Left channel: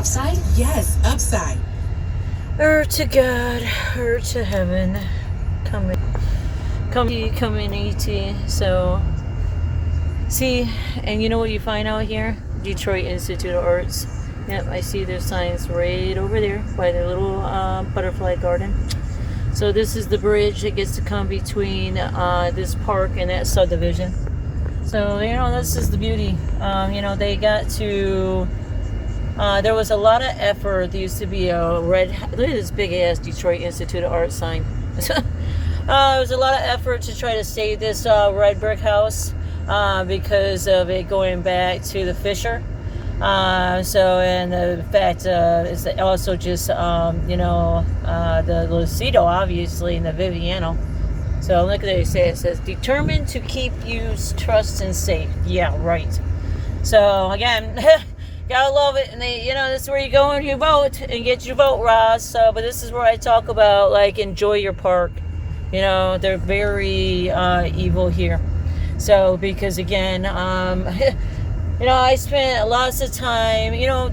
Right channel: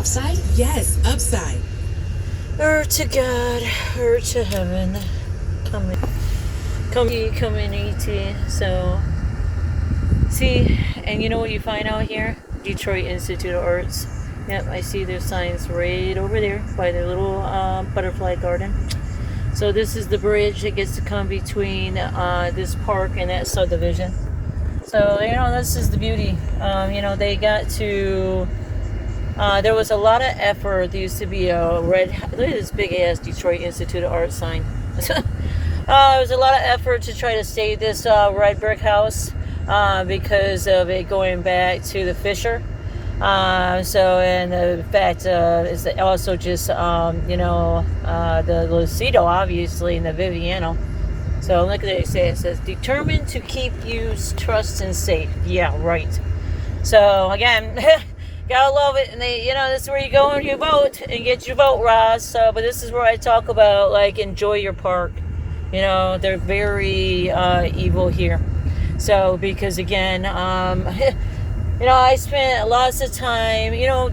offside? Yes, upside. To God, to heaven, come in, ET. So, see, and you know what you find out here? Detroit Institute of Arts. Yep, I see their signs right over there by the little butterfly garden. So this is the bridge that gets to come between this park and that subdivision. So, this is the beauty. They got to... there was a lot of effort. There used to be a red... Look at this big-ass Detroit Institute of Art sign. There was a lot of effort to try to save this red brick house because of it going back to the Fisher. And the fact is also just, the Lucido, obviously, and the Viviano. So look at it, it says, determined to keep you trust and safe. Yeah, right. So, again, gotta love it. And this is where you go and you vote and get your vote, Ross. So, but this is where I talk about, enjoy your park. They're very evil here. So, because, again, I spent lots of time, oh,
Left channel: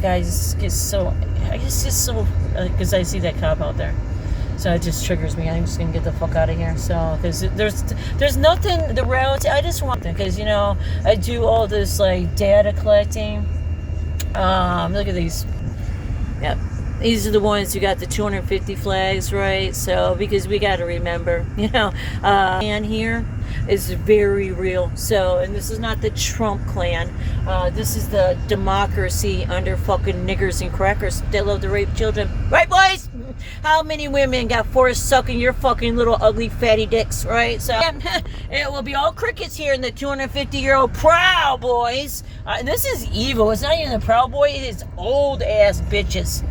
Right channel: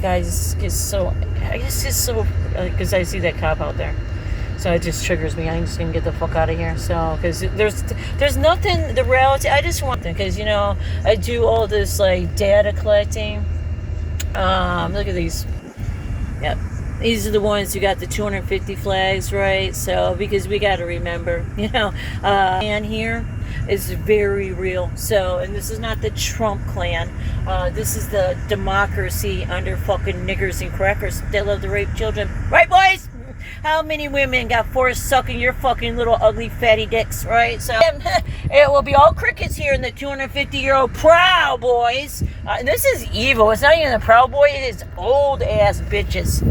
guys, it's so, I guess it's so, because I see that cop out there. So it just triggers me. I'm just going to get the fuck out of here. So, because there's nothing, the reality, I just want them, because, I do all this, data collecting. Look at these. Yep. These are the ones who got the 250 flags, right? So, because we got to remember, and here is very real. So, and this is not the Trump clan. This is the democracy under fucking niggers and crackers. They love to rape children. Right, boys? How many women got forced sucking your fucking little ugly fatty dicks, right? So, it will be all crickets here in the 250-year-old Proud Boys. This is evil. It's not even the Proud Boy. It is old-ass bitches.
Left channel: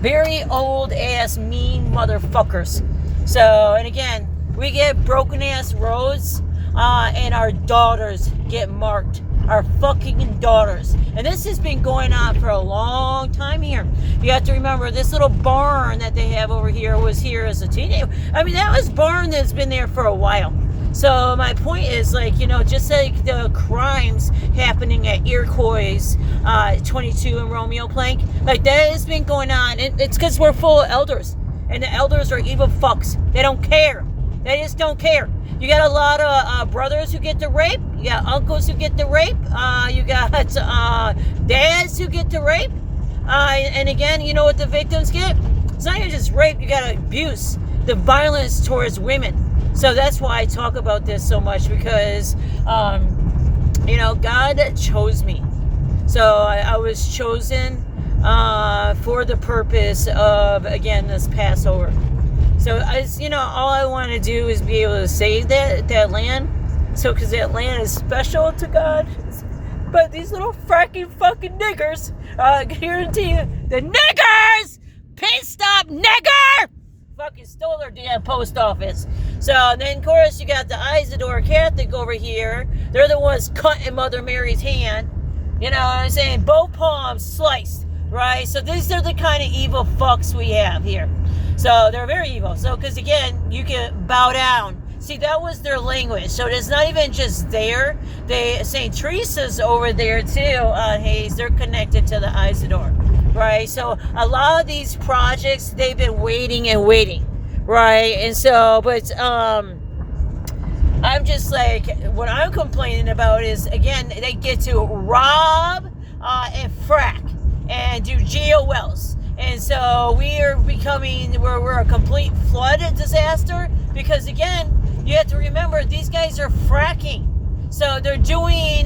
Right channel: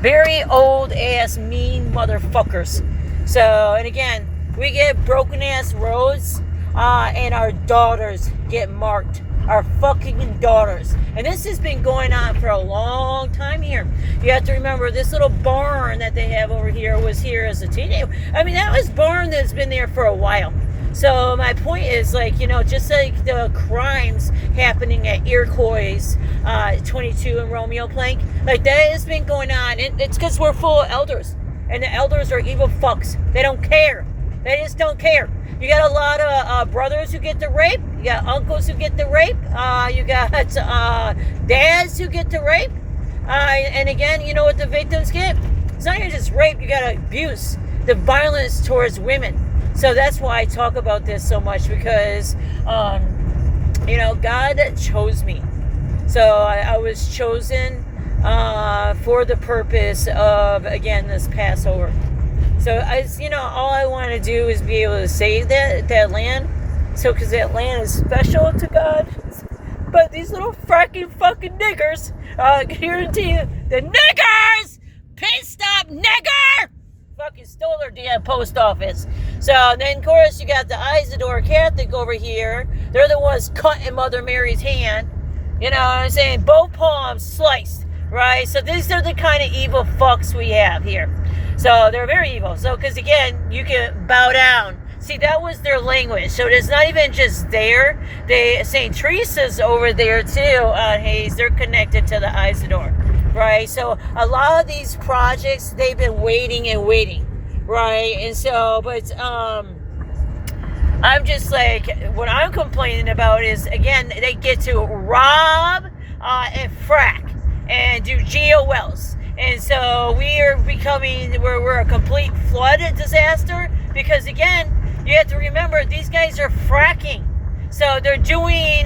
Very old-ass mean motherfuckers. So, and again, we get broken-ass roads, and our daughters get marked. Our fucking daughters. And this has been going on for a long time here. You have to remember, this little barn that they have over here was here as a teenager. I mean, that was barn that's been there for a while. So my point is, just like the crimes happening at Iroquois 22 and Romeo Plank, that has been going on. It's because we're full of elders. And the elders are evil fucks. They don't care. They just don't care. You got a lot of brothers who get the rape. You got uncles who get the rape. You got dads who get the rape. And again, you know what the victims get? It's not even just rape. You got abuse, the violence towards women. So that's why I talk about this so much, because, God chose me. So I was chosen for the purpose of, again, this Passover. So, all I want to do is be able to save that land. So, because that land is special to God. But these little fucking niggers, I guarantee you, the niggers! Pit stop, nigger! Fucking stole their damn post office. So, then, of course, you got the Isidore Catholic over here. They're the ones cutting Mother Mary's hand. You know what I'm saying? Both palms sliced, right? So, these are the kind of evil fucks we have here. So they're very evil. So, because again, you can bow down. See, that was their language. So it's not even just there. St. Teresa's over there too on Hayes. They're connected to the Isidore, right? So a lot of these projects, they've been waiting and waiting, right? And so, but I'm just what I'm complaining about is, again, they get to rob and frack and do geo wells. And so we are we're a complete flood disaster, because again, you have to remember, these guys are fracking. So they're doing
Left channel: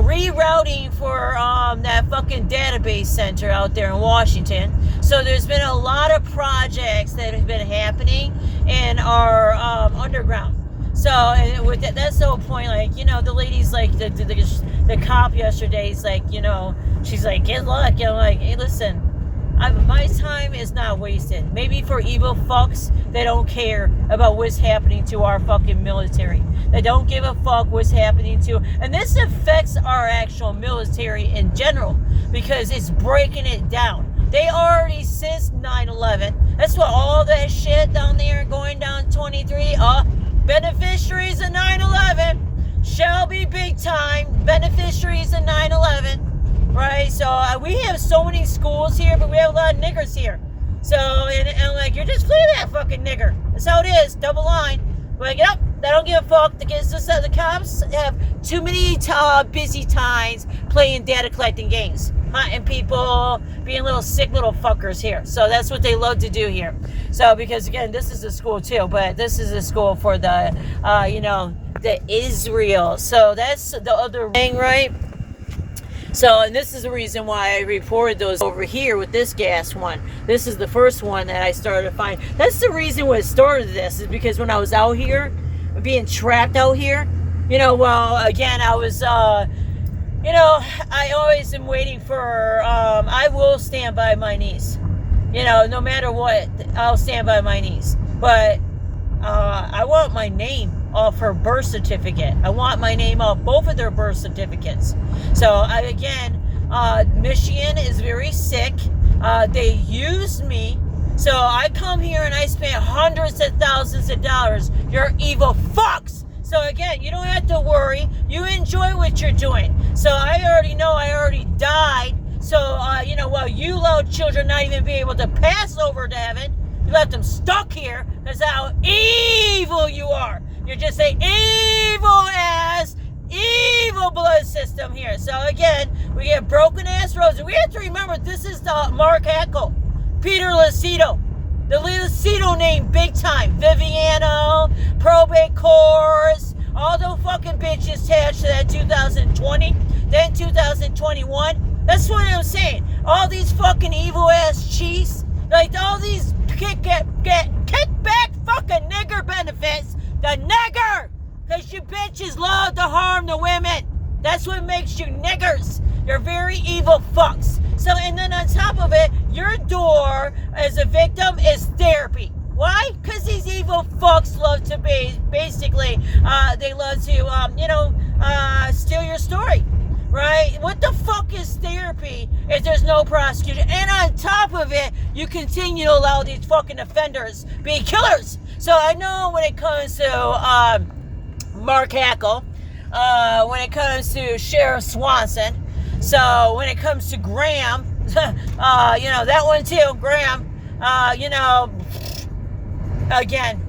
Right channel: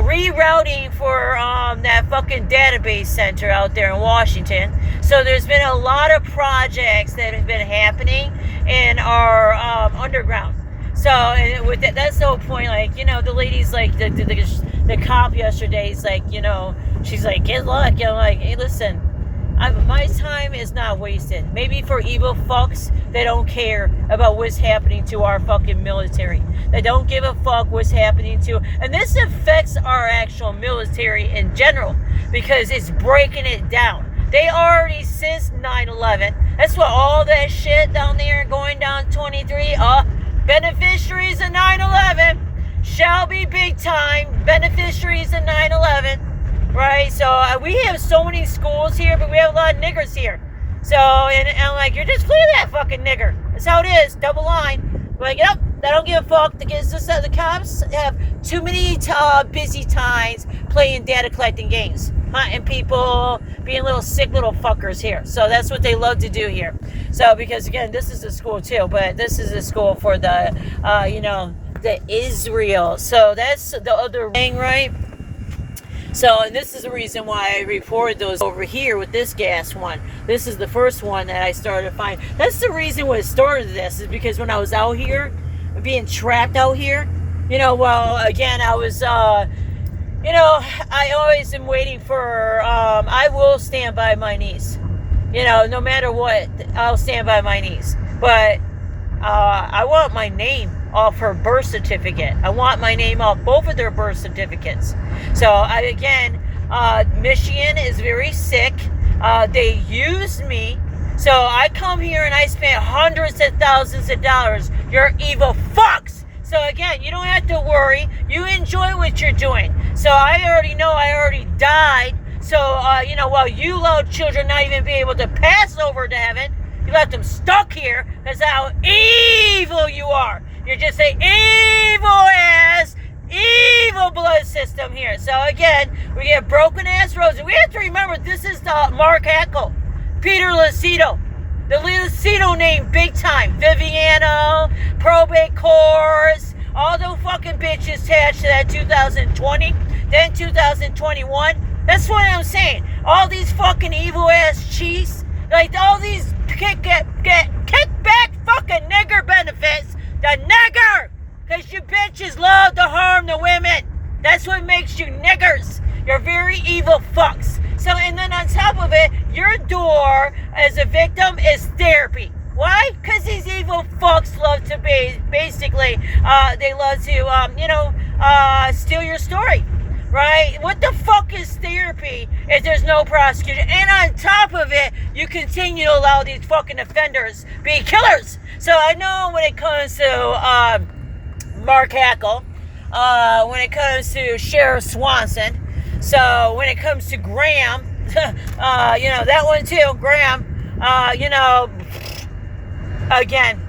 rerouting for that fucking database center out there in Washington. So there's been a lot of projects that have been happening in our underground. So, and with that's the whole point. The lady's the cop yesterday is she's like, good luck. I'm like, hey, listen, my time is not wasted. Maybe for evil fucks, they don't care about what's happening to our fucking military. They don't give a fuck what's happening to, and this affects our actual military in general, because it's breaking it down. They already, since 9/11, that's what all that shit down there going down 23, beneficiaries of 9/11 shall be big time beneficiaries of 9/11. So we have so many schools here, but we have a lot of niggers here. So, and I'm like, you're just fleeing that fucking nigger. That's how it is, double line. But, you know, they don't give a fuck. The cops have too many busy times playing data collecting games, hunting people, being little sick little fuckers here. So that's what they love to do here. So, because again, this is a school too, but this is a school for the, the Israel. So that's the other thing, right? So, and this is the reason why I reported those over here with this gas one. This is the first one that I started to find. That's the reason why it started this, is because when I was out here, being trapped out here, again, I was, I always am waiting for, I will stand by my niece. No matter what, I'll stand by my niece. But I want my name off her birth certificate. I want my name off both of their birth certificates. So, Michigan is very sick. They used me. So I come here and I spend hundreds of thousands of dollars. You're evil fucks. So again, you don't have to worry. You enjoy what you're doing. So I already know I already died. So, while you allowed children not even be able to pass over to heaven, you left them stuck here because how evil you are. You're just an evil blood system here. So again, we get broken ass roads. And we have to remember this is the Mark Hackle. Peter Lucido. The Lucido name big time. Viviano, probate courts, all those fucking bitches attached to that 2020, then 2021. That's what I'm saying. All these fucking evil ass cheats, like all these kickback fucking nigger benefits. The nigger! Because you bitches love to harm the women. That's what makes you niggers. You're very evil fucks. So, and then on top of it, your door as a victim is therapy. Why? Because these evil fucks love to they love to, steal your story. Right? What the fuck is therapy if there's no prosecution? And on top of it, you continue to allow these fucking offenders be killers. So I know when it comes to Mark Hackle, when it comes to Sheriff Swanson, so when it comes to Graham, that one too, Graham, again,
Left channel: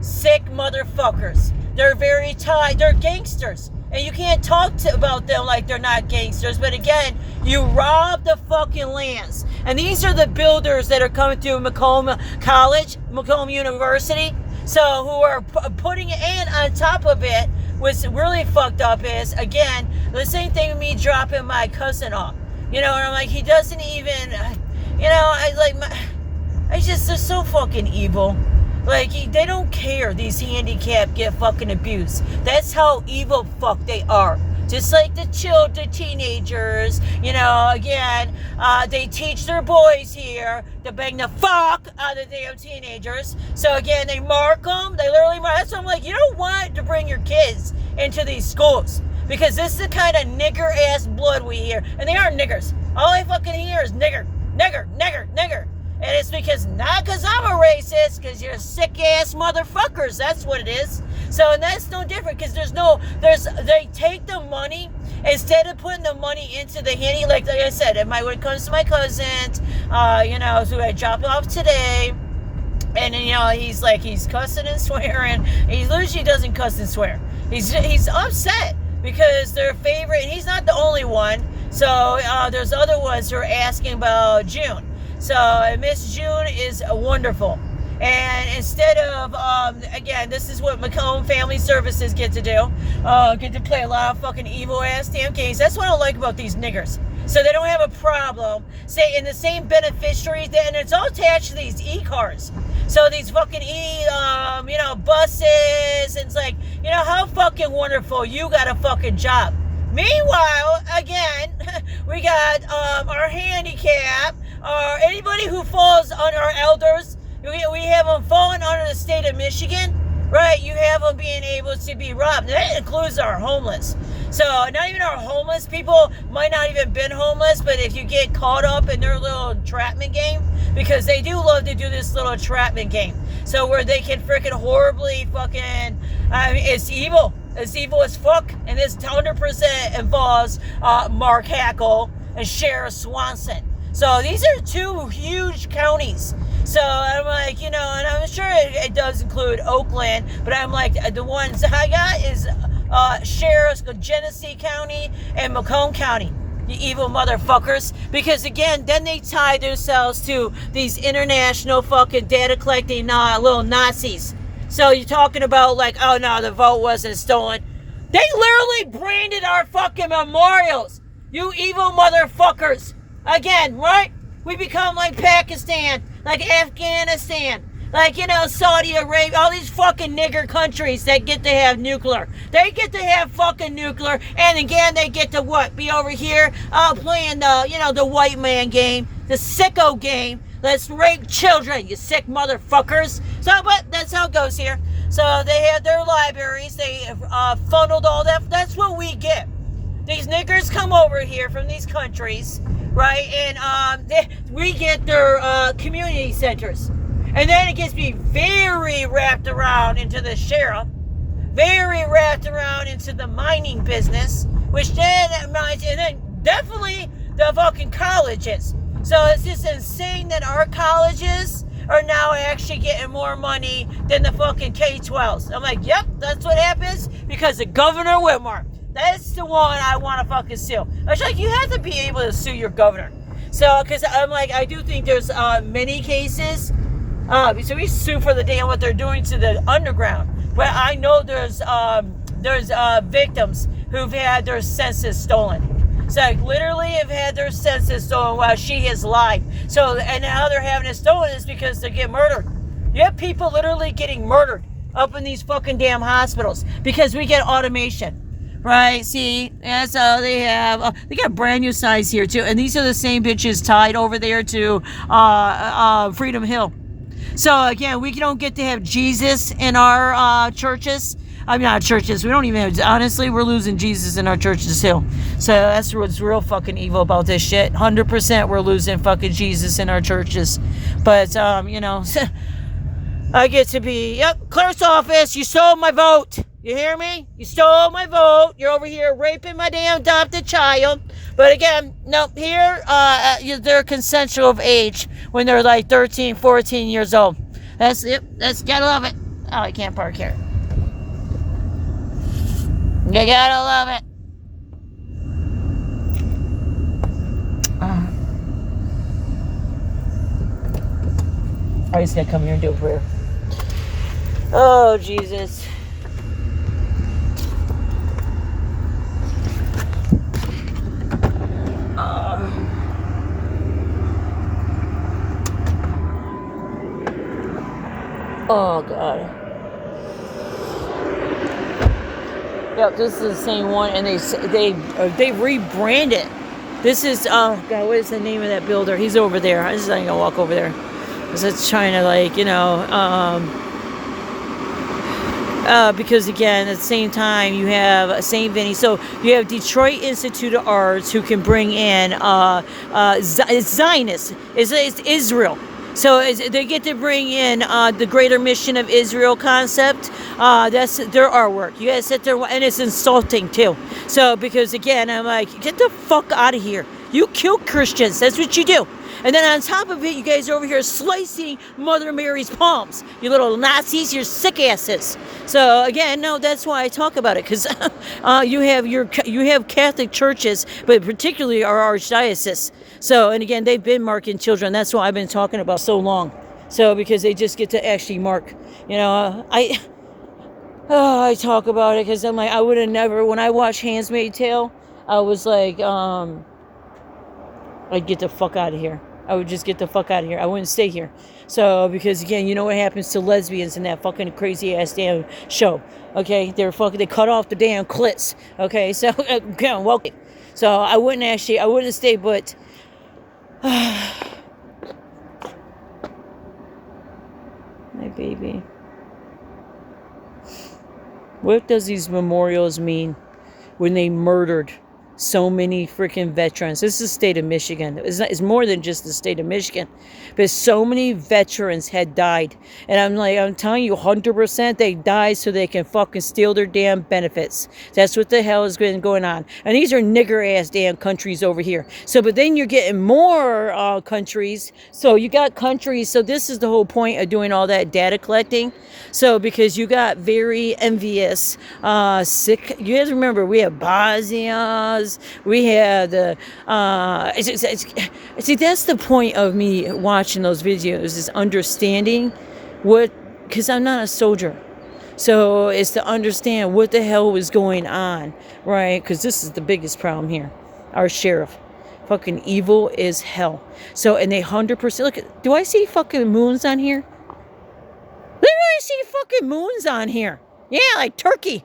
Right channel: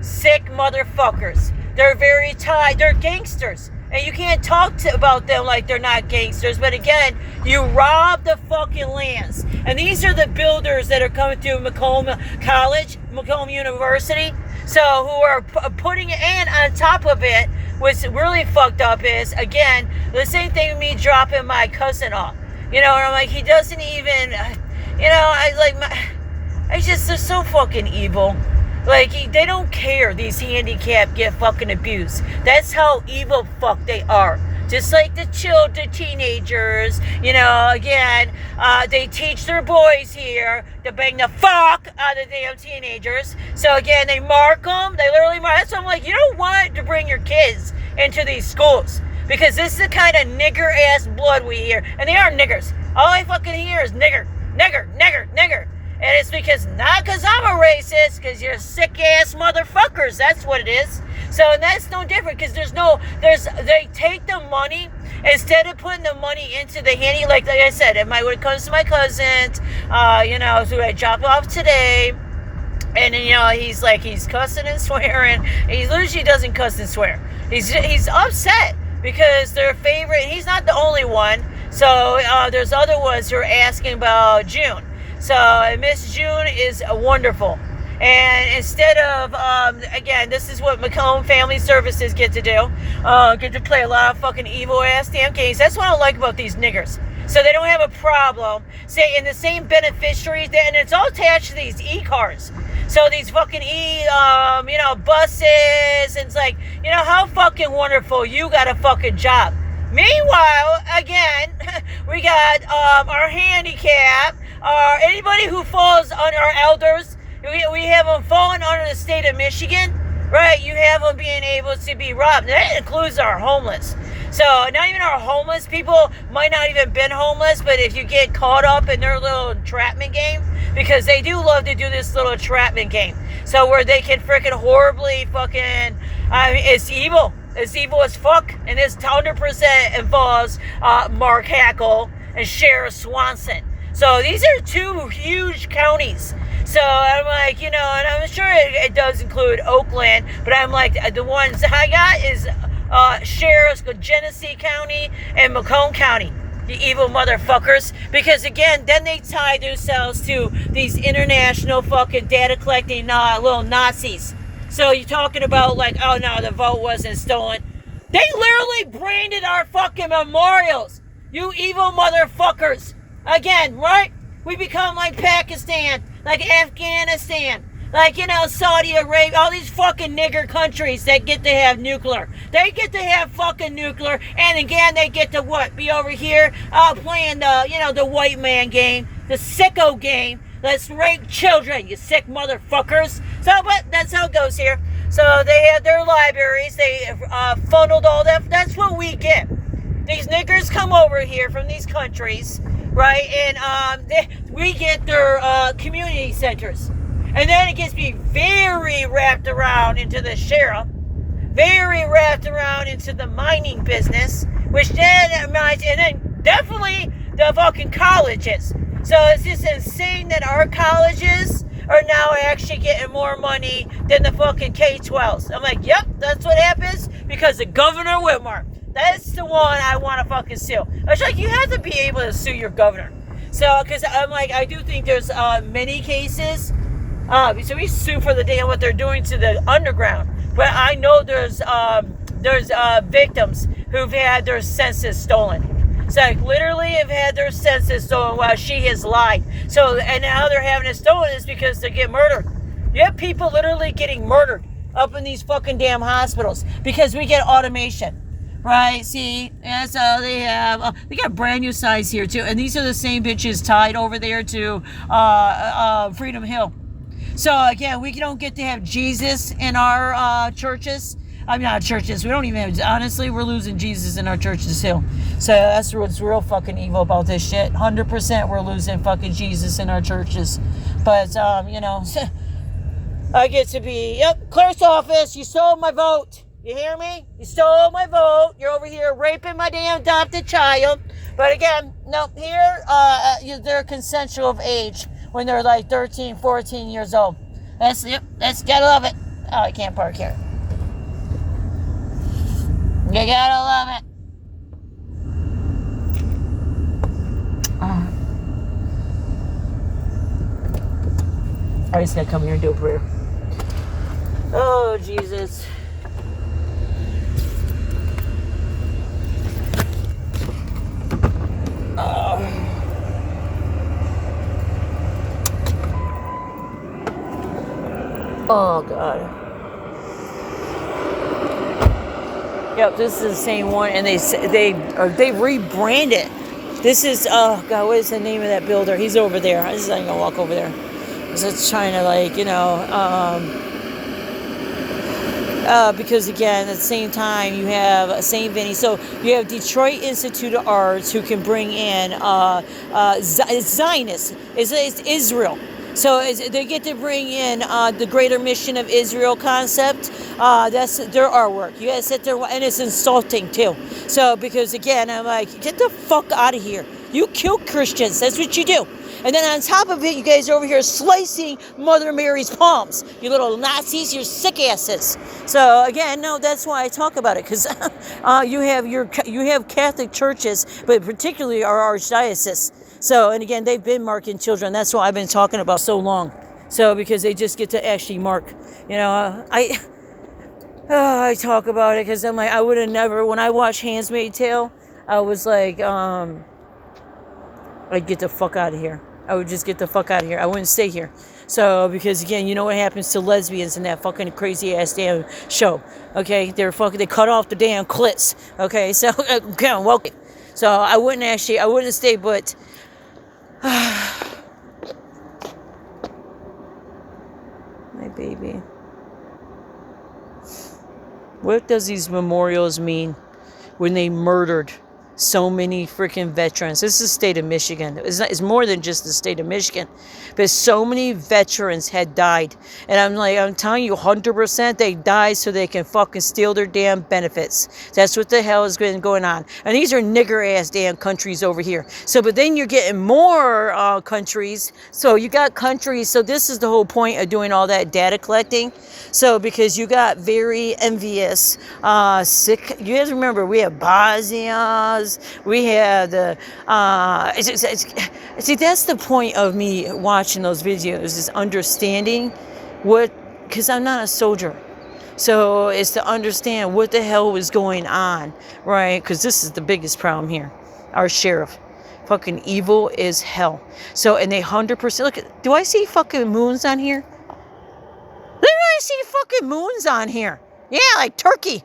sick motherfuckers. They're very tied. They're gangsters. And you can't talk about them like they're not gangsters. But again, you rob the fucking lands. And these are the builders that are coming through Macomb College, Macomb University. So who are putting it in on top of it. What's really fucked up is, again, the same thing with me dropping my cousin off. And I'm like, he doesn't even, they're so fucking evil. Like, they don't care these handicapped get fucking abused. That's how evil fuck they are. Just like the teenagers, they teach their boys here to bang the fuck out of the damn teenagers. So again, they mark them. They literally mark. That's why I'm like, you don't want to bring your kids into these schools. Because this is the kind of nigger-ass blood we hear. And they are niggers. All I fucking hear is nigger, nigger, nigger, nigger. And it's not because I'm a racist, because you're sick-ass motherfuckers. That's what it is. So that's no different, because they take the money, instead of putting the money into the handy, like I said, when it comes to my cousin, who I dropped off today, and he's cussing and swearing. He usually doesn't cuss and swear. He's upset, because their favorite, and he's not the only one, so there's other ones who are asking about June. So Miss June is wonderful. And instead of, again, this is what Macomb Family Services get to do. Get to play a lot of fucking evil-ass damn games. That's what I like about these niggers. So they don't have a problem, say, in the same beneficiaries, and it's all attached to these e-cards. So these fucking buses, and it's like, how fucking wonderful, you got a fucking job. Meanwhile, again, we got our handicap, anybody who falls under our elders. We have them falling under the state of Michigan, right? You have them being able to be robbed. That includes our homeless. So not even our homeless people might not even been homeless, but if you get caught up in their little entrapment game, because they do love to do this little entrapment game. So where they can freaking horribly fucking, it's evil. It's evil as fuck. And this 100% involves Mark Hackle. and Sheriff Swanson. So these are two huge counties. So I'm like, and I'm sure it does include Oakland, but I'm like, the ones I got is Sheriff's Genesee County and Macomb County. You evil motherfuckers. Because again, then they tie themselves to these international fucking data collecting little Nazis. So you're talking about like, oh no, the vote wasn't stolen. They literally branded our fucking memorials. You evil motherfuckers. Again, right? We become like Pakistan, like Afghanistan, like, Saudi Arabia, all these fucking nigger countries that get to have nuclear. They get to have fucking nuclear, and again, they get to what? Be over here playing the white man game, the sicko game. Let's rape children, you sick motherfuckers. So, but that's how it goes here. So they have their libraries. They funneled all that. That's what we get. These niggers come over here from these countries, right? And we get their community centers. And then it gets me very wrapped around into the sheriff, very wrapped around into the mining business, which then reminds, and then definitely the fucking colleges. So it's just insane that our colleges are now actually getting more money than the fucking K-12s. I'm like, yep, that's what happens because of Governor Whitmer. That's the one I want to fucking sue. It's like, you have to be able to sue your governor. So, because I'm like, I do think there's many cases. So we sue for the damn what they're doing to the underground. But I know there's victims who've had their senses stolen. So like literally have had their senses stolen while she has lied. So, and how they're having it stolen is because they get murdered. You have people literally getting murdered up in these fucking damn hospitals because we get automation. Right, see, and so they have, they got a brand new size here too, and these are the same bitches tied over there to Freedom Hill. So again, we don't get to have Jesus in our churches. I mean, not churches, we don't even have, honestly, we're losing Jesus in our churches too. So that's what's real fucking evil about this shit. 100% we're losing fucking Jesus in our churches. But, I get to be, yep, clerk's office, you stole my vote. You hear me? You stole my vote. You're over here raping my damn adopted child. But again, no, here, they're consensual of age when they're like 13, 14 years old. That's gotta love it. Oh, I can't park here. You gotta love it. I just gotta come here and do a prayer. Oh, Jesus. Oh, God. Yep, this is the same one, and they rebranded. This is, oh, God, what is the name of that builder? He's over there. I just ain't gonna walk over there. Because it's trying to, like, because again, at the same time, you have St. Vinny. So you have Detroit Institute of Arts who can bring in Zionists. It's Israel. So they get to bring in the greater mission of Israel concept. That's their artwork. You guys sit there, and it's insulting too. So because again, I'm like, get the fuck out of here. You kill Christians. That's what you do. And then on top of it, you guys are over here slicing Mother Mary's palms. You little Nazis, you're sick asses. So again, no, that's why I talk about it, because you have Catholic churches, but particularly our archdiocese. So, and again, they've been marking children. That's why I've been talking about so long. So, because they just get to actually mark. I talk about it because I'm like, I would have never, when I watched Handmaid's Tale, I was like, I'd get the fuck out of here. I would just get the fuck out of here. I wouldn't stay here. So, because again, you know what happens to lesbians in that fucking crazy ass damn show. Okay, they cut off the damn clits. Okay, so, again, welcome. So, I wouldn't stay, but my baby. What does these memorials mean when they murdered so many freaking veterans. This is the state of Michigan. It's more than just the state of Michigan. But so many veterans had died. And I'm telling you, 100% they died so they can fucking steal their damn benefits. That's what the hell has been going on. And these are nigger-ass damn countries over here. So, but then you're getting more countries. So you got countries. So this is the whole point of doing all that data collecting. So because you got very envious, sick. You guys remember we had Bosnians. We had see, that's the point of me watching those videos, is understanding what, because I'm not a soldier. So it's to understand what the hell was going on, right? Because this is the biggest problem here. Our sheriff. Fucking evil as hell. So, and they 100%, look, do I see fucking moons on here? Literally see fucking moons on here. Yeah, like Turkey.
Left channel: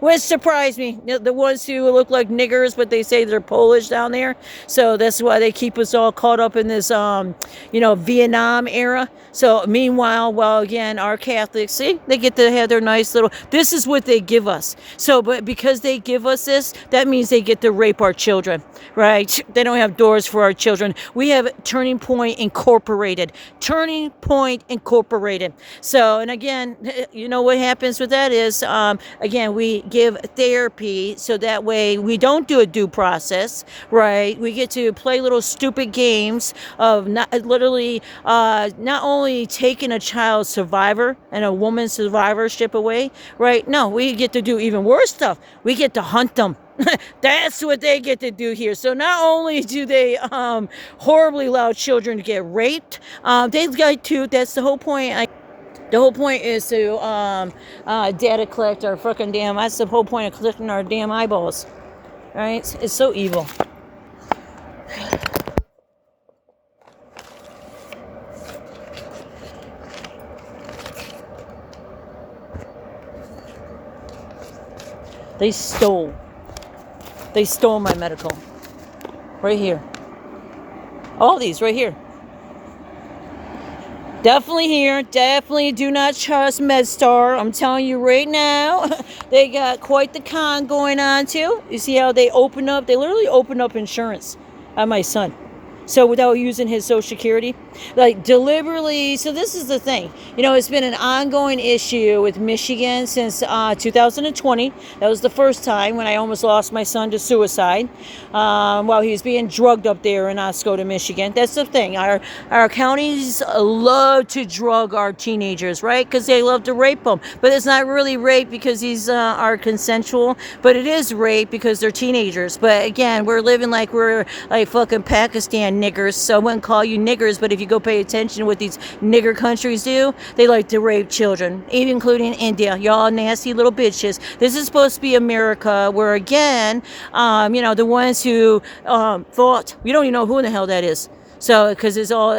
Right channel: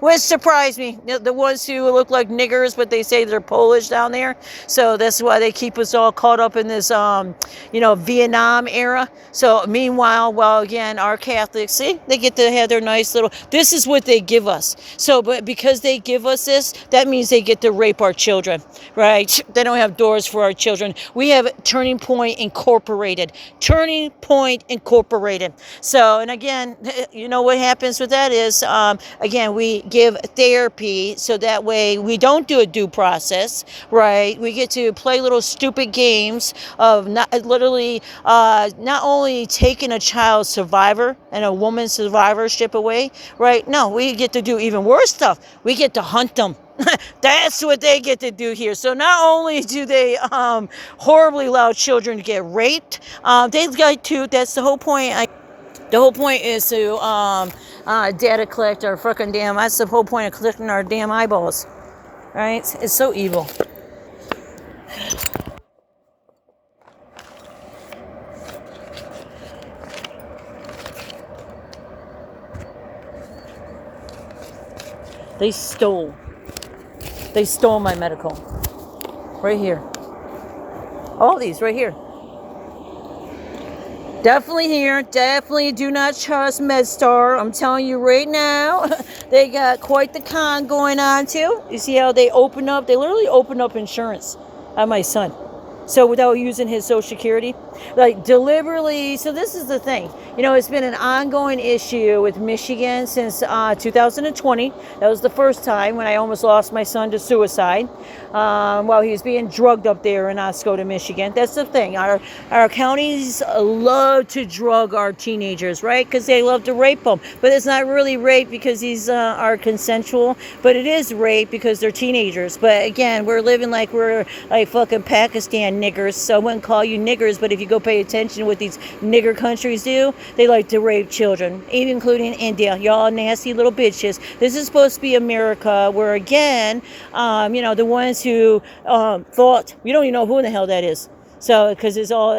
Which surprised me. The ones who look like niggers, but they say they're Polish down there. So that's why they keep us all caught up in this, Vietnam era. So meanwhile, well, again, our Catholics, see, they get to have their nice little, this is what they give us. So, but because they give us this, that means they get to rape our children, right? They don't have doors for our children. We have Turning Point Incorporated. Turning Point Incorporated. So, and again, you know what happens with that is, again, we give therapy so that way we don't do a due process, right? We get to play little stupid games of not only taking a child's survivor and a woman's survivorship away, right? No, we get to do even worse stuff. We get to hunt them. That's what they get to do here. So not only do they horribly allow children to get raped, they get to, that's the whole point. The whole point is to data collect our fucking damn, that's the whole point of collecting our damn eyeballs. Right? It's so evil. They stole my medical. Right here. All these right here. Definitely here. Definitely do not trust MedStar. I'm telling you right now. They got quite the con going on too. You see how they open up? They literally open up insurance on my son. So without using his social security, like deliberately. So this is the thing, it's been an ongoing issue with Michigan since 2020. That was the first time when I almost lost my son to suicide while he was being drugged up there in Oscoda, Michigan. That's the thing. Our counties love to drug our teenagers, right? Because they love to rape them. But it's not really rape because these are consensual, but it is rape because they're teenagers. But again, we're living like we're like fucking Pakistan niggers, so I wouldn't call you niggers, but if you go pay attention to what these nigger countries do, they like to rape children, even including India. Y'all nasty little bitches. This is supposed to be America, where again, the ones who thought, we don't even know who in the hell that is. So, because it's all,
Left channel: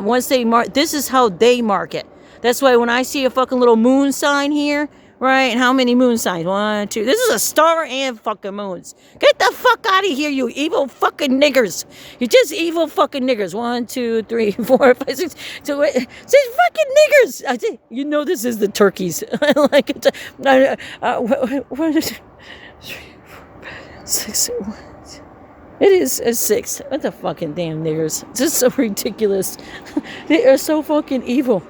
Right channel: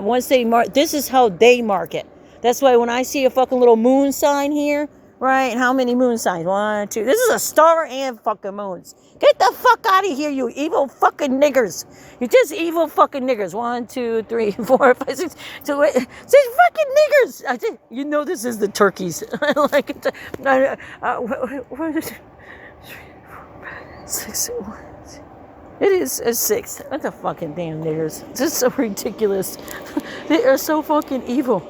once they mark, this is how they mark it. That's why when I see a fucking little moon sign here, right? And how many moon signs? 1, 2. This is a star and fucking moons. Get the fuck out of here, you evil fucking niggers. You're just evil fucking niggers. 1, 2, 3, 4, 5, 6. So wait, 6 fucking niggers. I think this is the turkeys. Like it's what is it? 3, 4, 5, 6. It is a 6. What the fucking damn niggers? It's just so ridiculous. They are so fucking evil.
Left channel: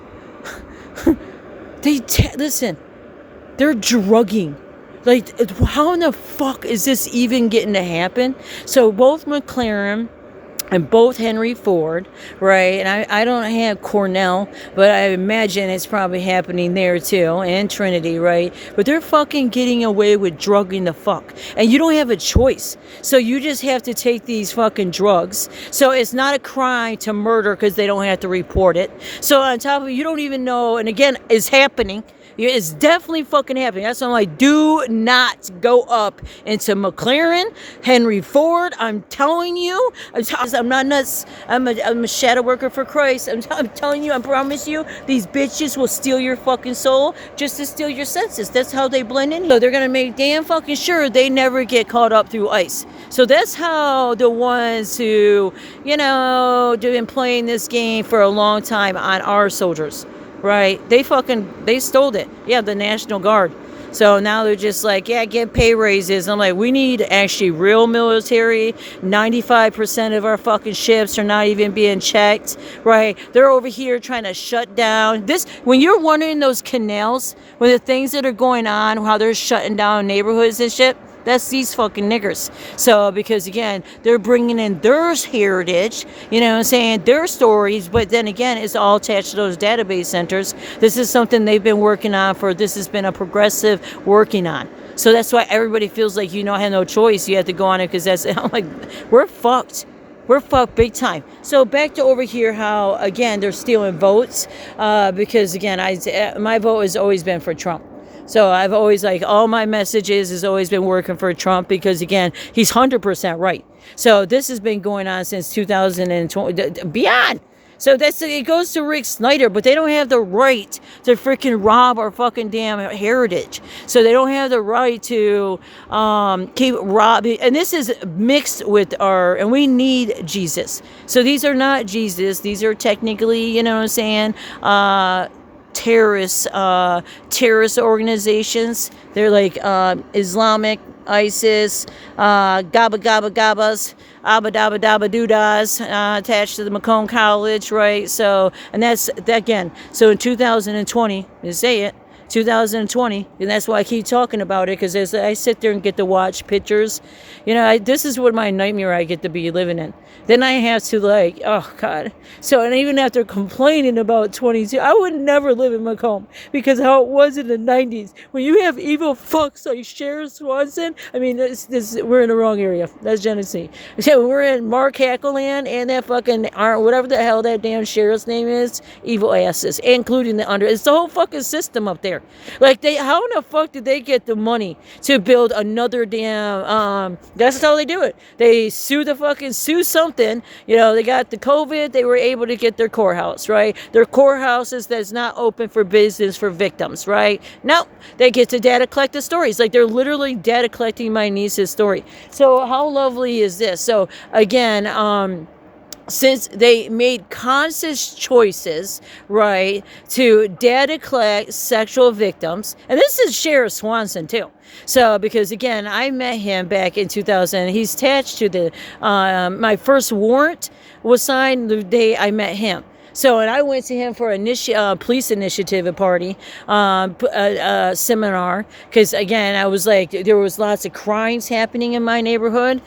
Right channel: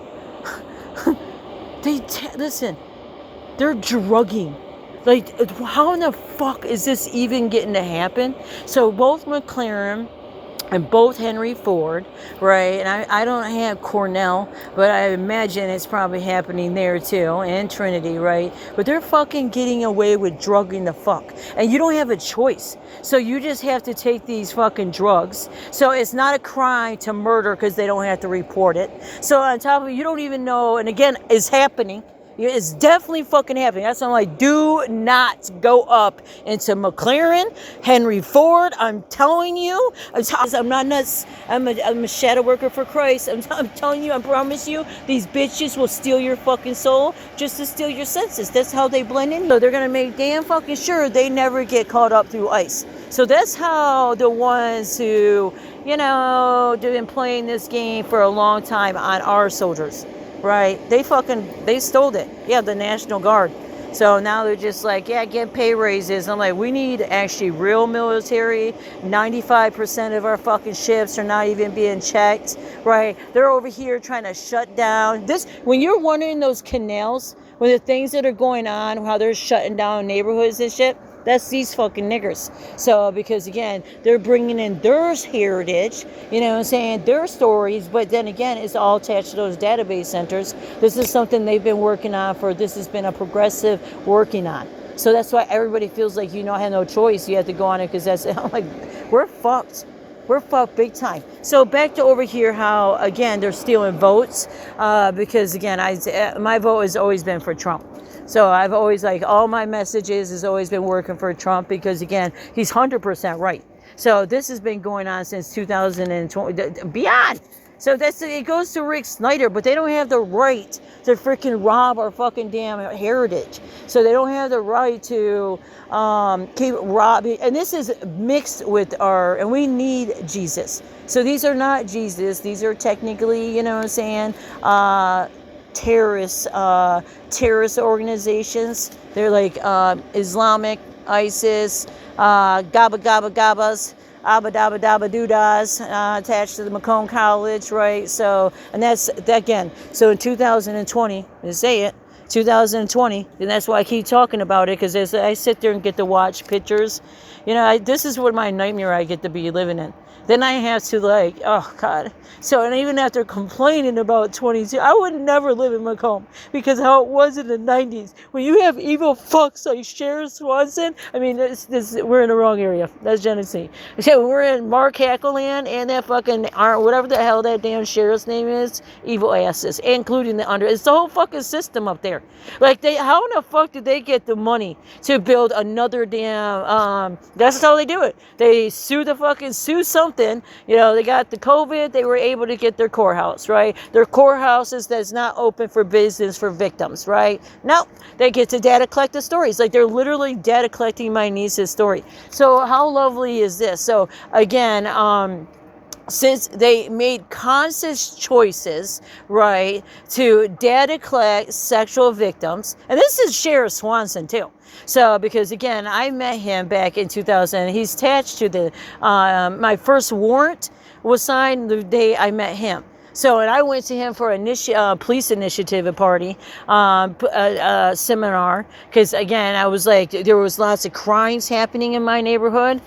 Listen. They're drugging. Like, how in the fuck is this even getting to happen? So both McLaren and both Henry Ford, right? And I don't have Cornell, but I imagine it's probably happening there too, and Trinity, right? But they're fucking getting away with drugging the fuck. And you don't have a choice. So you just have to take these fucking drugs. So it's not a crime to murder because they don't have to report it. So on top of it, you don't even know, and again, it's happening. It's definitely fucking happening. That's why I'm like, do not go up into McLaren, Henry Ford. I'm telling you. I'm not nuts. I'm a shadow worker for Christ. I'm telling you, I promise you, these bitches will steal your fucking soul just to steal your senses. That's how they blend in. So they're going to make damn fucking sure they never get caught up through ICE. So that's how the ones who, have been playing this game for a long time on our soldiers. Right, they stole it. Yeah, the National Guard. So now they're just like, yeah, get pay raises. I'm like, we need actually real military. 95% of our fucking ships are not even being checked, right? They're over here trying to shut down this. When you're wondering those canals, when the things that are going on, how they're shutting down neighborhoods and shit, that's these fucking niggers. So, because again, they're bringing in their heritage, you know what I'm saying, their stories, but then again, it's all attached to those database centers. This is something they've been working on this has been a progressive working on. So that's why everybody feels like you don't have no choice. You have to go on it because that's, I'm like, we're fucked. We're fucked big time. So back to over here, how, again, they're stealing votes because, again, my vote has always been for Trump. So I've always, like, all my messages has always been working for Trump because, again, he's 100% right. So this has been going on since 2020, beyond. So it goes to Rick Snyder, but they don't have the right to freaking rob our fucking damn heritage. So they don't have the right to keep robbing. And this is mixed with and we need Jesus. So these are not Jesus. These are technically, you know what I'm saying, terrorist organizations. They're like Islamic, ISIS, Gabba Gabba Gabbas, Abba Dabba Dabba Doodas, attached to the Macomb College, right? So, and that's, again, so in 2020, you say it, 2020, and that's why I keep talking about it, because as I sit there and get to watch pictures, you know, this is what my nightmare I get to be living in. Then I have to, like, oh God. So, and even after complaining about 22, I would never live in Macomb because how it was in the 90s. When you have evil fucks like Sheriff Swanson, I mean, we're in the wrong area. That's Genesee. So we're in Mark Hackleland and that fucking, whatever the hell that damn sheriff's name is, evil asses, including it's the whole fucking system up there. Like, how in the fuck did they get the money to build another damn, that's how they do it. They sue something. You know, they got the COVID, they were able to get their courthouse, right? Their courthouses that's not open for business for victims, right? No, they get to data collect the stories. Like, they're literally data collecting my niece's story. So how lovely is this? So again, since they made conscious choices, right, to data collect sexual victims, and this is Sheriff Swanson too. So, because again, I met him back in 2000. He's attached to my first warrant was signed the day I met him. So, and I went to him for a police initiative party, seminar, because again, I was like, there was lots of crimes happening in my neighborhood,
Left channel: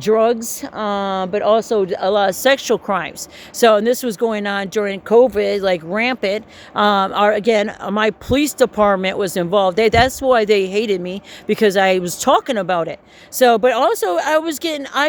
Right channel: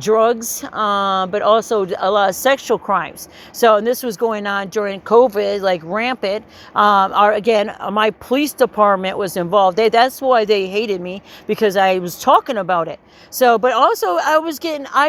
drugs, but also a lot of sexual crimes. So, and this was going on during COVID, like rampant. My police department was involved. That's why they hated me, because I was talking about it. So, but also I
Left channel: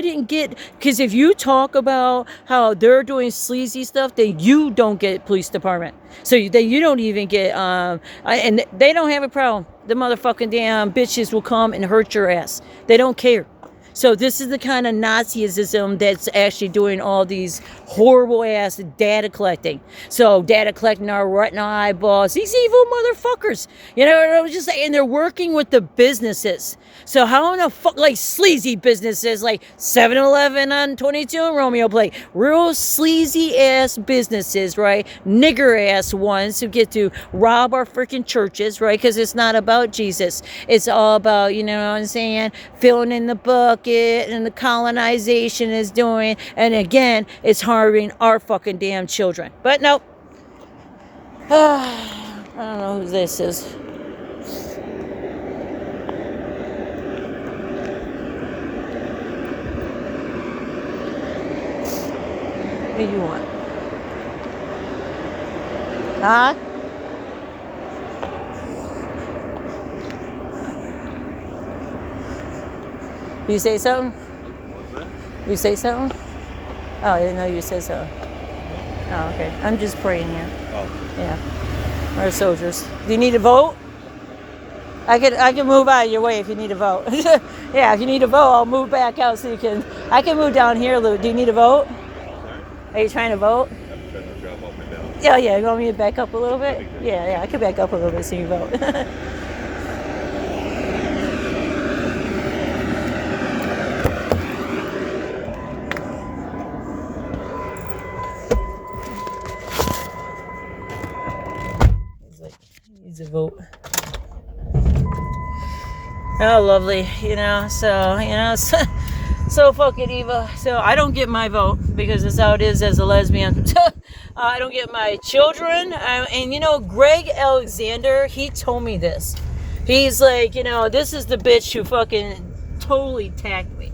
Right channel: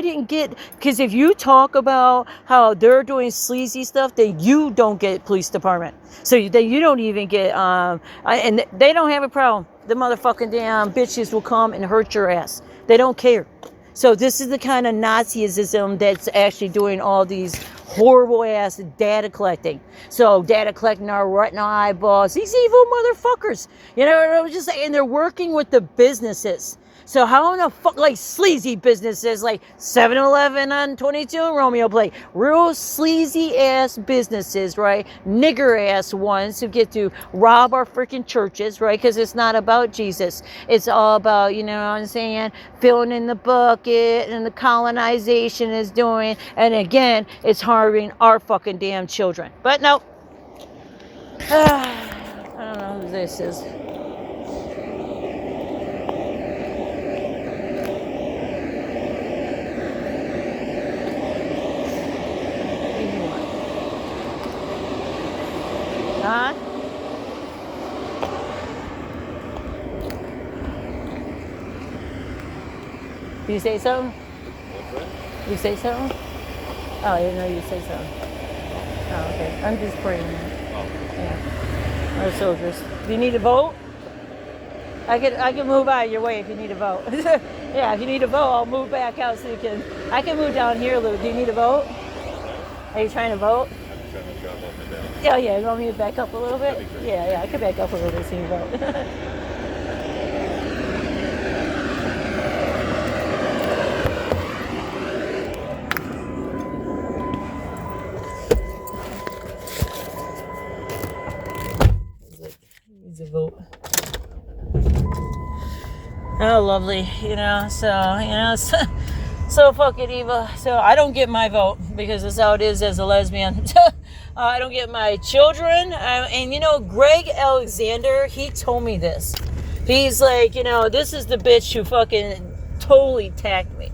didn't get, because if you talk about how they're doing sleazy stuff, you don't get police department. So you don't even get, and they don't have a problem. The motherfucking damn bitches will come and hurt your ass. They don't care. So this is the kind of Nazism that's actually doing all these horrible ass data collecting. So data collecting our retinal eyeballs, these evil motherfuckers. You know, I was just saying, and they're working with the businesses. So how in the fuck, like sleazy businesses like 7-Eleven on 22 and Romeo Plate, real sleazy ass businesses, right? Nigger ass ones who get to rob our freaking churches, right? Because it's not about Jesus. It's all about, you know what I'm saying, filling in the bucket, and the colonization is doing, and again, it's harming our fucking damn children. But nope. I don't know who this is. What do you want? Huh? You say something? What's that? You say something? Oh, I didn't know you said so. Oh, okay. I'm just praying here. Yeah. Our soldiers. Do you need a vote? I can move out of your way if you need a vote. Yeah, if you need a vote, I'll move back out so I can move down here a little. Do you need a vote? Sorry? Are you trying to vote? I'm trying to drive up and down. Yeah. You want me to back up a little bit? That'd be good. Yeah, I could back up a little bit so you vote. Needs a vote. Oh, lovely, so so fucking evil. So I don't get my vote because it's how it is as a lesbian. I don't get my children. And Greg Alexander, he told me this. He's like, this is the bitch who fucking totally attacked me.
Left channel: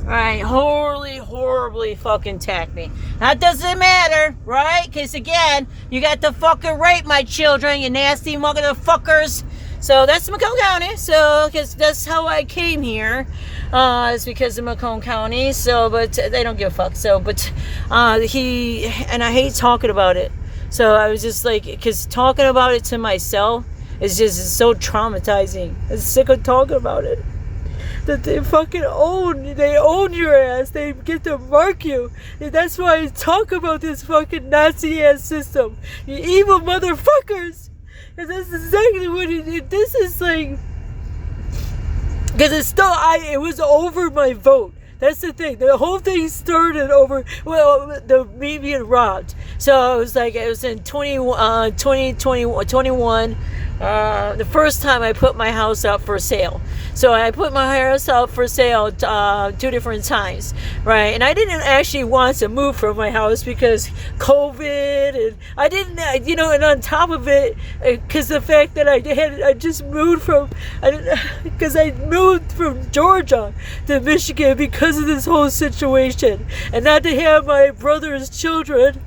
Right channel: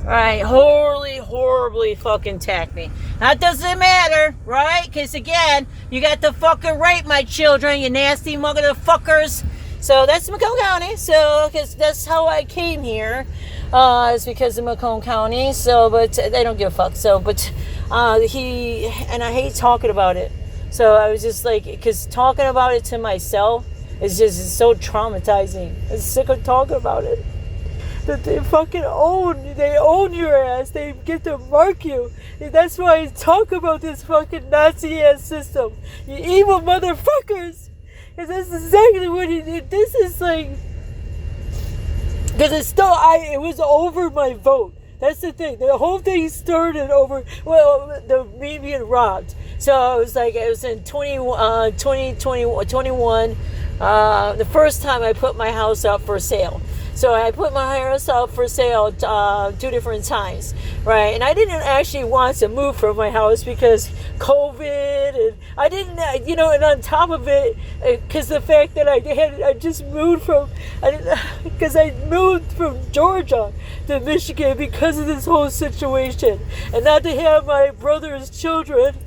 Alright, horribly fucking attacked me. That doesn't matter, right? Because again, you got to fucking rape my children, you nasty motherfuckers. So that's Macomb County. So, because that's how I came here. It's because of Macomb County. So, but they don't give a fuck. So, but I hate talking about it. So I was just like, because talking about it to myself is just so traumatizing. I'm sick of talking about it. That they fucking own your ass. They get to mark you. And that's why I talk about this fucking Nazi ass system. You evil motherfuckers. And that's exactly what this is like. Because it was over my vote. That's the thing. The whole thing started over, me being robbed. So it was in 2021, the first time I put my house up for sale. So I put my house out for sale 2 different times, right? And I didn't actually want to move from my house because COVID, and I didn't, and on top of it, because the fact that I just moved because I moved from Georgia to Michigan because of this whole situation, and not to have my brother's children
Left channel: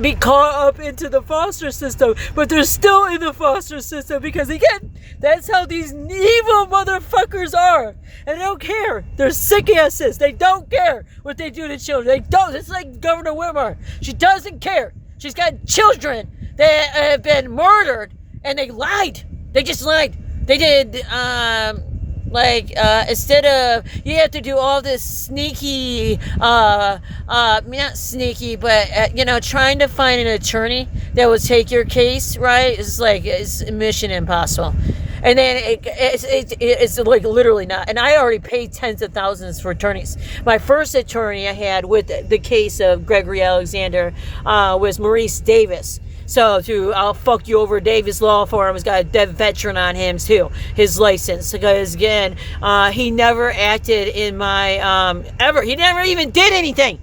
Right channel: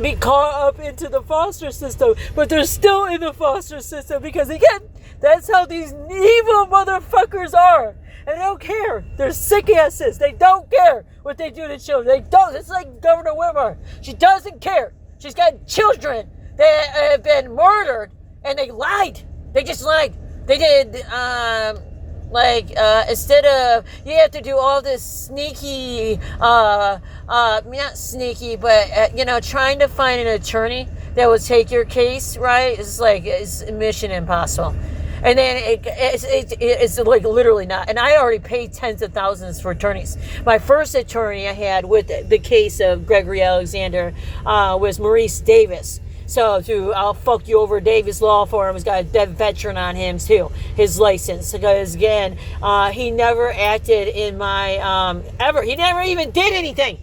be caught up into the foster system, but they're still in the foster system because, again, that's how these evil motherfuckers are. And they don't care. They're sick asses. They don't care what they do to children. They don't. It's like Governor Whitmer. She doesn't care. She's got children that have been murdered, and they lied. They just lied. They did, instead of, you have to do all this sneaky, not sneaky, but, trying to find an attorney that would take your case, right? It's mission impossible. And then it's like literally not. And I already paid tens of thousands for attorneys. My first attorney I had with the case of Gregory Alexander was Maurice Davis. So I'll fuck you over Davis Law Firm has got a dead veteran on him too, his license. Because again, he never acted in my, ever. He never even did anything.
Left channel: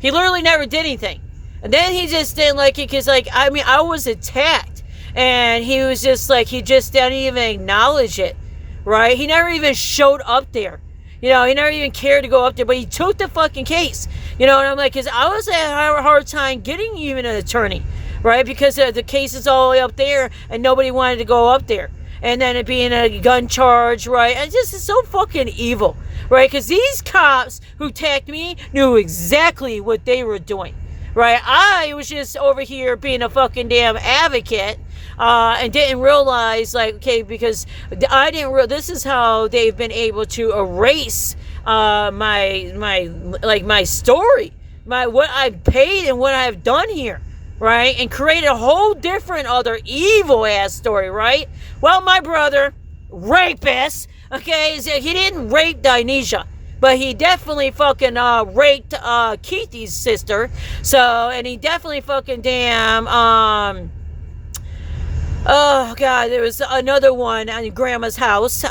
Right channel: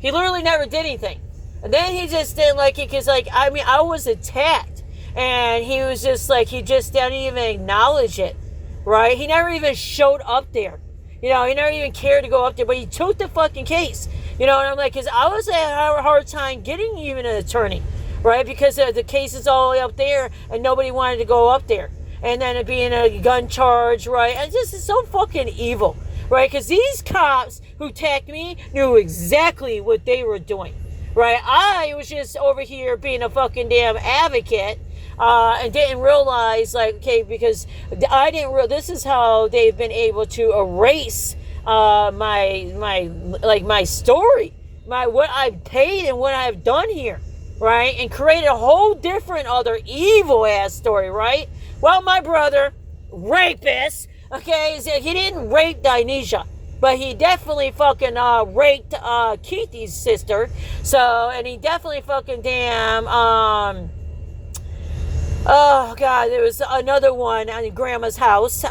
He literally never did anything. And then he just didn't like it because I was attacked. And he was just like, he just didn't even acknowledge it, right? He never even showed up there. He never even cared to go up there, but he took the fucking case. And I'm like, because I was having a hard time getting even an attorney, right? Because the case is all the way up there, and nobody wanted to go up there. And then it being a gun charge, right? And it's just so fucking evil, right? Because these cops who attacked me knew exactly what they were doing, right? I was just over here being a fucking damn advocate, and didn't realize, because I didn't realize this is how they've been able to erase my story, what I've paid and what I've done here, right? And create a whole different other evil ass story, right? Well, my brother, rapist, okay, he didn't rape Dionysia, but he definitely fucking raped Keithy's sister. So, and he definitely fucking damn oh God, there was another one at Grandma's house,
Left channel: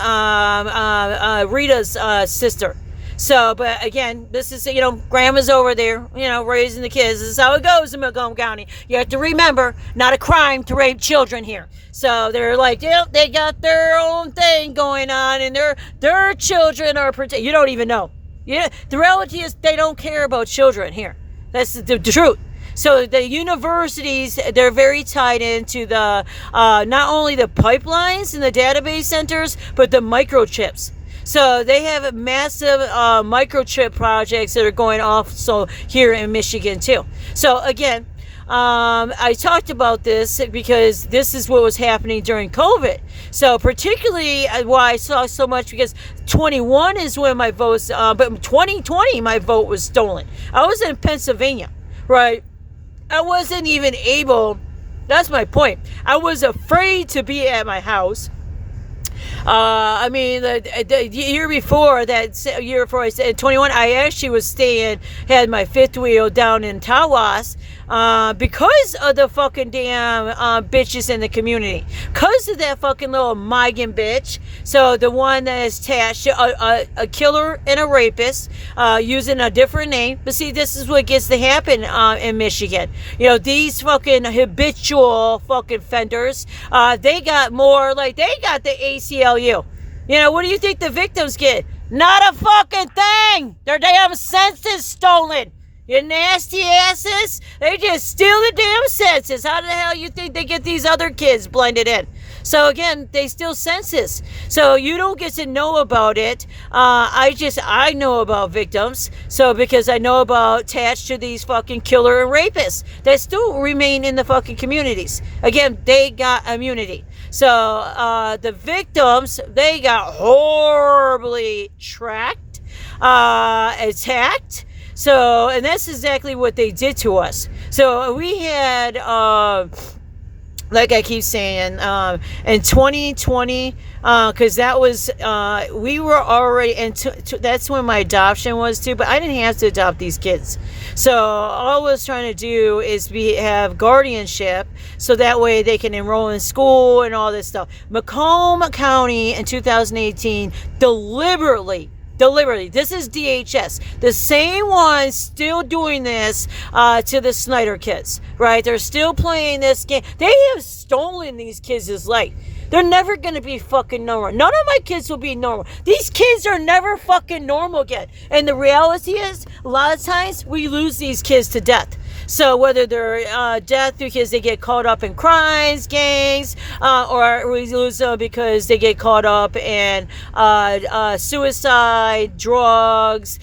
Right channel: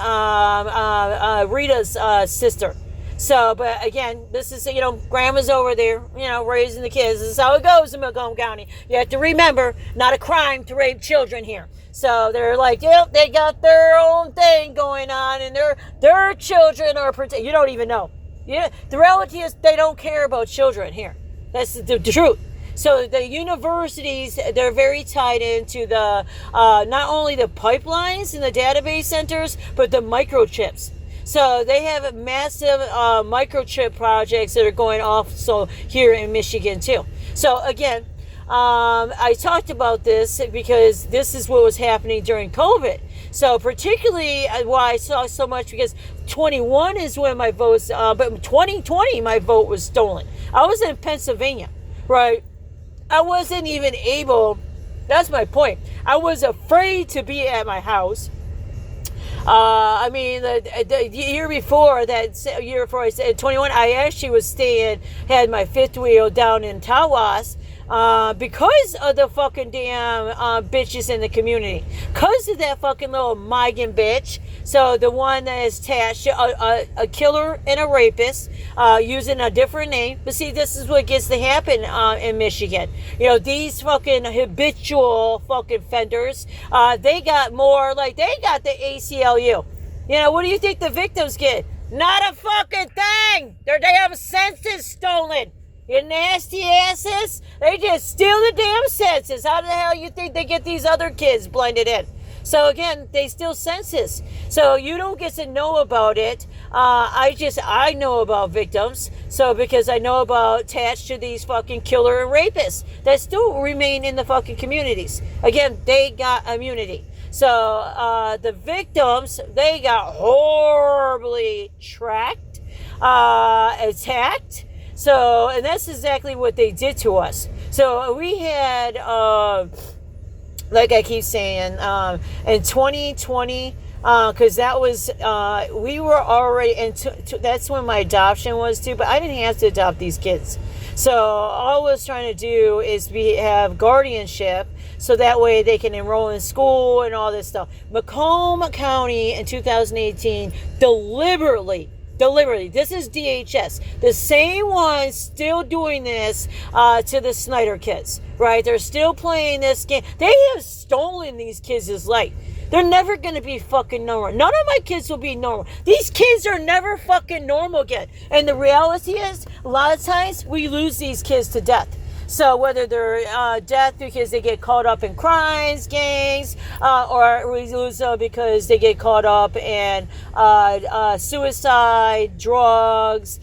Rita's sister. So, but again, this is, Grandma's over there, raising the kids. This is how it goes in Macomb County. You have to remember, not a crime to rape children here. So they're like, they got their own thing going on, and their children are protected. You don't even know. The reality is they don't care about children here. That's the truth. So the universities, they're very tied into the, not only the pipelines and the database centers, but the microchips. So they have massive microchip projects that are going off here in Michigan too. So again, I talked about this because this is what was happening during COVID. So particularly why I saw so much, because 21 is when my votes, but 2020 my vote was stolen. I was in Pennsylvania, right? I wasn't even able, that's my point. I was afraid to be at my house. I mean, the year before, I said 21, I actually had my fifth wheel down in Tawas, because of the fucking damn bitches in the community. Because of that fucking little Migan bitch. So the one that is attached to a killer and a rapist, using a different name. But see, this is what gets to happen in Michigan. You know, these fucking habitual fucking offenders, they got the ACLU. You know, what do you think the victims get? Not a fucking thing. Their damn senses stolen. You nasty asses. They just steal the damn senses. How the hell you think they get these other kids blended in? So again, they steal senses. So you don't get to know about it. I know about victims. So because I know about attached to these fucking killer and rapists that still remain in the fucking communities. Again, they got immunity. So the victims, they got horribly tracked, attacked. So, and that's exactly what they did to us. So we had, like I keep saying, in 2020, because that was, we were already, and that's when my adoption was too, but I didn't have to adopt these kids. So all I was trying to do is have guardianship, so that way they can enroll in school and all this stuff. Macomb County in 2018 deliberately, this is DHS, the same ones still doing this to the Snyder kids, right? They're still playing this game. They have stolen these kids' life. They're never going to be fucking normal. None of my kids will be normal. These kids are never fucking normal again. And the reality is, a lot of times, we lose these kids to death. So whether they're death because they get caught up in crimes, gangs, or we lose them because they get caught up in suicide, drugs,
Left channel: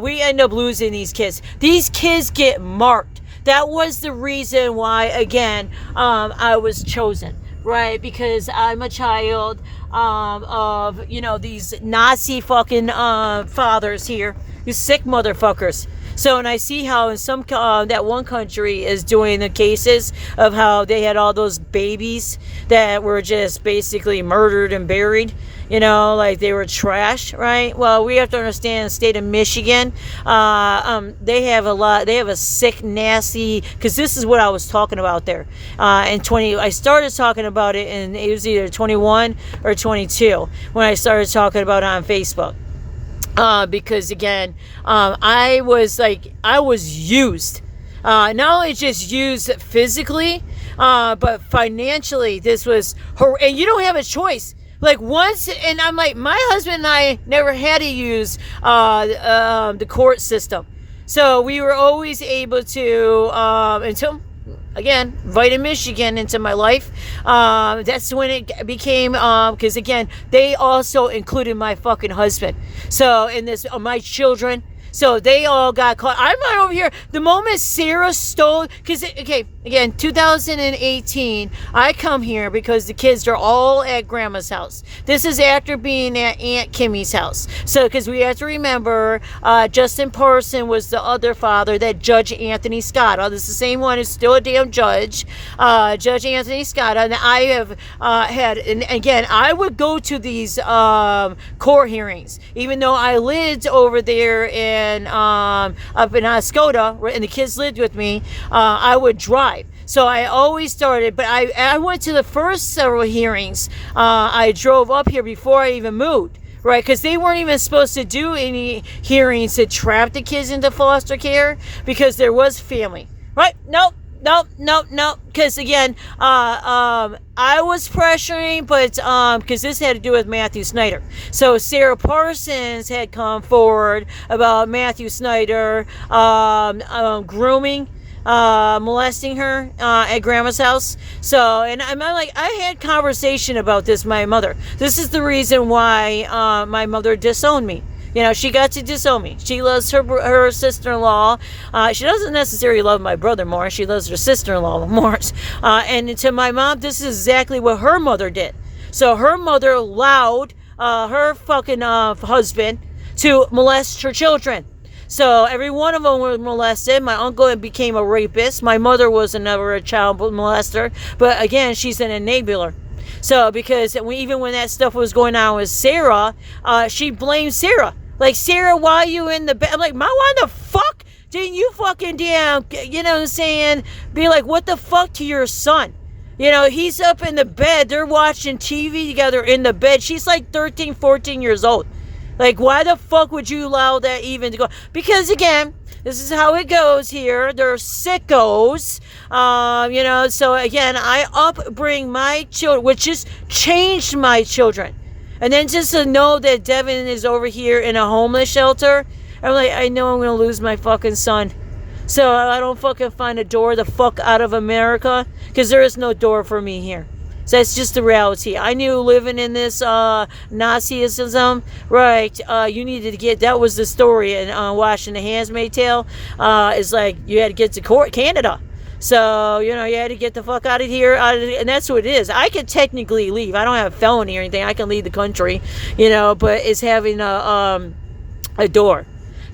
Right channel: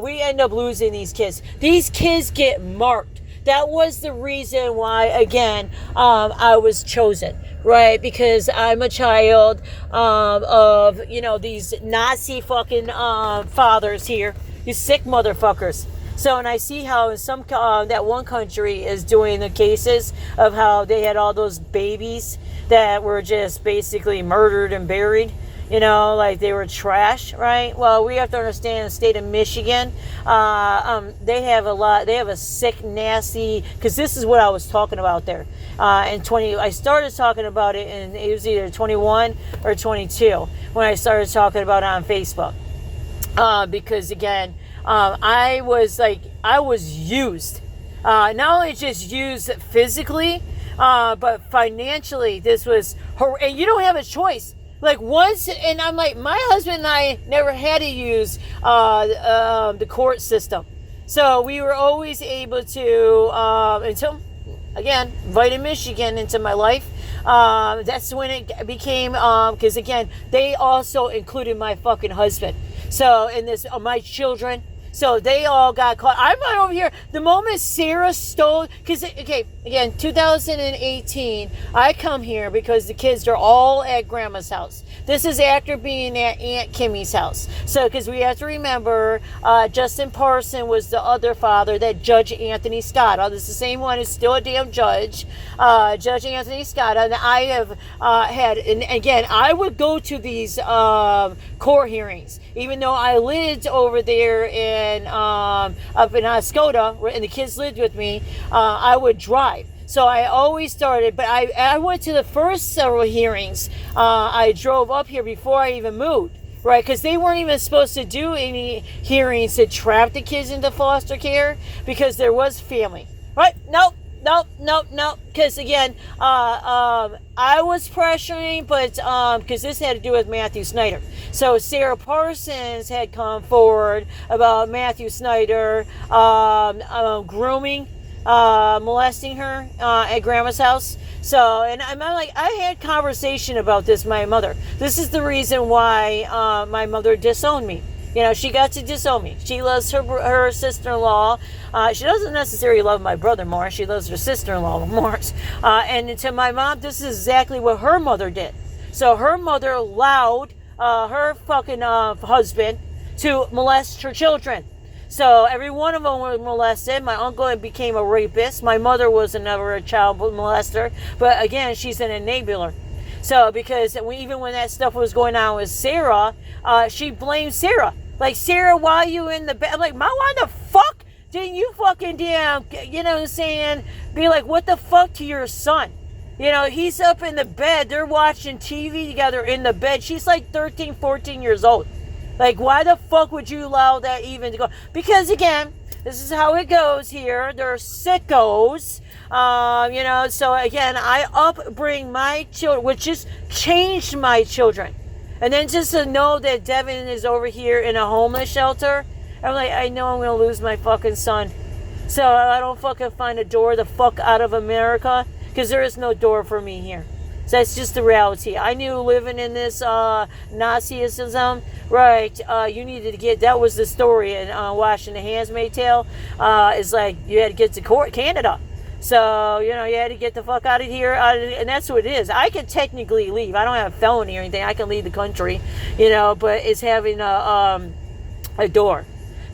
we end up losing these kids. These kids get marked. That was the reason why, again, I was chosen. Right, because I'm a child of, you know, these Nazi fucking fathers here, these sick motherfuckers. So, and I see how in some, that one country is doing the cases of how they had all those babies that were just basically murdered and buried. You know, like they were trash, right? Well, we have to understand the state of Michigan, they have a sick, nasty, because this is what I was talking about there. I started talking about it, and it was either 21 or 22 when I started talking about it on Facebook. Because again, I was used. Not only just used physically, but financially, this was and you don't have a choice. Like once, and I'm like, my husband and I never had to use the court system. So we were always able to, until, again, invited Michigan into my life. That's when it became, because again, they also included my fucking husband. So in this, my children. So they all got caught. I'm not over here. The moment Sarah stole, because, okay, again, 2018, I come here because the kids are all at Grandma's house. This is after being at Aunt Kimmy's house. So, because we have to remember, Justin Parson was the other father that Judge Anthony Scott, this is the same one who's still a damn judge, Judge Anthony Scott. And I have had, and again, I would go to these court hearings, even though I lived over there in up in Oscoda, and the kids lived with me. I would drive. So I always started, but I went to the first several hearings. I drove up here before I even moved, right? Because they weren't even supposed to do any hearings to trap the kids into foster care because there was family, right? Nope. Because again, I was pressuring, but because this had to do with Matthew Snyder. So Sarah Parsons had come forward about Matthew Snyder grooming, molesting her at Grandma's house. So, and I'm like, I had conversation about this with my mother. This is the reason why my mother disowned me. You know, she got to disown me. She loves her sister-in-law. She doesn't necessarily love my brother more. She loves her sister-in-law more. And to my mom, this is exactly what her mother did. So her mother allowed her fucking husband to molest her children. So every one of them was molested. My uncle became a rapist. My mother was never a child molester. But again, she's an enabler. So because even when that stuff was going on with Sarah, she blamed Sarah. Like, Sarah, why are you in the bed? I'm like, why the fuck didn't you fucking damn, you know what I'm saying, be like, what the fuck to your son? You know, he's up in the bed. They're watching TV together in the bed. She's like 13, 14 years old. Like, why the fuck would you allow that even to go? Because, again, this is how it goes here. They're sickos. You know, so, again, I upbring my children, which just changed my children. And then just to know that Devin is over here in a homeless shelter, I'm like, I know I'm going to lose my fucking son. So I don't fucking find a door the fuck out of America, because there is no door for me here. So that's just the reality. I knew living in this Nazism, right, you needed to get, that was the story in watching The Handmaid's Tale, it's like you had to get to Canada. So, you know, you had to get the fuck out of here, and that's what it is. I could technically leave. I don't have a felony or anything. I can leave the country, you know, but it's having a door.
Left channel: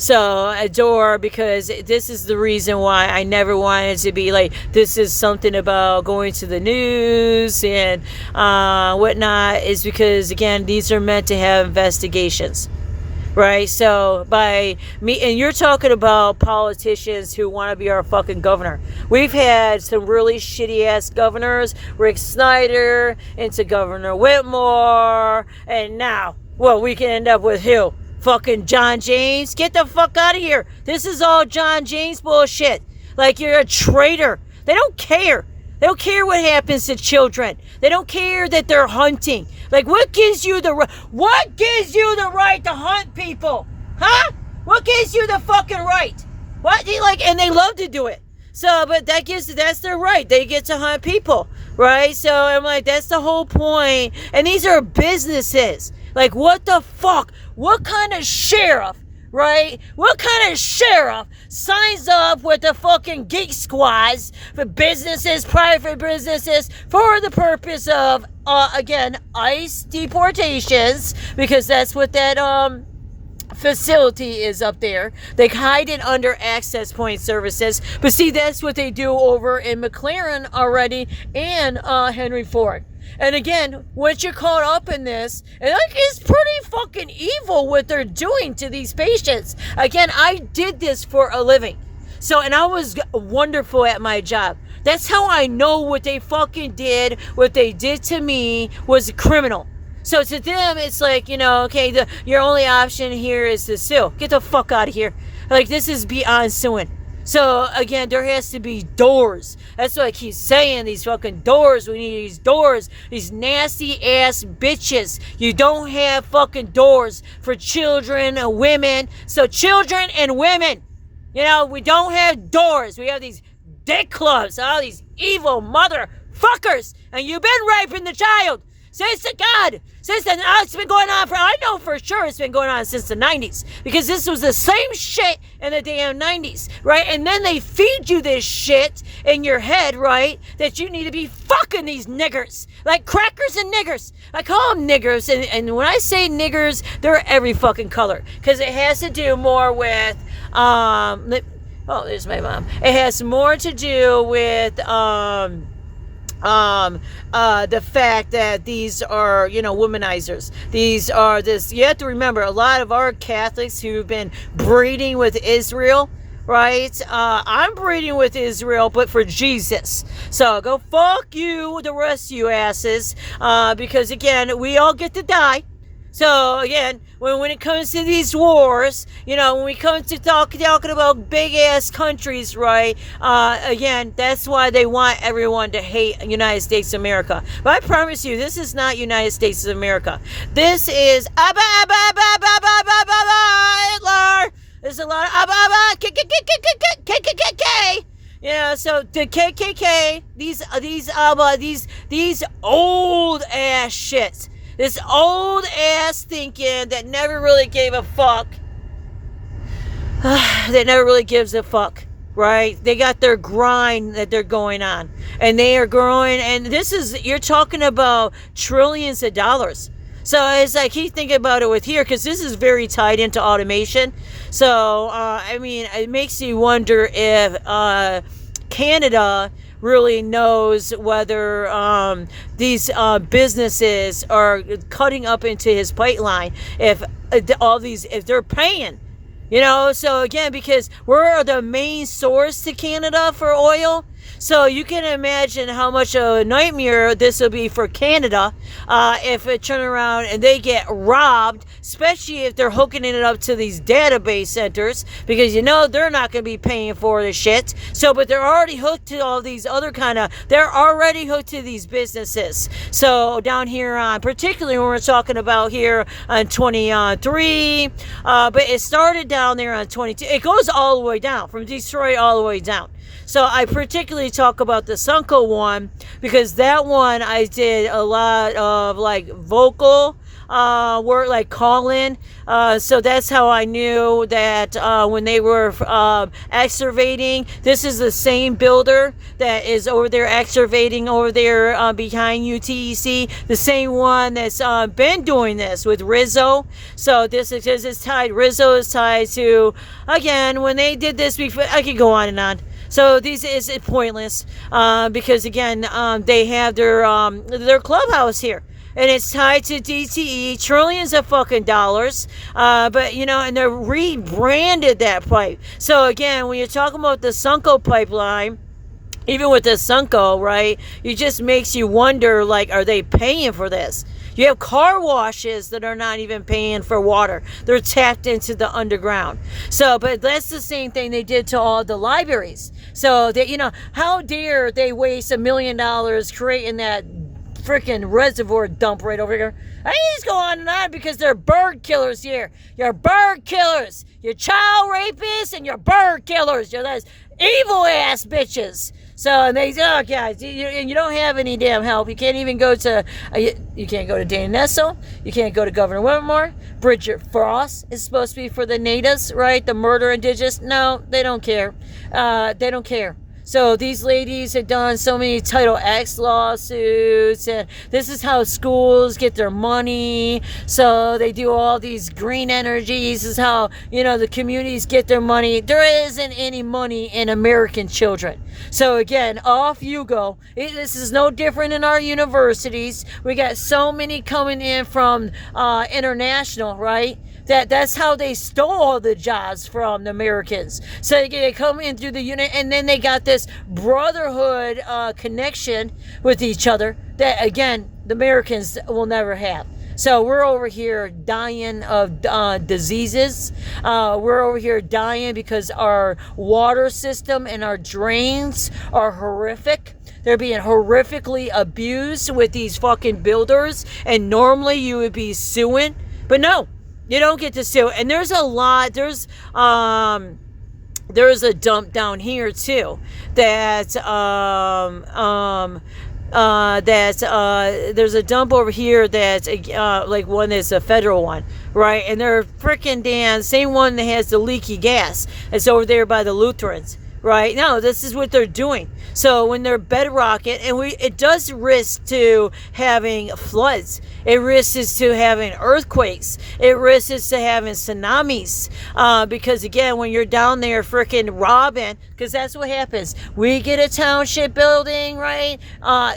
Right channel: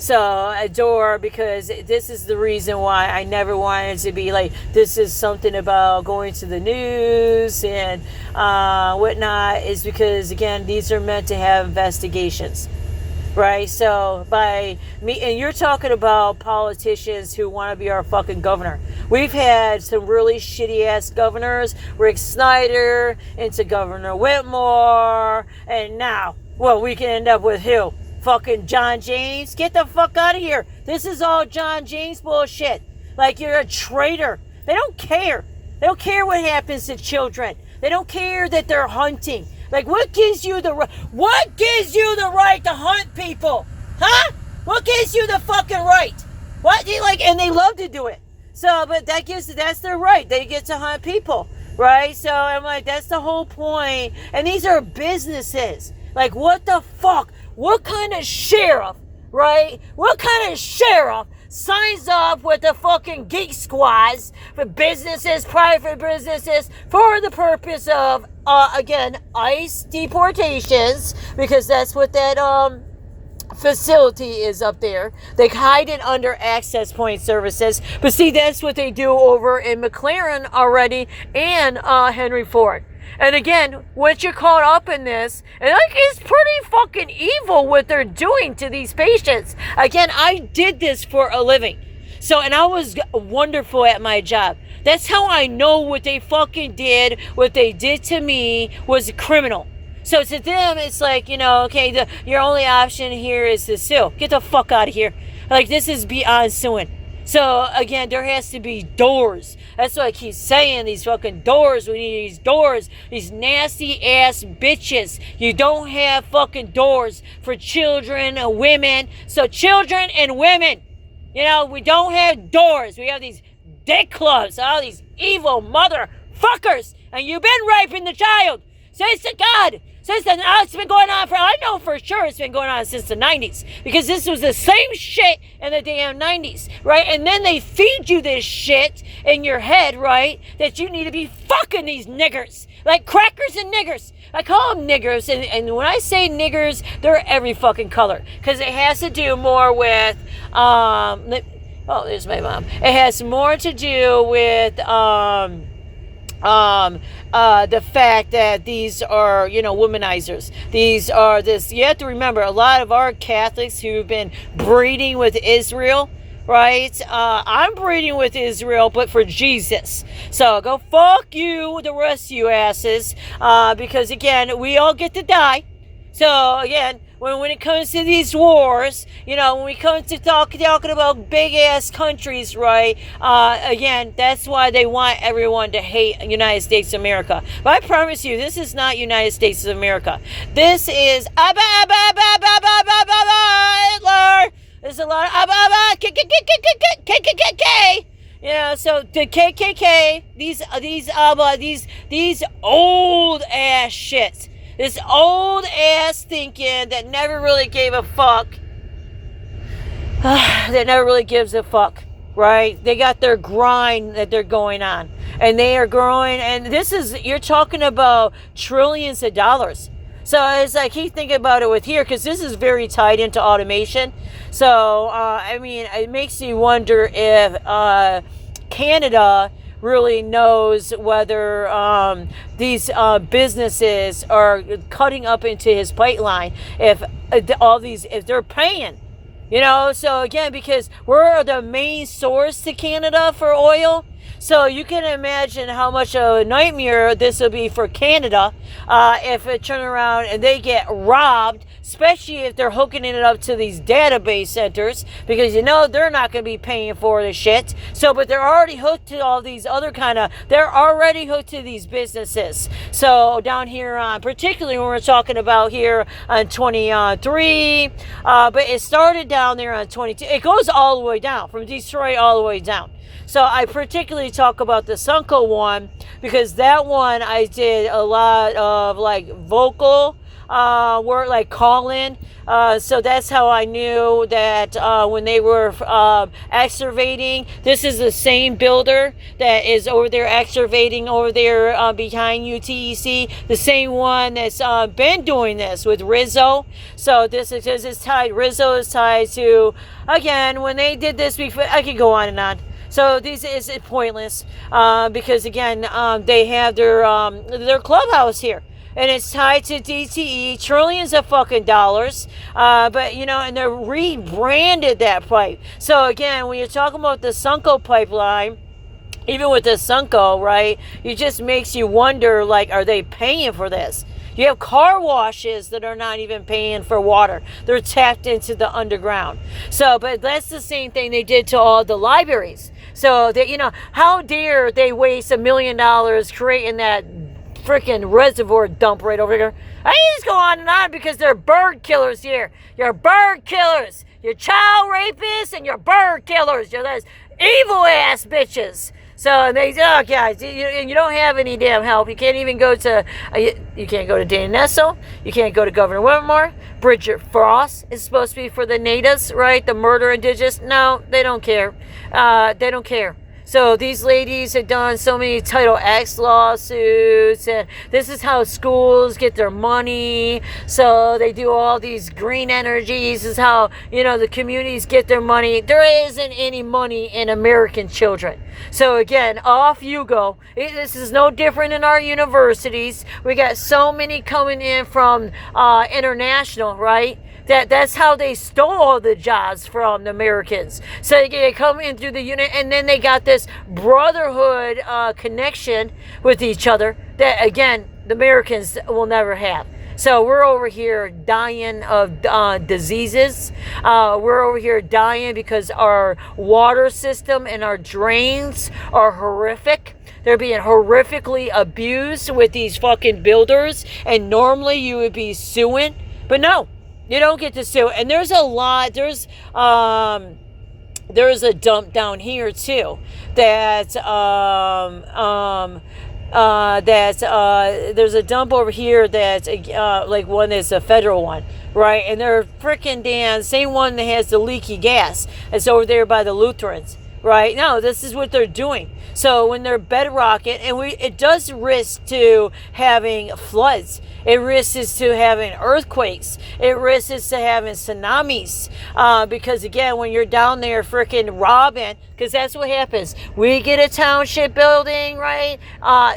So, a door, because this is the reason why I never wanted to be like, this is something about going to the news and whatnot, is because, again, these are meant to have investigations. Right, so by me, and you're talking about politicians who want to be our fucking governor. We've had some really shitty ass governors, Rick Snyder, into Governor Whitmer, and now, well, we can end up with who? Fucking John James. Get the fuck out of here. This is all John James bullshit. Like, you're a traitor. They don't care. They don't care what happens to children. They don't care that they're hunting. Like, what gives you the right to hunt people? Huh? What gives you the fucking right? What do you like? And they love to do it. So, but that's their right. They get to hunt people, right? So I'm like, that's the whole point. And these are businesses. Like, what the fuck? What kind of sheriff, right? What kind of sheriff signs up with the fucking geek squads for businesses, private businesses, for the purpose of, again, ICE deportations, because that's what that facility is up there. They hide it under access point services, but see, that's what they do over in McLaren already, and Henry Ford. And again, once you're caught up in this, and like, it's pretty fucking evil what they're doing to these patients. Again, I did this for a living. So, and I was wonderful at my job. That's how I know what they fucking did, what they did to me was criminal. So to them, it's like, you know, okay, your only option here is to sue. Get the fuck out of here. Like, this is beyond suing. So, again, there has to be doors. That's what I keep saying, these fucking doors. We need these doors. These nasty-ass bitches. You don't have fucking doors for children and women. So, children and women, you know, we don't have doors. We have these dick clubs, all these evil motherfuckers. And you've been raping the child. Says to God. Since then, it's been going on I know for sure it's been going on since the 90s. Because this was the same shit in the damn 90s, right? And then they feed you this shit in your head, right? That you need to be fucking these niggers. Like crackers and niggers. I call them niggers. And when I say niggers, they're every fucking color. Because it has to do more with, oh, there's my mom. It has more to do with, the fact that these are, you know, womanizers. These are you have to remember, a lot of our Catholics who've been breeding with Israel, right? I'm breeding with Israel, but for Jesus. So go fuck you, the rest of you asses, because again, we all get to die. So again, when it comes to these wars, you know, when we come to talking about big ass countries, right? Again, that's why they want everyone to hate United States of America. But I promise you, this is not United States of America. This is Hitler. There's a lot of KKK. Yeah, so the KKK, these old ass shits. This old ass thinking that never really gave a fuck. That never really gives a fuck, right? They got their grind that they're going on. And they are growing. And this is, you're talking about trillions of dollars. So it's like, he's thinking about it with here, because this is very tied into automation. So, I mean, it makes me wonder if Canada really knows whether these businesses are cutting up into his pipeline, if they're paying. So again, because we're the main source to Canada for oil, so you can imagine how much a nightmare this will be for Canada if it turn around and they get robbed, especially if they're hooking it up to these database centers, because they're not going to be paying for the shit. So, but they're already hooked to all these other they're already hooked to these businesses. So down here on, particularly when we're talking about here on 23, but it started down there on 22. It goes all the way down from Detroit all the way down. So I particularly talk about the Sunco one because that one I did a lot of vocal work, like call-in. So that's how I knew that when they were excavating, this is the same builder that is over there excavating over there behind UTEC, the same one that's been doing this with Rizzo. So this is tied, Rizzo is tied to, again, when they did this before, I could go on and on. So this is pointless because again they have their clubhouse here, and it's tied to DTE, trillions of fucking dollars. But and they're rebranded that pipe. So again, when you're talking about the Sunco pipeline, even with the Sunco, right, it just makes you wonder, are they paying for this? You have car washes that are not even paying for water. They're tapped into the underground. So, but that's the same thing they did to all the libraries. So, that how dare they waste $1 million creating that freaking reservoir dump right over here? I just go on and on because they're bird killers here. You're bird killers. You're child rapists and you're bird killers. You're those evil ass bitches. So, and they say, oh, guys, you don't have any damn help. You can't even go to, you can't go to Dana Nessel. You can't go to Governor Whitmer. Bridget Frost is supposed to be for the natives, right? The murder indigenous. No, they don't care. They don't care. So these ladies have done so many Title X lawsuits, and this is how schools get their money. So they do all these green energies. This is how, the communities get their money. There isn't any money in American children. So again, off you go. This is no different in our universities. We got so many coming in from international, right? That's how they stole all the jobs from the Americans. So they come in through the unit, and then they got this brotherhood connection with each other that, again, the Americans will never have. So we're over here dying of diseases. We're over here dying because our water system and our drains are horrific. They're being horrifically abused with these fucking builders, and normally you would be suing, but no. You don't get to sue. And there's a lot, there's a dump down here too that there's a dump over here that's one that's a federal one, right? And they're freaking damn same one that has the leaky gas. It's over there by the Lutherans, right? No, this is what they're doing. So when they're bedrocking, and it does risk to having floods. It risks to having earthquakes. It risks to having tsunamis. Because again, when you're down there freaking robbing, because that's what happens. We get a township building, right?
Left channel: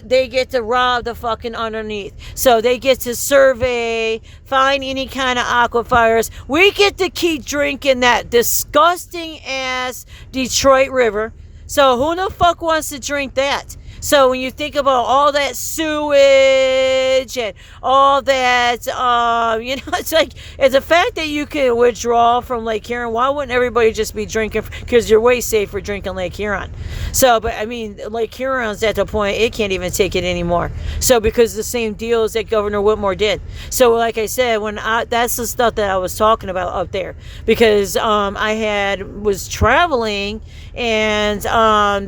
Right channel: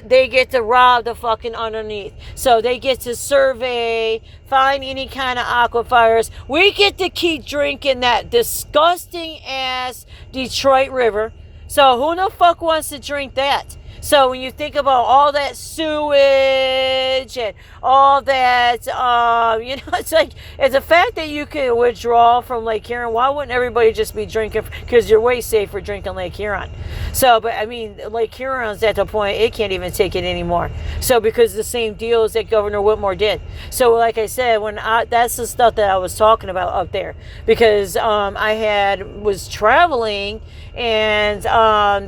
They get to rob the fucking underneath. So they get to survey, find any kind of aquifers. We get to keep drinking that disgusting ass Detroit River. So who the fuck wants to drink that? So when you think about all that sewage and all that, it's the fact that you can withdraw from Lake Huron. Why wouldn't everybody just be drinking? Because you're way safer drinking Lake Huron. So, but I mean, Lake Huron's at the point it can't even take it anymore. So because the same deals that Governor Whitmer did. So like I said, that's the stuff that I was talking about up there, because I was traveling and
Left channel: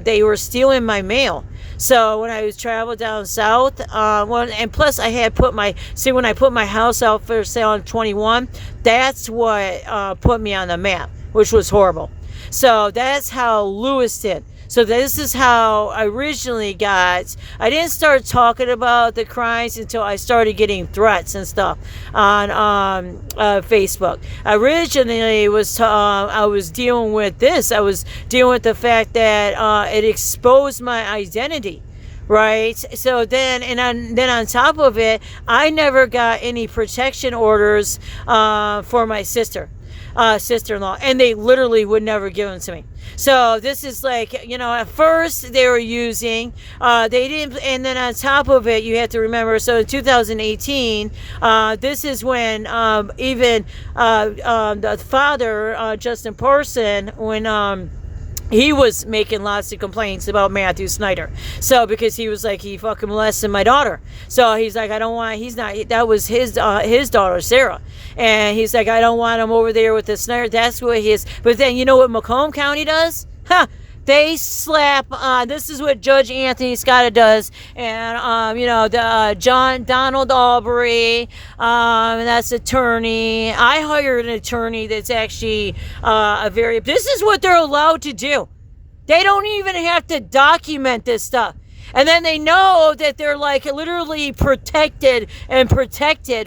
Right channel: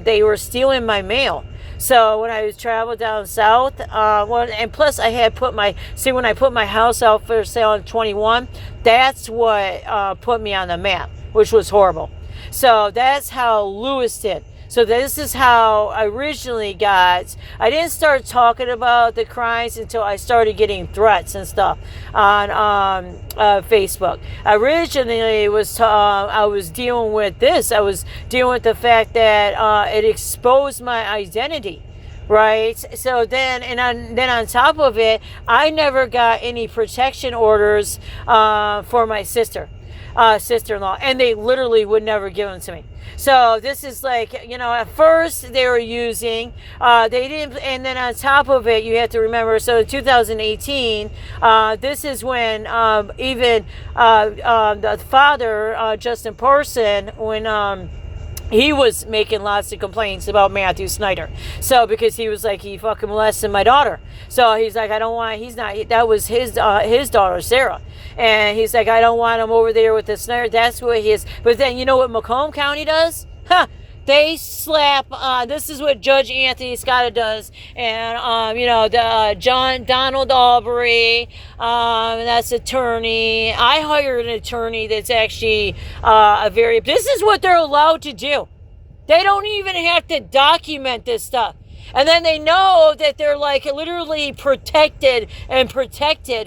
they were stealing my mail. So when I was traveling down south, and plus I had when I put my house out for sale on 21, that's what put me on the map, which was horrible. So that's how Lewiston. So this is how I originally got. I didn't start talking about the crimes until I started getting threats and stuff on Facebook. I originally was I was dealing with this. I was dealing with the fact that it exposed my identity. Right. So then on top of it, I never got any protection orders for my sister-in-law, and they literally would never give them to me. So this is like, at first they were using, they didn't, and then on top of it, you have to remember, so in 2018, this is when even the father, Justin Parson, when he was making lots of complaints about Matthew Snyder. So because he was like, he fucking molested my daughter. So he's like, I don't want, that was his daughter, Sarah. And he's like, I don't want him over there with the Snyder. That's what he is. But then you know what Macomb County does? They slap, this is what Judge Anthony Scott does, and, Donald Aubrey, that's attorney. I hired an attorney that's actually this is what they're allowed to do. They don't even have to document this stuff. And then they know that they're like literally protected,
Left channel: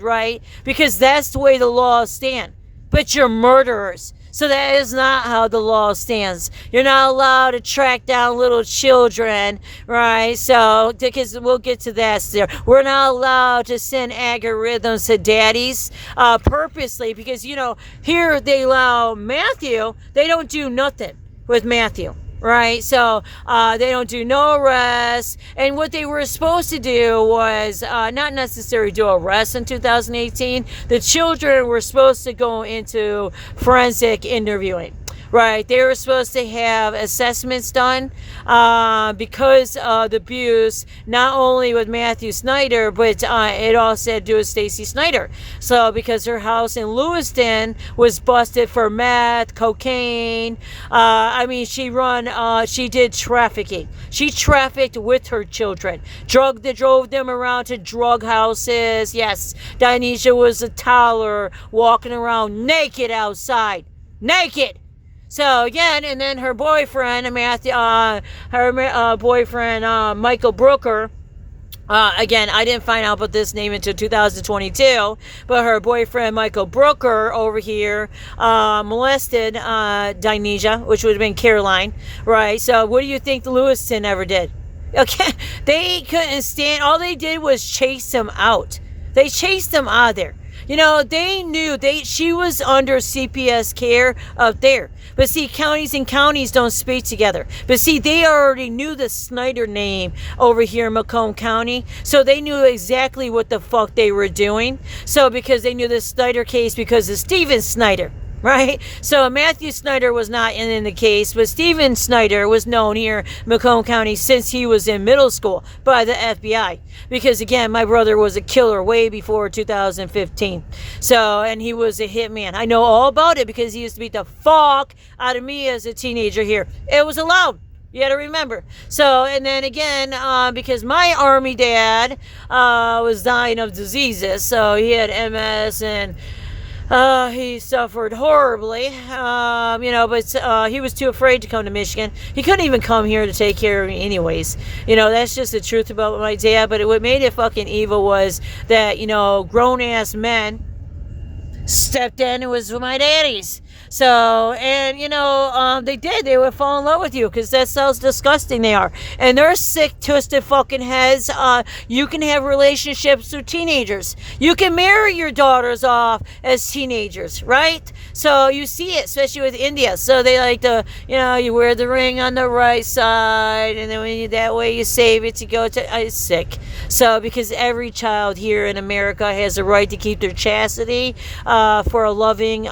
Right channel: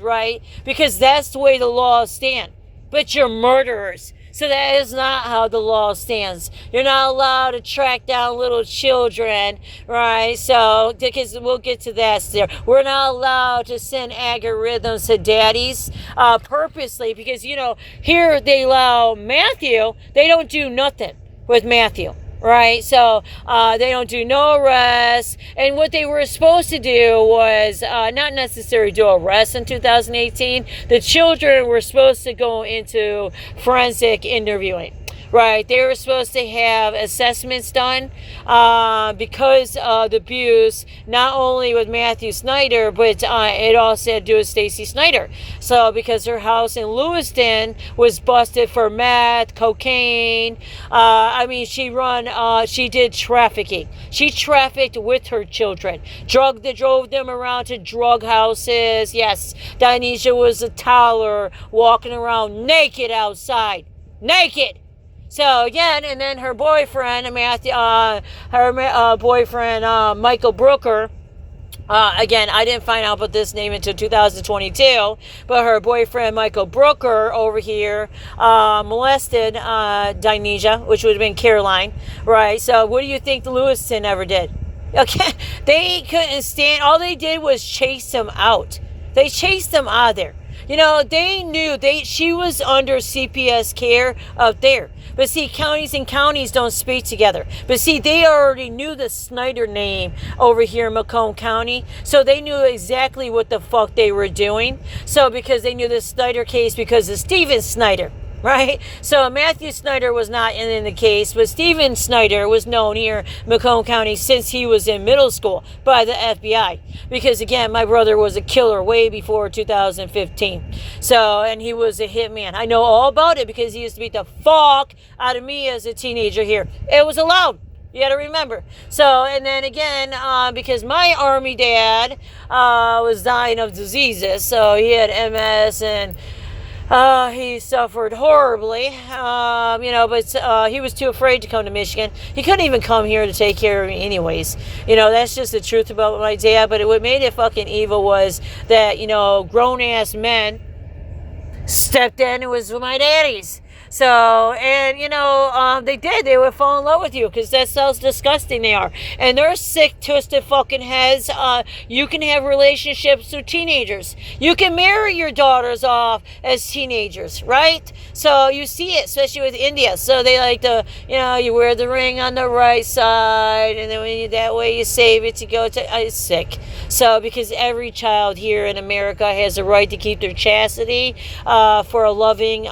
right? Because that's the way the laws stand. But you're murderers. So that is not how the law stands. You're not allowed to track down little children, right? So, because we'll get to that there. We're not allowed to send algorithms to daddies purposely because, here they allow Matthew. They don't do nothing with Matthew. Right, so they don't do no arrests, and what they were supposed to do was not necessarily do arrests in 2018. The children were supposed to go into forensic interviewing. Right, they were supposed to have assessments done because of the abuse, not only with Matthew Snyder, but it also had to do with Stacy Snyder. So because her house in Lewiston was busted for meth, cocaine. She did trafficking. She trafficked with her children. Drove them around to drug houses. Yes, Dionysia was a toddler walking around naked outside. Naked. So again, and then her boyfriend, Michael Brooker. Again, I didn't find out about this name until 2022, but her boyfriend, Michael Brooker, over here, molested Dionysia, which would have been Caroline, right? So what do you think the Lewiston ever did? Okay, they couldn't stand, all they did was chase him out. They chased him out of there. They knew she was under CPS care up there. But see, counties and counties don't speak together. But see, they already knew the Snyder name over here in Macomb County. So they knew exactly what the fuck they were doing. So because they knew the Snyder case because of Steven Snyder. Right? So Matthew Snyder was not in the case, but Steven Snyder was known here in Macomb County since he was in middle school by the FBI. Because again, my brother was a killer way before 2015. So, and he was a hitman. I know all about it because he used to beat the fuck out of me as a teenager here. It was allowed. You got to remember. So, and then again, because my army dad was dying of diseases. So he had MS and he suffered horribly, but he was too afraid to come to Michigan. He couldn't even come here to take care of me anyways. That's just the truth about my dad. But what made it fucking evil was that, grown-ass men stepped in. It was my daddies. So, and they would fall in love with you because that's how disgusting they are. And they're sick, twisted fucking heads. You can have relationships with teenagers. You can marry your daughters off as teenagers, right? So you see it, especially with India. So they like to, you wear the ring on the right side, and then that way you save it to go to, it's sick. So, because every child here in America has a right to keep their chastity for a loving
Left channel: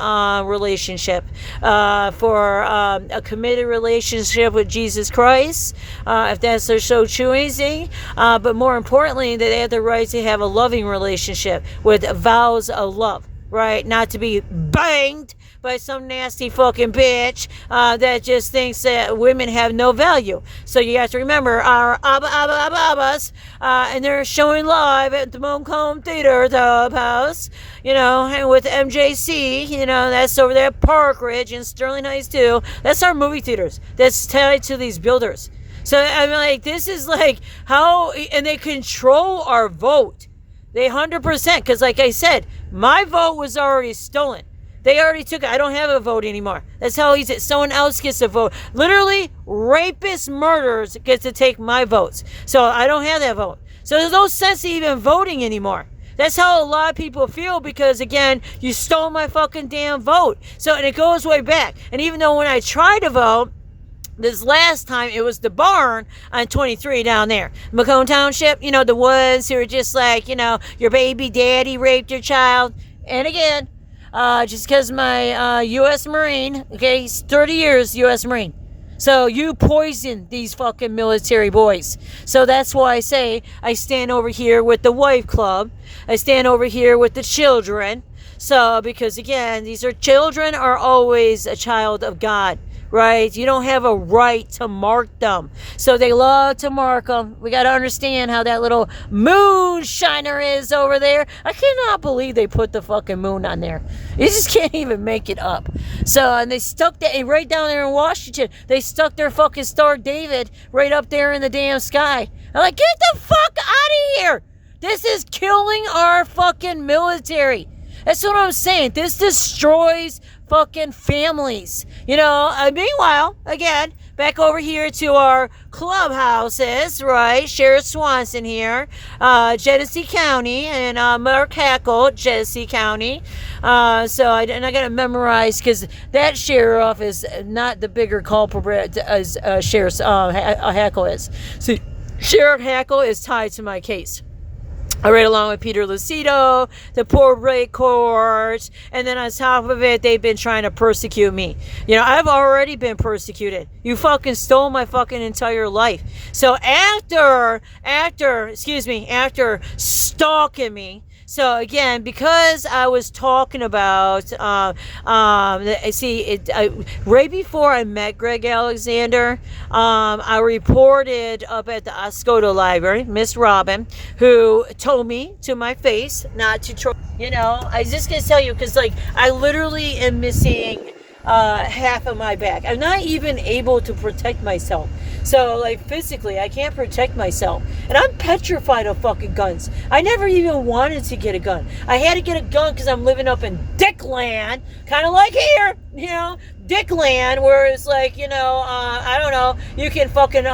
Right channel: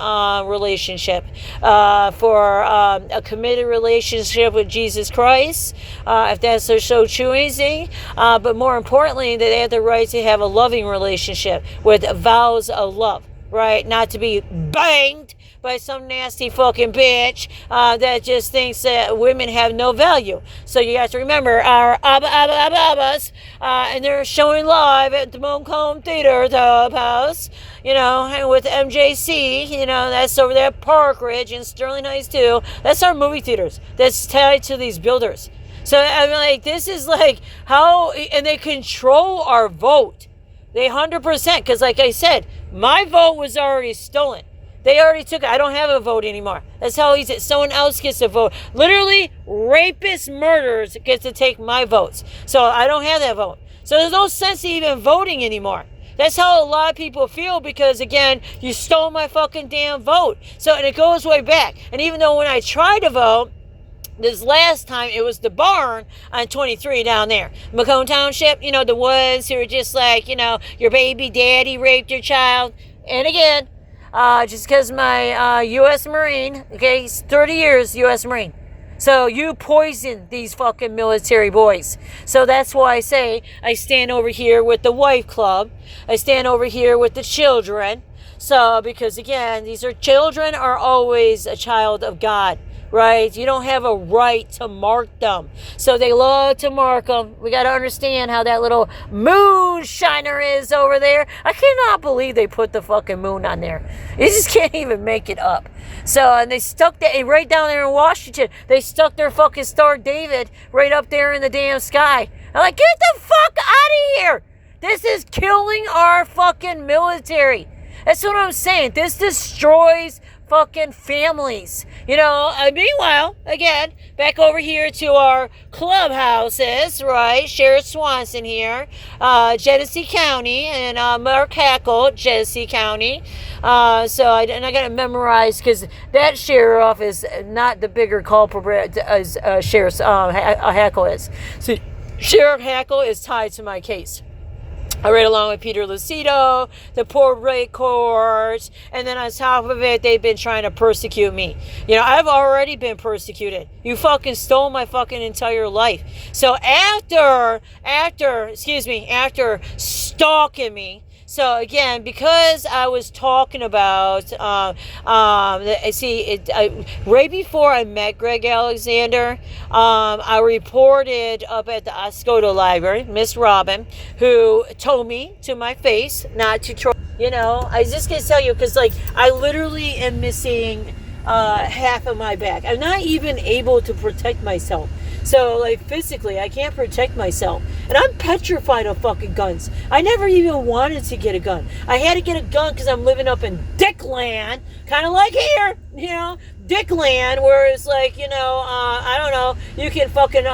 relationship. For a committed relationship with Jesus Christ, if that's their so choosing, but more importantly, that they have the right to have a loving relationship with vows of love, right? Not to be banged by some nasty fucking bitch that just thinks that women have no value. So you have to remember our Abbas, and they're showing live at the Moncomb Theater House, and with MJC, that's over there at Park Ridge and Sterling Heights too. That's our movie theaters. That's tied to these builders. So I'm like, this is like how, and they control our vote. They 100%, because like I said, my vote was already stolen. They already took it. I don't have a vote anymore. That's how easy. Someone else gets a vote. Literally, rapist murderers get to take my votes. So I don't have that vote. So there's no sense in even voting anymore. That's how a lot of people feel, because again, you stole my fucking damn vote. So, and it goes way back. And even though when I tried to vote, this last time, it was the barn on 23 down there. Macomb Township, the ones who are just like, your baby daddy raped your child. And again, just because my U.S. Marine, okay, he's 30 years U.S. Marine. So you poison these fucking military boys. So that's why I say I stand over here with the wife club. I stand over here with the children. So, because again, these children are always a child of God. Right? You don't have a right to mark them. So they love to mark them. We got to understand how that little moonshiner is over there. I cannot believe they put the fucking moon on there. You just can't even make it up. So, and they stuck that right down there in Washington. They stuck their fucking Star David right up there in the damn sky. I'm like, get the fuck out of here. This is killing our fucking military. That's what I'm saying. This destroys fucking families. Meanwhile, again, back over here to our clubhouses, right? Sheriff Swanson here, Genesee County, and Mark Hackle, Genesee County. So I got to memorize, because that sheriff is not the bigger culprit as Sheriff Hackle is. So Sheriff Hackle is tied to my case. I read along with Peter Lucido, the poor rate court, and then on top of it, they've been trying to persecute me. I've already been persecuted. You fucking stole my fucking entire life. So after stalking me, so again, because I was talking about, right before I met Greg Alexander, I reported up at the Oscoda Library, Miss Robin, who told me to my face not to try. I was just gonna tell you, because I literally am missing half of my back. I'm not even able to protect myself. So, physically, I can't protect myself. And I'm petrified of fucking guns. I never even wanted to get a gun. I had to get a gun because I'm living up in Dickland, kind of like here, Dickland, where it's I don't know, you can fucking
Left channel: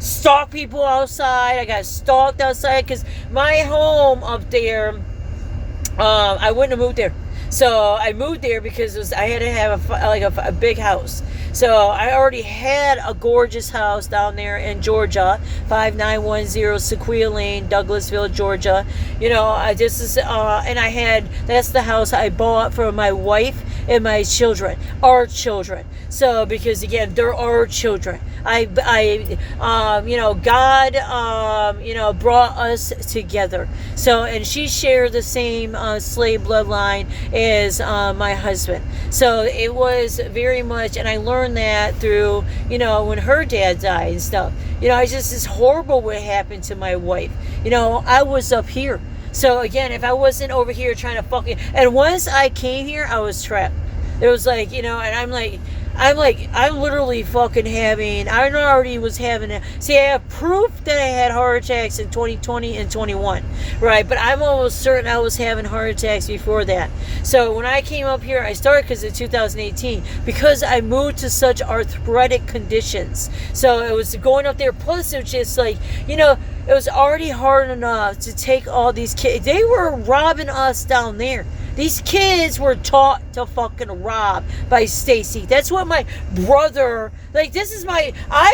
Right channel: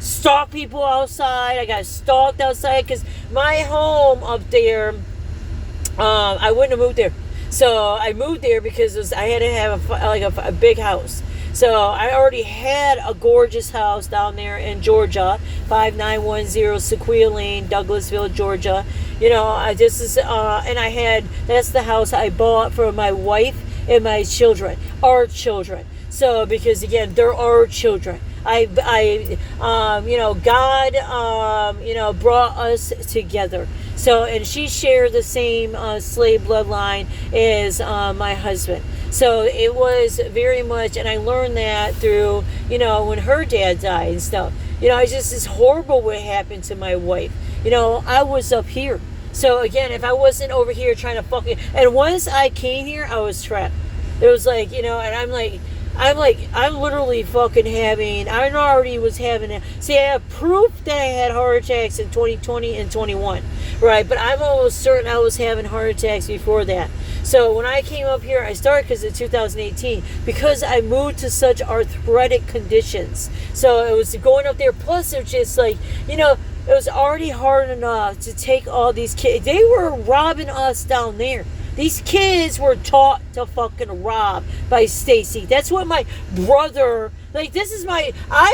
stalk people outside. I got stalked outside because my home up there, I wouldn't have moved there. So I moved there because I had to have a big house. So I already had a gorgeous house down there in Georgia, 5910 Sequoia Lane, Douglasville, Georgia. That's the house I bought for my wife and my children, our children. So, because again, they're our children. God, brought us together. So, and she shared the same slave bloodline as my husband. So it was very much, and I learned that through, when her dad died and stuff. It's horrible what happened to my wife. I was up here. So again, if I wasn't over here trying to and once I came here, I was trapped. It was and I'm literally fucking I already was having I have proof that I had heart attacks in 2020 and 21, right? But I'm almost certain I was having heart attacks before that. So when I came up here, I started because in 2018, because I moved to such arthritic conditions. So it was going up there, plus it was just it was already hard enough to take all these kids. They were robbing us down there. These kids were taught to fucking rob by Stacy. That's what my brother, I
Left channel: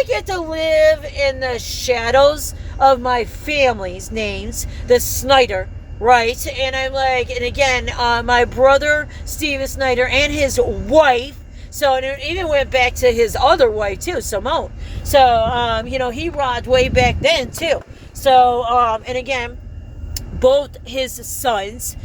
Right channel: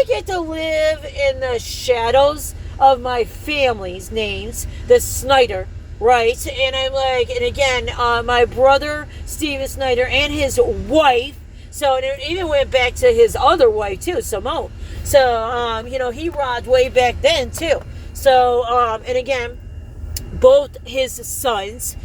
get to live in the shadows of my family's names, the Snyder, right? And I'm and again, my brother, Steven Snyder, and his wife, so it even went back to his other wife too, Simone. So, he robbed way back then too. So, and again, both his sons,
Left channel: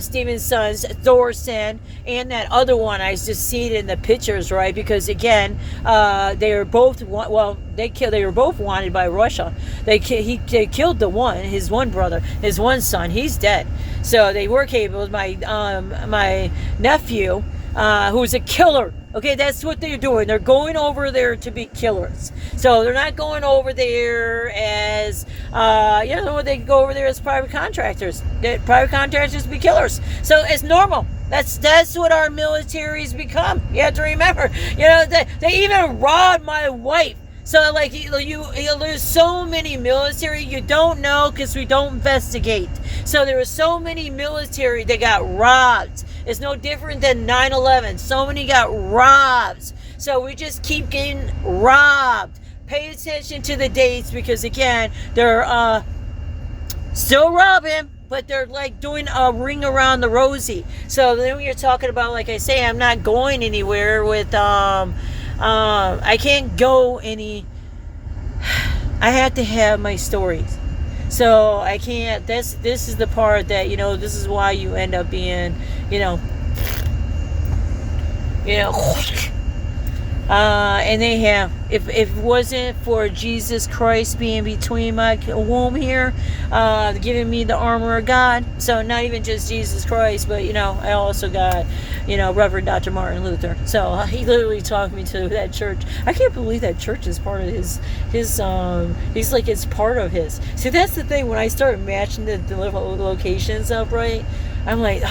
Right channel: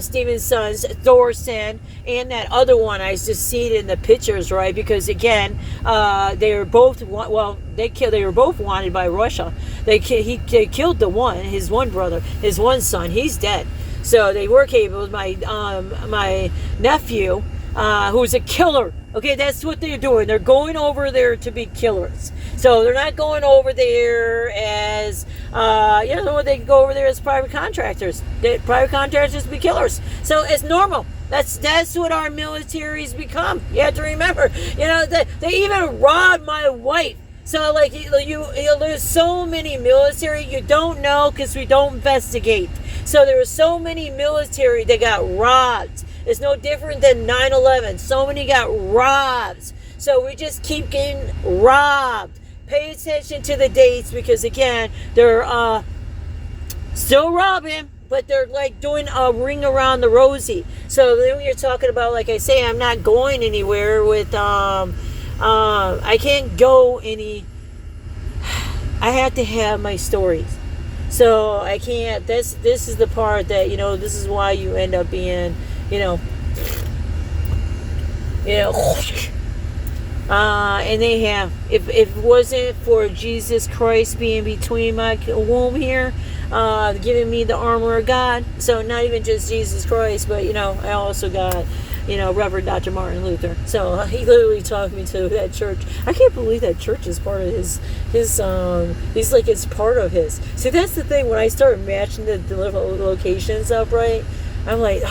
Stephen's sons, Thorson, and that other one. I just see it in the pictures, right? Because again, they were both they were both wanted by Russia. They killed the one, his one brother, his one son. He's dead. So they were capable. My nephew, who's a killer. Okay, that's what they're doing. They're going over there to be killers. So they're not going over there as, they go over there as private contractors. Private contractors be killers. So it's normal. That's what our militaries become. You have to remember. They even robbed my wife. So like there's so many military you don't know because we don't investigate. So there were so many military that got robbed. It's no different than 9/11. So many got robbed. So we just keep getting robbed. Pay attention to the dates because again they're still robbing, but they're like doing a ring around the rosy. So then you're talking about, like I say, I'm not going anywhere with I can't go any. I have to have my stories, so I can't. This is the part that this is why you end up being and they have. If it wasn't for Jesus Christ being between my womb here, giving me the armor of God. So not even just Jesus Christ, but I also got. Reverend Dr. Martin Luther. So he literally talked me to that church. I can't believe that church is part of his he's like, it's part of his. See, that's the thing. When I start matching the locations up, right, I'm like,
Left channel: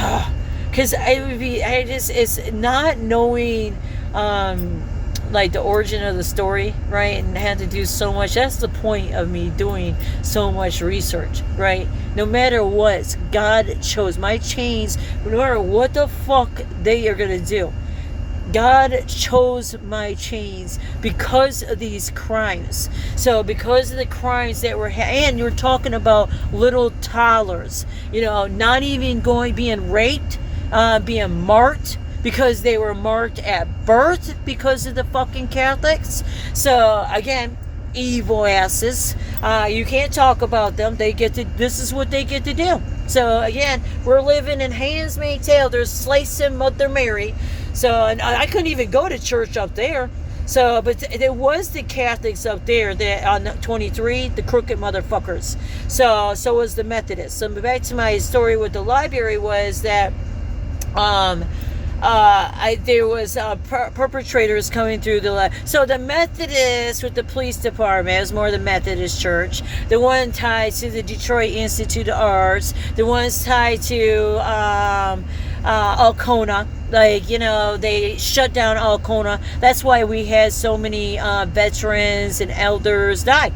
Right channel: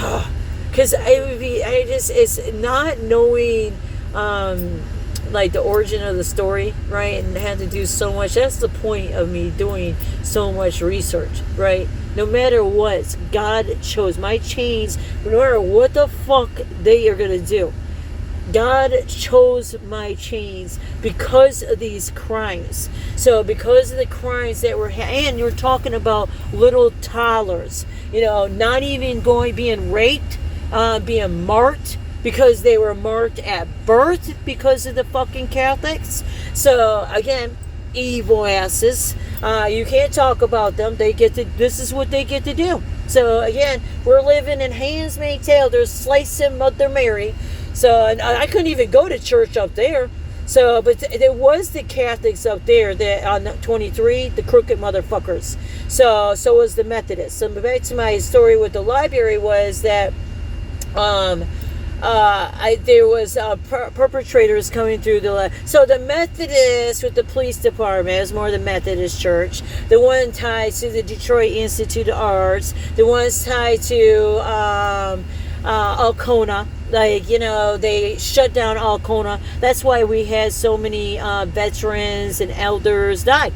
because it's not knowing, like the origin of the story, right, and had to do so much. That's the point of me doing so much research, right? No matter what, God chose my chains. No matter what the fuck they are gonna do, God chose my chains because of these crimes. So because of the crimes that were, and you're talking about little toddlers, not even being raped, being marked. Because they were marked at birth because of the fucking Catholics. So again, evil asses. You can't talk about them. This is what they get to do. So again, we're living in Handmaid's Tale. They're slicing Mother Mary. So and I couldn't even go to church up there. So, but there was the Catholics up there that on 23, the crooked motherfuckers. So was the Methodists. So back to my story with the library was that there was perpetrators coming through so the Methodists with the police department, it was more the Methodist Church, the one tied to the Detroit Institute of Arts, the ones tied to Alcona, they shut down Alcona. That's why we had so many veterans and elders die.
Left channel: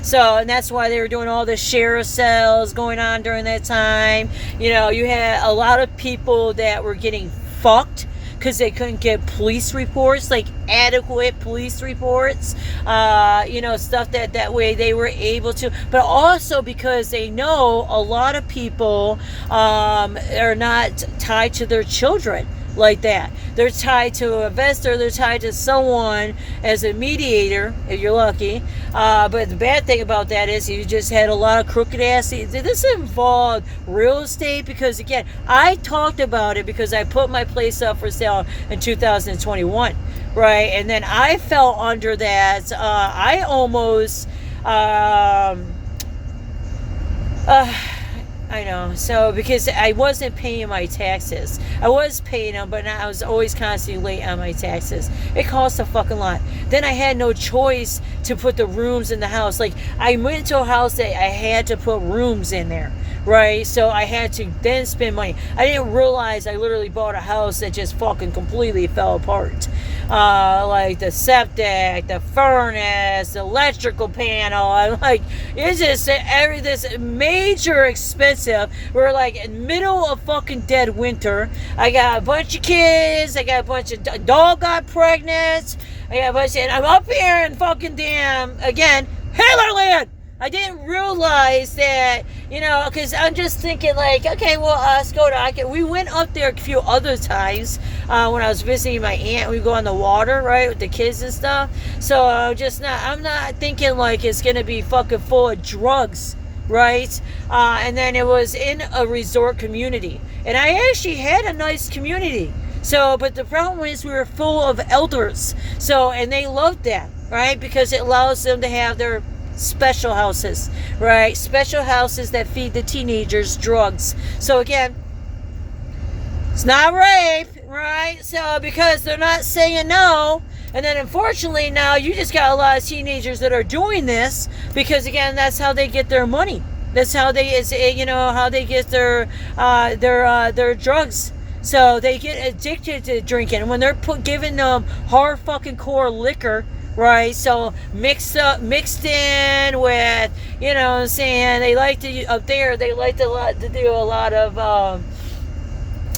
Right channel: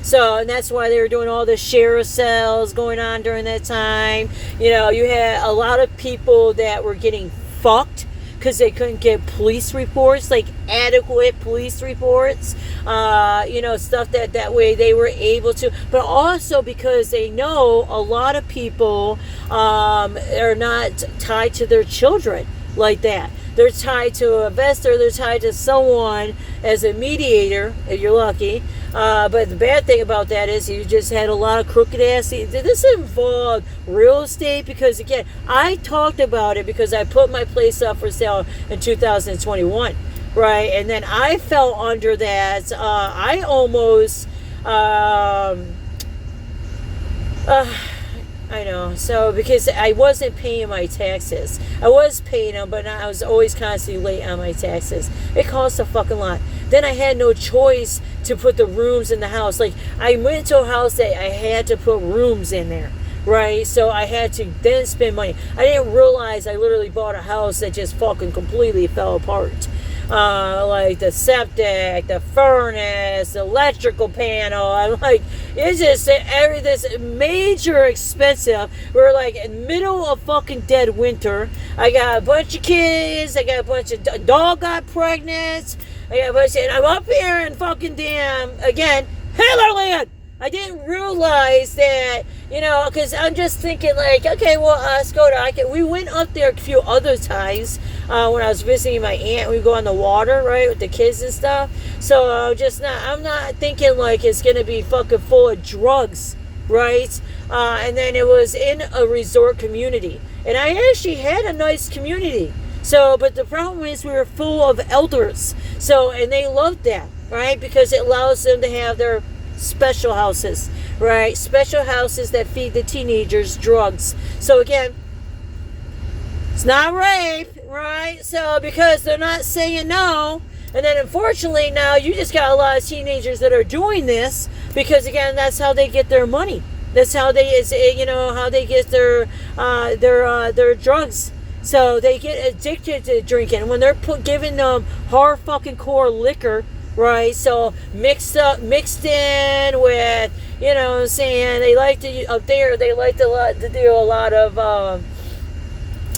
So, and that's why they were doing all the sheriff cells going on during that time. You had a lot of people that were getting fucked because they couldn't get police reports, like adequate police reports, stuff that way they were able to, but also because they know a lot of people are not tied to their children like that. They're tied to a investor, they're tied to someone as a mediator, if you're lucky. But the bad thing about that is you just had a lot of crooked ass. This involved real estate because, again, I talked about it because I put my place up for sale in 2021, right? And then I fell under that. I almost... I know. So, because I wasn't paying my taxes. I was paying them, but I was always constantly late on my taxes. It cost a fucking lot. Then I had no choice to put the rooms in the house. Like, I went to a house that I had to put rooms in there, right? So I had to then spend money. I didn't realize I literally bought a house that just fucking completely fell apart. Like the septic, the furnace, the electrical panel. I'm like, it's just this major expensive. We're like in the middle of fucking dead winter. I got a bunch of kids. I got a bunch of dog got pregnant. I got a bunch of, and I'm up here in fucking damn again Hitlerland. I didn't realize that, because I'm just thinking like, okay, well, let's go to, we went up there a few other times when I was visiting my aunt. We go on the water, right, with the kids and stuff. So I'm not thinking like it's going to be fucking full of drugs right? And then it was in a resort community. And I actually had a nice community. So, but the problem is we were full of elders. So, and they loved that, right? Because it allows them to have their special houses, right? Special houses that feed the teenagers drugs. So again, it's not rape, right? So because they're not saying no. And then unfortunately now you just got a lot of teenagers that are doing this because again, that's how they get their money. That's how they, how they get their drugs. So they get addicted to drinking. And when they're giving them hard fucking core liquor, right? So mixed in with, you know what I'm saying, they like to, up there, they like to do a lot of,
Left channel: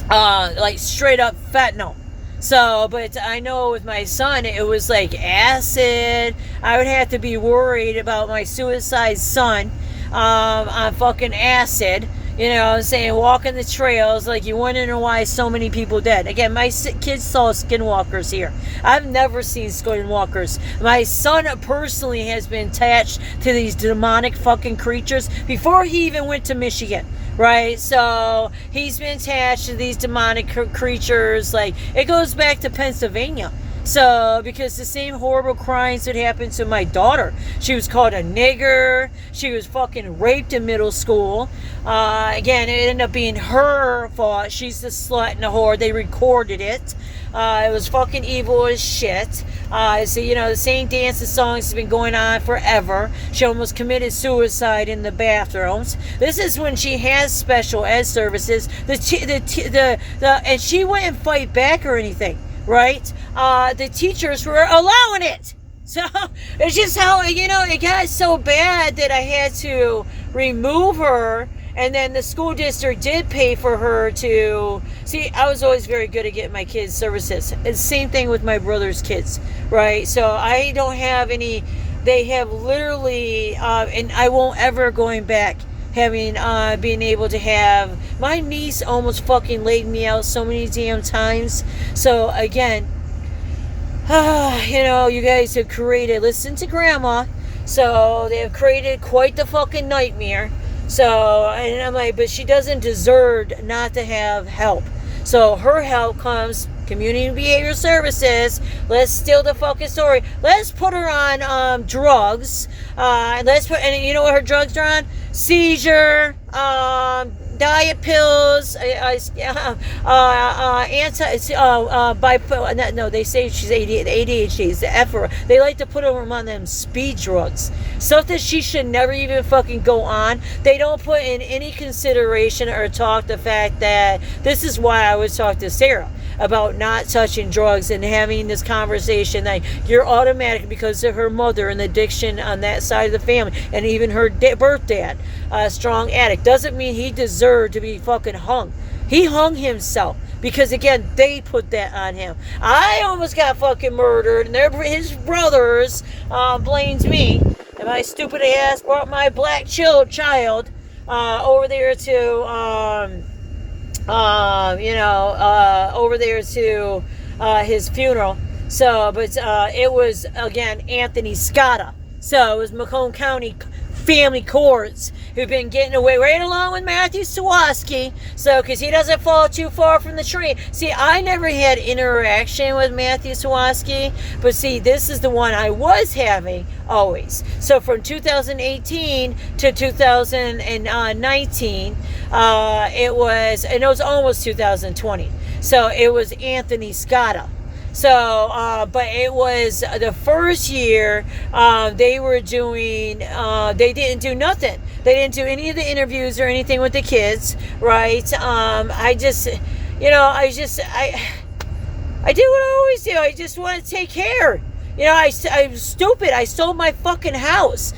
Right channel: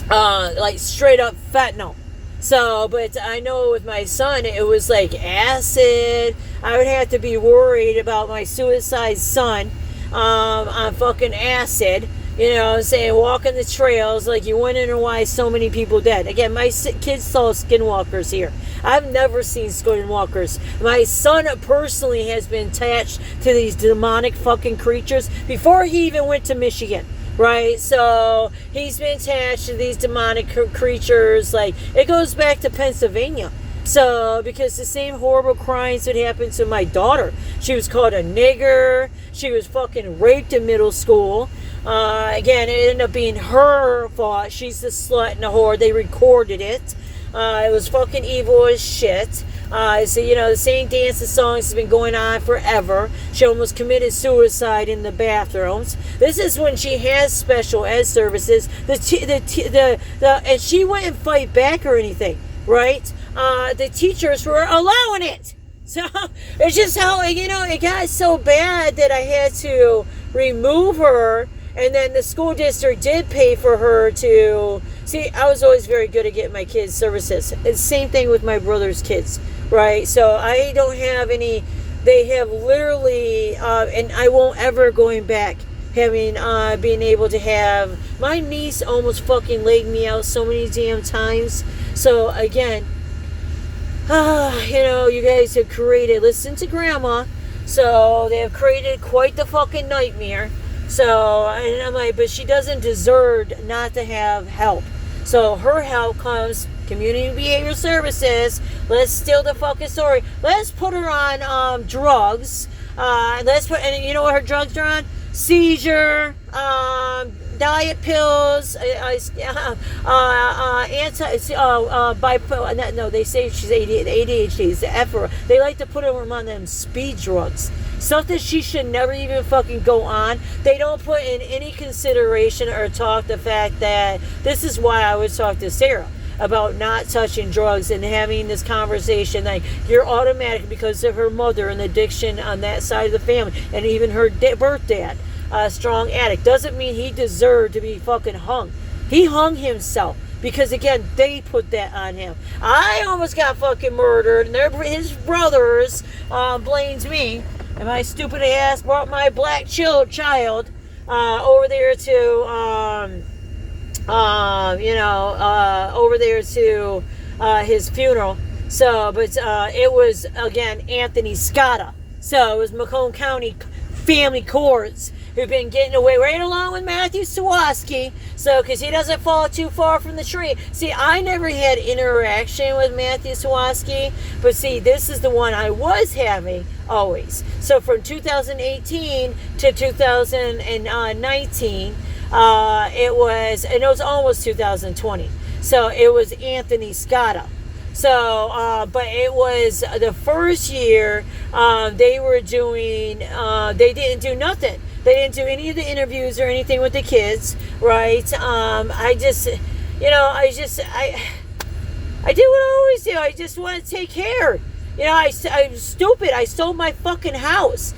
like straight up fentanyl. So, but I know with my son, it was like acid. I would have to be worried about my suicide son on fucking acid. You know what I'm saying? Walking the trails, like you wonder why so many people dead. Again, my kids saw skinwalkers here. I've never seen skinwalkers. My son personally has been attached to these demonic fucking creatures before he even went to Michigan. Right, so he's been attached to these demonic creatures. Like it goes back to Pennsylvania. So because the same horrible crimes that happened to my daughter, she was called a nigger. She was fucking raped in middle school. Again, it ended up being her fault. She's the slut and the whore. They recorded it. It was fucking evil as shit. So, you know, the same dance and songs has been going on forever. She almost committed suicide in the bathrooms. This is when she has special ed services. And she wouldn't fight back or anything, right? The teachers were allowing it. So it's just how, you know, it got so bad that I had to remove her. And then the school district did pay for her to... See, I was always very good at getting my kids services. It's the same thing with my brother's kids, right? So I don't have any... They have literally... and I won't ever going back having... being able to have... My niece almost fucking laid me out so many damn times. So, again... you know, you guys have created... Listen to Grandma. So, they have created quite the fucking nightmare. So, and I'm like, but she doesn't deserve not to have help. So her help comes community behavior services. Let's steal the fucking story. Let's put her on drugs. And you know what her drugs are on? Seizure, diet pills, bipolar. No, they say she's ADHD. It's the F word. They like to put them on them speed drugs. Something she should never even fucking go on. They don't put in any consideration or talk the fact that this is why I would talk to Sarah about not touching drugs and having this conversation that you're automatic because of her mother and addiction on that side of the family, and even her birth dad, a strong addict, doesn't mean he deserved to be fucking hung. He hung himself because again they put that on him. I almost got fucking murdered, and his brothers blames me, and my stupid ass brought my black child over there to over there to his funeral. So, but it was, again, Anthony Scotta. So, it was Macomb County Family Courts who've been getting away right along with Matthew Sawaski. So, because he doesn't fall too far from the tree. See, I never had interaction with Matthew Sawaski, but see, this is the one I was having always. So, from 2018 to 2019, it was almost 2020. So it was Anthony Scotta. So, but it was the first year they were doing, they didn't do nothing. They didn't do any of the interviews or anything with the kids, right? I do what I always do. I just want to take care. You know, I'm stupid. I sold my fucking house.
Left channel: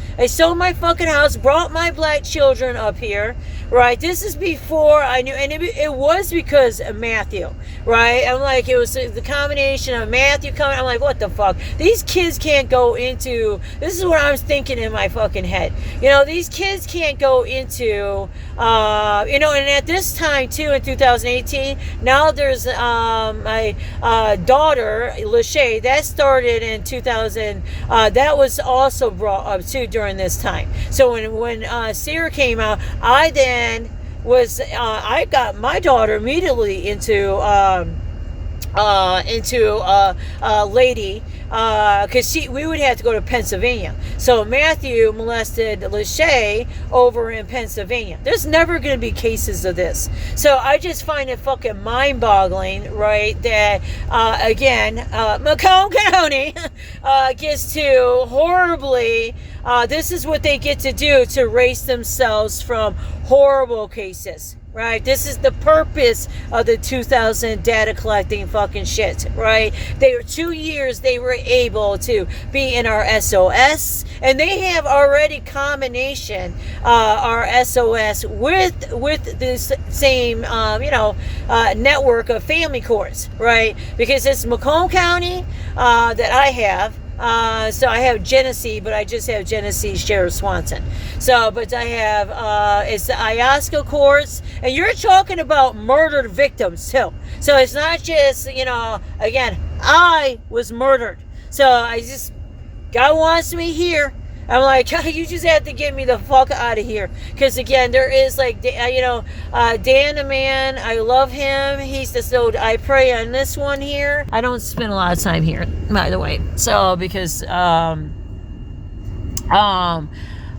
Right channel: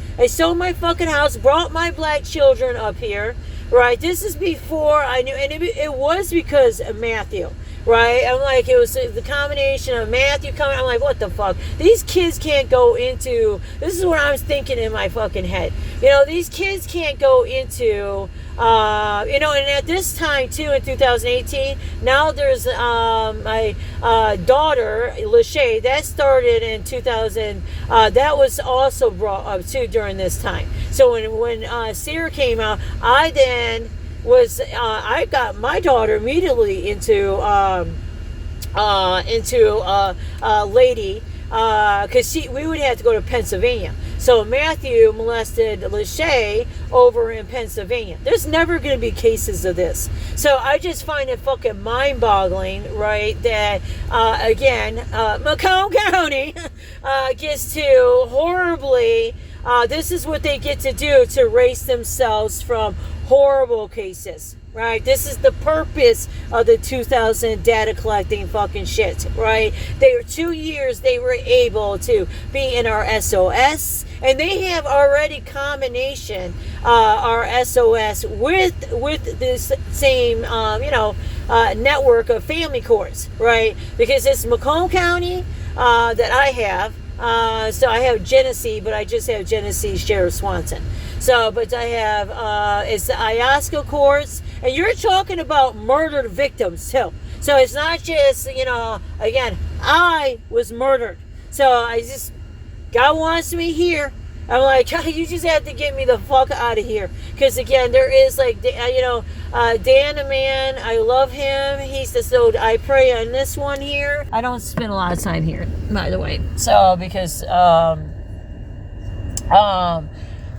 Brought my black children up here, right? This is before I knew, and it was because of Matthew, right? I'm like, it was the combination of Matthew coming. I'm like, what the fuck? These kids can't go into, this is what I was thinking in my fucking head. You know, these kids can't go into, you know, and at this time too, in 2018, now there's my daughter, Lachey, that started in 2000, that was also brought up too during this time. So when Sarah came out, I then was I got my daughter immediately into lady, because we would have to go to Pennsylvania. So Matthew molested Lachey over in Pennsylvania. There's never going to be cases of this. So I just find it fucking mind-boggling, right, that again, Macomb County gets to horribly, this is what they get to do to erase themselves from horrible cases, right? This is the purpose of the 2000 data collecting fucking shit, right? They were 2 years they were able to be in our SOS, and they have already combination our SOS with this same network of family courts, right? Because it's Macomb County that I have. So I have Genesee, but I just have Genesee Sheriff Swanson. So, but I have, it's the Iosco courts, and you're talking about murdered victims too. So it's not just, again, I was murdered. So God wants me here. I'm like, you just have to get me the fuck out of here. Because again, there is like, Dan the man, I love him. He's the, so I pray on this one here. I don't spend a lot of time here, by the way. So, because,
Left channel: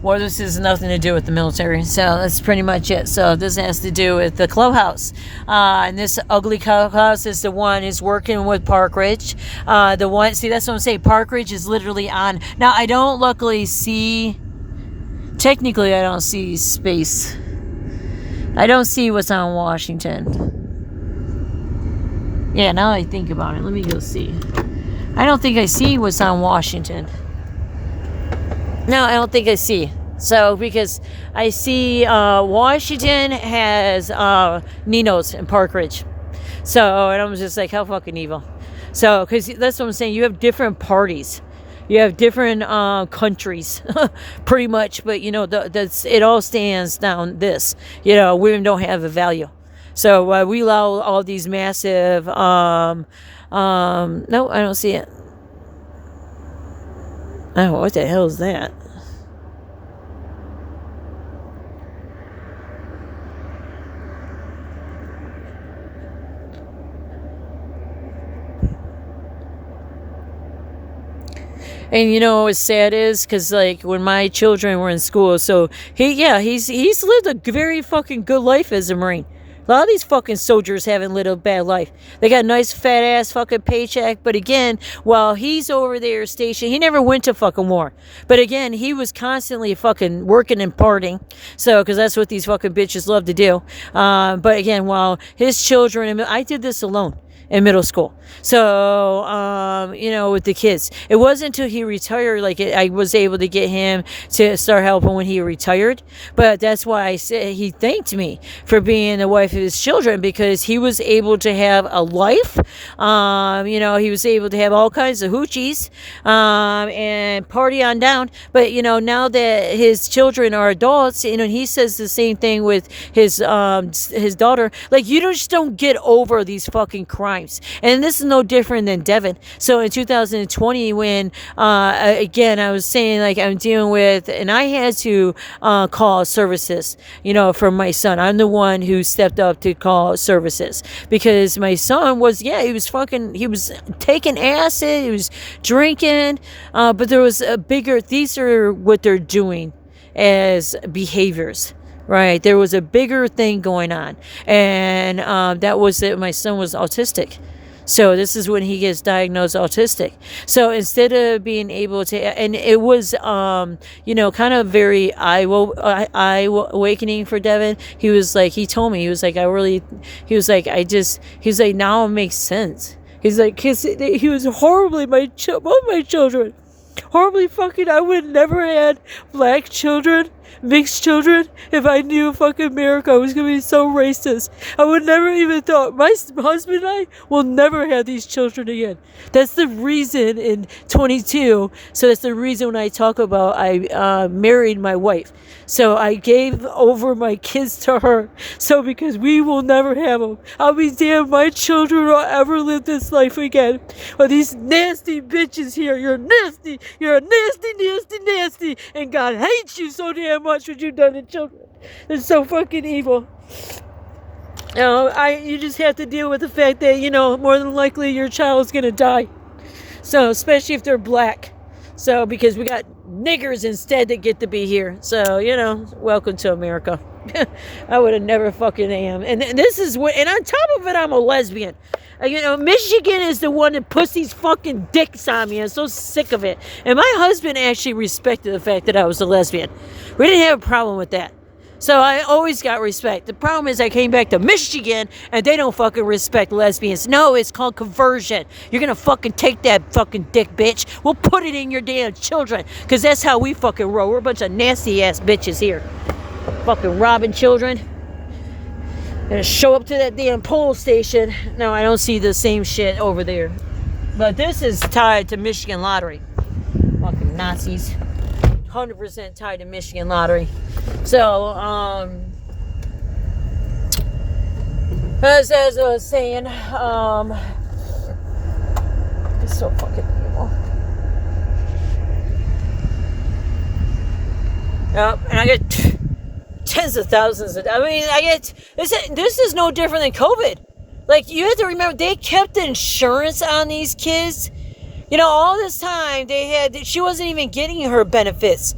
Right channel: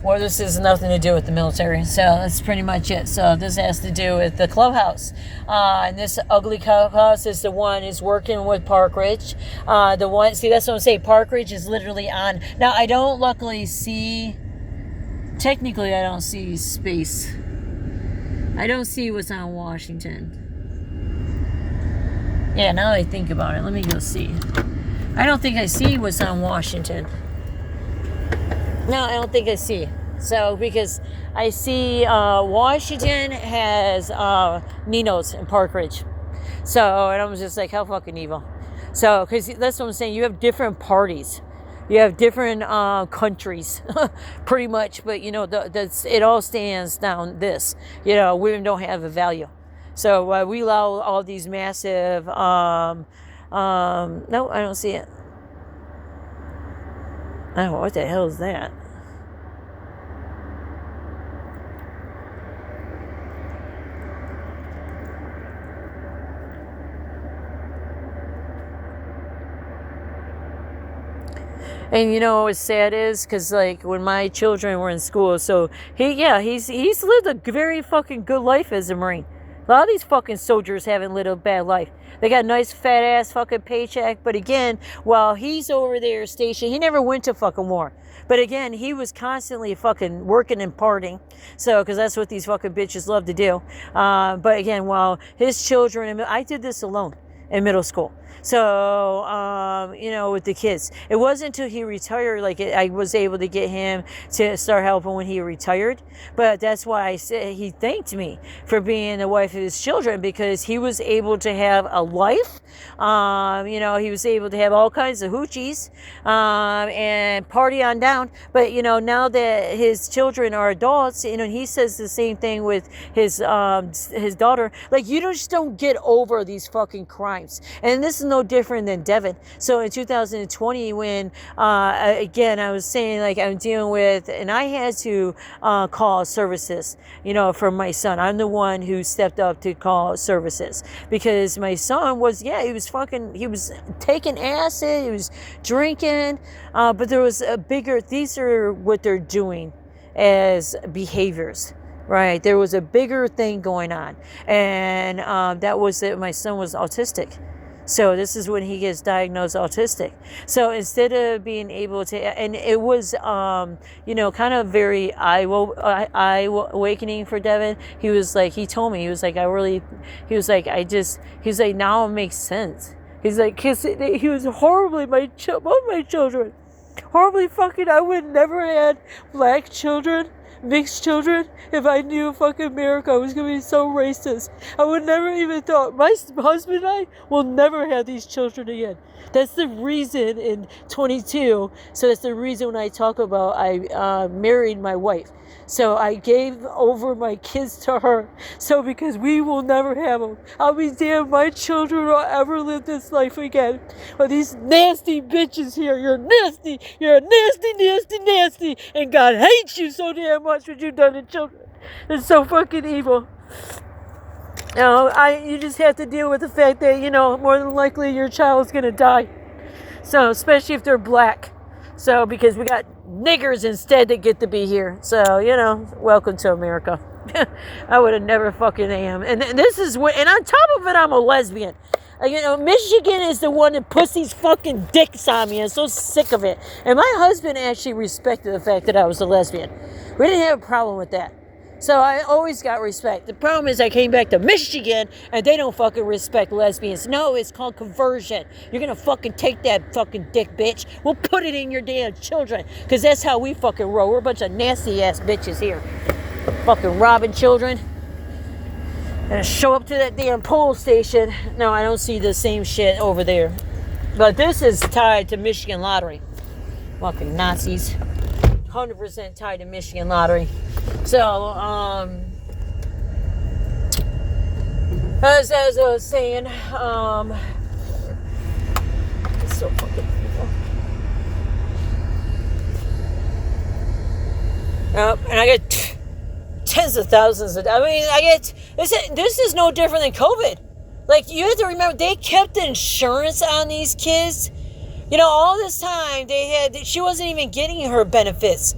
well, this has nothing to do with the military. So that's pretty much it. So this has to do with the clubhouse. And this ugly clubhouse is the one is working with Park Ridge. The one, see, that's what I'm saying. Park Ridge is literally on. Now, I don't luckily see, technically, I don't see space. I don't see what's on Washington. Yeah, now I think about it. Let me go see. I don't think I see what's on Washington. No, I don't think I see. So, because I see Washington has Nino's and Park Ridge. So, and I'm just like, how fucking evil. So, because that's what I'm saying. You have different parties. You have different countries, pretty much. But, it all stands down this. Women don't have a value. So, we allow all these massive, no, I don't see it. Oh, what the hell is that? And what's sad is, because like when my children were in school, so he's lived a very fucking good life as a Marine. A lot of these fucking soldiers haven't lived a bad life. They got a nice fat ass fucking paycheck. But again, while he's over there stationed, he never went to fucking war. But again, he was constantly fucking working and partying. So, because that's what these fucking bitches love to do. But again, while his children, I did this alone in middle school. So, with the kids. It wasn't until he retired, I was able to get him to start helping when he retired. But that's why I said he thanked me for being the wife of his children, because he was able to have a life. He was able to have all kinds of hoochies, and party on down. But, now that his children are adults, he says the same thing with his daughter. Like, you just don't get over these fucking crimes. And this is no different than Devin. So in 2020, when again I was saying, like, I'm dealing with, and I had to call services, for my son. I'm the one who stepped up to call services, because my son was, he was taking acid, he was drinking, but there was a bigger, these are what they're doing as behaviors. Right, there was a bigger thing going on, and that was that my son was autistic. So this is when he gets diagnosed autistic. So instead of being able to, and it was, kind of very eye-awakening for Devin. He was like, he told me, he was like, now it makes sense. He's like, cause he was horribly, both my children, horribly fucking, I would never had black children. mixed children, if I knew fucking America was gonna be so racist, I would never even thought. My husband and I will never have these children again. That's the reason in 22. So that's the reason when I talk about I married my wife. So I gave over my kids to her. So because we will never have them. I'll be damned, my children will ever live this life again. But these nasty bitches here, you're nasty. You're nasty, nasty, nasty. And God hates you so damn much what you've done to children. It's so fucking evil. You know, you just have to deal with the fact that, you know, more than likely your child's gonna die. So, especially if they're black. So, because we got niggers instead that get to be here. So, you know, welcome to America. I would have never fucking am. And this is what, and on top of it, I'm a lesbian. You know, Michigan is the one that puts these fucking dicks on me. I'm so sick of it. And my husband actually respected the fact that I was a lesbian. We didn't have a problem with that. So I always got respect. The problem is I came back to Michigan and they don't fucking respect lesbians. No, it's called conversion. You're gonna fucking take that fucking dick, bitch. We'll put it in your damn children. Because that's how we fucking roll. We're a bunch of nasty ass bitches here. Fucking robbing children. And show up to that damn pole station. No, I don't see the same shit over there. But this is tied to Michigan lottery. Fucking Nazis. 100% tied to Michigan lottery. So, as I was saying, it's so fucking evil. And I get tens of thousands of, I get, this is no different than COVID. Like, you have to remember, they kept insurance on these kids. You know, all this time she wasn't even getting her benefits.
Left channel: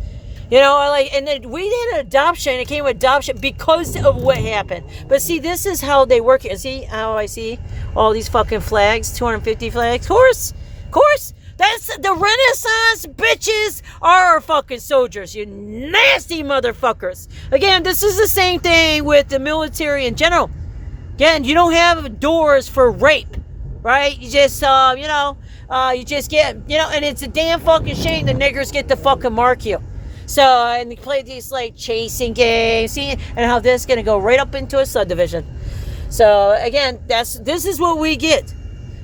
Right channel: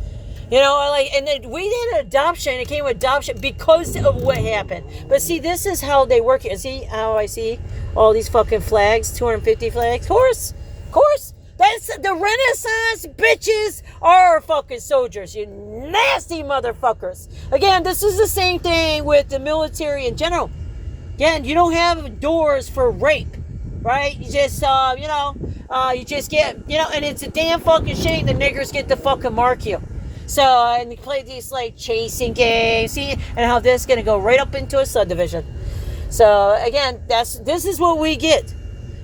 You know, like, and then we did an adoption. It came with adoption because of what happened. But see, this is how they work. See how I see all these fucking flags, 250 flags. Of course. That's the Renaissance bitches are our fucking soldiers, you nasty motherfuckers. Again, this is the same thing with the military in general. Again, you don't have doors for rape, right? You just, you just get, and it's a damn fucking shame the niggers get to fucking mark you. So, and they play these, like, chasing games, see, and how this is going to go right up into a subdivision. So, again, this is what we get.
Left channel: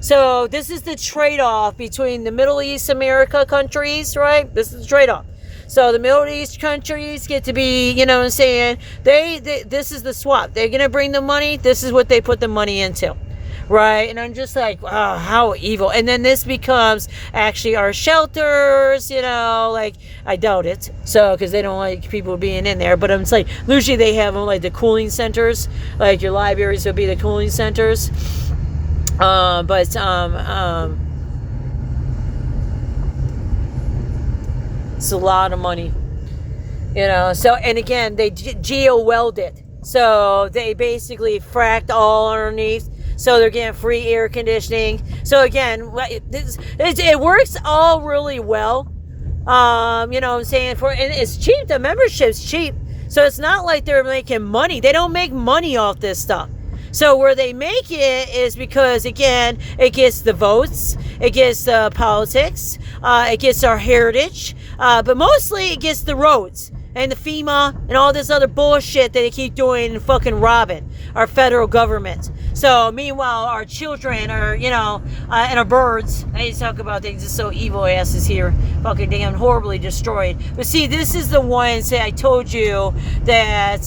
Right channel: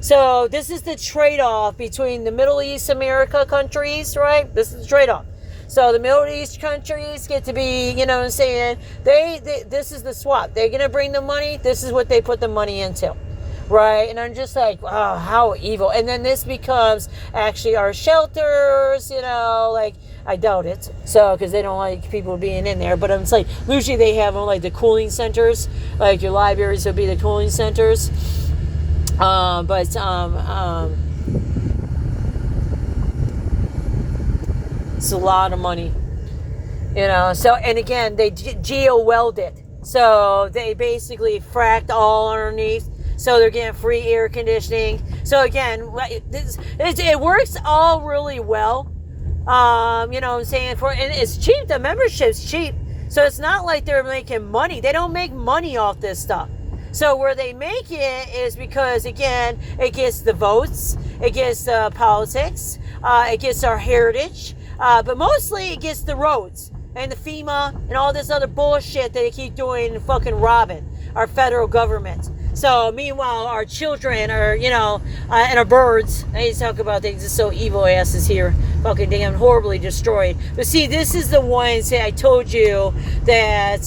So, this is the trade-off between the Middle East America countries, right? This is the trade-off. So, the Middle East countries get to be, you know what I'm saying, this is the swap. They're going to bring the money. This is what they put the money into. Right, and I'm just like, wow, how evil. And then this becomes actually our shelters, like, I doubt it. So, because they don't like people being in there. But it's like, usually they have them like the cooling centers, like your libraries would be the cooling centers. It's a lot of money, So, and again, they geo-weld it. So, they basically fracked all underneath. So they're getting free air conditioning. So again, it works all really well. You know what I'm saying? And it's cheap. The membership's cheap. So it's not like they're making money. They don't make money off this stuff. So where they make it is because, again, it gets the votes. It gets the politics. It gets our heritage. But mostly it gets the roads. And the FEMA and all this other bullshit that they keep doing and fucking robbing our federal government. So, meanwhile, our children are, and our birds, I need to talk about things, just so evil asses here, fucking damn horribly destroyed. But see, this is the ones that I told you that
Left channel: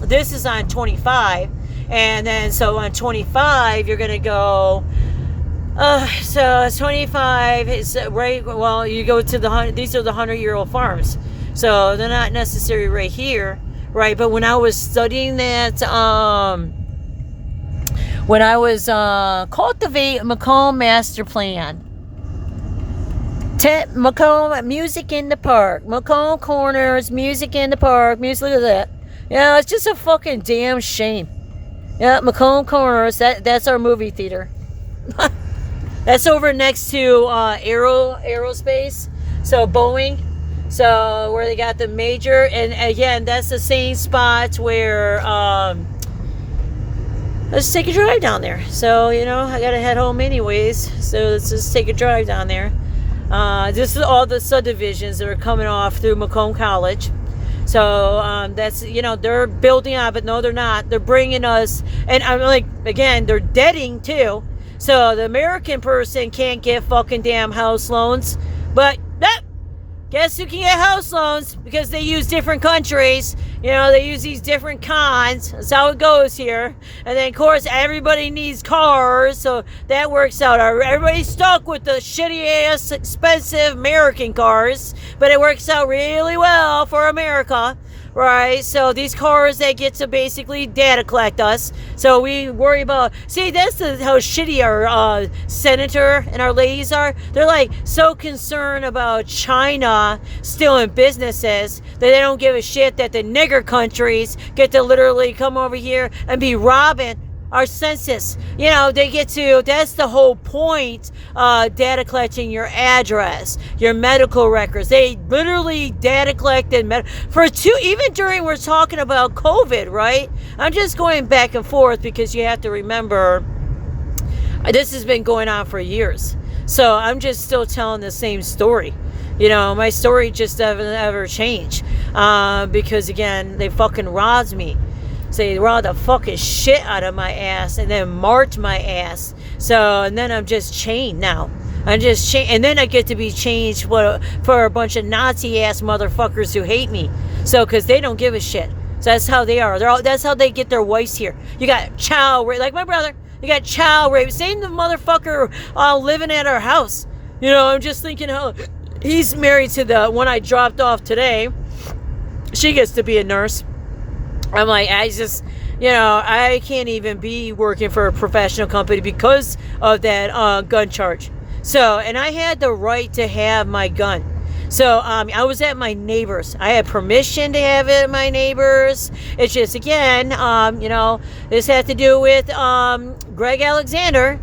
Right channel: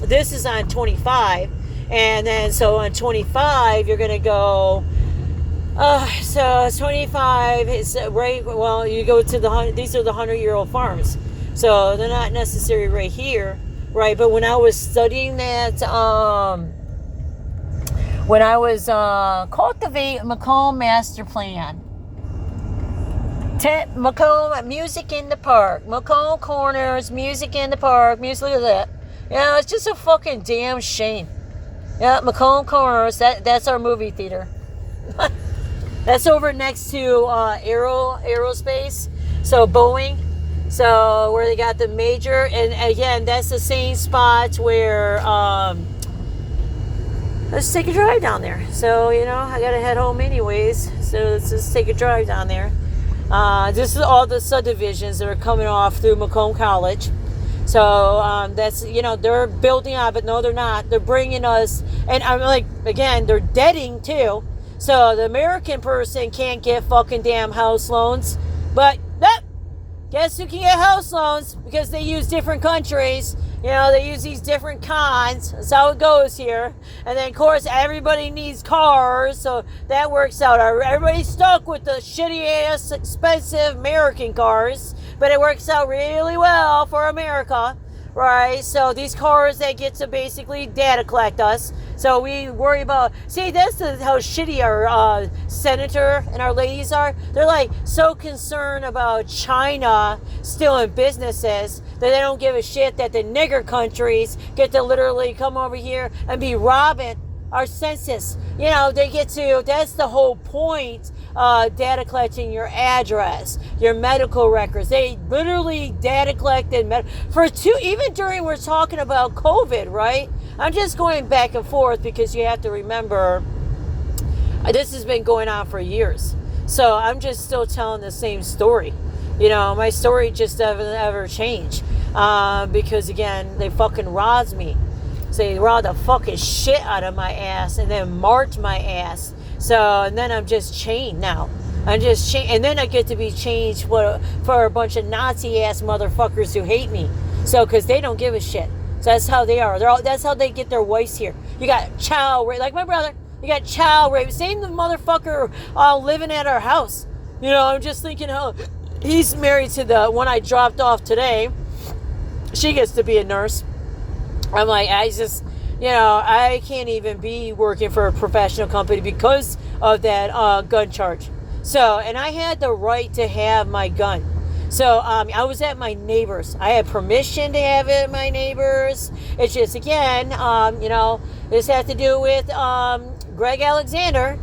this is on 25. And then, so on 25, you're going to go, so 25 is right, well, you go to these are the 100-year-old farms. So they're not necessarily right here, right? But when I was studying that, when I was cultivate Macomb Master Plan, Macomb Music in the Park, Macomb Corners, Music in the Park, music, look at that. Yeah, it's just a fucking damn shame. Yeah, Macomb Corners, that's our movie theater. That's over next to Aerospace, so Boeing. So where they got the major, and again, that's the same spot where let's take a drive down there. So I gotta head home anyways, so let's just take a drive down there. This is all the subdivisions that are coming off through Macomb College. So So that's, they're building on, but no, they're not. They're bringing us, and I'm like, again, they're debting too. So the American person can't get fucking damn house loans, but guess who can get house loans? Because they use different countries. They use these different cons. That's how it goes here. And then, of course, everybody needs cars, so that works out. Everybody's stuck with the shitty-ass, expensive American cars, but it works out really well for America, right? So these cars, they get to basically data collect us. So we worry about... See, that's how shitty our senator and our ladies are. They're, like, so concerned about China stealing businesses that they don't give a shit that the nigger countries get to literally come over here and be robbing our census. They get to... That's the whole point, data collecting your address, your medical records. They literally data collected even during, we're talking about COVID, right? I'm just going back and forth because you have to remember this has been going on for years. So I'm just still telling the same story. My story just doesn't ever change. Because again, they fucking robbed me. So they robbed the fucking shit out of my ass and then marked my ass. So, and then I'm just chained now. I'm just chained. And then I get to be changed for a bunch of Nazi-ass motherfuckers who hate me. So, because they don't give a shit. So that's how they are. That's how they get their wives here. You got child rape, like my brother. You got child rape. Same the motherfucker living at our house. I'm just thinking how he's married to the one I dropped off today. She gets to be a nurse. I'm like, I can't even be working for a professional company because of that gun charge. So, and I had the right to have my gun. So, I was at my neighbor's. I had permission to have it at my neighbor's. It's just, again, this had to do with Greg Alexander,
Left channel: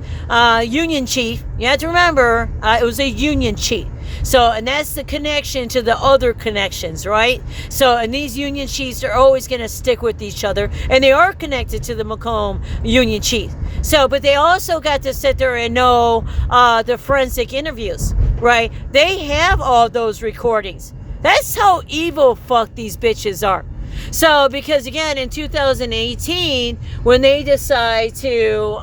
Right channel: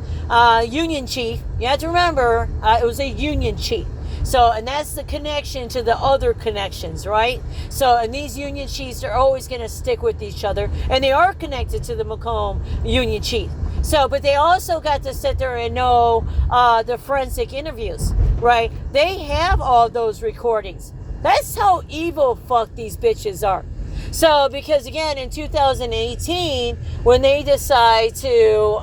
Union Chief. You have to remember, it was a Union Chief. So, and that's the connection to the other connections, right? So, and these Union Chiefs are always going to stick with each other. And they are connected to the Macomb Union Chief. So, but they also got to sit there and know the forensic interviews, right? They have all those recordings. That's how evil fuck these bitches are. So, because again, in 2018, when they decide to,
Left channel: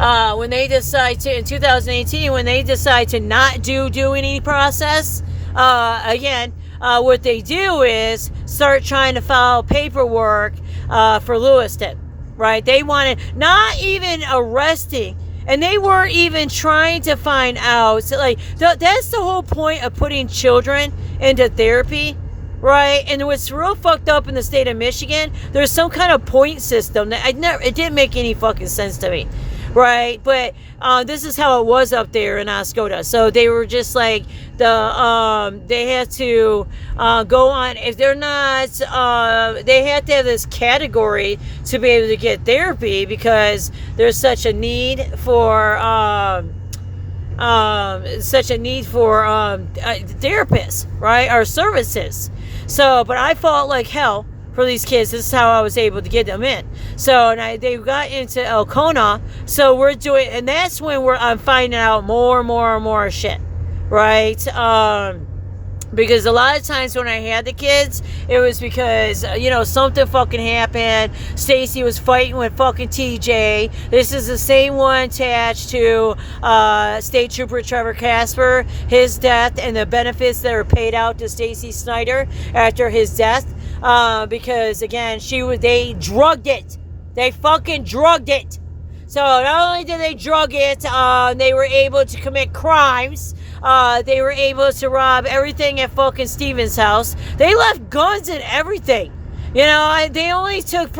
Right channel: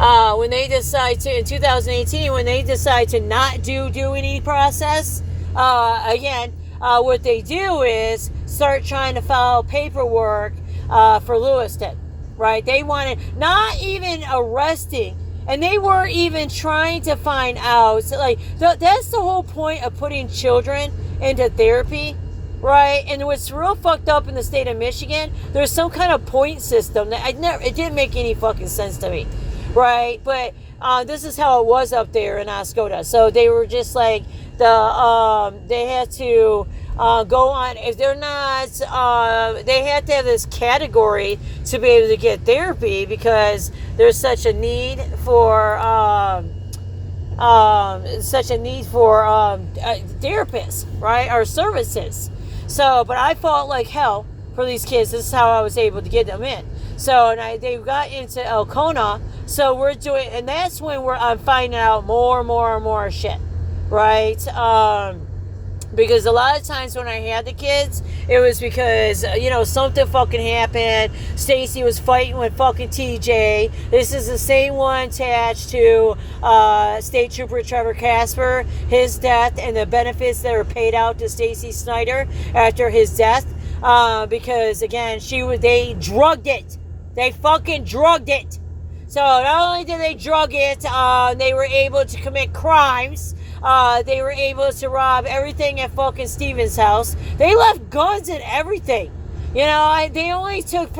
in 2018, when they decide to not do any process, what they do is start trying to file paperwork for Lewiston, right? They wanted, not even arresting, and they were even trying to find out, so that's the whole point of putting children into therapy, right? And what's real fucked up in the state of Michigan, there's some kind of point system that it didn't make any fucking sense to me. Right, but this is how it was up there in Oscoda. So they were just like they had to go on. If they're not, they had to have this category to be able to get therapy because there's such a need for therapists, right, or services. So, but I fought like hell for these kids. This is how I was able to get them in. So, and they got into Elkona. So we're doing, and that's when I'm finding out more and more shit, right? Because a lot of times when I had the kids, it was because, something fucking happened. Stacy was fighting with fucking TJ. This is the same one attached to State Trooper Trevor Casper, his death, and the benefits that were paid out to Stacy Snyder after his death. Because again, they drugged it. They fucking drugged it. So not only did they drug it, they were able to commit crimes. They were able to rob everything at fucking Steven's house. They left guns and everything. They only took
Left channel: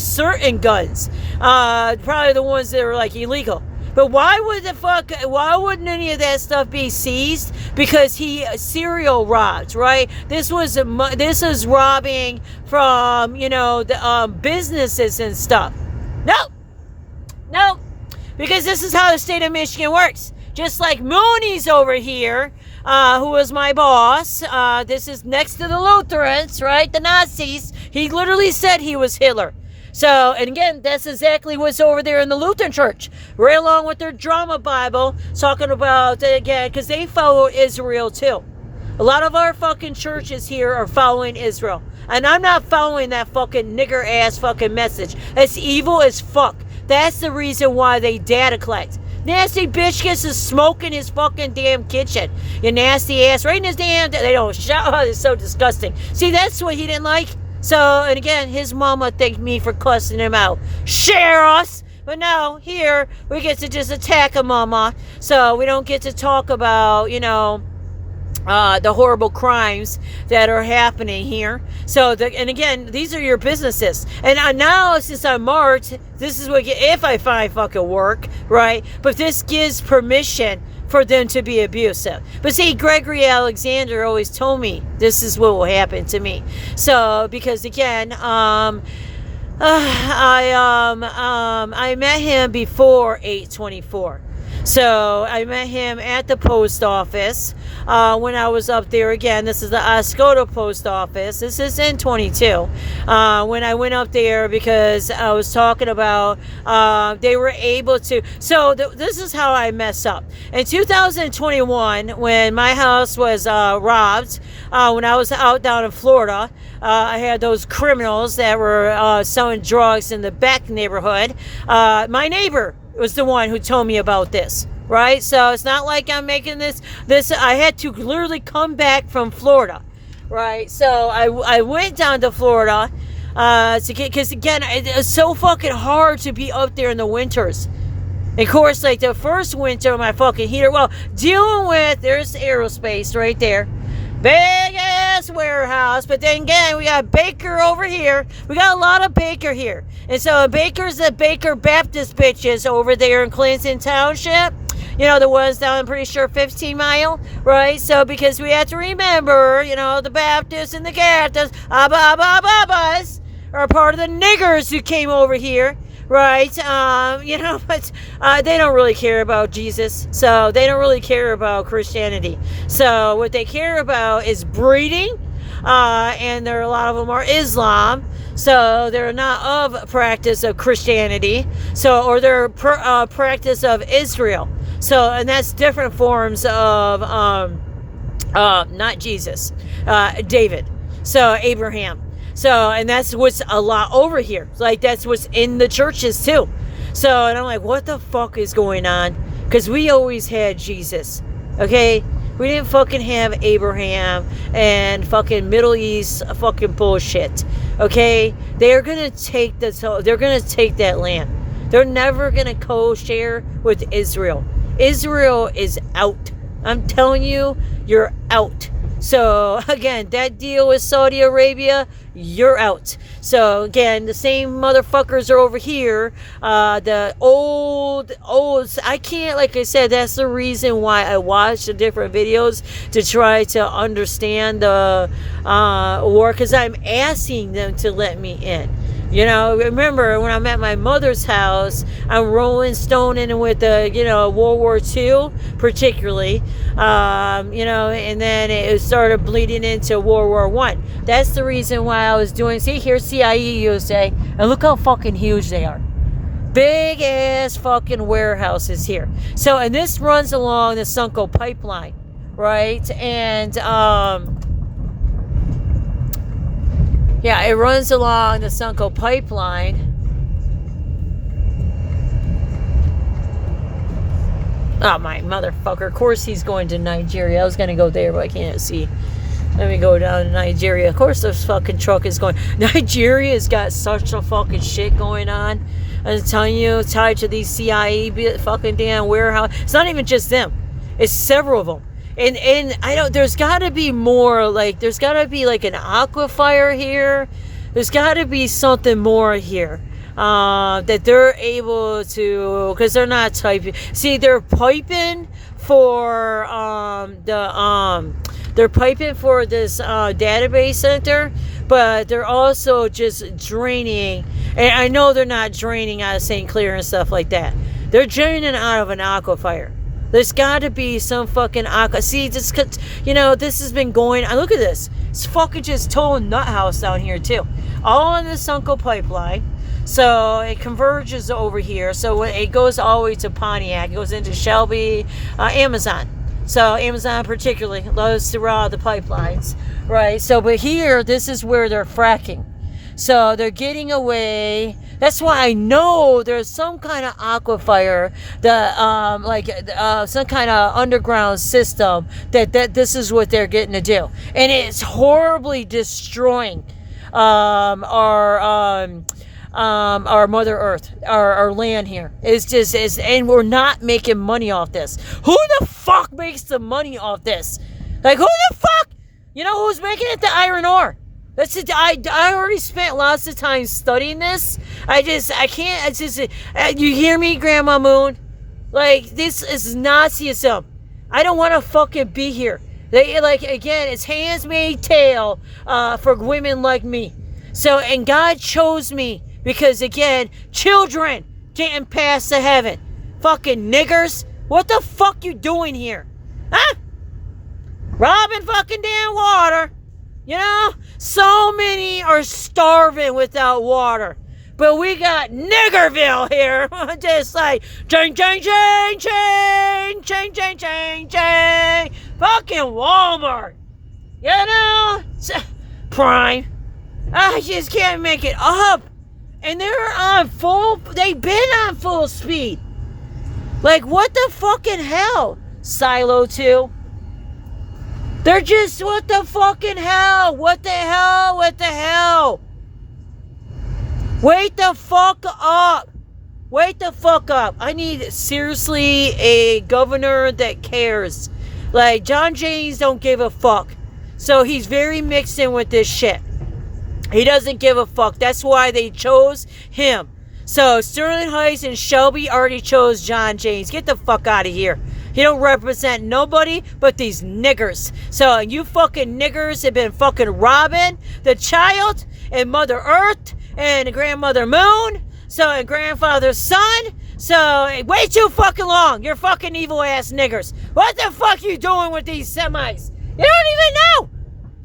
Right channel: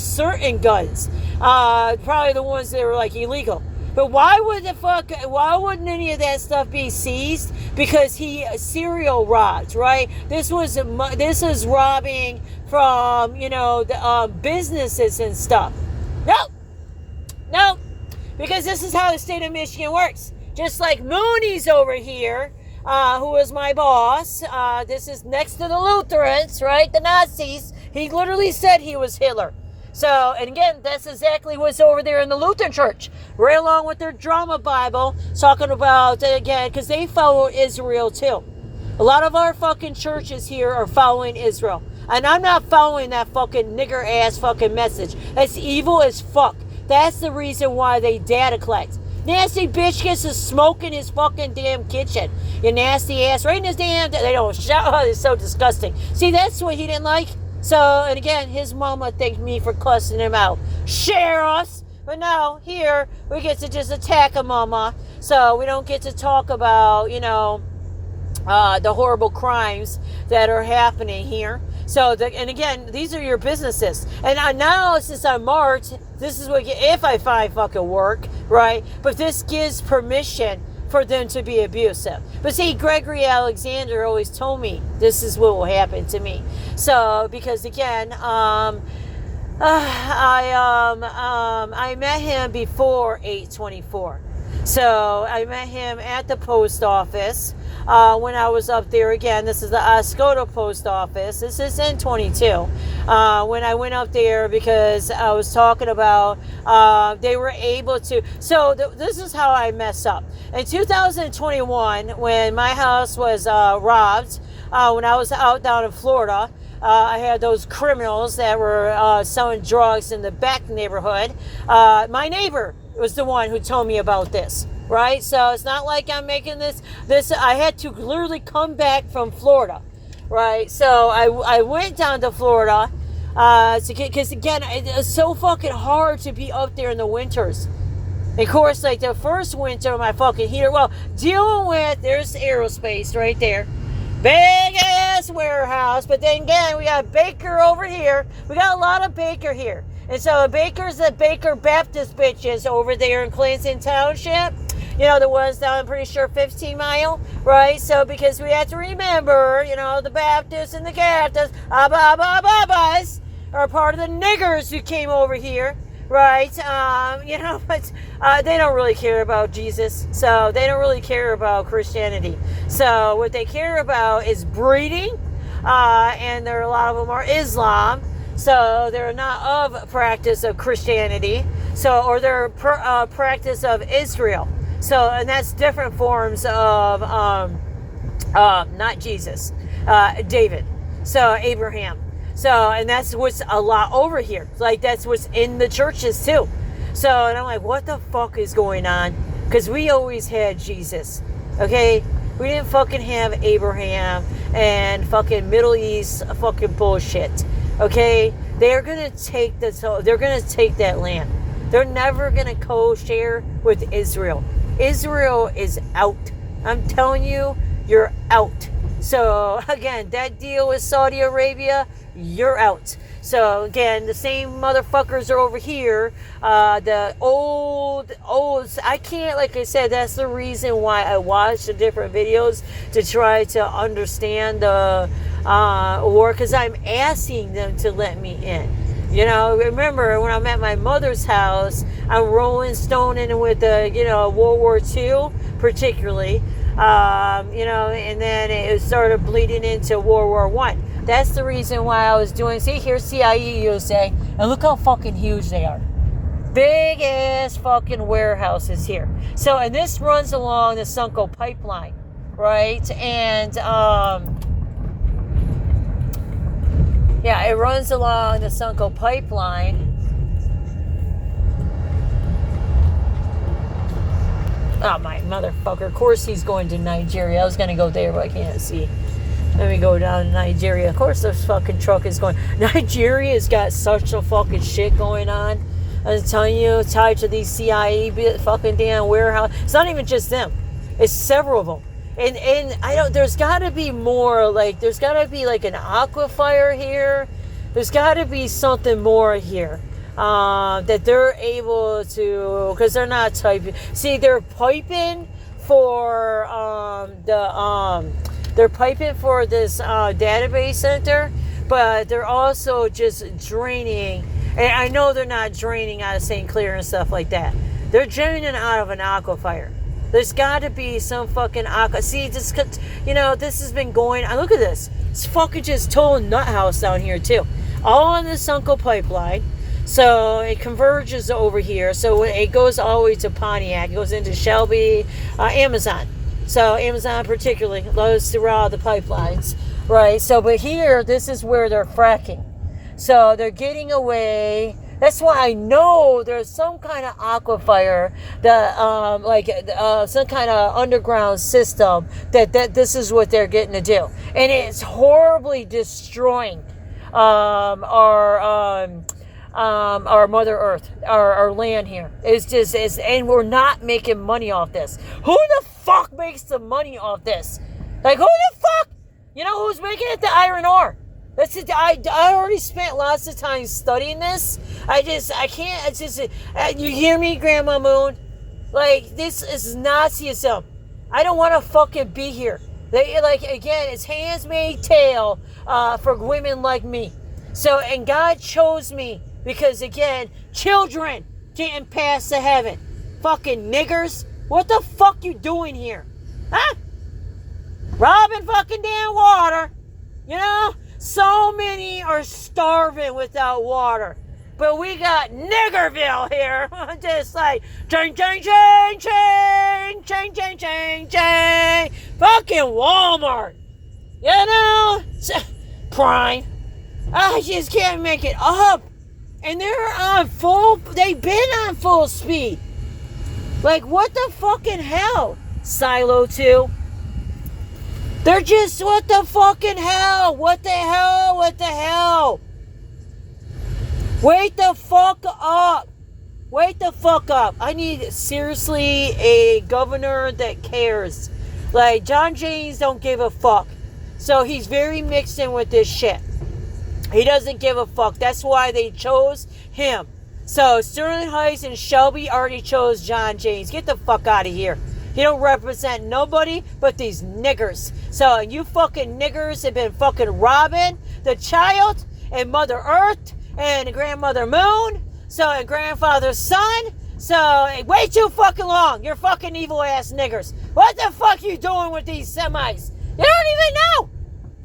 certain guns. Probably the ones that were like illegal. But why wouldn't any of that stuff be seized? Because he serial robbed, right? This is robbing from, the businesses and stuff. No, because this is how the state of Michigan works. Just like Mooney's over here, who was my boss. This is next to the Lutherans, right? The Nazis. He literally said he was Hitler. So, and again, that's exactly what's over there in the Lutheran Church, right along with their drama Bible, talking about, again, because they follow Israel too, A lot of our fucking churches here are following Israel. And I'm not following that fucking nigger ass fucking message. That's evil as fuck. That's the reason why they data collect. Nasty bitch gets to smoke in his fucking damn kitchen. You nasty ass. Right in his damn... They don't shout. Oh, it's so disgusting. See, that's what he didn't like. So, and again, his mama thanked me for cussing him out. Share us! But no, here, we get to just attack a mama. So, we don't get to talk about, the horrible crimes that are happening here. So, and again, these are your businesses. And now, since I'm marked, this is what, if I find fucking work, right? But this gives permission for them to be abusive. But see, Gregory Alexander always told me this is what will happen to me. So, because again, I met him before 8/24. So I met him at the post office when I was up there again. This is the Oscoda post office. This is in 22. When I went up there because I was talking about they were able to. So this is how I mess up. In 2021, when my house was robbed, when I was out down in Florida, I had those criminals that were selling drugs in the back neighborhood. My neighbor was the one who told me about this, right? So it's not like I'm making this I had to literally come back from Florida, right? So I went down to Florida because again, it's so fucking hard to be up there in the winters. And of course, like the first winter, my fucking heater, dealing with, there's aerospace right there. Big ass warehouse, but then again, we got Baker over here. We got a lot of Baker here. And so Baker's the Baker Baptist bitches over there in Clinton Township. The ones down, I'm pretty sure, 15 Mile, right? So because we have to remember, the Baptists and the Catholics, Abbas, are part of the niggers who came over here. Right, but they don't really care about Jesus. So they don't really care about Christianity. So what they care about is breeding, and a lot of them are Islam. So they're not of practice of Christianity. So, or they're practice of Israel. So, and that's different forms of not Jesus, David. So Abraham. So, and that's what's a lot over here. Like, that's what's in the churches, too. So, and I'm like, what the fuck is going on? Because we always had Jesus, okay? We didn't fucking have Abraham and fucking Middle East fucking bullshit, okay? They're going to take they're going to take that land. They're never going to co-share with Israel. Israel is out. I'm telling you, you're out. So, again, that deal with Saudi Arabia, you're out. So, again, the same motherfuckers are over here. The old, I can't, like I said, that's the reason why I watch the different videos to try to understand the war, because I'm asking them to let me in. Remember when I'm at my mother's house, I'm rolling stone in with the, World War II, particularly, and then it started bleeding into World War I. That's the reason why I was doing, see, here's CIE USA, and look how fucking huge they are. Big ass fucking warehouses here. So, and this runs along the Sunco pipeline, right? And, yeah, it runs along the Sunco pipeline. Oh, my motherfucker. Of course he's going to Nigeria. I was going to go there, but I can't see. Let me go down to Nigeria. Of course this fucking truck is going. Nigeria's got such a fucking shit going on. I'm telling you, tied to these CIE fucking damn warehouse. It's not even just them. It's several of them. And I don't, there's got to be more, like, there's got to be like an aquifer here. There's got to be something more here that they're able to, because they're not typing. See, they're piping for they're piping for this database center, but they're also just draining. And I know they're not draining out of St. Clair and stuff like that. They're draining out of an aquifer. There's got to be some fucking see, this, this has been going. Look at this. It's fucking just total nut house down here too. All on the Sunco pipeline. So it converges over here. So it goes all the way to Pontiac. It goes into Shelby, Amazon. So Amazon particularly loves to rob the pipelines, right? So, but here, this is where they're fracking. So they're getting away. That's why I know there's some kind of aquifer, some kind of underground system that this is what they're getting to do, and it's horribly destroying our Mother Earth, our land here. And we're not making money off this. Who the fuck makes the money off this? Like, who the fuck? You know who's making it? The iron ore. I already spent lots of time studying this. You hear me, Grandma Moon? Like, this is Nazism. I don't want to fucking be here. Again, it's handmaid's tale for women like me. So, and God chose me because, again, children getting past to heaven. Fucking niggers. What the fuck you doing here? Huh? Robbing fucking damn water. You know? So many are starving without water. But we got Niggerville here. Just like, ching, ching, ching, ching, ching, ching, ching, ching. Fucking Walmart. You know? Prime. I just can't make it up. And they've been on full speed. Like, what the fucking hell? Silo 2. They're just, what the fucking hell? What the hell? What the hell? Wake the fuck up. Wake the fuck up. I need, seriously, a governor that cares. Like, John Jaynes don't give a fuck. So he's very mixed in with this shit. He doesn't give a fuck. That's why they chose him. So Sterling Heights and Shelby already chose John Jaynes. Get the fuck out of here. He don't represent nobody but these niggers. So you fucking niggers have been fucking robbing the child and Mother Earth and Grandmother Moon. So, and Grandfather's son. So, way too fucking long. You're fucking evil ass niggers. What the fuck you doing with these semis? You don't even know.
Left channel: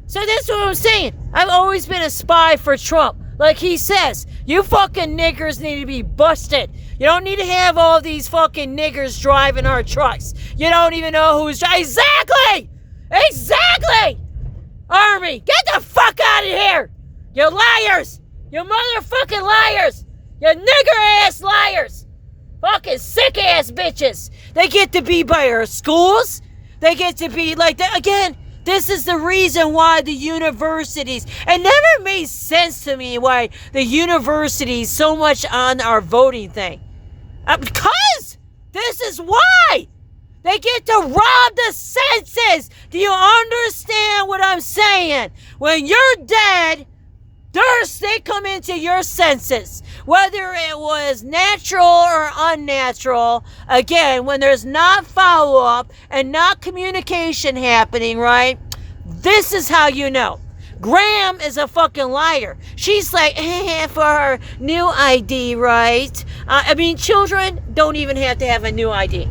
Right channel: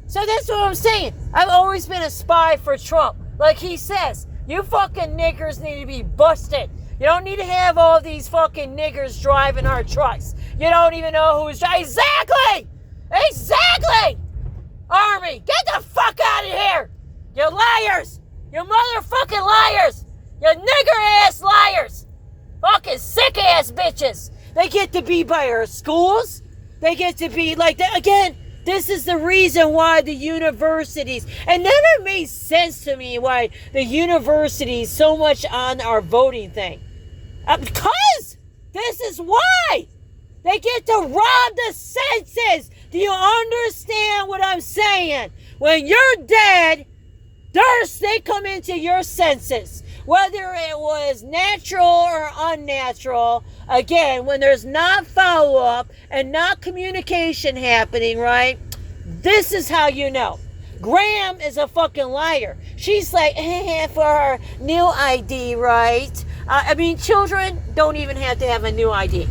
So that's what I'm saying. I've always been a spy for Trump. Like he says, you fucking niggers need to be busted. You don't need to have all these fucking niggers driving our trucks. You don't even know who's driving. Exactly! Exactly! Army, get the fuck out of here! You liars! You motherfucking liars! You nigger-ass liars! Fucking sick-ass bitches! They get to be by our schools. They get to be like that. Again, this is the reason why the universities, it never made sense to me why the universities so much on our voting thing. Because this is why they get to rob the census. Do you understand what I'm saying? When you're dead, they come into your census. Whether it was natural or unnatural, again, when there's not follow-up and not communication happening, right? This is how you know. Graham is a fucking liar. She's like, for her new ID, right? Children don't even have to have a new ID,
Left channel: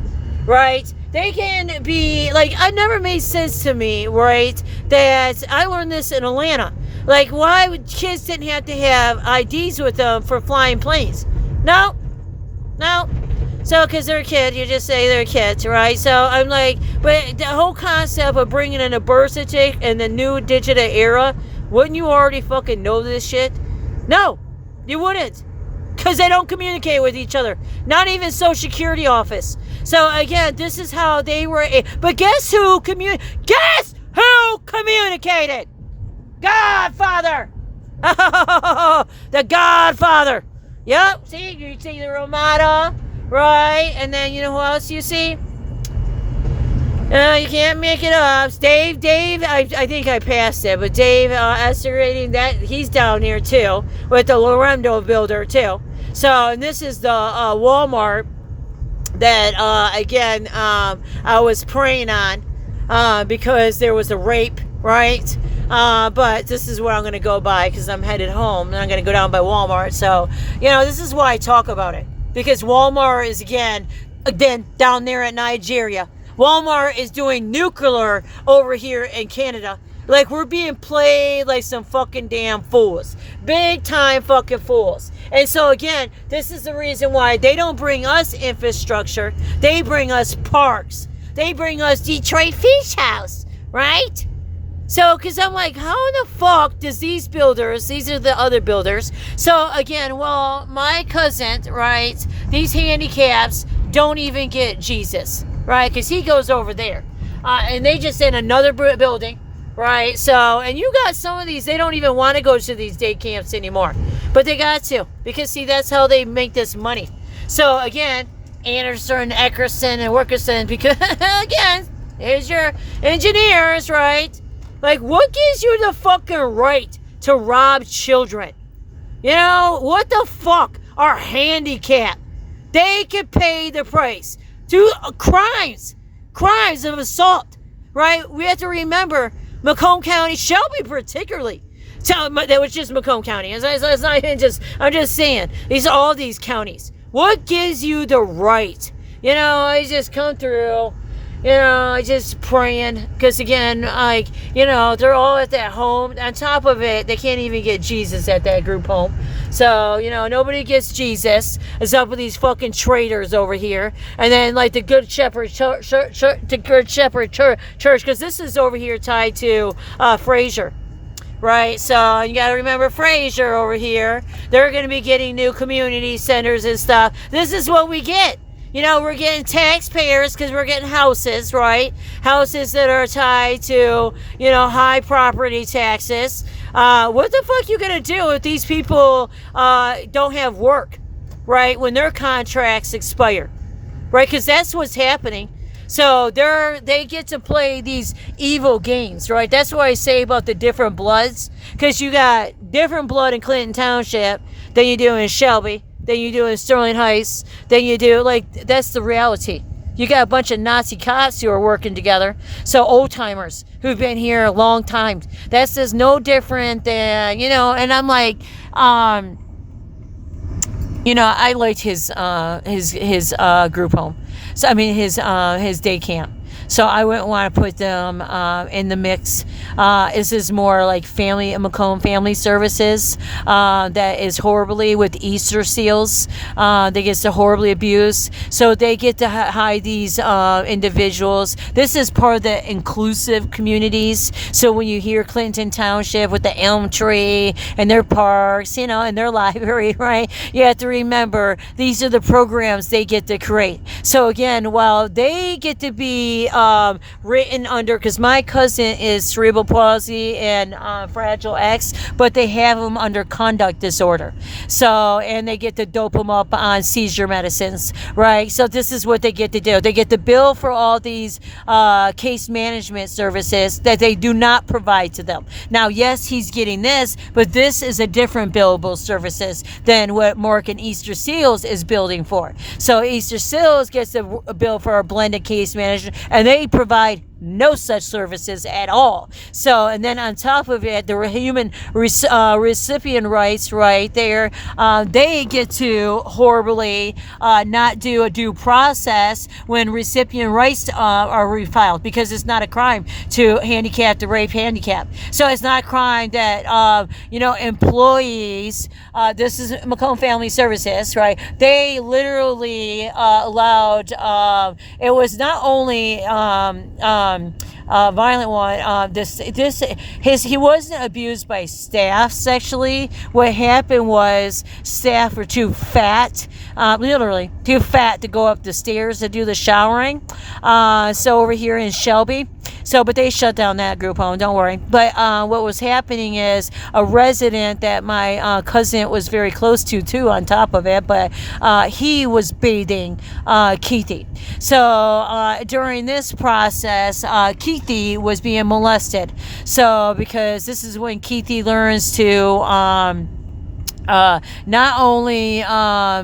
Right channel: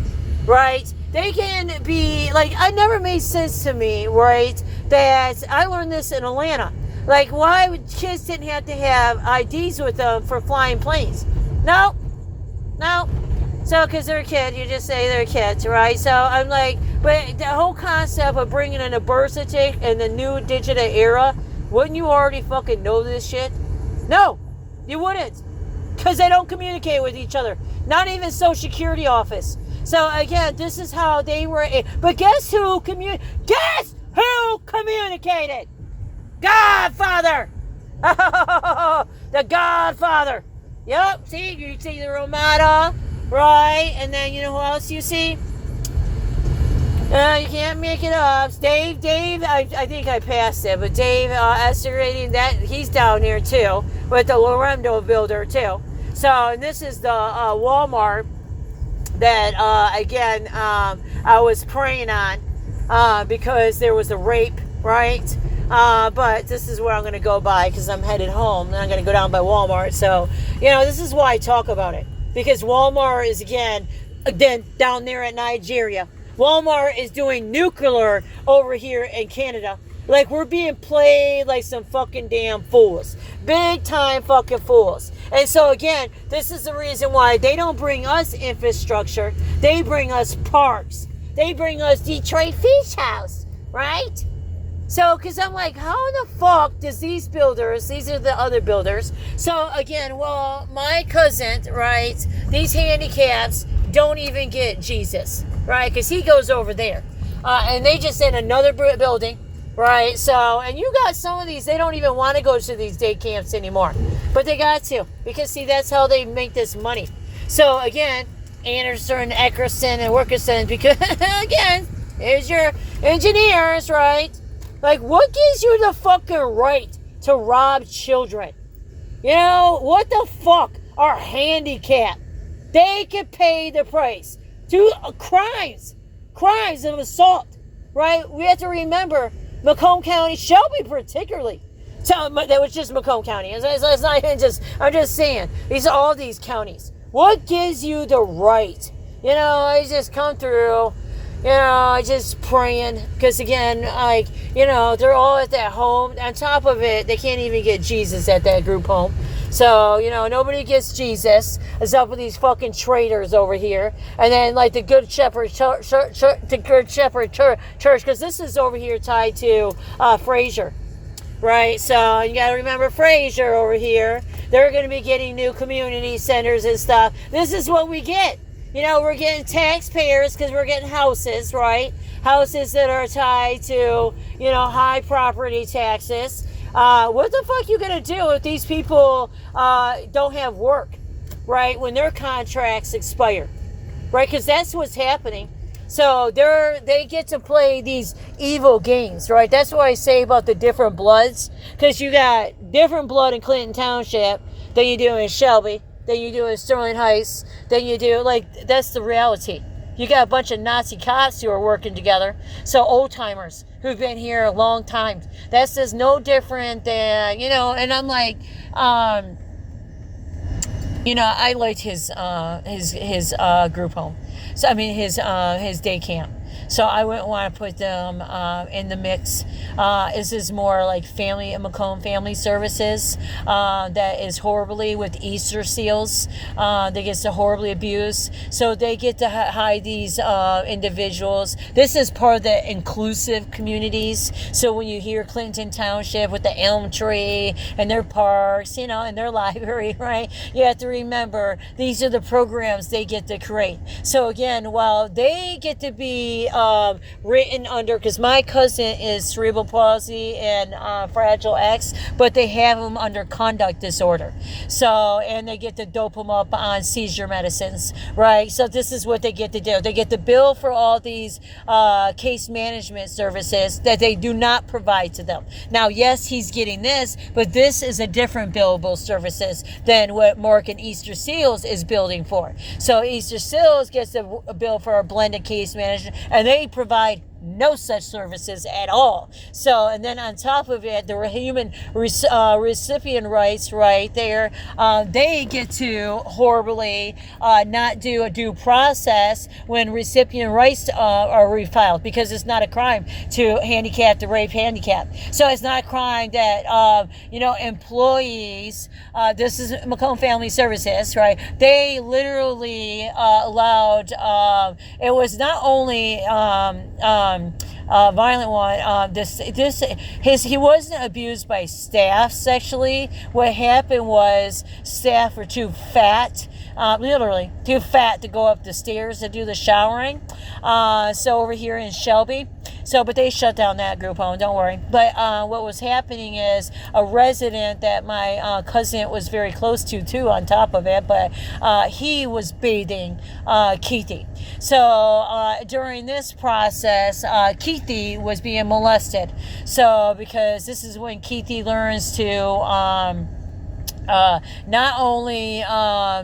right? They can be, like, it never made sense to me, right? That I learned this in Atlanta. Like, why kids didn't have to have IDs with them for flying planes? No. So, because they're a kid, you just say they're kids, right? So, I'm like, but the whole concept of bringing in a birth certificate in the new digital era, wouldn't you already fucking know this shit? No, you wouldn't. Because they don't communicate with each other. Not even Social Security office. So, again, this is how they were. But guess who communicated? Godfather! The Godfather! Yep, see, you see the Ramada, right? And then you know who else you see? You can't make it up. Dave, I think I passed it, but Dave estimating that he's down here too, with the Lorenzo builder too. So, and this is the Walmart that, again, I was praying on because there was a rape, right? But this is where I'm going to go by because I'm headed home and I'm going to go down by Walmart. So, this is why I talk about it. Because Walmart is, again, down there at Nigeria. Walmart is doing nuclear over here in Canada. Like, we're being played like some fucking damn fools. Big time fucking fools. And so, again, this is the reason why they don't bring us infrastructure. They bring us parks. they bring us Detroit Fish House, right? So, because I'm like, how in the fuck does these builders, these are the other builders. So, again, well, my cousin, right, these handicaps don't even get Jesus, right? Because he goes over there. And they just in another building, right? So, and you got some of these, they don't even want to go to these day camps anymore. But they got to. Because, see, that's how they make this money. So, again, Anderson, Eckerson, and Wilkerson, because, again, here's your engineers, right? Like, what gives you the fucking right to rob children? You know, what the fuck are handicapped? They can pay the price. Do crimes of assault, right? We have to remember Macomb County, Shelby particularly. That was just Macomb County. It's not even just, I'm just saying, these are all these counties. What gives you the right? You know, I just come through. You know, I just praying, because again, like, you know, they're all at that home. On top of it, they can't even get Jesus at that group home. So, you know, nobody gets Jesus. It's up with these fucking traitors over here. And then, like, the Good Shepherd Church, because this is over here tied to Fraser. Right, so you got to remember Fraser over here. They're going to be getting new community centers and stuff. This is what we get. You know, we're getting taxpayers because we're getting houses, right? Houses that are tied to, you know, high property taxes. What the fuck you gonna do if these people don't have work, right? When their contracts expire, right? Because that's what's happening. So they get to play these evil games, right? That's what I say about the different bloods. Because you got different blood in Clinton Township than you do in Shelby. Than you do in Sterling Heights, than you do, like, that's the reality. You got a bunch of Nazi cops who are working together. So old timers who've been here a long time. That's just no different than, you know, and I'm like, you know, I liked his group home. So, I mean, his day camp. So I wouldn't want to put them in the mix. This is more like Macomb Family Services that is horribly with Easter seals. They get so horribly abused. So they get to hide these individuals. This is part of the inclusive communities. So when you hear Clinton Township with the elm tree and their parks, you know, and their library, right? You have to remember these are the programs they get to create. So again, while they get to be written under, because my cousin is cerebral palsy and Fragile X, but they have them under conduct disorder. So, and they get to dope them up on seizure medicines, right? So this is what they get to do. They get to bill for all these case management services that they do not provide to them. Now, yes, he's getting this, but this is a different billable services than what Mork and Easter Seals is building for. So Easter Seals gets a bill for a blended case management, and they provide no such services at all. So, and then on top of it, the human recipient rights right there, they get to horribly not do a due process when recipient rights are refiled, because it's not a crime to handicap, to rape handicap. So it's not a crime that, you know, employees, this is Macomb Family Services, right? They literally allowed, it was not only violent one. He wasn't abused by staff sexually. What happened was staff were too fat, literally too fat to go up the stairs to do the showering. So over here in Shelby, but they shut down that group home. Don't worry. But what was happening is a resident that my cousin was very close to too. On top of it, but he was bathing Keithy. So during this process, Keithy was being molested. So because this is when Keithy learns to not only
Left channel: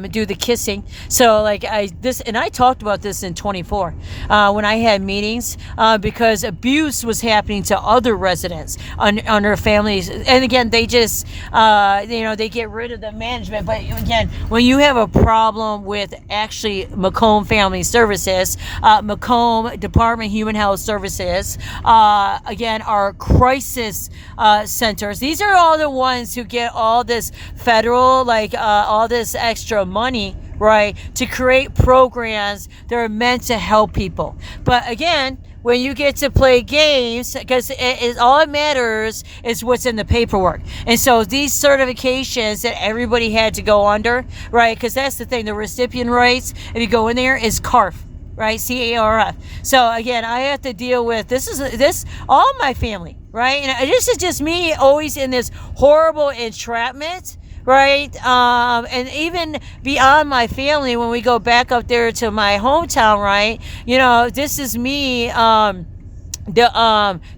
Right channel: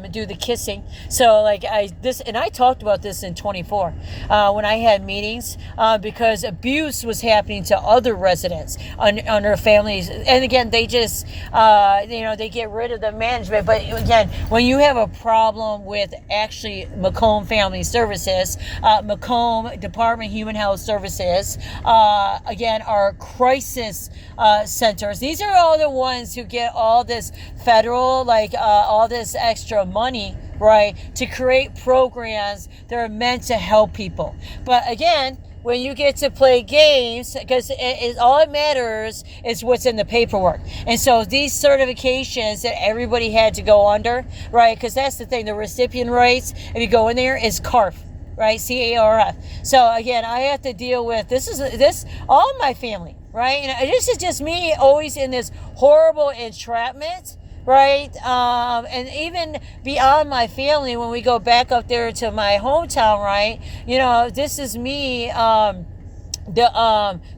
do the kissing. So like I talked about this in 24 when I had meetings, because abuse was happening to other residents under families. And again, they just they get rid of the management. But again, when you have a problem with actually Macomb Family Services, Macomb Department of Human Health Services, again, our crisis centers, these are all the ones who get all this federal, all this extra money, right? To create programs that are meant to help people. But again, when you get to play games, because all it matters is what's in the paperwork. And so these certifications that everybody had to go under, right? Because that's the thing, the recipient rights, if you go in there, is CARF, right? CARF. So again, I have to deal with this all my family, right? And this is just me always in this horrible entrapment, right? And even beyond my family, when we go back up there to my hometown, right? You know, this is me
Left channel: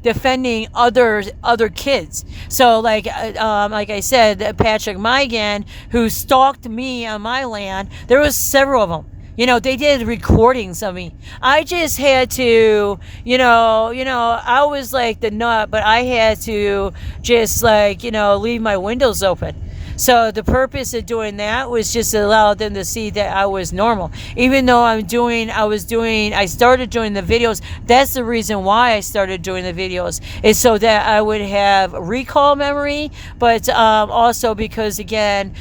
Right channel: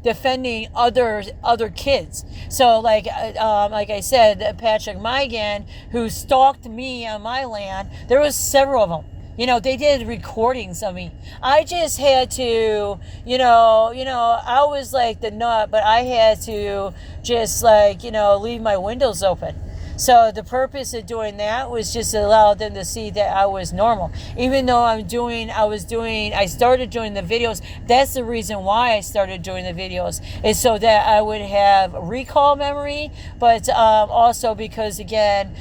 defending other kids. So like I said, Patrick Migan, who stalked me on my land, there was several of them. You know, they did recordings of me. I just had to, you know, I was like the nut, but I had to just like, leave my windows open. So the purpose of doing that was just to allow them to see that I was normal. Even though I started doing the videos. That's the reason why I started doing the videos, is so that I would have recall memory, but also because, again,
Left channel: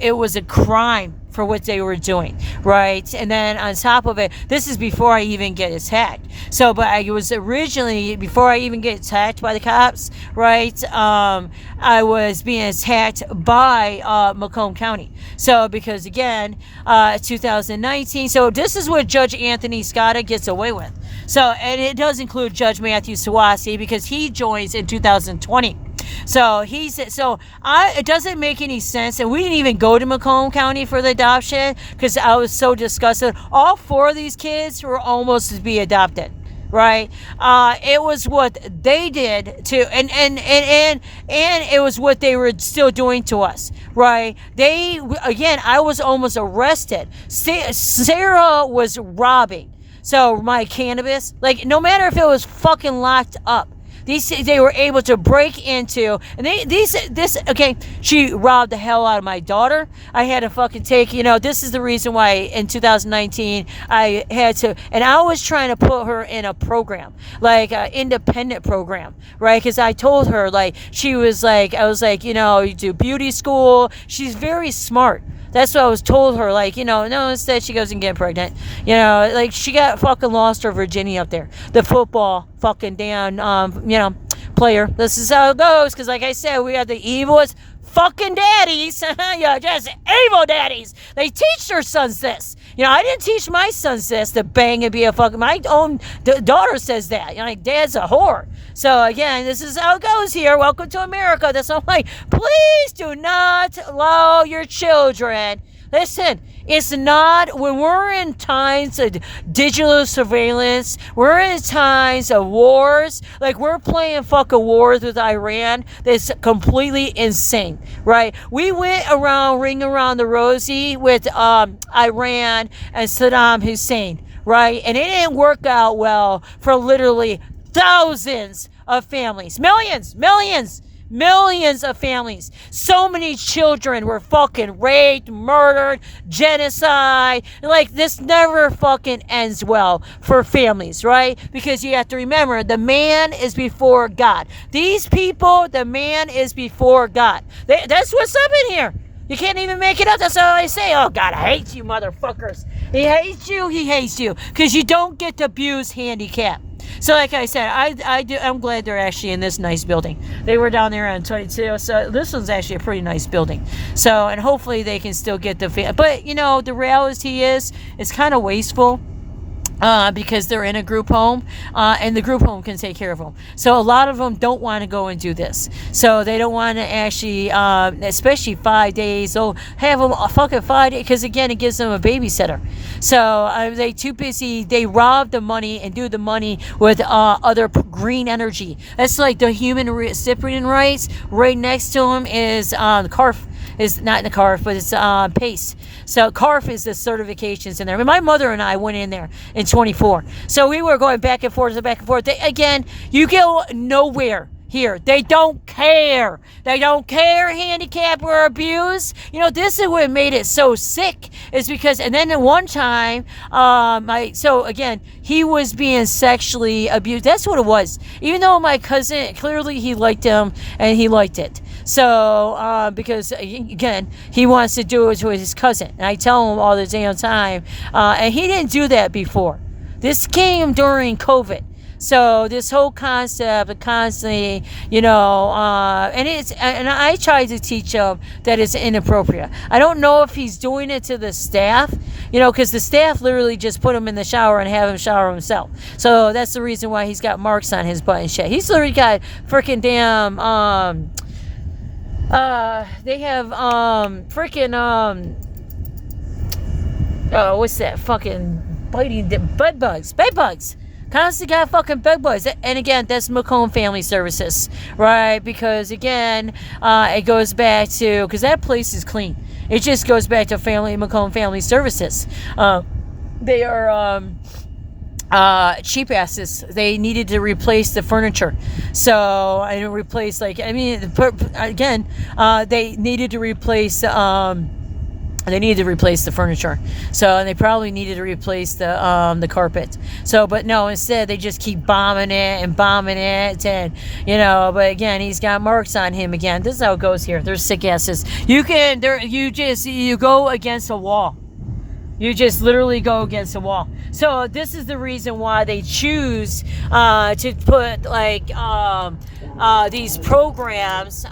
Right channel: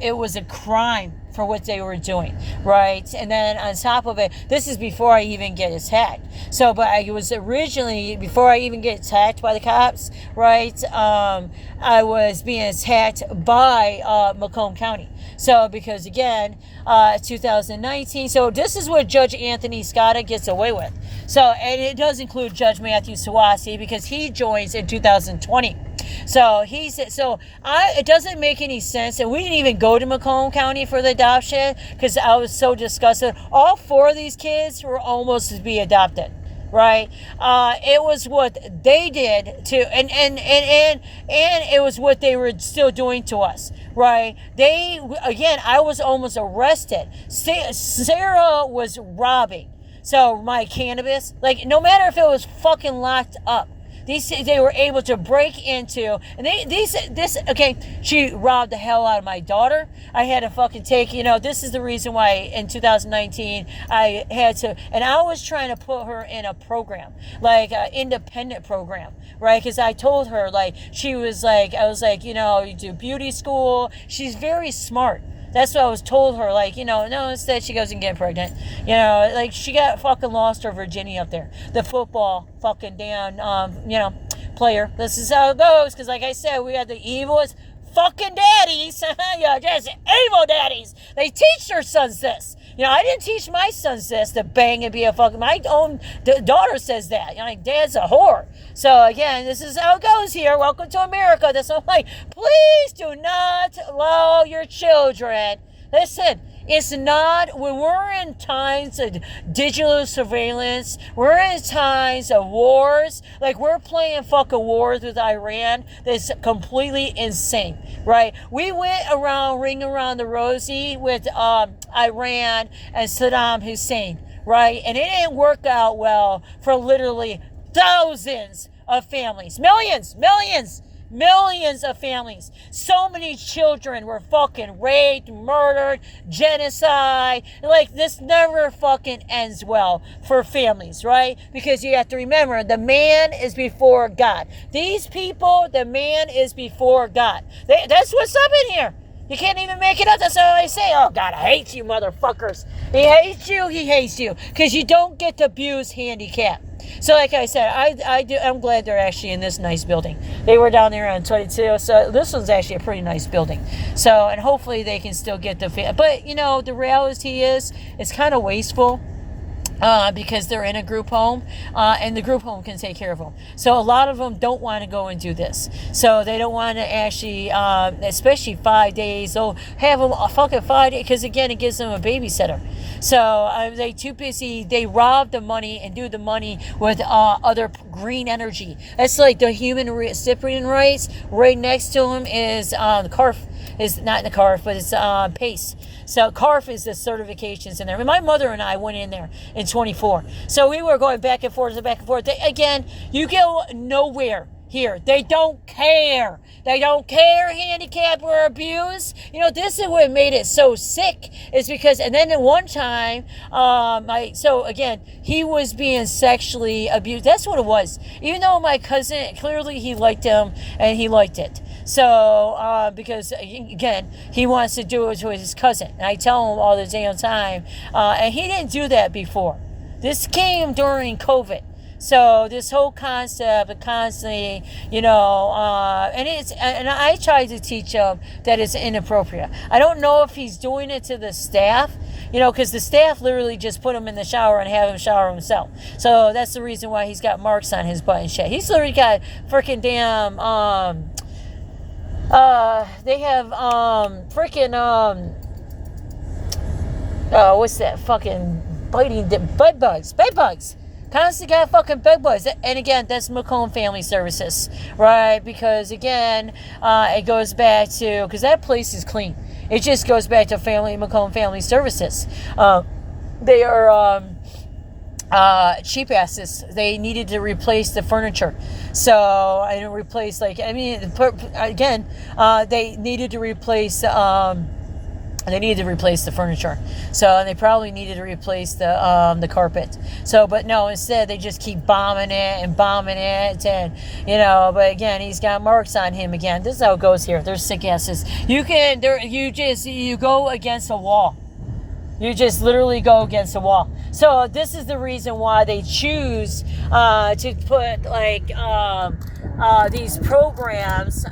it was a crime for what they were doing, right? And then on top of it, this is before I even get attacked. So, but I was originally, before I even get attacked by the cops, right? I was being attacked by Macomb County. So, because again, 2019, so this is what Judge Anthony Scotta gets away with. So, and it does include Judge Matthew Sawasi, because he joins in 2020. So it doesn't make any sense, and we didn't even go to Macomb County for the adoption because I was so disgusted. All 4 of these kids were almost to be adopted, right? It was what they did to, and it was what they were still doing to us, right? I was almost arrested. Sarah was robbing. So my cannabis, like, no matter if it was fucking locked up, they were able to break into, and she robbed the hell out of my daughter. I had to fucking take, this is the reason why in 2019 I had to, and I was trying to put her in a program, like an independent program, right? Because I told her, like, I was like, you do beauty school. She's very smart. That's what I was told her, like, no, instead she goes and get pregnant. Like, she got fucking lost her virginity up there. The football fucking damn, player. This is how it goes, because like I said, we have the evilest fucking daddies. Just evil daddies. They teach their sons this. I didn't teach my sons this, to bang and be a fucking, my own daughter says that. Like, dad's a whore. So again, this is how it goes here. Welcome to America. That's why I'm like, please do not allow your children. Listen, it's not, when we're in times of digital surveillance, we're in times of wars, like we're playing fucking wars with Iran, that's completely insane, right? We went around, ring around the rosy with Iran and Saddam Hussein, right? And it didn't work out well for literally thousands of families, millions of families. So many children were fucking raped, murdered, genocide. Like, this never fucking ends well for families, right? Because you have to remember, the man is before God. These people, the man is before God. That's what's up in here. You can't even make it up. That's all I say. Oh, God, I hate you, motherfuckers. He hates you. Because you don't get to abuse handicap. So like I said, I'm glad they're actually in this nice building. They were down there on 22, so this one's actually a pretty nice building. So, and hopefully they can still get the, but the reality is, it's kind of wasteful. Because they're in a group home, and the group home can take care of them. So a lot of them don't want to go and do this. So they don't want to actually, especially 5 days, they'll have them a fucking 5 days, because again, it gives them a babysitter. So they too busy, they rob the money and do the money with other green energy. That's like the human recipient rights. Right next to them is the CARF. Is not the CARF, but it's PACE. So CARF is the certifications in there. I mean, my mother and I went in there in 24. So we were going back and forth. Again, you go nowhere. here. They don't care. They don't care handicap or abuse. You know, this is what made it so sick, is because, and then at one time, so again, he was being sexually abused. That's what it was. Even though my cousin, clearly he liked him and he liked it. So, because again, he wants to do it with his cousin. And I tell him all the damn time, and he didn't do that before. This came during COVID. So this whole concept of constantly, you know, and I try to teach him that it's inappropriate. I don't know if he's doing it to the staff, you know, because the staff literally just put him in the shower and have him shower himself. So that's the reason why he's got marks on his butt and shit. He's literally got freaking damn, they have what's that fucking biting bed bugs. Constantly got fucking bed bugs. And again, that's Macomb Family Services, right? Because again, it goes back to, because that place is clean. It just goes back to Macomb Family Services. They are cheap asses. They needed to replace the furniture. So I didn't replace, like, I mean, again, they needed to replace the furniture. So, and they probably needed to replace the carpet. So, but no, instead they just keep bombing it, and, you know, but again, he's got marks on him again. This is how it goes here. There's sick asses. You go against a wall. You just literally go against a wall. So this is the reason why they choose to put like these programs,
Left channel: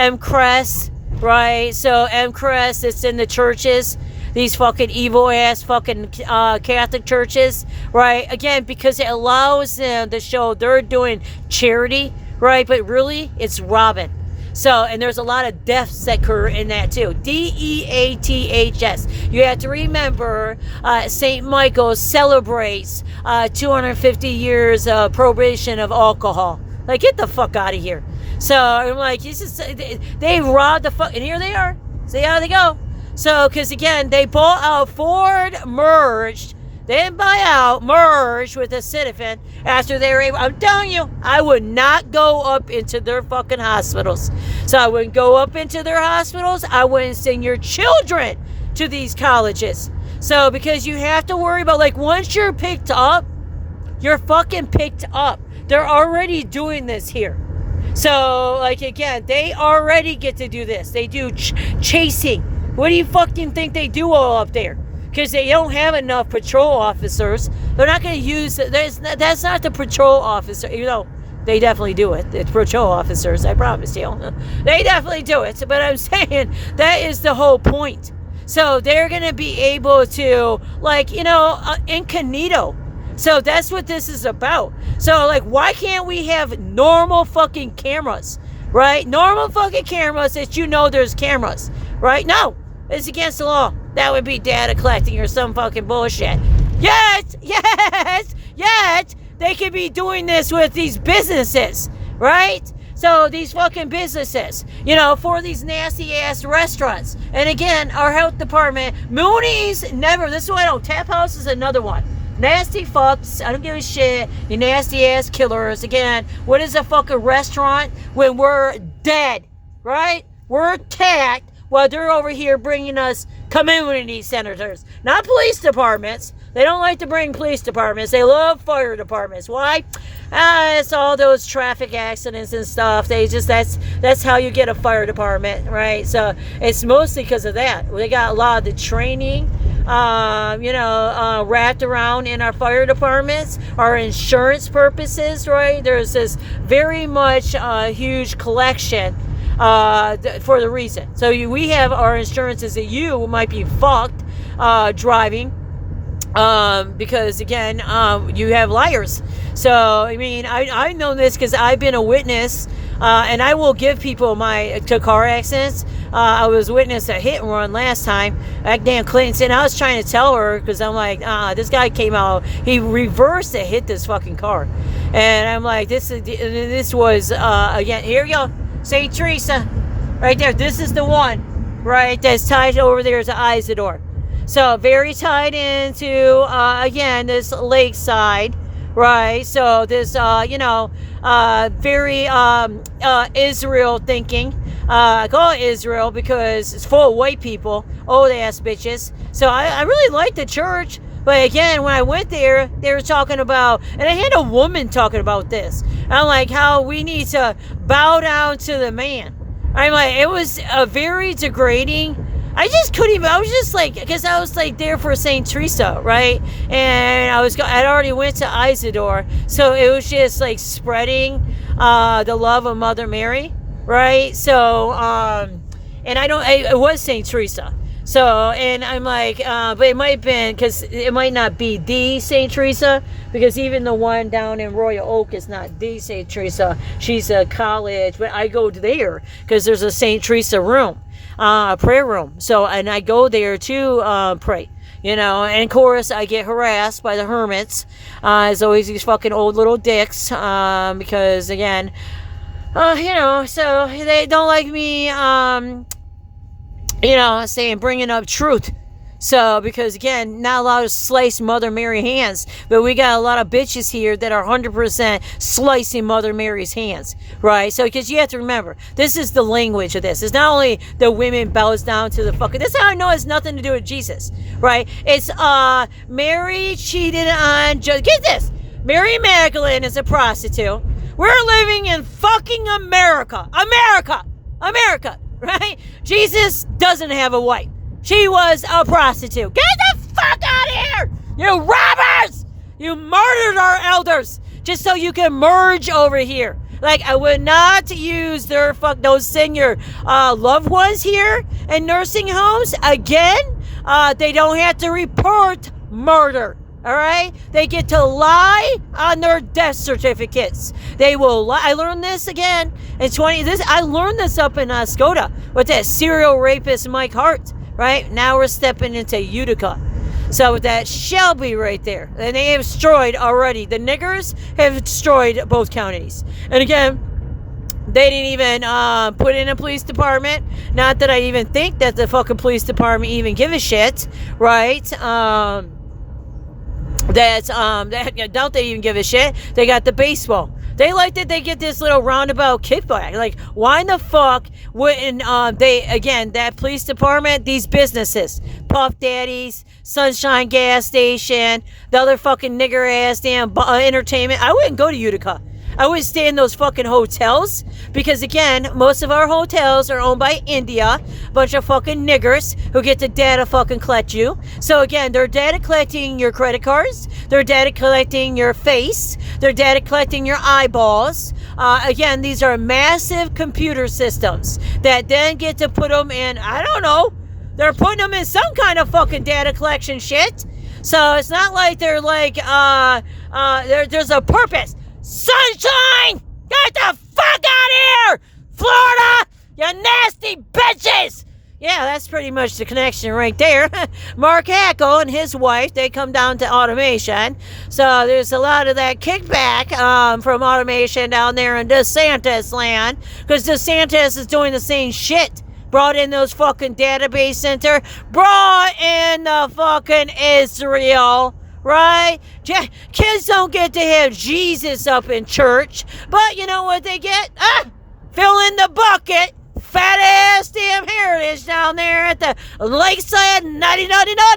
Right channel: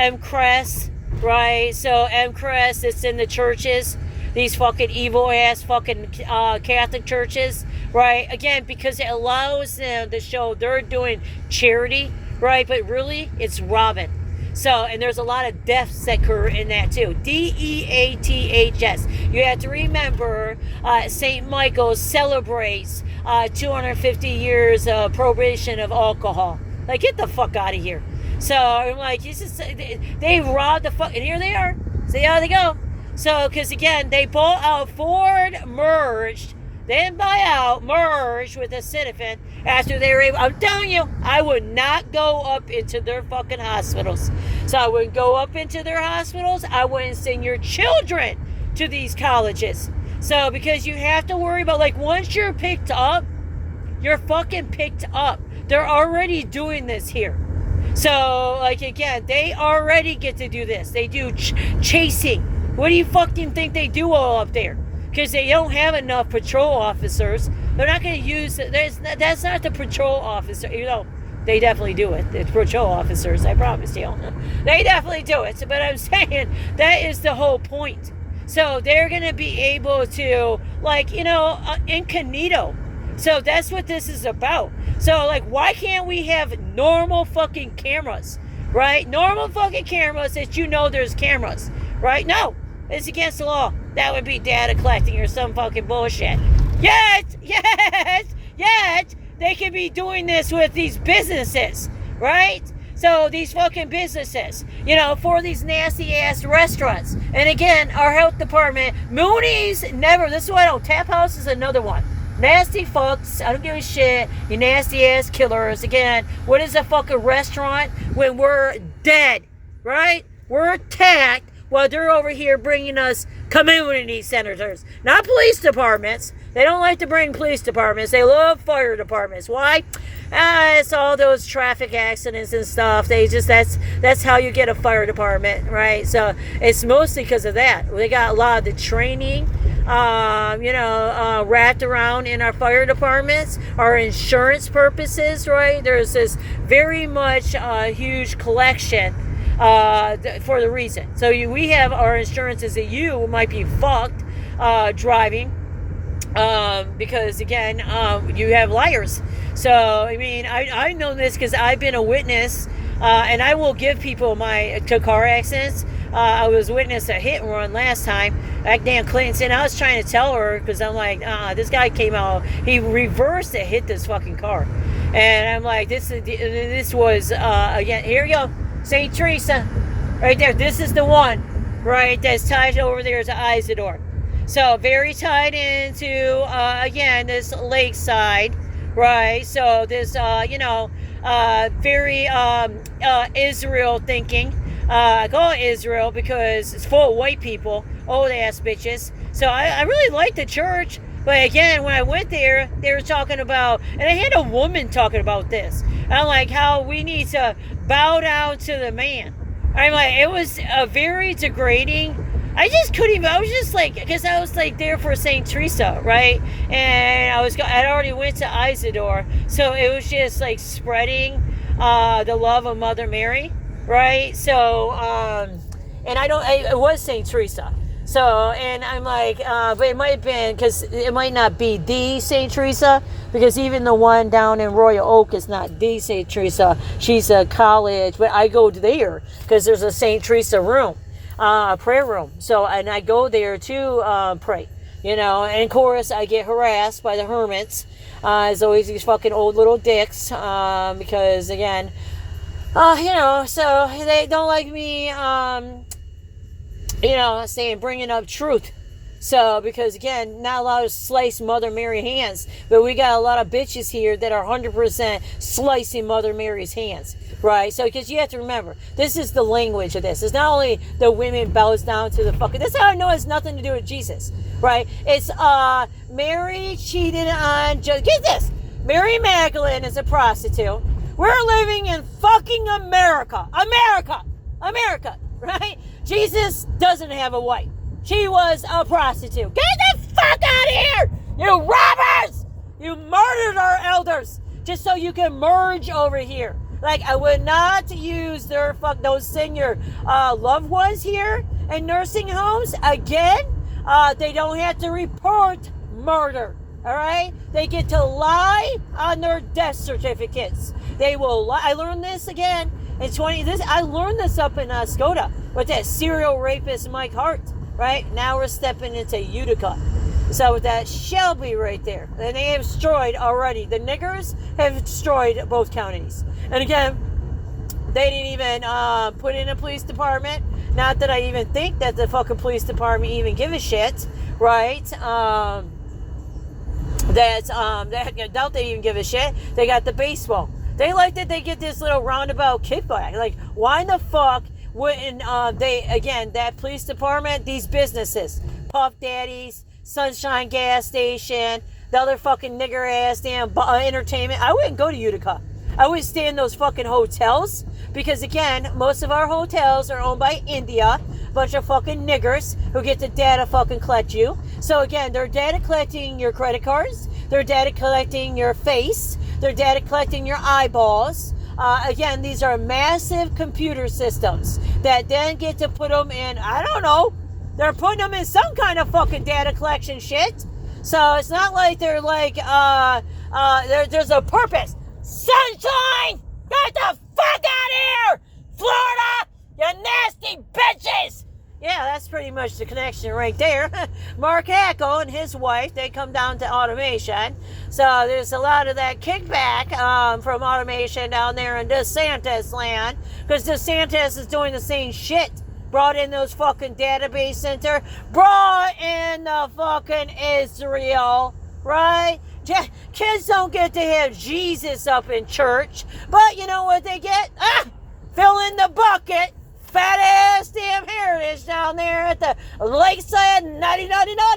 MCRES, right? So MCRES, it's in the churches, these fucking evil ass fucking Catholic churches, right? Again, because it allows them to show they're doing charity, right? But really, it's robbing. So, and there's a lot of deaths that occur in that too. DEATHS. You have to remember, St. Michael's celebrates 250 years of prohibition of alcohol. Like, get the fuck out of here. So I'm like, they robbed the fuck, and here they are. See how they go. So, because again, they bought out Ford, merged. They didn't buy out, merged with a Citizen after they were able. I'm telling you, I would not go up into their fucking hospitals. So I wouldn't go up into their hospitals. I wouldn't send your children to these colleges. So, because you have to worry about, like, once you're picked up, you're fucking picked up. They're already doing this here. So, like, again, they already get to do this. They do chasing. What do you fucking think they do all up there? Because they don't have enough patrol officers. They're not going to use... That's not the patrol officer. You know, they definitely do it. The patrol officers, I promise you. They definitely do it. But I'm saying that is the whole point. So they're going to be able to, like, you know, incognito. So that's what this is about. So, like, why can't we have normal fucking cameras, right? Normal fucking cameras that you know there's cameras, right? No, it's against the law. That would be data collecting or some fucking bullshit. Yet, they could be doing this with these businesses, right? So these fucking businesses, you know, for these nasty ass restaurants. And again, our health department, Mooney's never, this is what I don't, Tap House is another one. Nasty fucks, I don't give a shit, you nasty ass killers. Again, what is a fucking restaurant when we're dead, right? We're attacked while they're over here bringing us community senators, not police departments. They don't like to bring police departments. They love fire departments. Why? It's all those traffic accidents and stuff. They just, that's how you get a fire department, right? So it's mostly because of that. We got a lot of the training, wrapped around in our fire departments, our insurance purposes, right? There's this very much huge collection for the reason. So we have our insurances that you might be fucked driving. Because again, you have liars. So, I mean, I know this because I've been a witness, and I will give people to car accidents. I was witness a hit and run last time at Dan Clinton. I was trying to tell her because I'm like, this guy came out, he reversed and hit this fucking car, and I'm like, this was again, here you go, St. Teresa, right there. This is the one, right, that's tied over there to Isidore. So very tied into, again, this lakeside, right? So this, very Israel thinking. I call it Israel because it's full of white people, old ass bitches. So I really like the church. But again, when I went there, they were talking about, and I had a woman talking about this. I'm like, how we need to bow down to the man. I'm like, it was a very degrading. I just couldn't even, I was just like, because I was like there for St. Teresa, right? And I'd already went to Isidore. So it was just like spreading the love of Mother Mary, right? So, and it was St. Teresa. So, and I'm like, but it might have been, because it might not be the St. Teresa, because even the one down in Royal Oak is not the St. Teresa. She's a college, but I go there because there's a St. Teresa room, prayer room. So, and I go there to pray, and of course I get harassed by the hermits. As always, these fucking old little dicks, because again, so they don't like me, saying, bringing up truth. So, because again, not allowed to slice Mother Mary hands, but we got a lot of bitches here that are 100% slicing Mother Mary's hands, right? So, because you have to remember, this is the language of this. It's not only the women bows down to the fucking, this is how I know it's nothing to do with Jesus, right? It's, Mary cheated on, get this, Mary Magdalene is a prostitute. We're living in fucking America, right? Jesus doesn't have a wife. She was a prostitute. Get the fuck out of here, you robbers! You murdered our elders just so you can merge over here. Like, I would not use those senior loved ones here in nursing homes. Again, they don't have to report murder. All right, they get to lie on their death certificates. They will lie. I learned this again in I learned this up in Skoda with that serial rapist Mike Hart. Right now we're stepping into Utica. So with that Shelby right there, and they have destroyed already. The niggers have destroyed both counties. And again, they didn't even put in a police department. Not that I even think that the fucking police department even give a shit, right? Don't they even give a shit? They got the baseball. They like that they get this little roundabout kickback. Like, why in the fuck wouldn't that police department, these businesses, Puff Daddies, Sunshine Gas Station, the other fucking nigger ass damn entertainment. I wouldn't go to Utica. I would stay in those fucking hotels because, again, most of our hotels are owned by India. Bunch of fucking niggers who get the data fucking collect you. So, again, they're data collecting your credit cards. They're data collecting your face. They're data collecting your eyeballs. Again, these are massive computer systems that then get to put them in, I don't know, they're putting them in some kind of fucking data collection shit. So, it's not like they're like, there's a purpose. Sunshine! Get the fuck out of here! Florida! You nasty bitches! Yeah, that's pretty much the connection right there. Mark Hackle and his wife, they come down to automation. So there's a lot of that kickback from automation down there in DeSantis land. Because DeSantis is doing the same shit. Brought in those fucking database center. Brought in the fucking Israel. Right? Kids don't get to have Jesus up in church. But you know what they get? Fill in the bucket. Fat ass damn heritage down there at the Lakeside naughty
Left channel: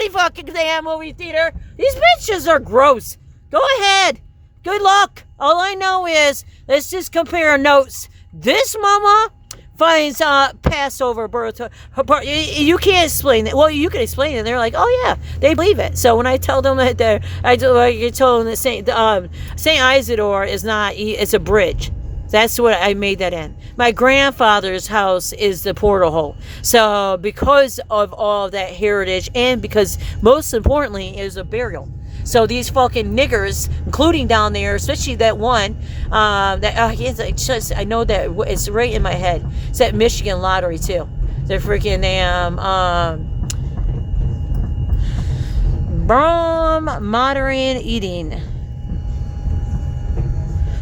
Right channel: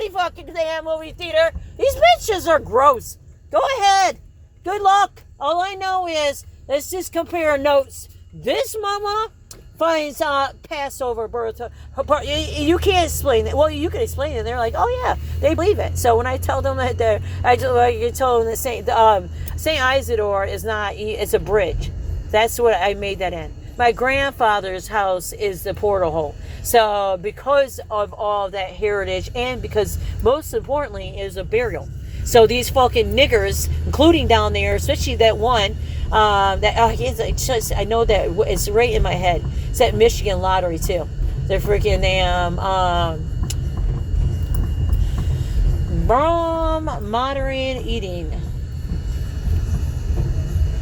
fucking damn movie theater. These bitches are gross. Go ahead. Good luck. All I know is, let's just compare notes. This mama finds Passover birth. You can't explain it. Well, you can explain it. They're like, oh yeah, they believe it. So when I tell them that I told them that Saint Isidore is not. It's a bridge. That's what I made that in. My grandfather's house is the portal hole. So because of all that heritage, and because most importantly is a burial. So these fucking niggers, including down there, especially that one, I know that it's right in my head. It's that Michigan lottery too. The freaking damn modern eating.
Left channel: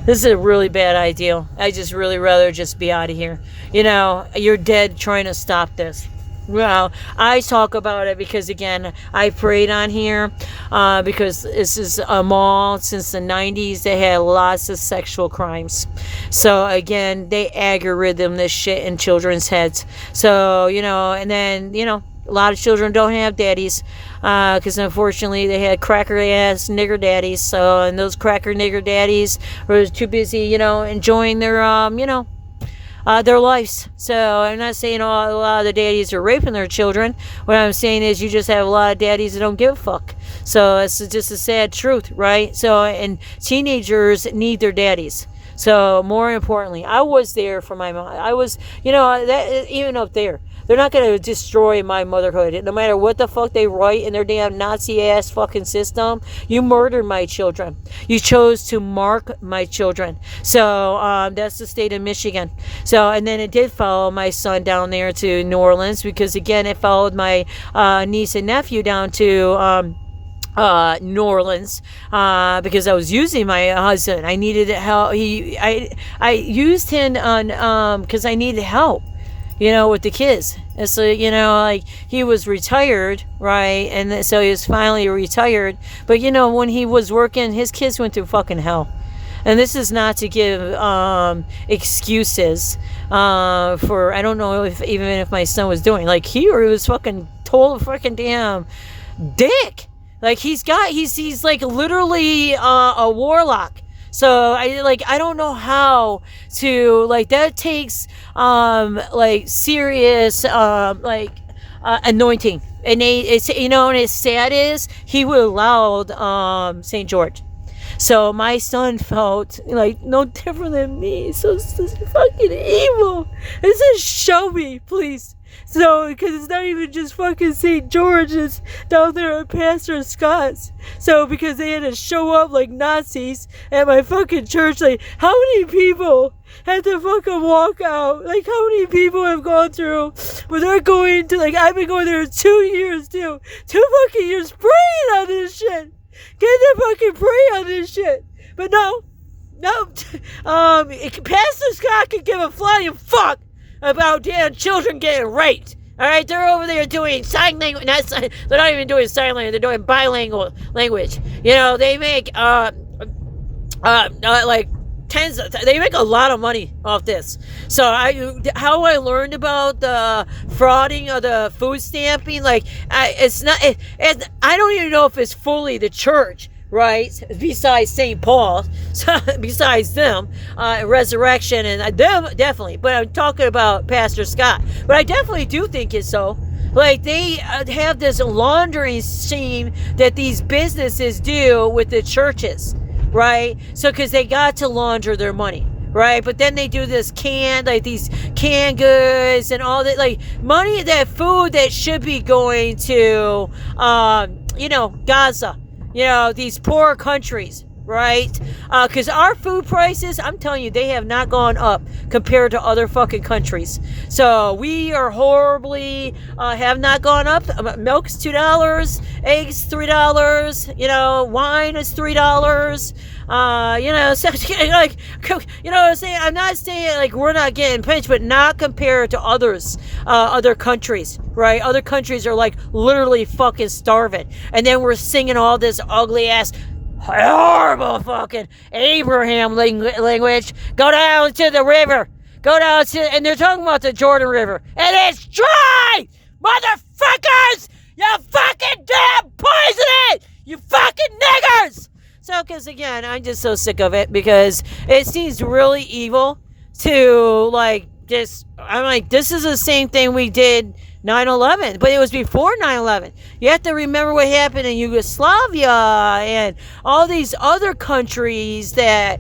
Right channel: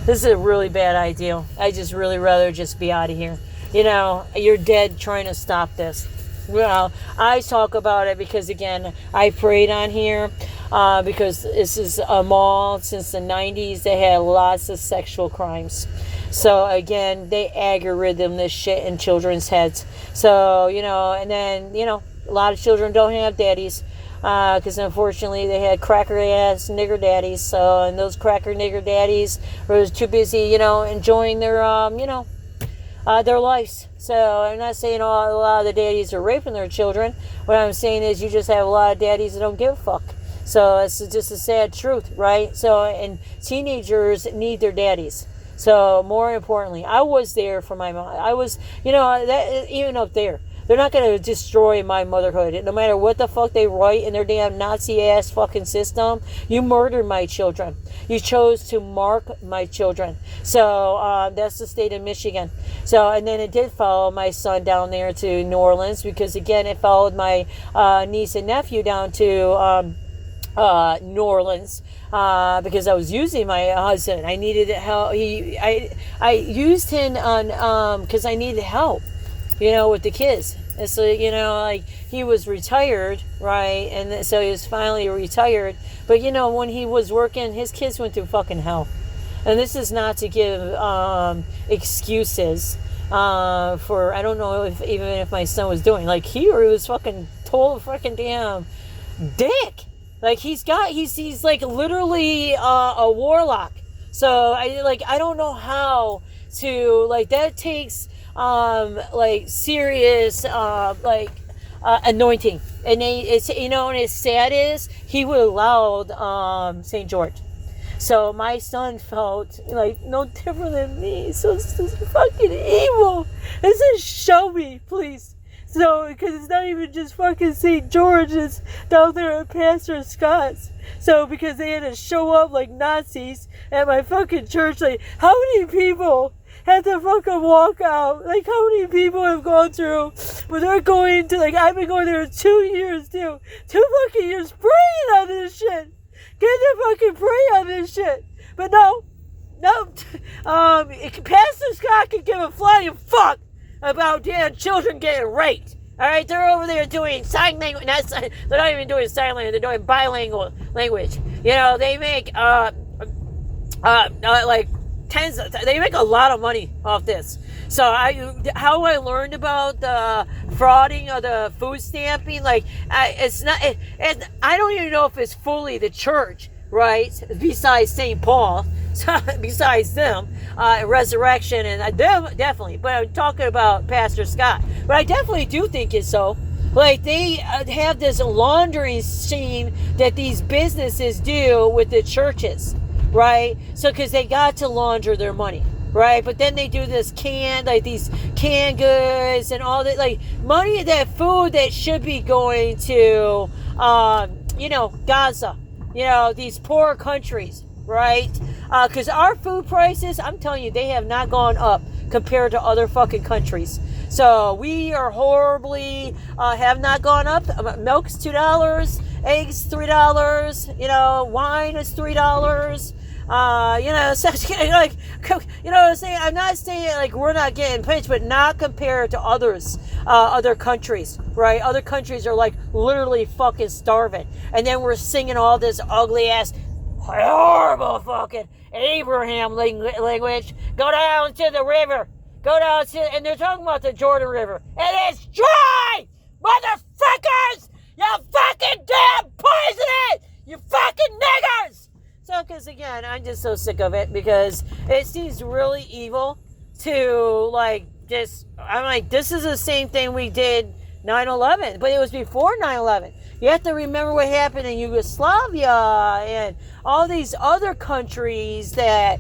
This is a really bad idea. I just really rather just be out of here. You're dead trying to stop this. Well, I talk about it because, again, I prayed on here because this is a mall since the 90s. They had lots of sexual crimes. So, again, they algorithm this shit in children's heads. So, and then, a lot of children don't have daddies because, unfortunately, they had cracker-ass nigger daddies. So, and those cracker nigger daddies were too busy, enjoying their lives. So I'm not saying a lot of the daddies are raping their children. What I'm saying is you just have a lot of daddies that don't give a fuck. So it's just a sad truth, right? So, and teenagers need their daddies. So more importantly, I was there for my mom. I was, even up there, they're not going to destroy my motherhood. No matter what the fuck they write in their damn Nazi-ass fucking system, you murdered my children. You chose to mark my children. So that's the state of Michigan. So, and then it did follow my son down there to New Orleans because, again, it followed my niece and nephew down to New Orleans because I was using my husband. I needed help. I used him on because I needed help. With the kids. And so, like he was retired, right? And so he was finally retired. But, when he was working, his kids went through fucking hell. And this is not to give excuses for, I don't know if my son was doing, like he was fucking total fucking damn dick. Like he's like literally a warlock. So I don't know how to, like, that takes serious anointing. And it's and as sad is he would allowed St. George. So my son felt like no different than me. So it's fucking evil. It says show me, please. So, because it's not even just fucking St. George, it's down there at Pastor Scott's. So, because they had to show up like Nazis at my fucking church, like, how many people had to fucking walk out? Like, how many people have gone through when they're going to, like, I've been going there 2 years, too. 2 fucking years praying on this shit. Get to fucking pray on this shit. But no. Pastor Scott can give a flying fuck about damn children getting raped. All right, they're over there doing sign language. They're not even doing sign language. They're doing bilingual language. They make like tens. They make a lot of money off this. So how I learned about the frauding of the food stamping, like it's not. I don't even know if it's fully the church. Right, besides St. Paul, besides them, Resurrection and them definitely. But I'm talking about Pastor Scott. But I definitely do think it's so. Like they have this laundering scheme that these businesses do with the churches, right? So because they got to launder their money, right? But then they do this these canned goods and all that, like money, that food that should be going to, Gaza. These poor countries, right? Because our food prices, I'm telling you, they have not gone up compared to other fucking countries. So we are horribly, have not gone up. Milk's $2, eggs $3, wine is $3. I'm not saying like we're not getting pinched, but not compared to other countries, right? Other countries are like literally fucking starving, and then we're singing all this ugly ass, horrible fucking Abraham language. Go down to the river, and they're talking about the Jordan River, and it's dry, motherfuckers! You fucking damn poison it, you fucking niggers! So, because again, I'm just so sick of it because it seems really evil to I'm like, this is the same thing we did 9/11, but it was before 9/11. You have to remember what happened in Yugoslavia and all these other countries that,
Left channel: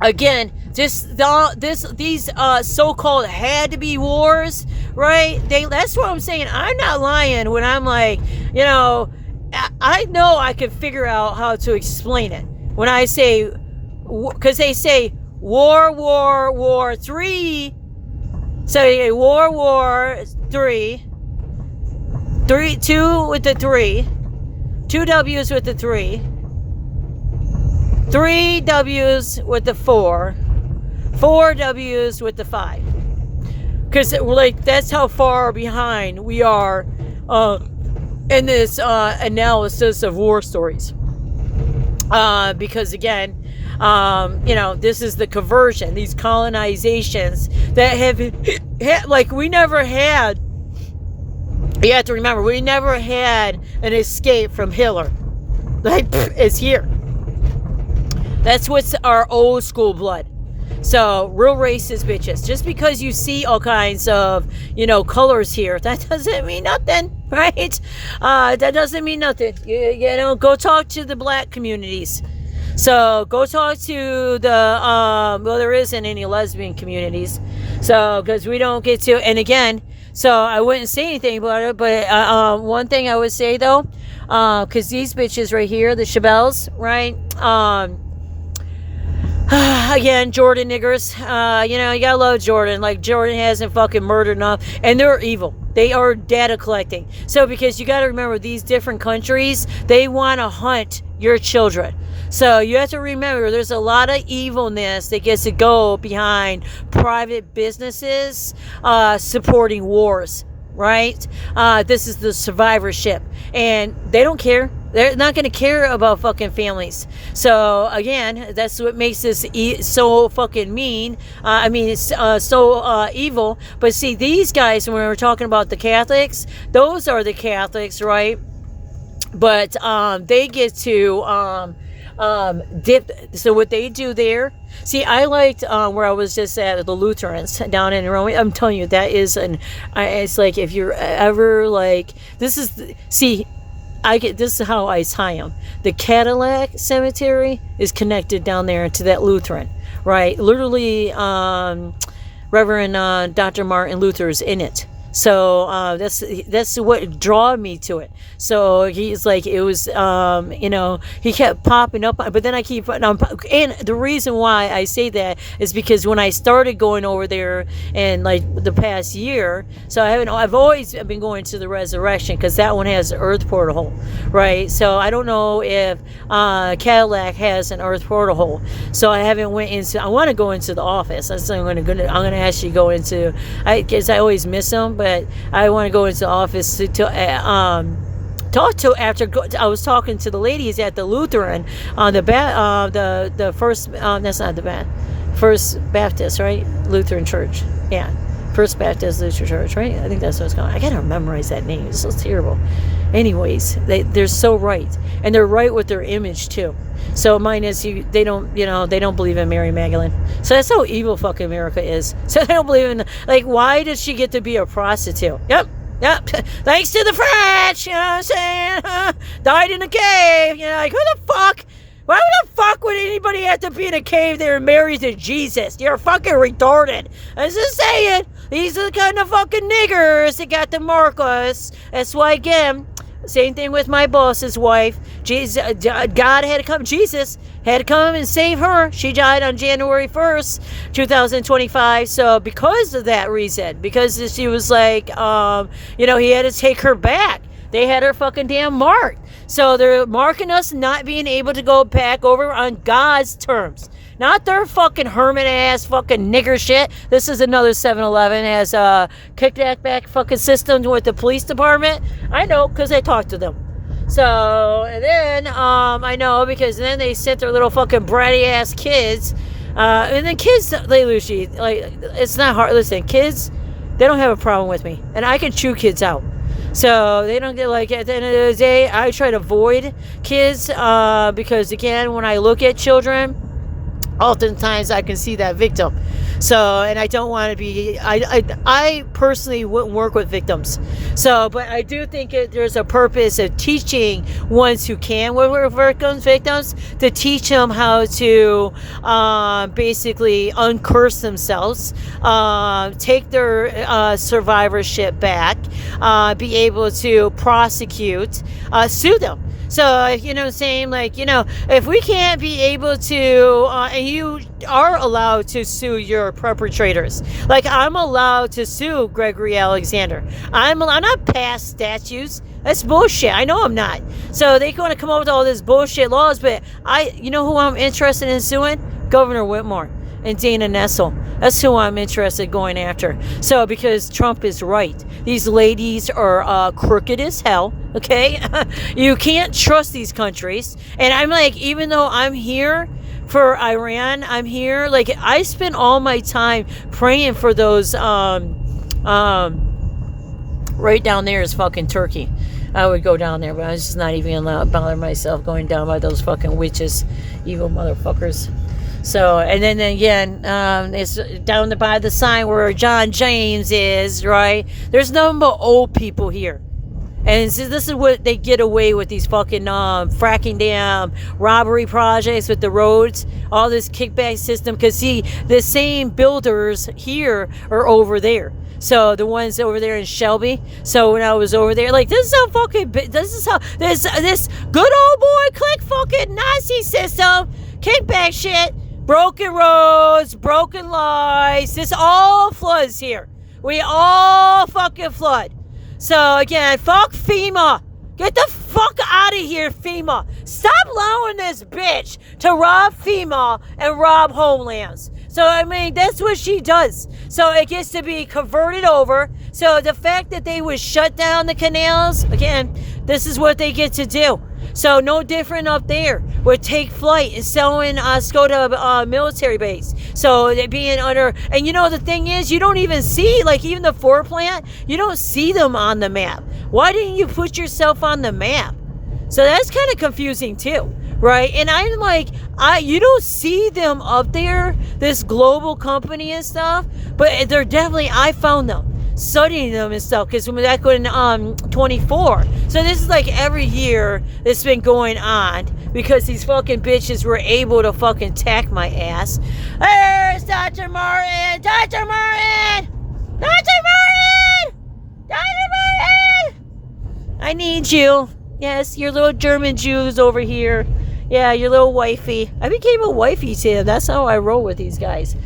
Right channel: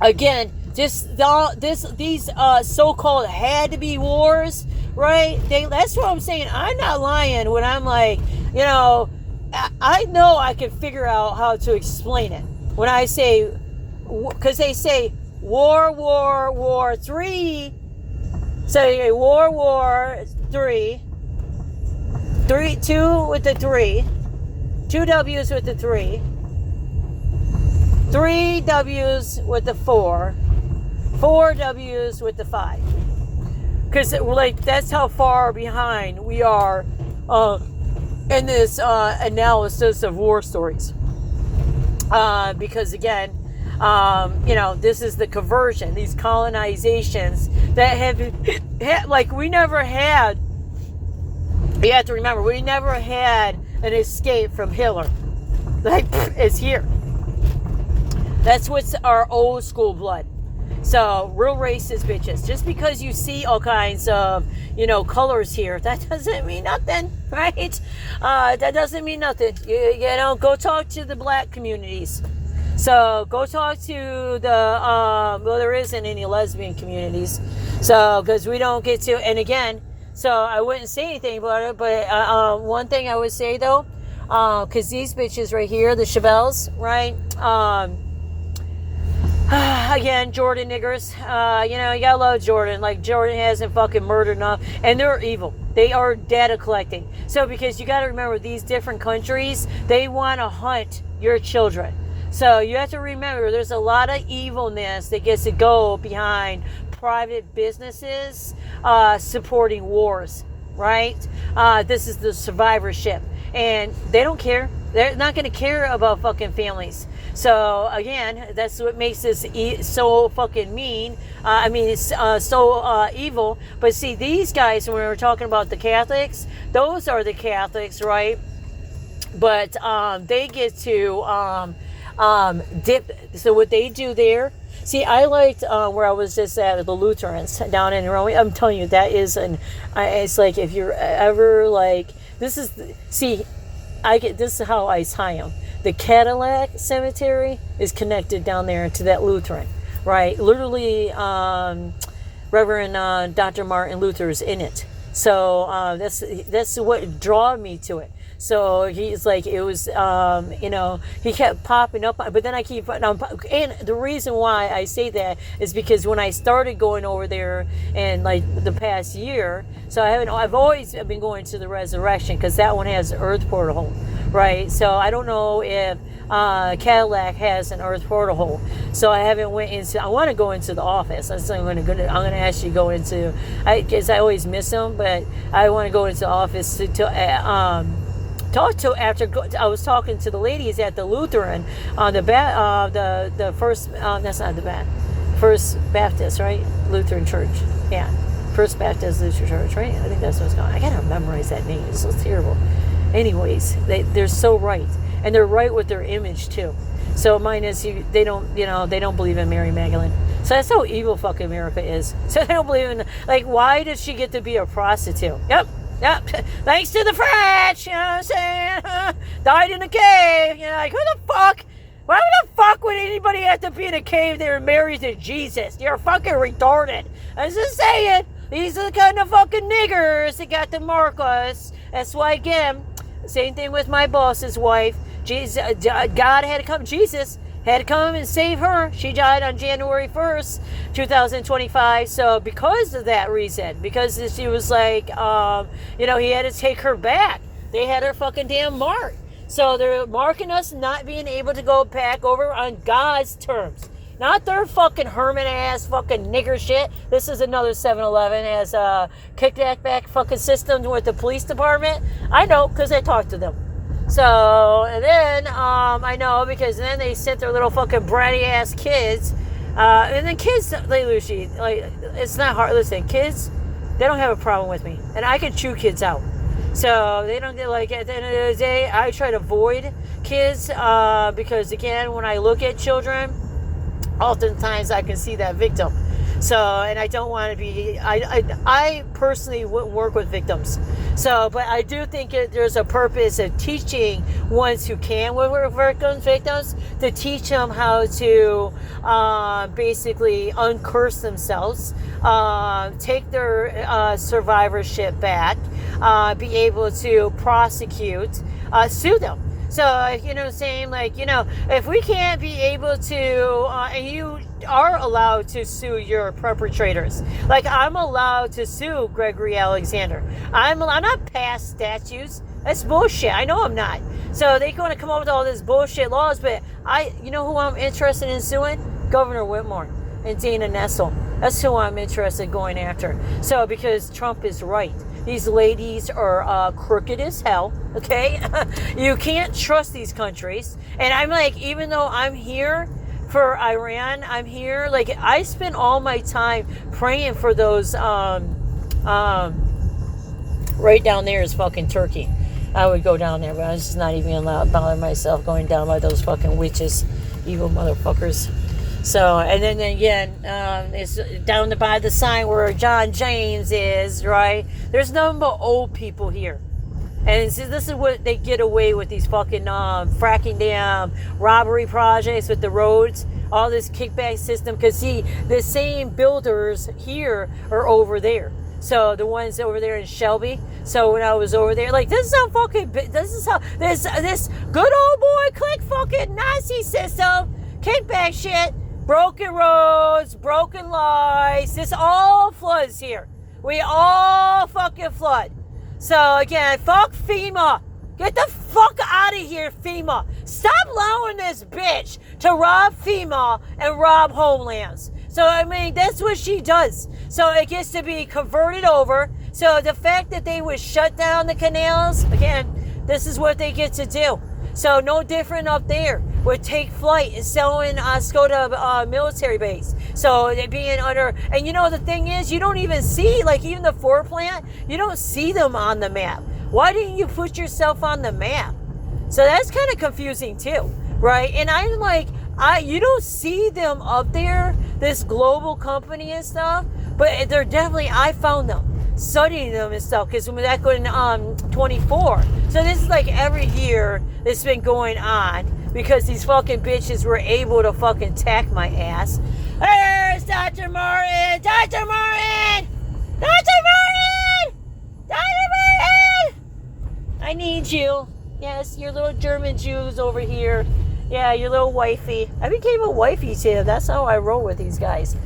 again, these so-called had to be wars, right? That's what I'm saying. I'm not lying when I'm like, I know I can figure out how to explain it when I say, because they say war 3. So war 3, 2 with the 3, 2 W's with the 3, 3 W's with the 4, 4 W's with the 5. because like that's how far behind we are in this analysis of war stories. Because again, this is the conversion, these colonizations that have like we never had. You have to remember, we never had an escape from Hitler. Like, it's here. That's what's our old school blood. So, real racist bitches. Just because you see all kinds of, colors here, that doesn't mean nothing, right? That doesn't mean nothing. Go talk to the black communities. So, go talk to the, there isn't any lesbian communities. So, because we don't get to, and again, so I wouldn't say anything about it, but one thing I would say though, because these bitches right here, the Chabelles, right? Again, Jordan niggers, you gotta love Jordan. Like, Jordan hasn't fucking murdered enough, and they're evil. They are data collecting. So, because you gotta remember, these different countries, they want to hunt your children. So you have to remember, there's a lot of evilness that gets to go behind private businesses supporting wars, right? This is the survivorship, and they don't care. They're not going to care about fucking families. So again, that's what makes this so fucking mean. It's so evil. But see, these guys, when we're talking about the Catholics, those are the Catholics, right? But they get to dip. So what they do there, see, I liked where I was just at, the Lutherans down in Rome. I'm telling you, that is it's like, if you're ever like, this is how I tie them. The Cadillac Cemetery is connected down there to that Lutheran, right? Literally, Reverend Dr. Martin Luther is in it. So that's what drew me to it. So he's like, it was, he kept popping up, but then I keep, and the reason why I say that is because when I started going over there in like the past year, so I've always been going to the Resurrection, because that one has an earth portal, right? So I don't know if Cadillac has an earth portal, so I haven't went into. I want to go into the office. I'm going to actually go into. Because I always miss them, but I want to go into the office to talk to. After I was talking to the ladies at the Lutheran on the first. That's not the First Baptist, right? Lutheran Church. Yeah, First Baptist Lutheran Church, right? I think that's what it's called. I gotta memorize that name. It's so terrible. Anyways, they're so right, and they're right with their image too. So mine is they don't believe in Mary Magdalene. So that's how evil fucking America is. So they don't believe in, like, why did she get to be a prostitute? Yep. Thanks to the French, you know what I'm saying? Died in a cave. Like, who the fuck? Why the fuck would anybody have to be in a cave they were married to Jesus? You're fucking retarded. I'm just saying. These are the kind of fucking niggers that got to mark us. That's why, again, same thing with my boss's wife. God had to come. Jesus had to come and save her. She died on January 1st, 2025. So because of that reason, because she was like, he had to take her back. They had her fucking damn marked. So they're marking us not being able to go back over on God's terms. Not their fucking hermit ass fucking nigger shit. This is another 7-Eleven has kicked that back fucking system with the police department. I know, because I talked to them. So, and then, I know, because then they sent their little fucking bratty ass kids. And then kids, they lose, like, it's not hard. Listen, kids, they don't have a problem with me. And I can chew kids out. So they don't get, like, at the end of the day, I try to avoid kids, because again, when I look at children, oftentimes I can see that victim. So, and I don't want to be, I personally wouldn't work with victims. So, but I do think there's a purpose of teaching ones who can work with victims to teach them how to basically uncurse themselves, take their survivorship back, be able to prosecute, sue them. So, you know what I'm saying? Like, if we can't be able to, and you are allowed to sue your perpetrators. Like, I'm allowed to sue Gregory Alexander. I'm not past statutes. That's bullshit. I know I'm not. So they want to come up with all this bullshit laws, but you know who I'm interested in suing? Governor Whitmer. and Dana Nessel. That's who I'm interested in going after. So, because Trump is right. These ladies are crooked as hell, okay? You can't trust these countries. And I'm like, even though I'm here for Iran, I'm here, like, I spend all my time praying for those, right down there is fucking Turkey. I would go down there, but I was just not even gonna bother myself going down by those fucking witches, evil motherfuckers. So, and then again, it's down by the sign where John James is, right? There's nothing but old people here. And this is what they get away with, these fucking fracking dam robbery projects with the roads, all this kickback system. Because, see, the same builders here are over there. So the ones over there in Shelby. So when I was over there, like, this is how fucking, this good old boy click fucking Nazi system, kickback shit, broken roads, broken lies. This all floods here. We all fucking flood. So again, fuck FEMA. Get the fuck out of here, FEMA. Stop allowing this bitch to rob FEMA and rob homelands. So, I mean, that's what she does. So it gets to be converted over. So the fact that they would shut down the canals, again, this is what they get to do. So no different up there. Would take flight and selling go to military base. So they're being under, and you know the thing is, you don't even see, like, even the Ford plant, you don't see them on the map. Why didn't you put yourself on the map? So that's kind of confusing too, right? And I'm like, you don't see them up there, this global company and stuff, but they're definitely, I found them, studying them and stuff, because back in 24. So this is like every year it's been going on, because these fucking bitches were able to fucking tack my ass. There's Dr. Martin! Dr. Martin! Dr. Martin! Dr. Martin! I need you. Yes, your little German Jews over here. Yeah, your little wifey. I became a wifey to him. That's how I roll with these guys.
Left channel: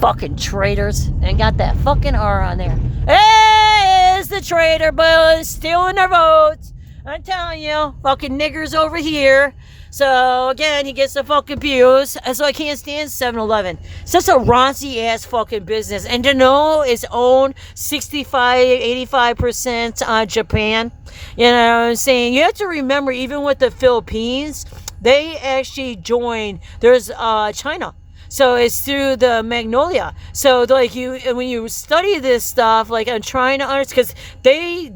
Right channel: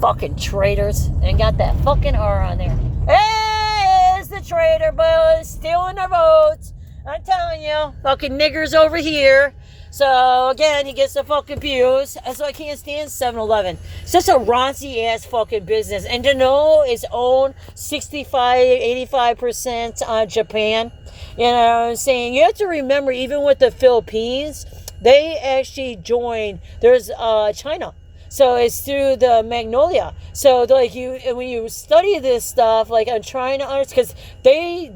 Fucking traitors. And got that fucking R on there. Hey, it's the traitor, but stealing our votes. I'm telling you. Fucking niggers over here. So, again, he gets the fucking views. So I can't stand 7-Eleven. It's just a raunchy ass fucking business. And to know it's owned 85% on Japan. You know what I'm saying? You have to remember, even with the Philippines, they actually joined. There's China. So it's through the Magnolia. So like when you study this stuff, like I'm trying to understand, because they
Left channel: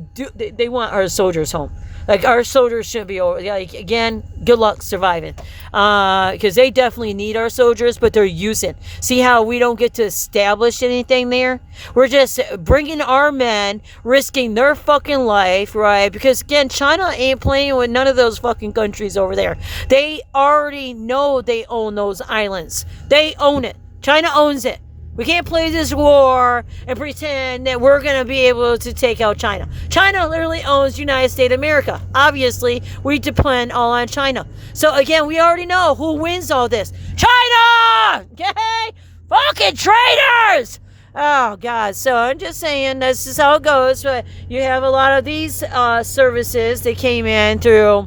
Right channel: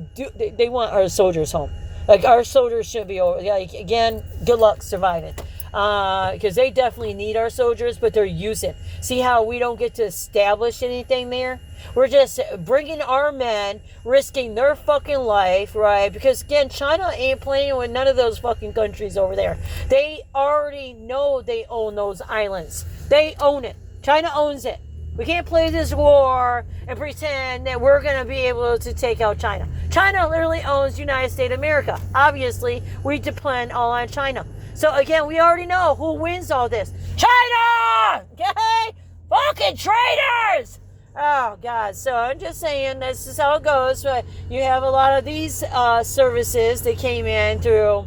want our soldiers home. Like, our soldiers should be over. Like, again, good luck surviving. Because they definitely need our soldiers, but they're using. See how we don't get to establish anything there? We're just bringing our men, risking their fucking life, right? Because, again, China ain't playing with none of those fucking countries over there. They already know they own those islands. They own it. China owns it. We can't play this war and pretend that we're going to be able to take out China. China literally owns United States of America. Obviously, we depend all on China. So, again, we already know who wins all this. China! Okay? Fucking traitors! Oh, God. So, I'm just saying, this is how it goes. But you have a lot of these services that came in through,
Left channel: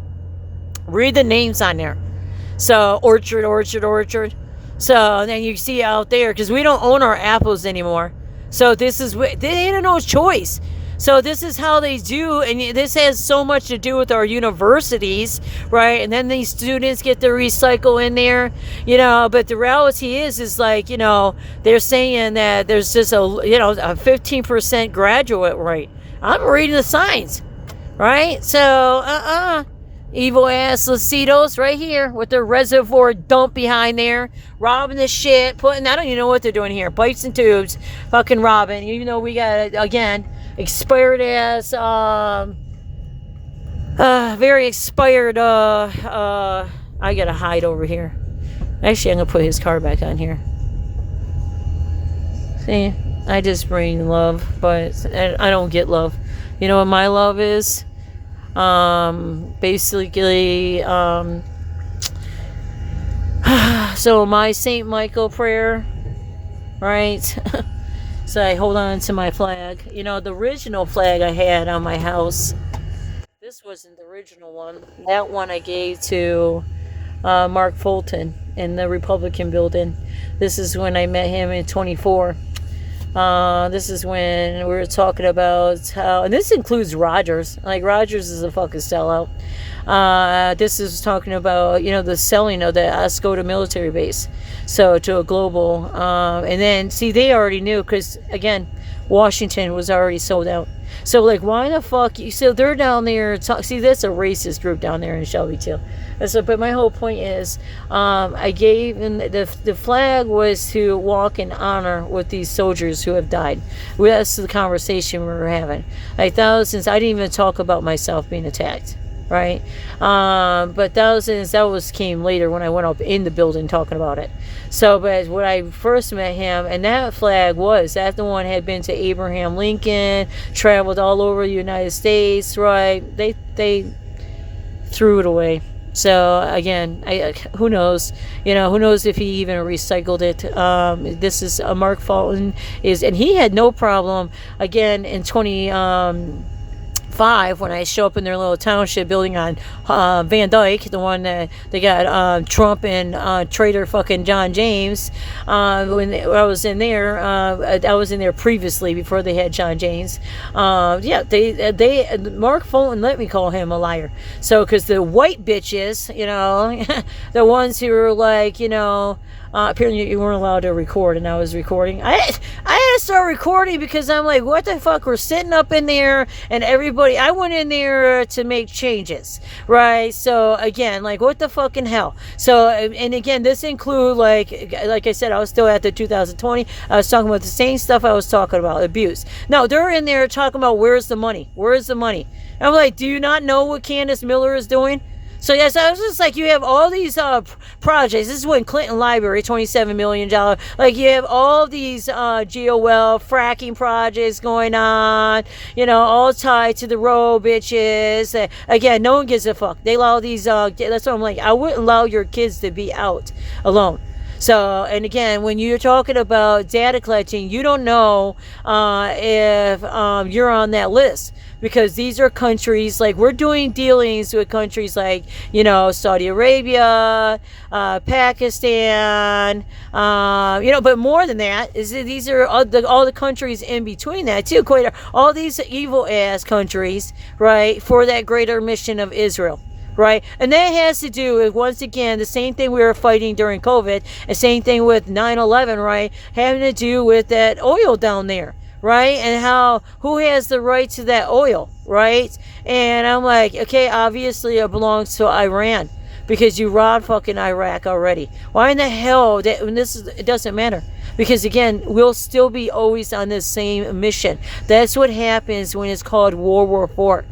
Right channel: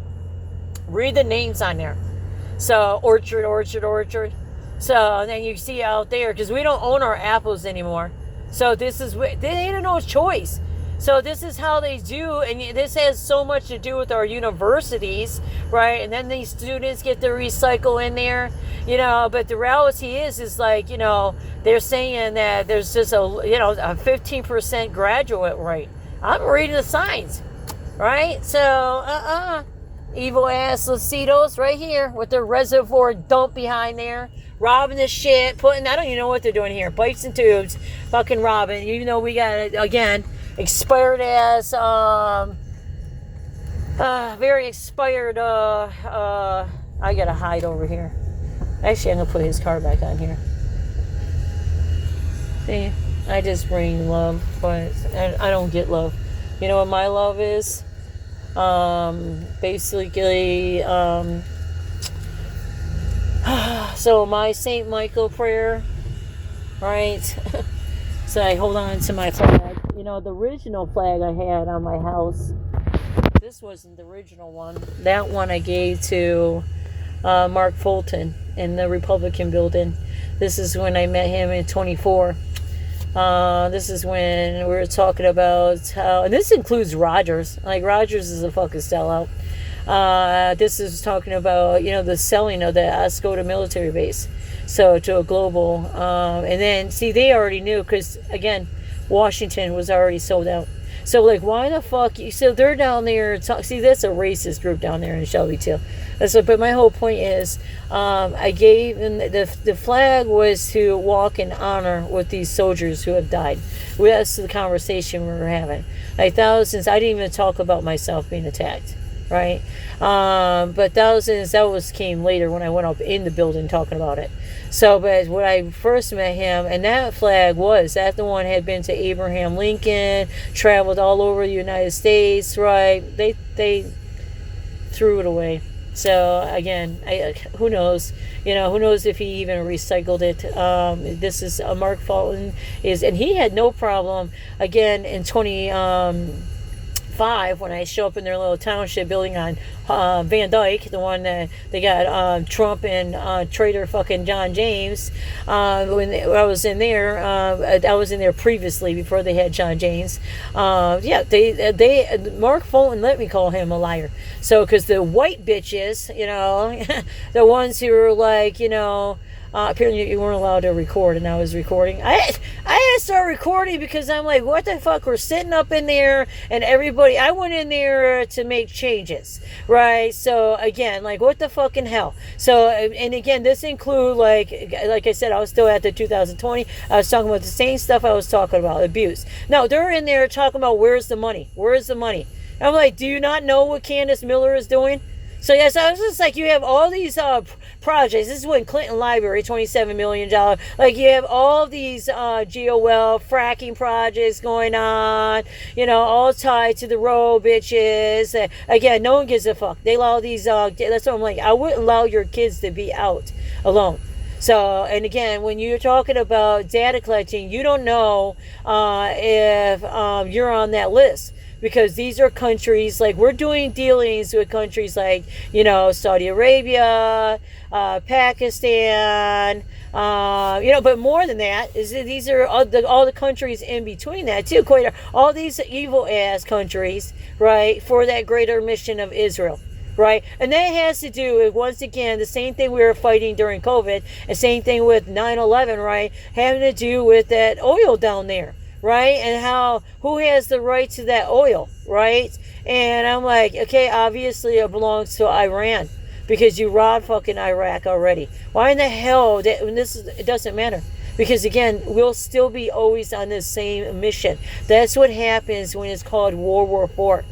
read the names on there. So, Orchard. So then you see out there, because we don't own our apples anymore. So this is, they had no choice. So this is how they do, and this has so much to do with our universities, right? And then these students get to recycle in there, you know. But the reality is like, you know, they're saying that there's just a 15% graduate rate. I'm reading the signs, right? So evil ass Locitos right here with their reservoir dump behind there, robbing the shit, I don't even know what they're doing here, pipes and tubes, fucking robbing, even though we got, again, expired ass, very expired, I gotta hide over here. Actually, I'm gonna put his car back on here. See, I just bring love, but I don't get love. You know what my love is? Basically, so my St. Michael prayer, right? So I hold on to my flag. You know, the original flag I had on my house, this wasn't the original one. That one I gave to Mark Fulton in the Republican building. This is when I met him in 24. This is when we were talking about how, and this includes Rogers. Like, Rogers is a fucking sellout. This is talking about, the selling of the Escota military base. So, to a global. And then, see, they already knew, because, again, Washington was already sold out. So, like, why the fuck? So, they're down there. See, that's a racist group down there in Shelby, too. But my whole point is, I gave, and the flag was to walk in honor with these soldiers who have died. That's the conversation we were having. Like, thousands, I didn't even talk about myself being attacked, right? But thousands, came later when I went up in the building talking about it. So, but when I first met him, and that flag that the one had been to Abraham Lincoln, traveled all over the United States, right? They threw it away. So again, who knows? Who knows if he even recycled it? This is Mark Fulton and he had no problem. Again, in 2005, when I show up in their little township building on Van Dyke, the one that they got Trump and traitor fucking John James. When I was in there, I was in there previously before they had John James. They Mark Fulton let me call him a liar. So, because the white bitches, the ones who were like, apparently you weren't allowed to record, and I was recording. I had to start recording because I'm like, what the fuck? We're sitting up in there, and everybody. I went in there to make changes, right? So again, like, what the fucking hell? So, and again, this include like I said, I was still at the 2020. I was talking about the same stuff I was talking about, abuse. No, they're in there talking about where's the money? Where's the money? And I'm like, do you not know what Candace Miller is doing? So yes, I was just like, you have all these projects. This is when Clinton Library, $27 million. Like, you have all these GOL fracking projects going on, all tied to the road, bitches. Again, no one gives a fuck. They allow these, that's what I'm like, I wouldn't allow your kids to be out alone. So, and again, when you're talking about data collecting, you don't know if you're on that list. Because these are countries, like, we're doing dealings with countries like, Saudi Arabia, Pakistan, but more than that, these are all the countries in between that, too. All these evil-ass countries, right, for that greater mission of Israel. Right? And that has to do with, once again, the same thing we were fighting during COVID, and same thing with 9/11, right? Having to do with that oil down there. Right? And who has the right to that oil, right? And I'm like, okay, obviously it belongs to Iran, because you robbed fucking Iraq already. Why in the hell? It doesn't matter. Because again, we'll still be always on the same mission. That's what happens when it's called World War IV.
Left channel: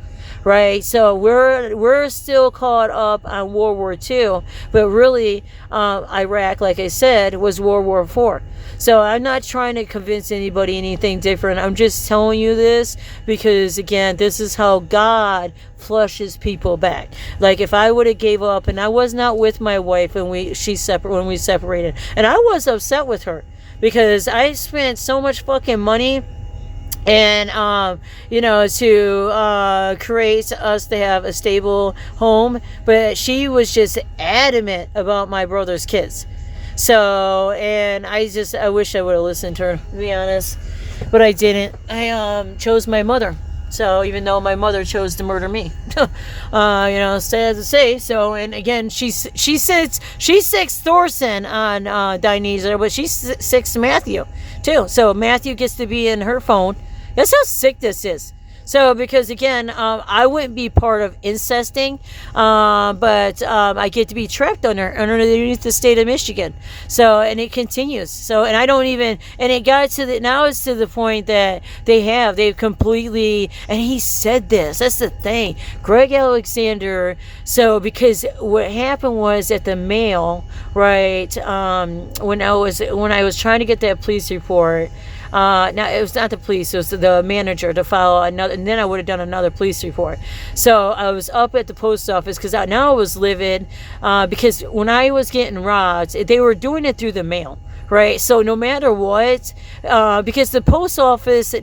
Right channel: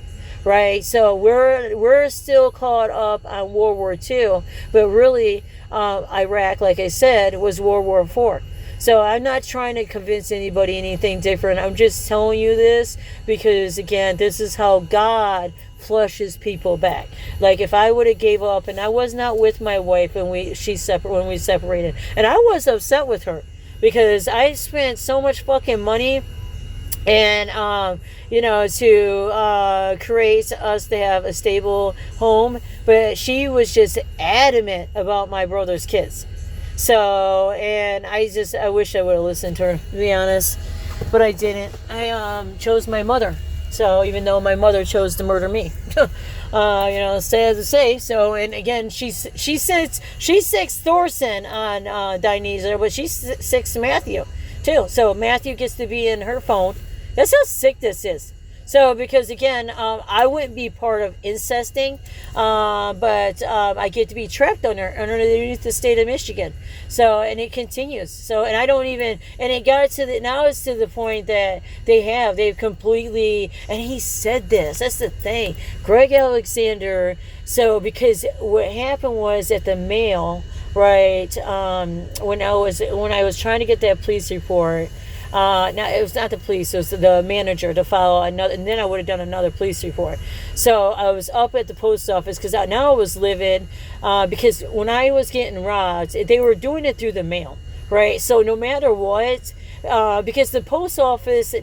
Right? So we're still caught up on World War II, but really Iraq, like I said, was World War IV. So I'm not trying to convince anybody anything different. I'm just telling you this because, again, this is how God flushes people back. Like, if I would have gave up, and I was not with my wife when we separated, and I was upset with her because I spent so much fucking money and to create us to have a stable home, but she was just adamant about my brother's kids. So, and I wish I would have listened to her, to be honest, but I didn't. I chose my mother. So, even though my mother chose to murder me, sad to say. So, and again, she's 6 Thorson on Dionysia, but she's 6 Matthew too. So Matthew gets to be in her phone. That's how sick this is. So, because again, I wouldn't be part of incesting, but I get to be trapped underneath the state of Michigan. So, and it continues. So, and I don't even, and it got to now it's to the point that they've completely, and he said this, that's the thing, Greg Alexander. So, because what happened was at the mail, right, when I was trying to get that police report, now it was not the police, it was the manager to file another, and then I would have done another police report. So I was up at the post office because now I was livid, because when I was getting robbed, they were doing it through the mail, right? So no matter what, because the post office,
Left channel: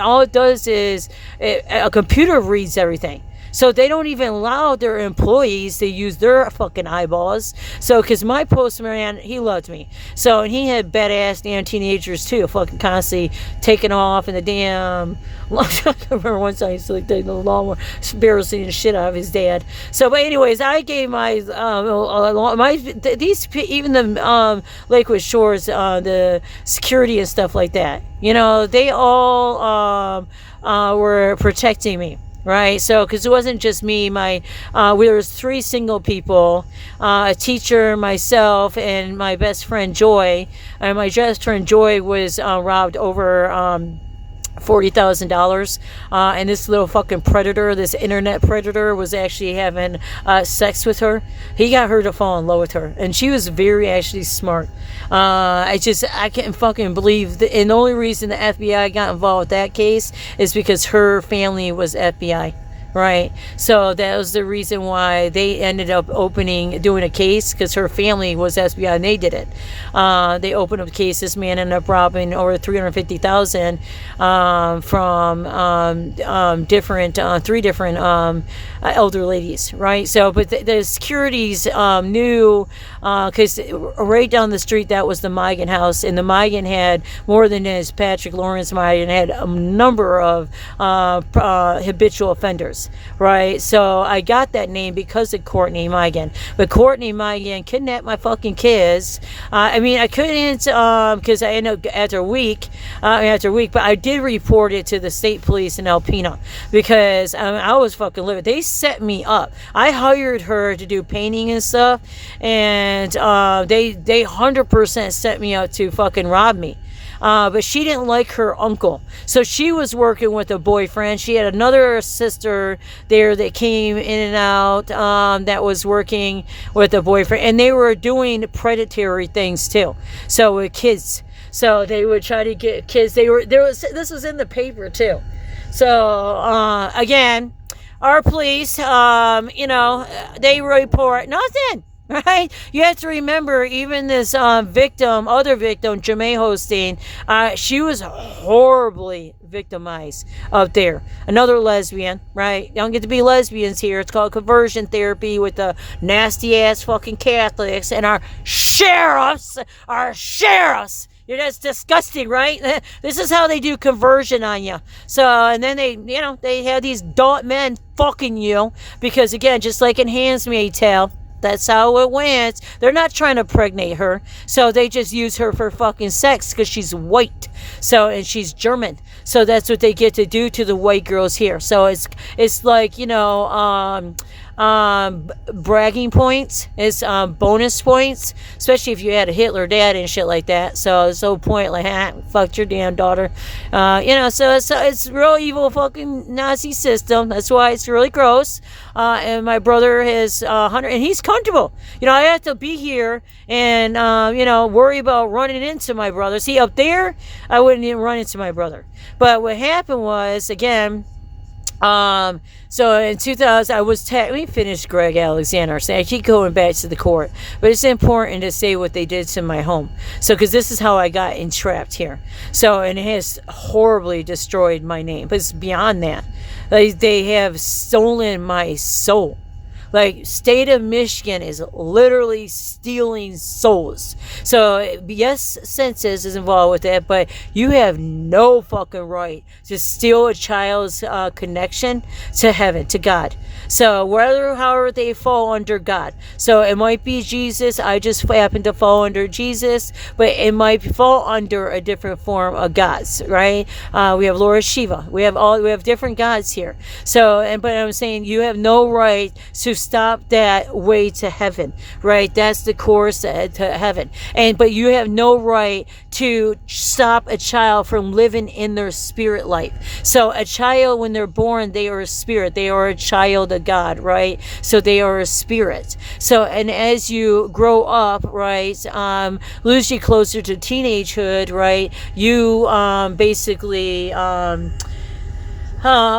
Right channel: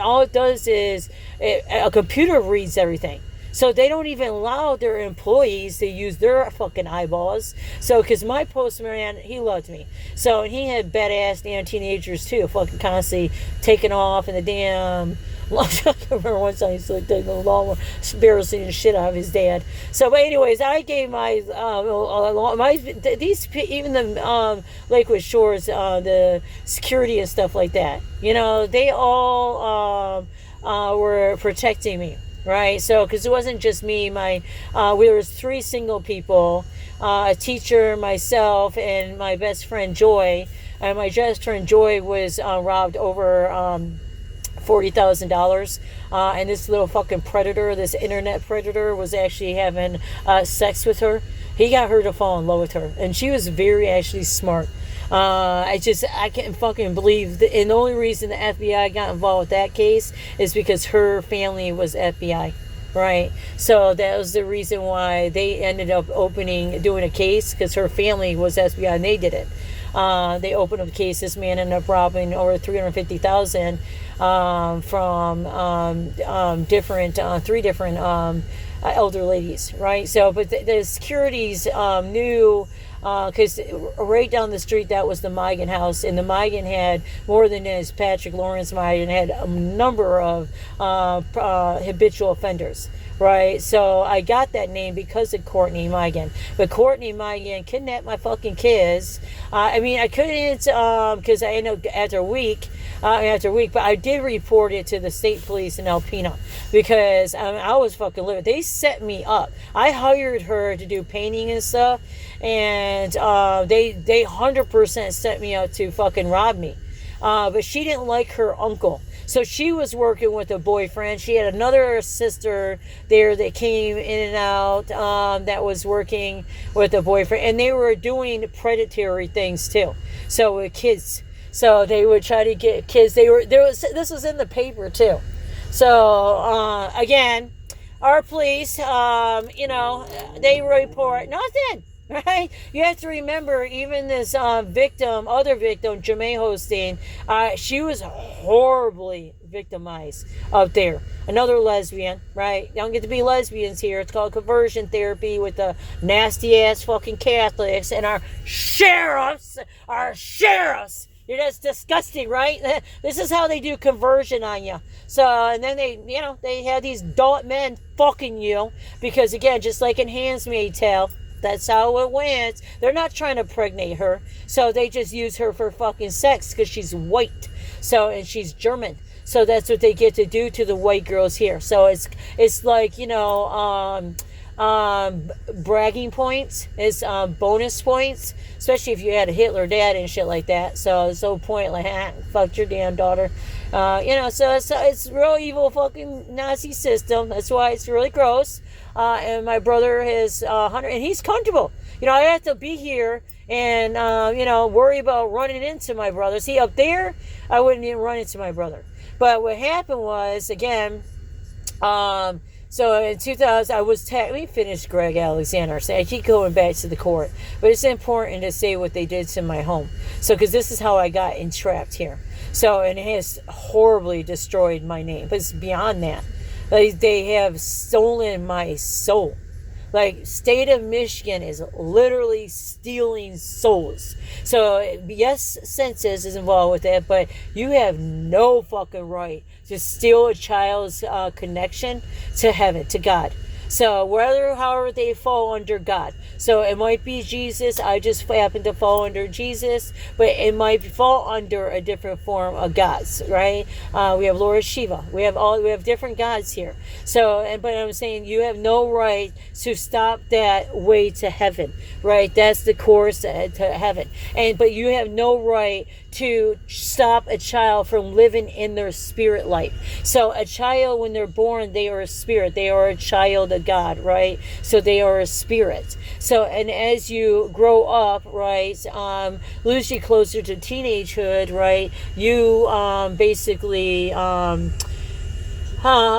all it does is a computer reads everything. So they don't even allow their employees to use their fucking eyeballs. So, because my postman, he loved me. So, and he had badass damn teenagers too, fucking constantly taking off in the damn. I remember one time he used to take the lawnmower, embarrassing the shit out of his dad. So, but anyways, I gave my even the Lakewood Shores, the security and stuff like that. You know, they all were protecting me. Right, so because it wasn't just me, there was 3 single people, a teacher, myself, and my best friend Joy. And my best friend Joy was robbed over $40,000, and this little fucking predator, this internet predator, was actually having sex with her. He got her to fall in love with her, and she was very actually smart. I can't fucking believe and the only reason the FBI got involved with that case is because her family was FBI. Right, so that was the reason why they ended up doing a case, because her family was FBI and they did it. They opened up a case. This man ended up robbing over $350,000 from different 3 different elder ladies. Right, so but the securities knew, because right down the street that was the Migan house, and the Migan had more than his Patrick Lawrence Migan had a number of habitual offenders. Right, so I got that name because of Courtney Migan. But Courtney Migan kidnapped my fucking kids. I couldn't, because I ended up after a week, but I did report it to the state police in Alpena, because I was fucking livid. They set me up. I hired her to do painting and stuff, and they 100% set me up to fucking rob me. But she didn't like her uncle, so she was working with a boyfriend. She had another sister there that came in and out, that was working with a boyfriend, and they were doing predatory things too, so with kids. So they would try to get kids. This was in the paper too. So Again, our police, they report nothing. Right? You have to remember, even this other victim, Jamae Hosteen, she was horribly victimized up there. Another lesbian, right? Don't get to be lesbians here. It's called conversion therapy with the nasty ass fucking Catholics and our sheriffs. That's disgusting, right? This is how they do conversion on you. So, and then they had these adult men fucking you because, again, just like in Handmaid's Tale, that's how it went. They're not trying to pregnate her, so they just use her for fucking sex because she's white. So, and she's German. So that's what they get to do to the white girls here. So it's like, bragging points, is bonus points, especially if you had a Hitler dad and shit like that. So it's no point, like, fucked your damn daughter. So it's real evil fucking Nazi system. That's why it's really gross. And my brother has 100, and he's comfortable. I have to be here and worry about running into my brother. See, up there, I wouldn't even run into my brother. But what happened was, again, so in 2000, let me finish Greg Alexander. So I keep going back to the court, but it's important to say what they did to my home. So, because this is how I got entrapped here. So, and it has horribly destroyed my name, but it's beyond that. They have stolen my soul. Like, state of Michigan is literally stealing souls. So, yes, census is involved with that, but you have no fucking right to steal a child's connection to heaven, to God. So, however they fall under God. So, it might be Jesus. I just happen to fall under Jesus, but it might fall under a different form of gods, right? We have Lord Shiva. We have different gods here. So, but I'm saying you have no right to stop that way to heaven, right? That's the course to heaven. But you have no right to stop a child from living in their spirit life. So a child, when they're born, they are a spirit. They are a child of God, right? So they are a spirit. So, and as you grow up, right, lose you closer to teenagehood, right, you basically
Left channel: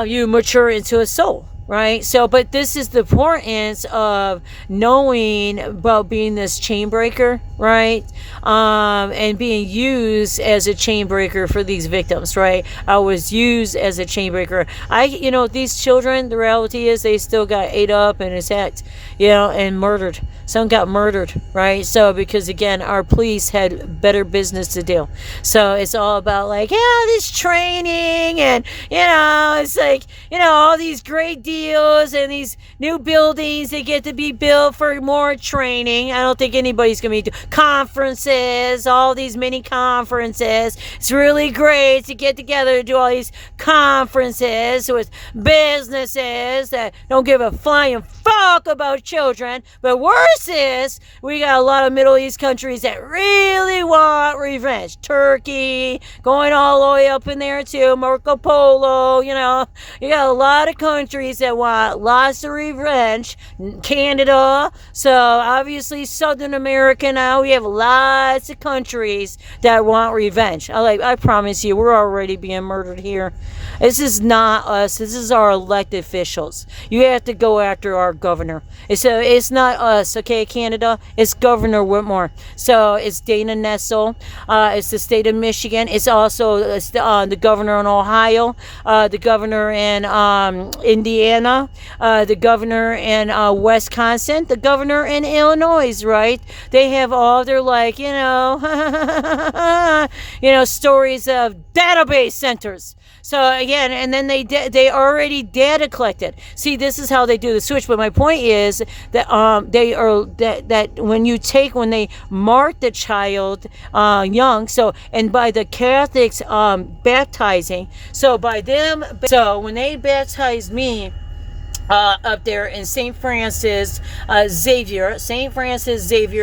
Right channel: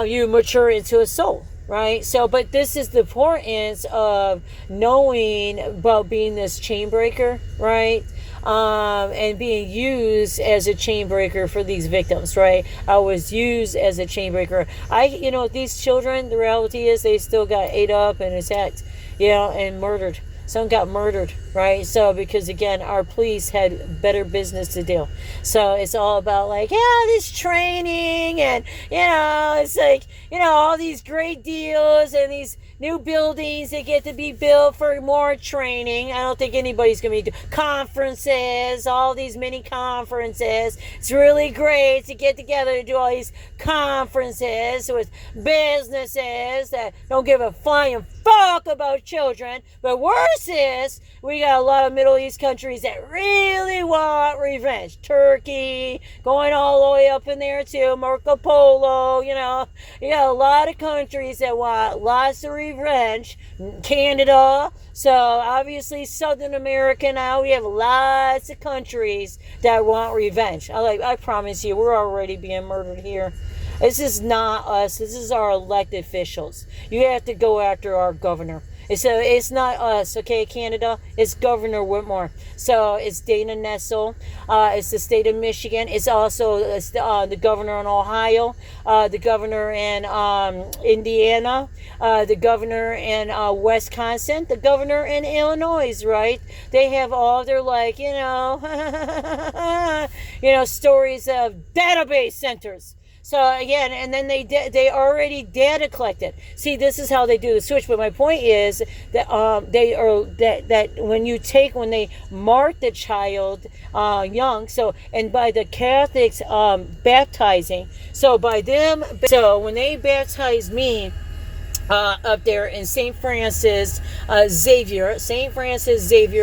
you mature into a soul. right? So, but this is the importance of knowing about being this chain breaker, right? And being used as a chain breaker for these victims, right? I was used as a chain breaker. These children, the reality is they still got ate up and attacked, and murdered. Some got murdered, right? So, because again, our police had better business to do. So it's all about like, this training and, it's like, all these great deals and these new buildings that get to be built for more training. I don't think anybody's going to be doing conferences, all these mini conferences. It's really great to get together to do all these conferences with businesses that don't give a flying fuck about children. But worse is, we got a lot of Middle East countries that really want revenge. Turkey, going all the way up in there too, Marco Polo, you got a lot of countries that want lots of revenge. Canada, so obviously Southern America now, we have lots of countries that want revenge. I promise you, we're already being murdered here. This is not us. This is our elected officials. You have to go after our governor. It's not us, okay, Canada? It's Governor Whitmer. So it's Dana Nessel. It's the state of Michigan. It's also the governor in Ohio, the governor in Indiana, the governor in Wisconsin, the governor in Illinois, right? They have all their stories of database centers. So again, and then they already data collected. See, this is how they do the switch. But my point is that that when they mark the child young. So, and by the Catholics baptizing. So by them, so when they baptized me up there in St. Francis Xavier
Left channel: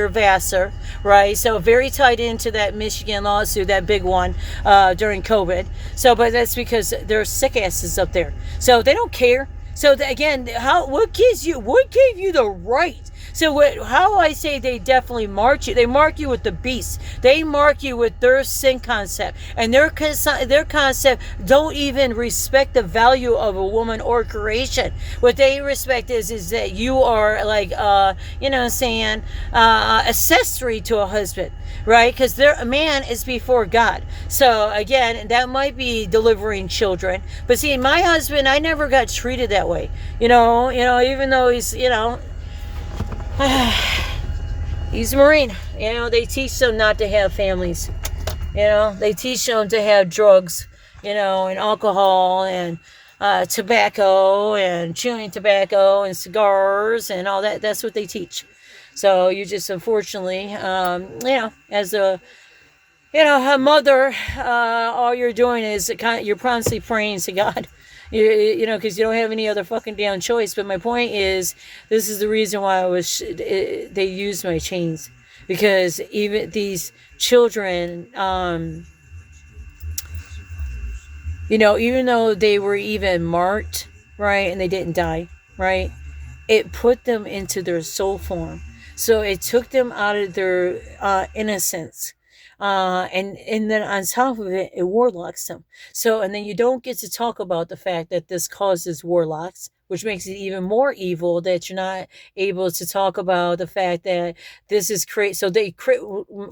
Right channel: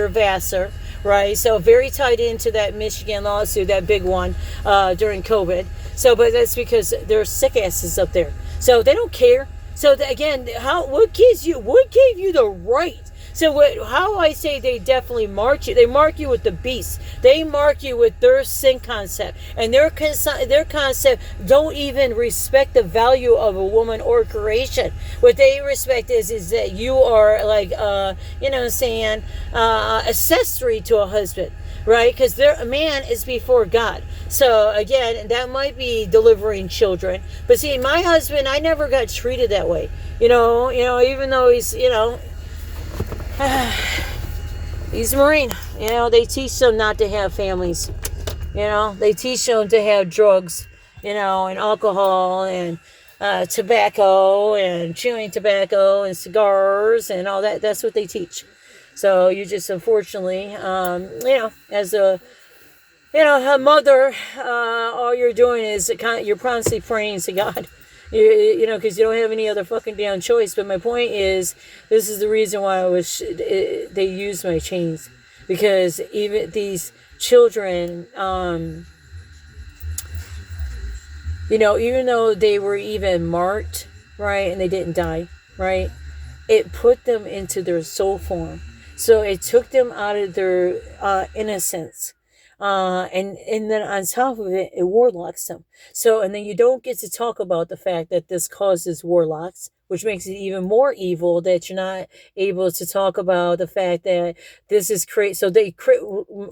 Vassar. Right, so very tied into that Michigan lawsuit, that big one during COVID. So, but that's because they're sick asses up there. So they don't care. So again, what gave you the right? So how I say they definitely mark you. They mark you with the beast. They mark you with their sin concept, and their concept don't even respect the value of a woman or creation. What they respect is that you are like accessory to a husband, right? Because a man is before God. So again, that might be delivering children. But see, my husband, I never got treated that way. Even though he's he's a Marine. They teach them not to have families. They teach them to have drugs, and alcohol and tobacco and chewing tobacco and cigars and all that. That's what they teach. So you just unfortunately, as a mother, all you're doing is you're constantly praying to God. Because you don't have any other fucking damn choice. But my point is, this is the reason why they used my chains. Because even these children, even though they were even marked, right, and they didn't die, right, it put them into their soul form. So it took them out of their innocence. And then on top of it, it warlocks them. So, and then you don't get to talk about the fact that this causes warlocks, which makes it even more evil that you're not able to talk about the fact that this is crazy. So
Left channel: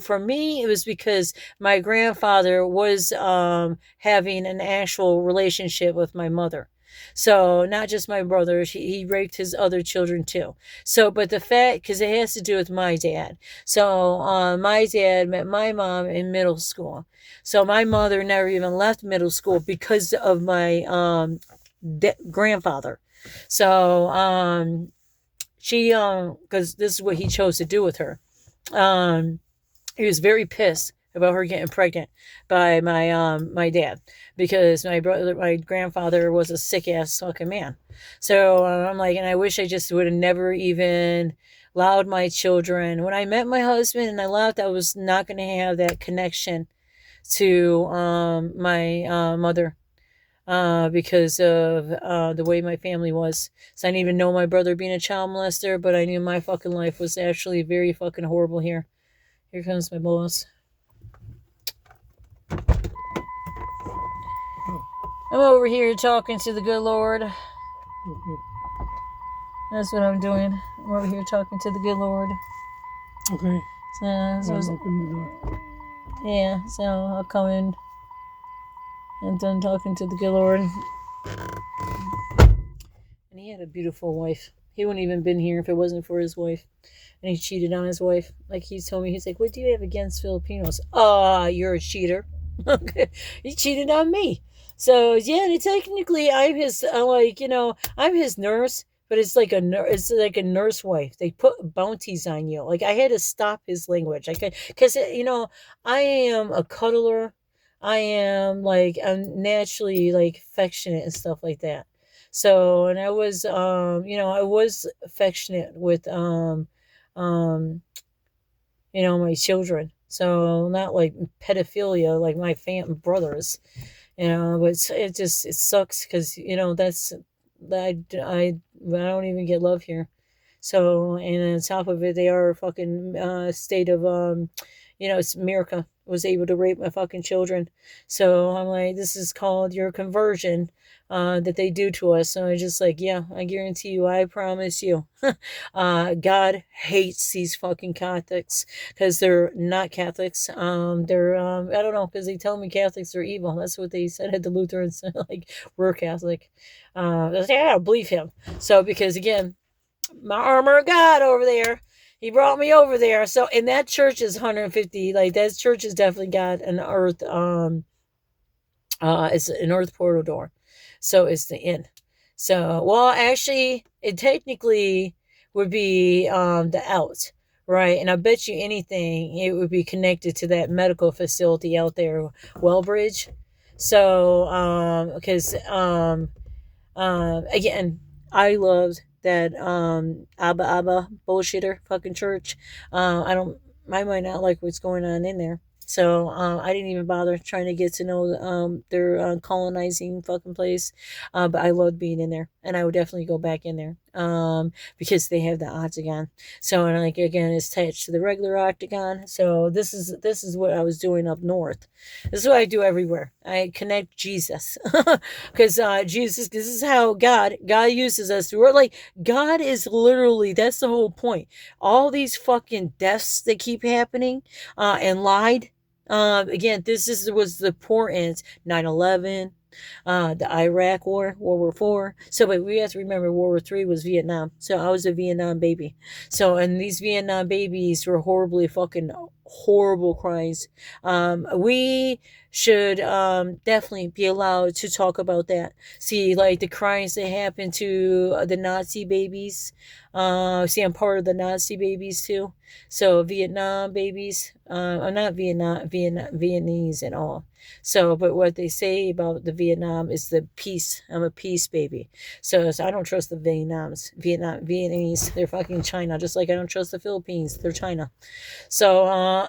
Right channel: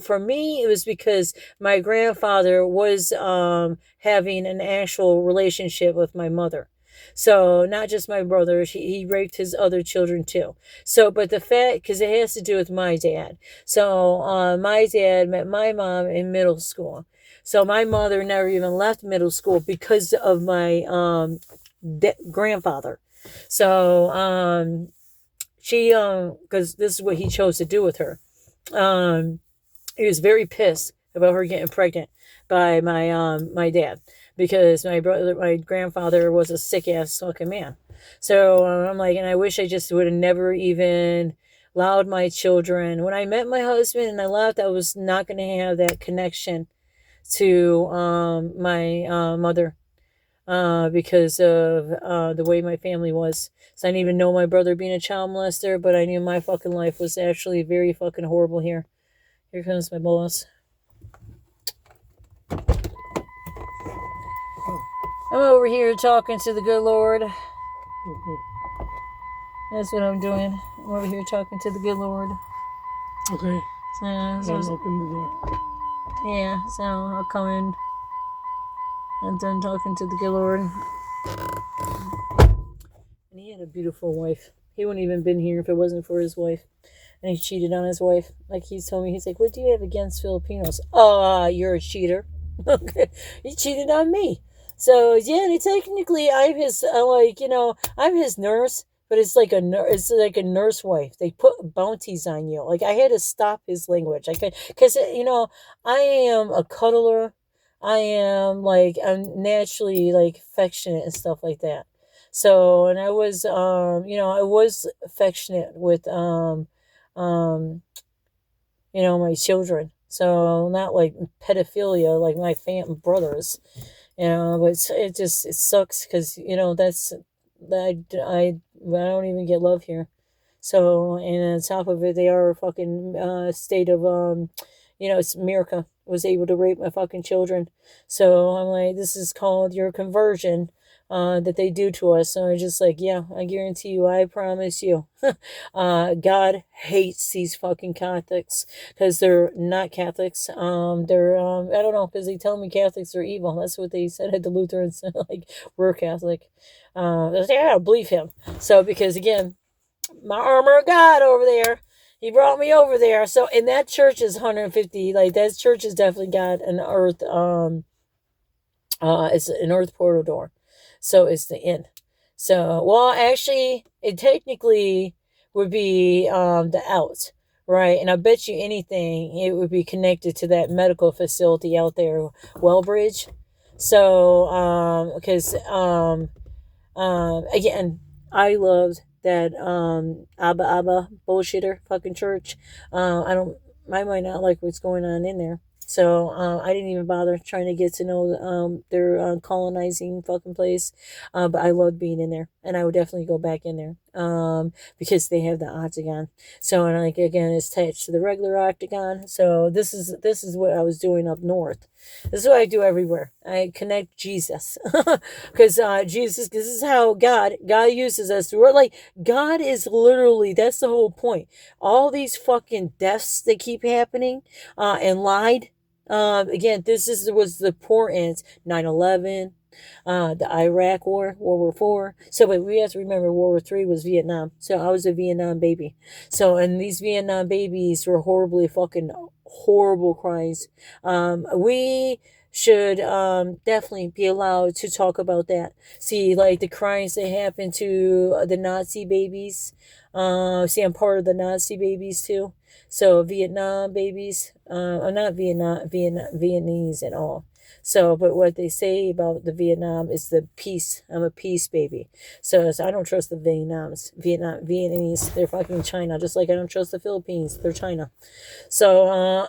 for me, it was because my grandfather was having an actual relationship with my mother. So not just my brother, he raped his other children too. So, but the fact, because it has to do with my dad. So my dad met my mom in middle school. So my mother never even left middle school because of my grandfather. So she, because this is what he chose to do with her. He was very pissed about her getting pregnant by my dad. Because my grandfather was a sick ass fucking man. So I'm like, and I wish I just would have never even allowed my children. When I met my husband and I left, I was not going to have that connection to my mother because of the way my family was. So I didn't even know my brother being a child molester, but I knew my fucking life was actually very fucking horrible here. Here comes my boss. I'm over here talking to the good Lord. That's what I'm doing. I'm over here talking to the good Lord. Okay. So, I'm open the door. yeah, so I'll come in. I'm done talking to the good Lord. And he had a beautiful wife. He wouldn't even been here if it wasn't for his wife. And he cheated on his wife. Like he told me, he's like, what do you have against Filipinos? You're a cheater. Okay. He cheated on me. So yeah, technically I'm his I'm his nurse, but it's like a nurse wife. They put bounties on you. Like I had to stop his language. Because I am a cuddler. I'm naturally like affectionate and stuff like that. So, and I was affectionate with my children. So not like pedophilia like my brothers, but it sucks because that's I don't even get love here. So, and on top of it, they are a fucking state of it's America was able to rape my fucking children. So I'm like, this is called your conversion. That they do to us. So I'm just like, yeah, I guarantee you, I promise you, God hates these fucking Catholics because they're not Catholics. They're I don't know, because they tell me Catholics are evil. That's what they said at the Lutherans. Like, we're Catholic. I was like, I gotta believe him. So because again, my armor of God over there. He brought me over there. So, and that church is 150. Like, that church has definitely got an earth. It's an earth portal door. So it's the inn. So, well, actually, it technically would be the out, right? And I bet you anything, it would be connected to that medical facility out there, Wellbridge. So, because again, I loved that Abba bullshitter fucking church. I might not like what's going on in there. So I didn't even bother trying to get to know their colonizing fucking place. But I loved being in there, and I would definitely go back in there because they have the octagon. So and like again, it's attached to the regular octagon. So this is what I was doing up north. This is what I do everywhere. I connect Jesus because Jesus. This is how God uses us. We're like God is literally. That's the whole point. All these fucking deaths that keep happening and lied. Again, was the poor ends. 9/11, the Iraq War, World War IV. So, but we have to remember World War III was Vietnam. So I was a Vietnam baby. So, and these Vietnam babies were horrible crimes. We should definitely be allowed to talk about that. See, like the crimes that happened to the Nazi babies. See, I'm part of the Nazi babies too. So Vietnam babies, I'm not Vietnamese at all. So, but what they say about the Vietnam is the peace. I'm a peace baby. So I don't trust the Vietnamese. They're fucking China. Just like I don't trust the Philippines. They're China. So,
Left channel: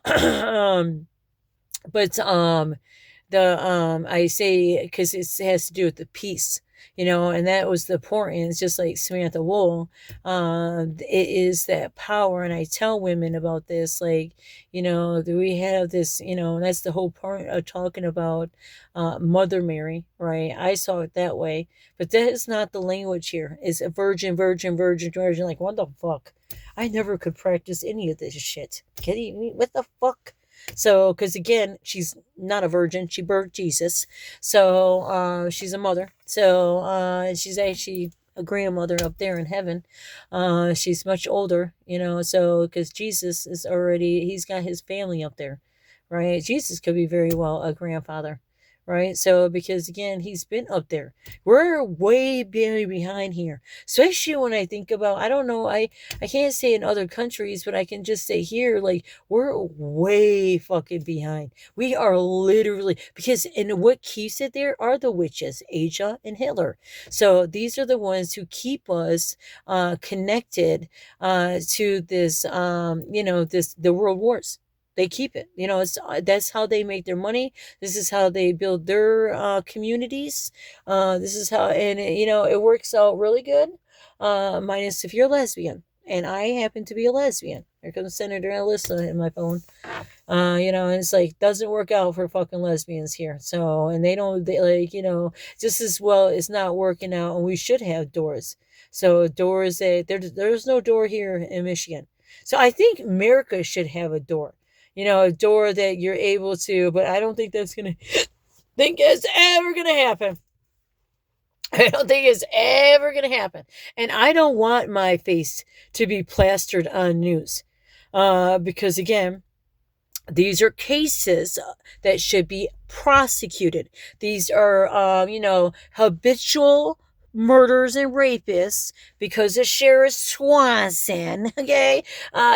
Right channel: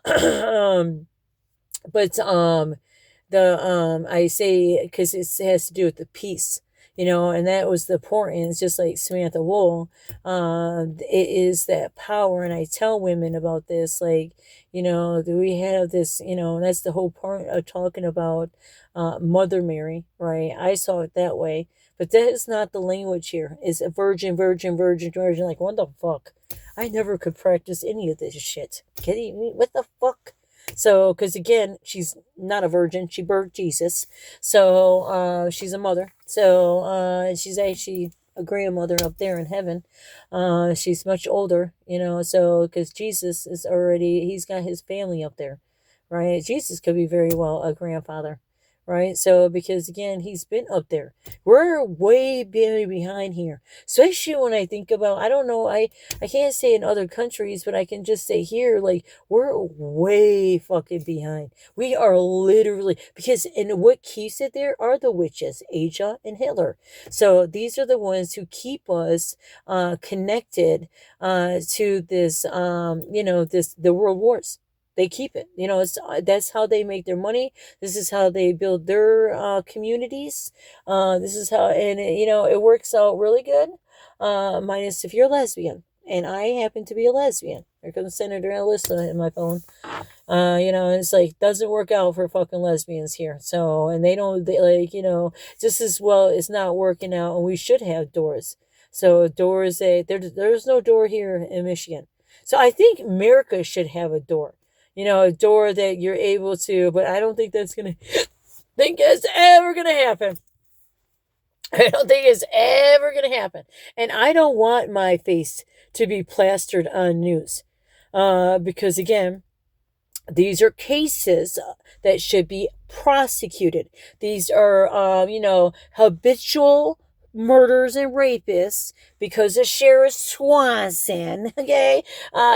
I say because it has to do with the peace. And that was the importance, just like Samantha Wool. It is that power, and I tell women about this, like, do we have this, and that's the whole point of talking about Mother Mary, right? I saw it that way, but that is not the language here. It's a virgin, virgin, virgin, virgin. Like, what the fuck? I never could practice any of this shit. Kidding me? What the fuck? So, because again, she's not a virgin. She birthed Jesus. So, she's a mother. So, and she's actually a grandmother up there in heaven. She's much older, so, because Jesus he's got his family up there, right? Jesus could be very well a grandfather. Right, so because again, he's been up there. We're way behind here, especially when I think about. I don't know. I can't say in other countries, but I can just say here, like we're way fucking behind. We are literally and what keeps it there are the witches, Asia and Hitler. So these are the ones who keep us connected to this, the world wars. They keep it. That's how they make their money. This is how they build their communities. This is how, and it works out really good. Minus if you're a lesbian, and I happen to be a lesbian. Here comes Senator Alyssa in my phone. And it's like doesn't work out for fucking lesbians here. So, and they just as well it's not working out, and we should have doors. So doors that there's no door here in Michigan. So I think America should have a door. A door that you're able to, but I don't think that's gonna think it's ever gonna happen. I don't think it's ever gonna happen. And I don't want my face to be plastered on news. Because again, these are cases that should be prosecuted. These are, habitual murders and rapists because of Sheriff Swanson, okay,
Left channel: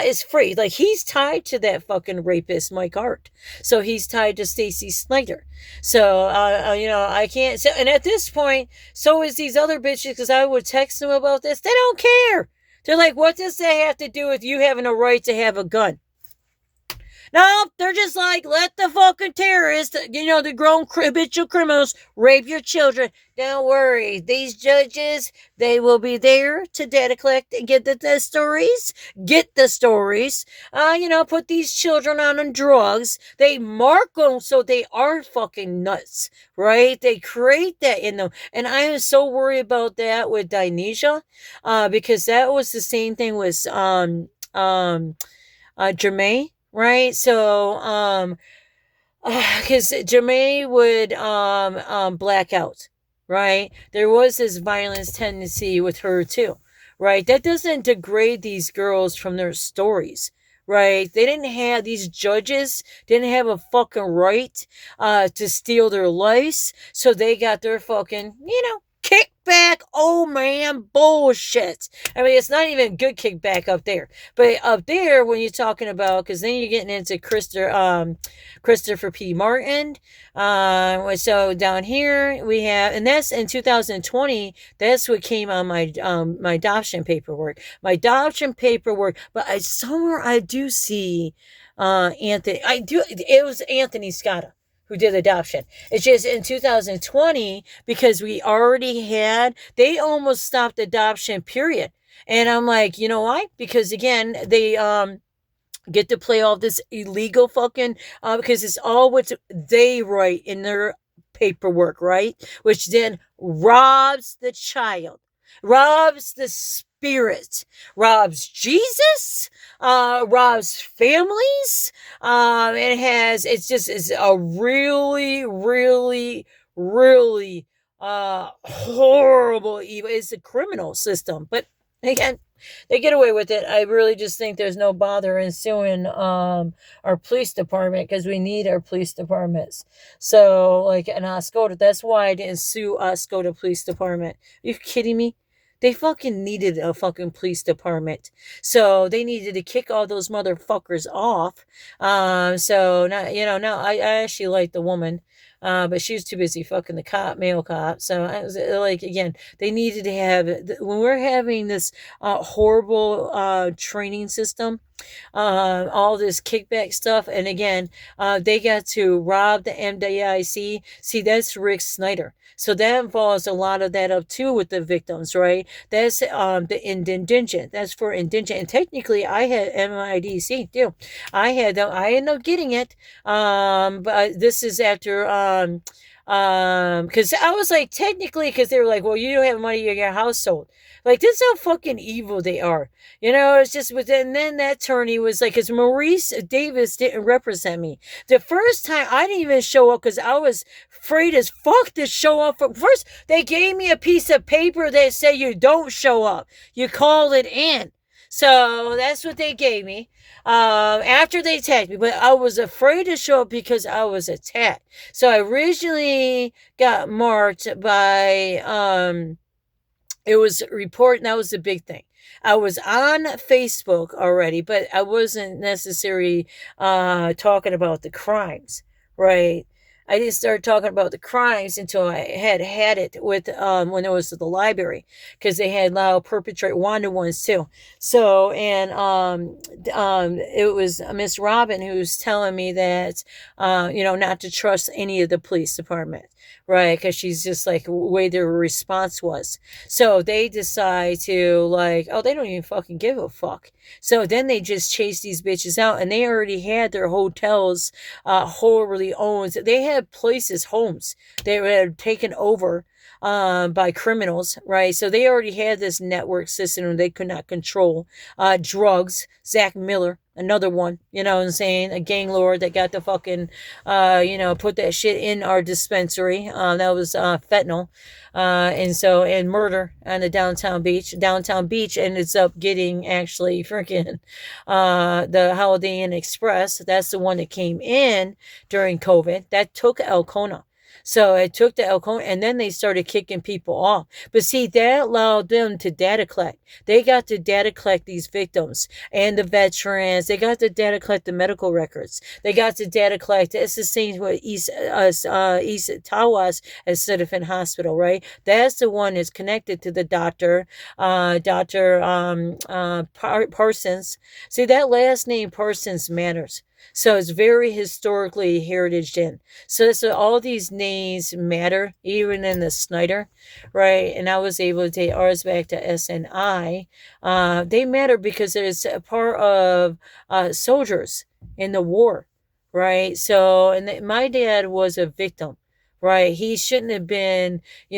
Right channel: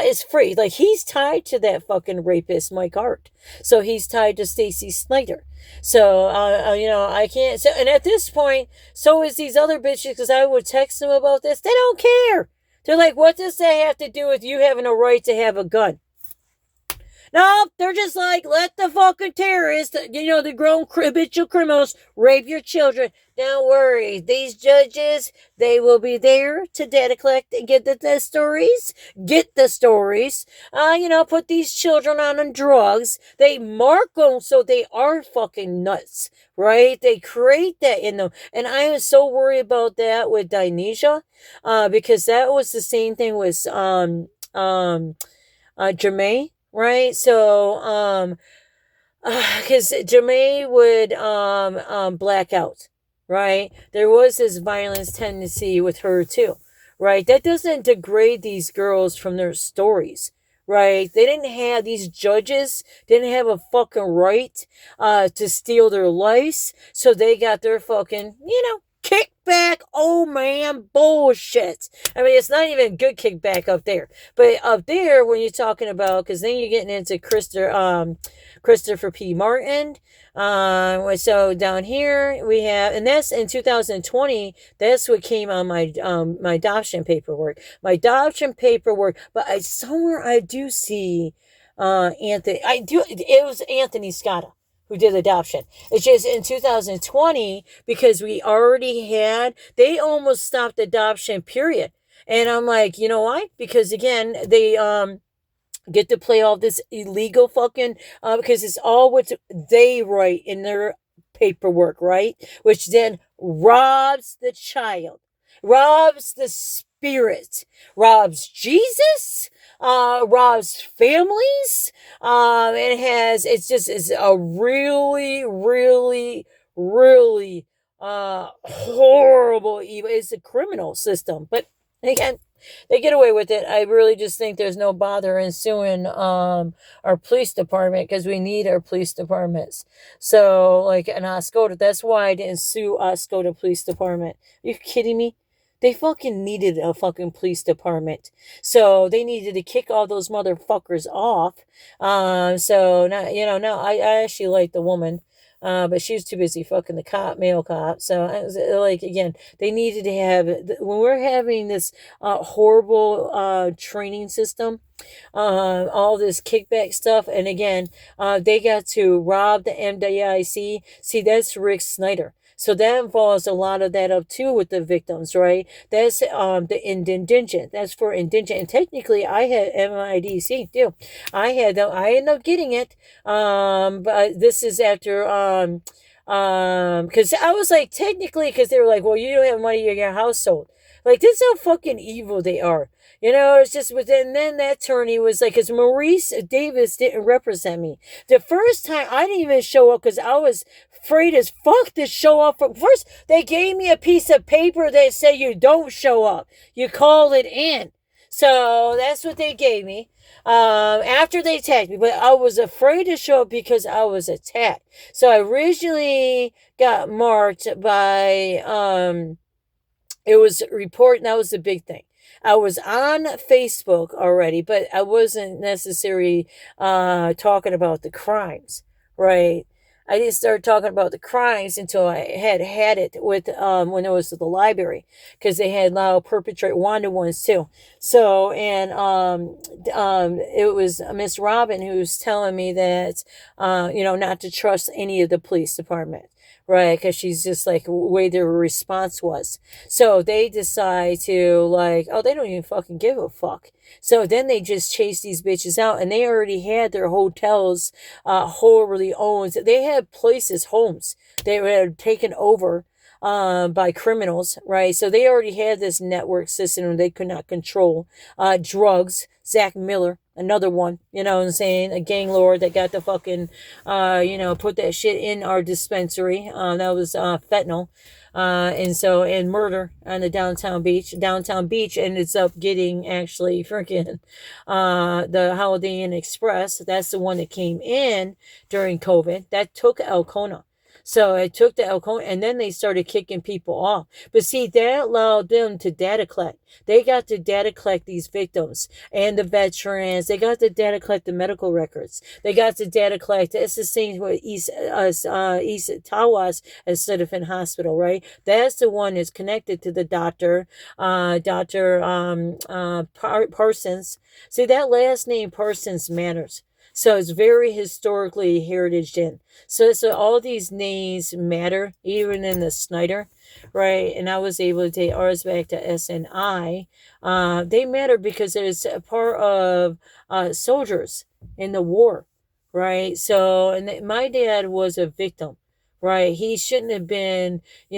is free. Like, he's tied to that fucking rapist, Mike Hart. So he's tied to Stacy Snyder. So, I can't. So, and at this point, so is these other bitches, because I would text them about this. They don't care. They're like, what does that have to do with you having a right to have a gun? No, they're just like, let the fucking terrorists, the grown habitual criminals rape your children. Don't worry. These judges, they will be there to data collect and get the stories. Get the stories. Put these children on drugs. They mark them so they are fucking nuts, right? They create that in them. And I am so worried about that with Dinesia, because that was the same thing with Jermaine. Right, so because Jermaine would black out, right? There was this violence tendency with her too, right? That doesn't degrade these girls from their stories, right? These judges didn't have a fucking right to steal their lives, so they got their fucking, kickback, oh man, bullshit. I mean, it's not even good kickback up there. But up there, when you're talking about, because then you're getting into Christopher P. Martin. So down here we have, and that's in 2020. That's what came on my adoption paperwork. But somewhere I do see Anthony. It was Anthony Scotta who did adoption. It's just in 2020, because they almost stopped adoption, period. And I'm like, you know why? Because again, they get to play all this illegal fucking, because it's all what they write in their paperwork, right? Which then robs the child, robs the spirit, robs Jesus, robs families. It's a really, really, really horrible evil. It's a criminal system, but again, they get away with it. I really just think there's no bother in suing our police department, because we need our police departments. So, like in Oscoda, that's why I didn't sue Oscoda Police Department. Are you kidding me? They fucking needed a fucking police department. So they needed to kick all those motherfuckers off. No, I actually like the woman. But she was too busy fucking the male cop. So I was like, again, they needed to have, when we're having this horrible training system, all this kickback stuff, and again, they got to rob the MDIC. See, that's Rick Snyder. So that involves a lot of that up too with the victims, right? That's the indigent. That's for indigent. And technically, I had MIDC too. I ended up getting it. But this is after because I was like, technically, because they were like, well, you don't have money in your household. Like, this is how fucking evil they are. It's just, but then that attorney was like, because Maurice Davis didn't represent me. The first time I didn't even show up because I was afraid as fuck to show up. First, they gave me a piece of paper that said you don't show up. You call it in. So that's what they gave me. After they attacked me, but I was afraid to show up because I was attacked. So I originally got marked by, it was reported, that was the big thing. I was on Facebook already, but I wasn't necessarily talking about the crimes, right? I didn't start talking about the crimes until I had it with when it was at the library, because they had now perpetrate wanted ones too. So, and it was Miss Robin who was telling me that not to trust any of the police department. Right, because she's just like the way their response was. So they decide to like, oh, they don't even fucking give a fuck. So then they just chase these bitches out, and they already had their hotels wholly owned. They had places, homes they had taken over by criminals, right? So they already had this network system they could not control. Drugs, Zach Miller, another one, you know what I'm saying? A gang lord that got the fucking, put that shit in our dispensary. That was fentanyl. And murder on the downtown beach ends up getting actually freaking the Holiday Inn Express. That's the one that came in during COVID that took Elkona. So it took the Elkona, and then they started kicking people off. But see, that allowed them to data collect. They got to data collect these victims and the veterans. They got to data collect the medical records. They got to data collect. It's the same with East Tawas as Citizen Hospital, right? That's the one that's connected to the doctor, Parsons. See, that last name Parsons matters. So it's very historically heritage in. So all these names matter, even in the Snyder, right? And I was able to take ours back to SNI. They matter because it's a part of soldiers in the war, right? So, and my dad was a victim. Right, he shouldn't have been. He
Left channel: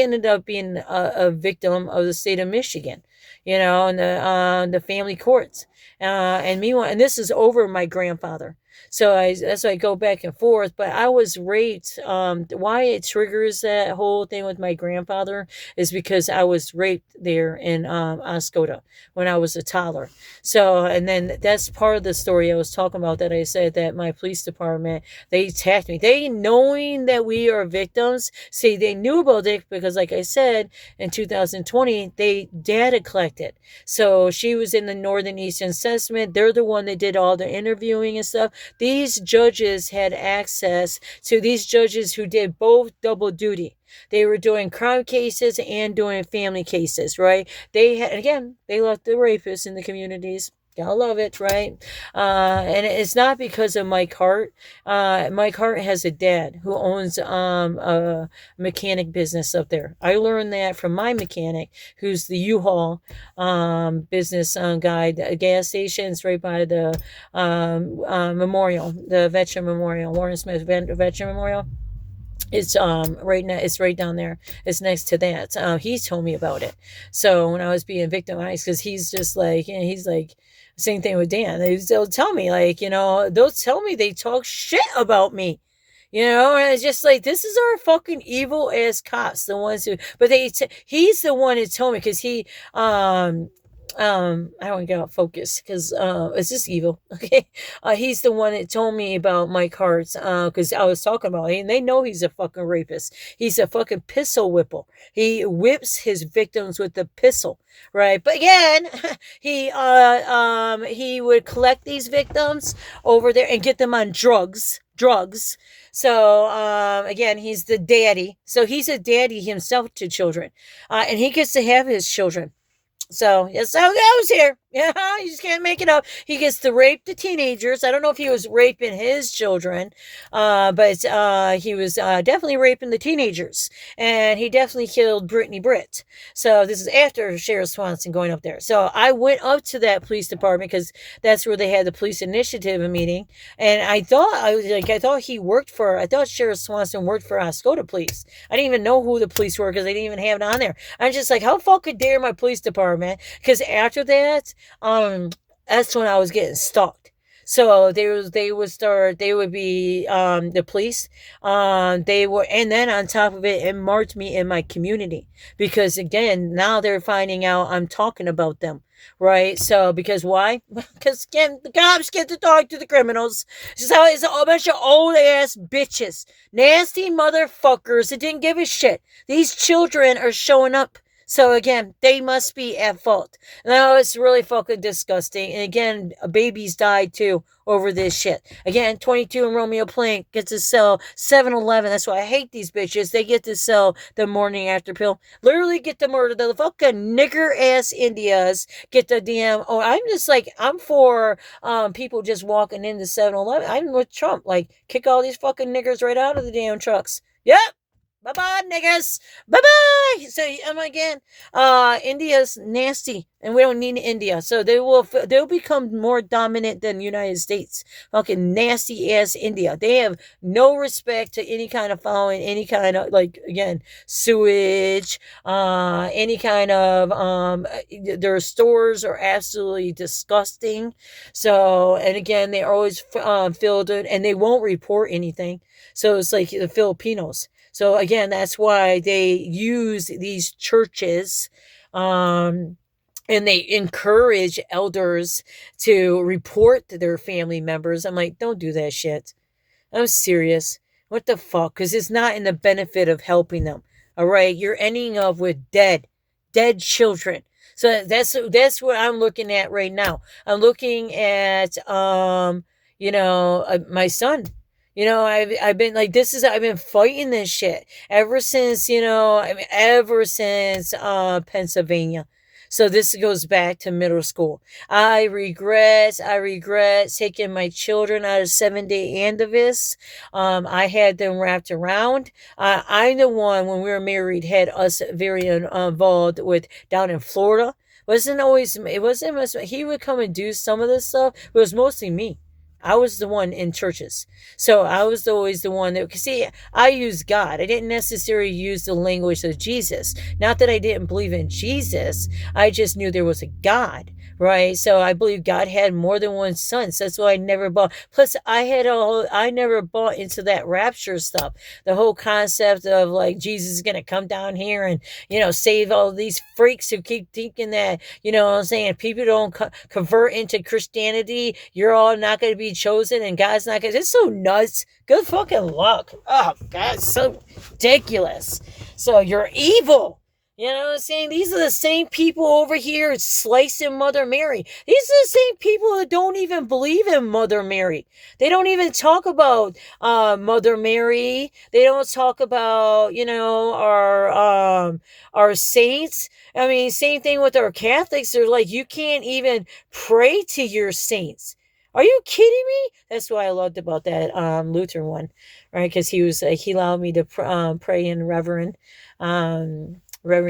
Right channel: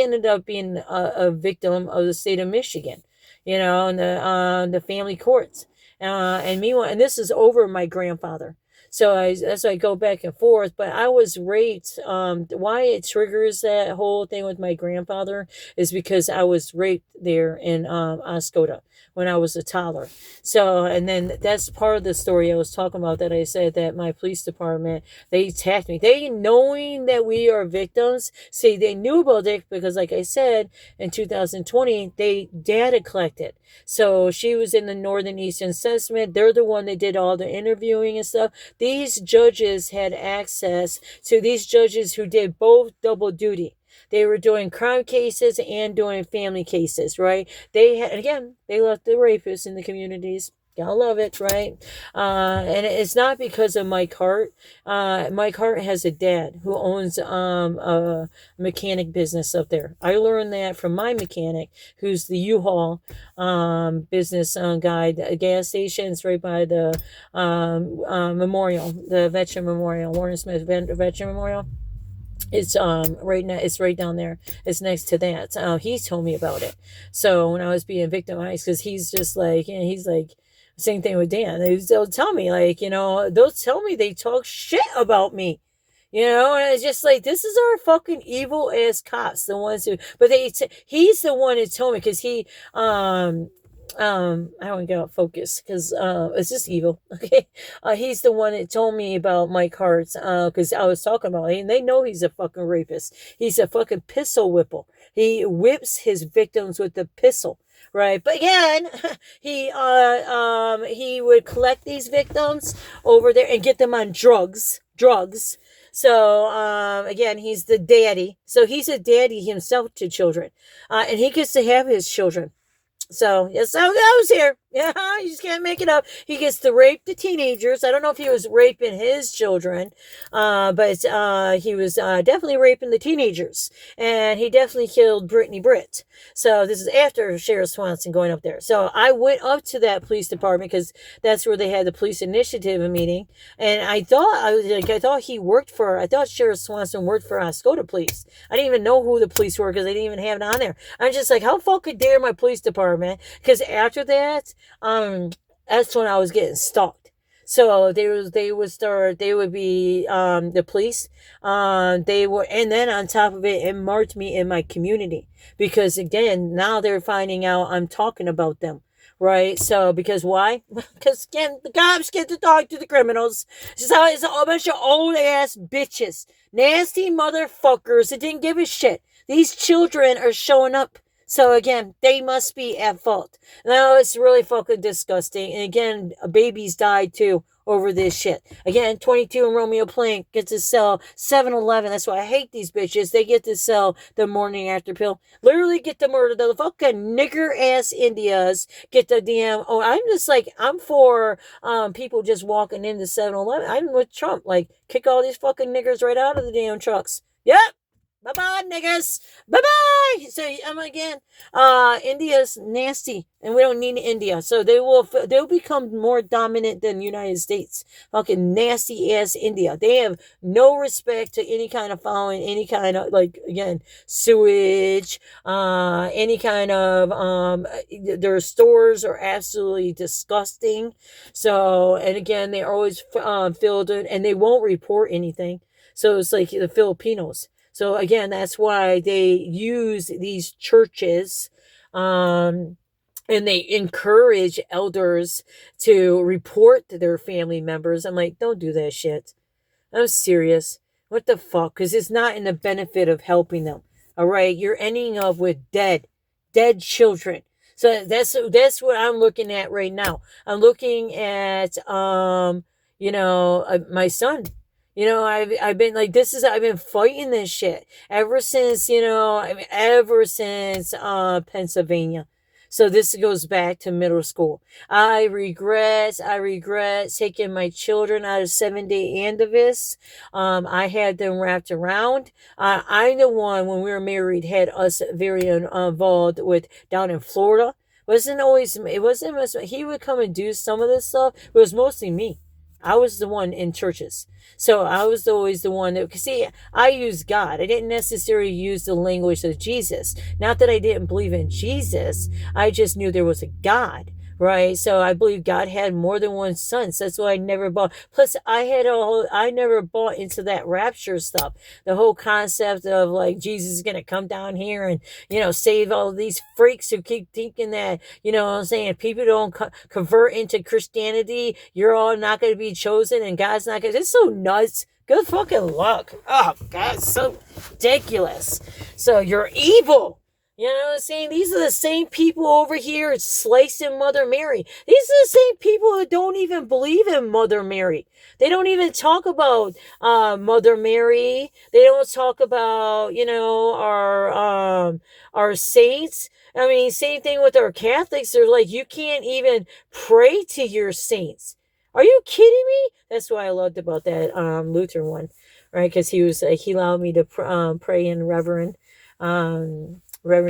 ended up being a victim of the state of Michigan. And the family courts. And meanwhile, and this is over my grandfather. So that's why I go back and forth. But I was raped. Why it triggers that whole thing with my grandfather is because I was raped there in Oscoda when I was a toddler. So, and then that's part of the story I was talking about, that I said that my police department, they attacked me. They, knowing that we are victims, see, they knew about it because, like I said, in 2020, they data collected. So she was in the Northern Eastern Assessment. They're the one that did all the interviewing and stuff. These judges had access to these judges who did both double duty. They were doing crime cases and doing family cases, right? They left the rapists in the communities. Gotta love it, right? And it's not because of Mike Hart. Mike Hart has a dad who owns a mechanic business up there. I learned that from my mechanic, who's the U-Haul business guy. The gas station's right by the memorial, the Veteran Memorial, Warren Smith Veteran Memorial. It's right now. It's right down there. It's next to that. He told me about it. So when I was being victimized, because he's just like, he's like, same thing with Dan. They'll tell me they'll tell me they talk shit about me. And it's just like, this is our fucking evil ass cops, the ones who. But he's the one that told me, because he I don't get out focus because it's just evil. Okay, he's the one that told me about Mike Hart because I was talking about it, and they know he's a fucking rapist. He's a fucking pistol whipper. He whips his victims with the pistol, right? But again, he would collect these victims over there and get them on drugs. So again, he's the daddy. So he's a daddy himself to children, and he gets to have his children. So that's how it goes here. Yeah, you just can't make it up. He gets to rape the teenagers. I don't know if he was raping his children, but he was definitely raping the teenagers. And he definitely killed Brittany Britt. So this is after Sheriff Swanson going up there. So I went up to that police department because that's where they had the police initiative meeting. And I thought Sheriff Swanson worked for Oscoda Police. I didn't even know who the police were because they didn't even have it on there. I'm just like, how fucking dare my police department? Because after that, that's when I was getting stalked. So they would be the police. And then on top of it, it marked me in my community because again, now they're finding out I'm talking about them. Right? So, because why? Because again, the cops get to talk to the criminals. So it's a bunch of old ass bitches. Nasty motherfuckers that didn't give a shit. These children are showing up. So again, they must be at fault. Now it's really fucking disgusting. And again, babies died too over this shit. Again, 22 and Romeo Plank gets to sell 7-Eleven. That's why I hate these bitches. They get to sell the morning after pill. Literally get to murder the fucking nigger ass Indias. Get the damn. Oh, I'm just like, I'm for people just walking into 7-Eleven. I'm with Trump. Like, kick all these fucking niggers right out of the damn trucks. Yep. Bye-bye, niggas. Bye-bye. So again, India's nasty, and we don't need India. So they'll become more dominant than the United States. Fucking nasty ass India. They have no respect to any kind of following, any kind of, like, again, sewage, any kind of their stores are absolutely disgusting. So, and again, they're always filled in, and they won't report anything. So it's like the Filipinos. So again, that's why they use these churches, and they encourage elders to report to their family members. I'm like, don't do that shit. I'm serious. What the fuck? Because it's not in the benefit of helping them. All right, you're ending up with dead children. So that's what I'm looking at right now. I'm looking at my son. I've been like, I've been fighting this shit ever since, ever since Pennsylvania. So this goes back to middle school. I regret taking my children out of 7-day Andivis. I had them wrapped around. I'm the one, when we were married, had us very involved with down in Florida. It wasn't, he would come and do some of this stuff, but it was mostly me. I was the one in churches. So I was always the one that, see, I used God. I didn't necessarily use the language of Jesus. Not that I didn't believe in Jesus. I just knew there was a God, right? So I believe God had more than one son. So that's why I never bought. Plus, I never bought into that rapture stuff. The whole concept of like Jesus is going to come down here and, save all these freaks who keep thinking that, what I'm saying, people don't convert into Christianity. You're all not going to be chosen and God's not going to. It's so nuts. Good fucking luck. Oh, God, it's so ridiculous. So you're evil. You know what I'm saying? These are the same people over here slicing Mother Mary. These are the same people that don't even believe in Mother Mary. They don't even talk about Mother Mary. They don't talk about, our saints. I mean, same thing with our Catholics. They're like, you can't even pray to your saints. Are you kidding me? That's what I loved about that Lutheran one, right? Because he allowed me to pray in Reverend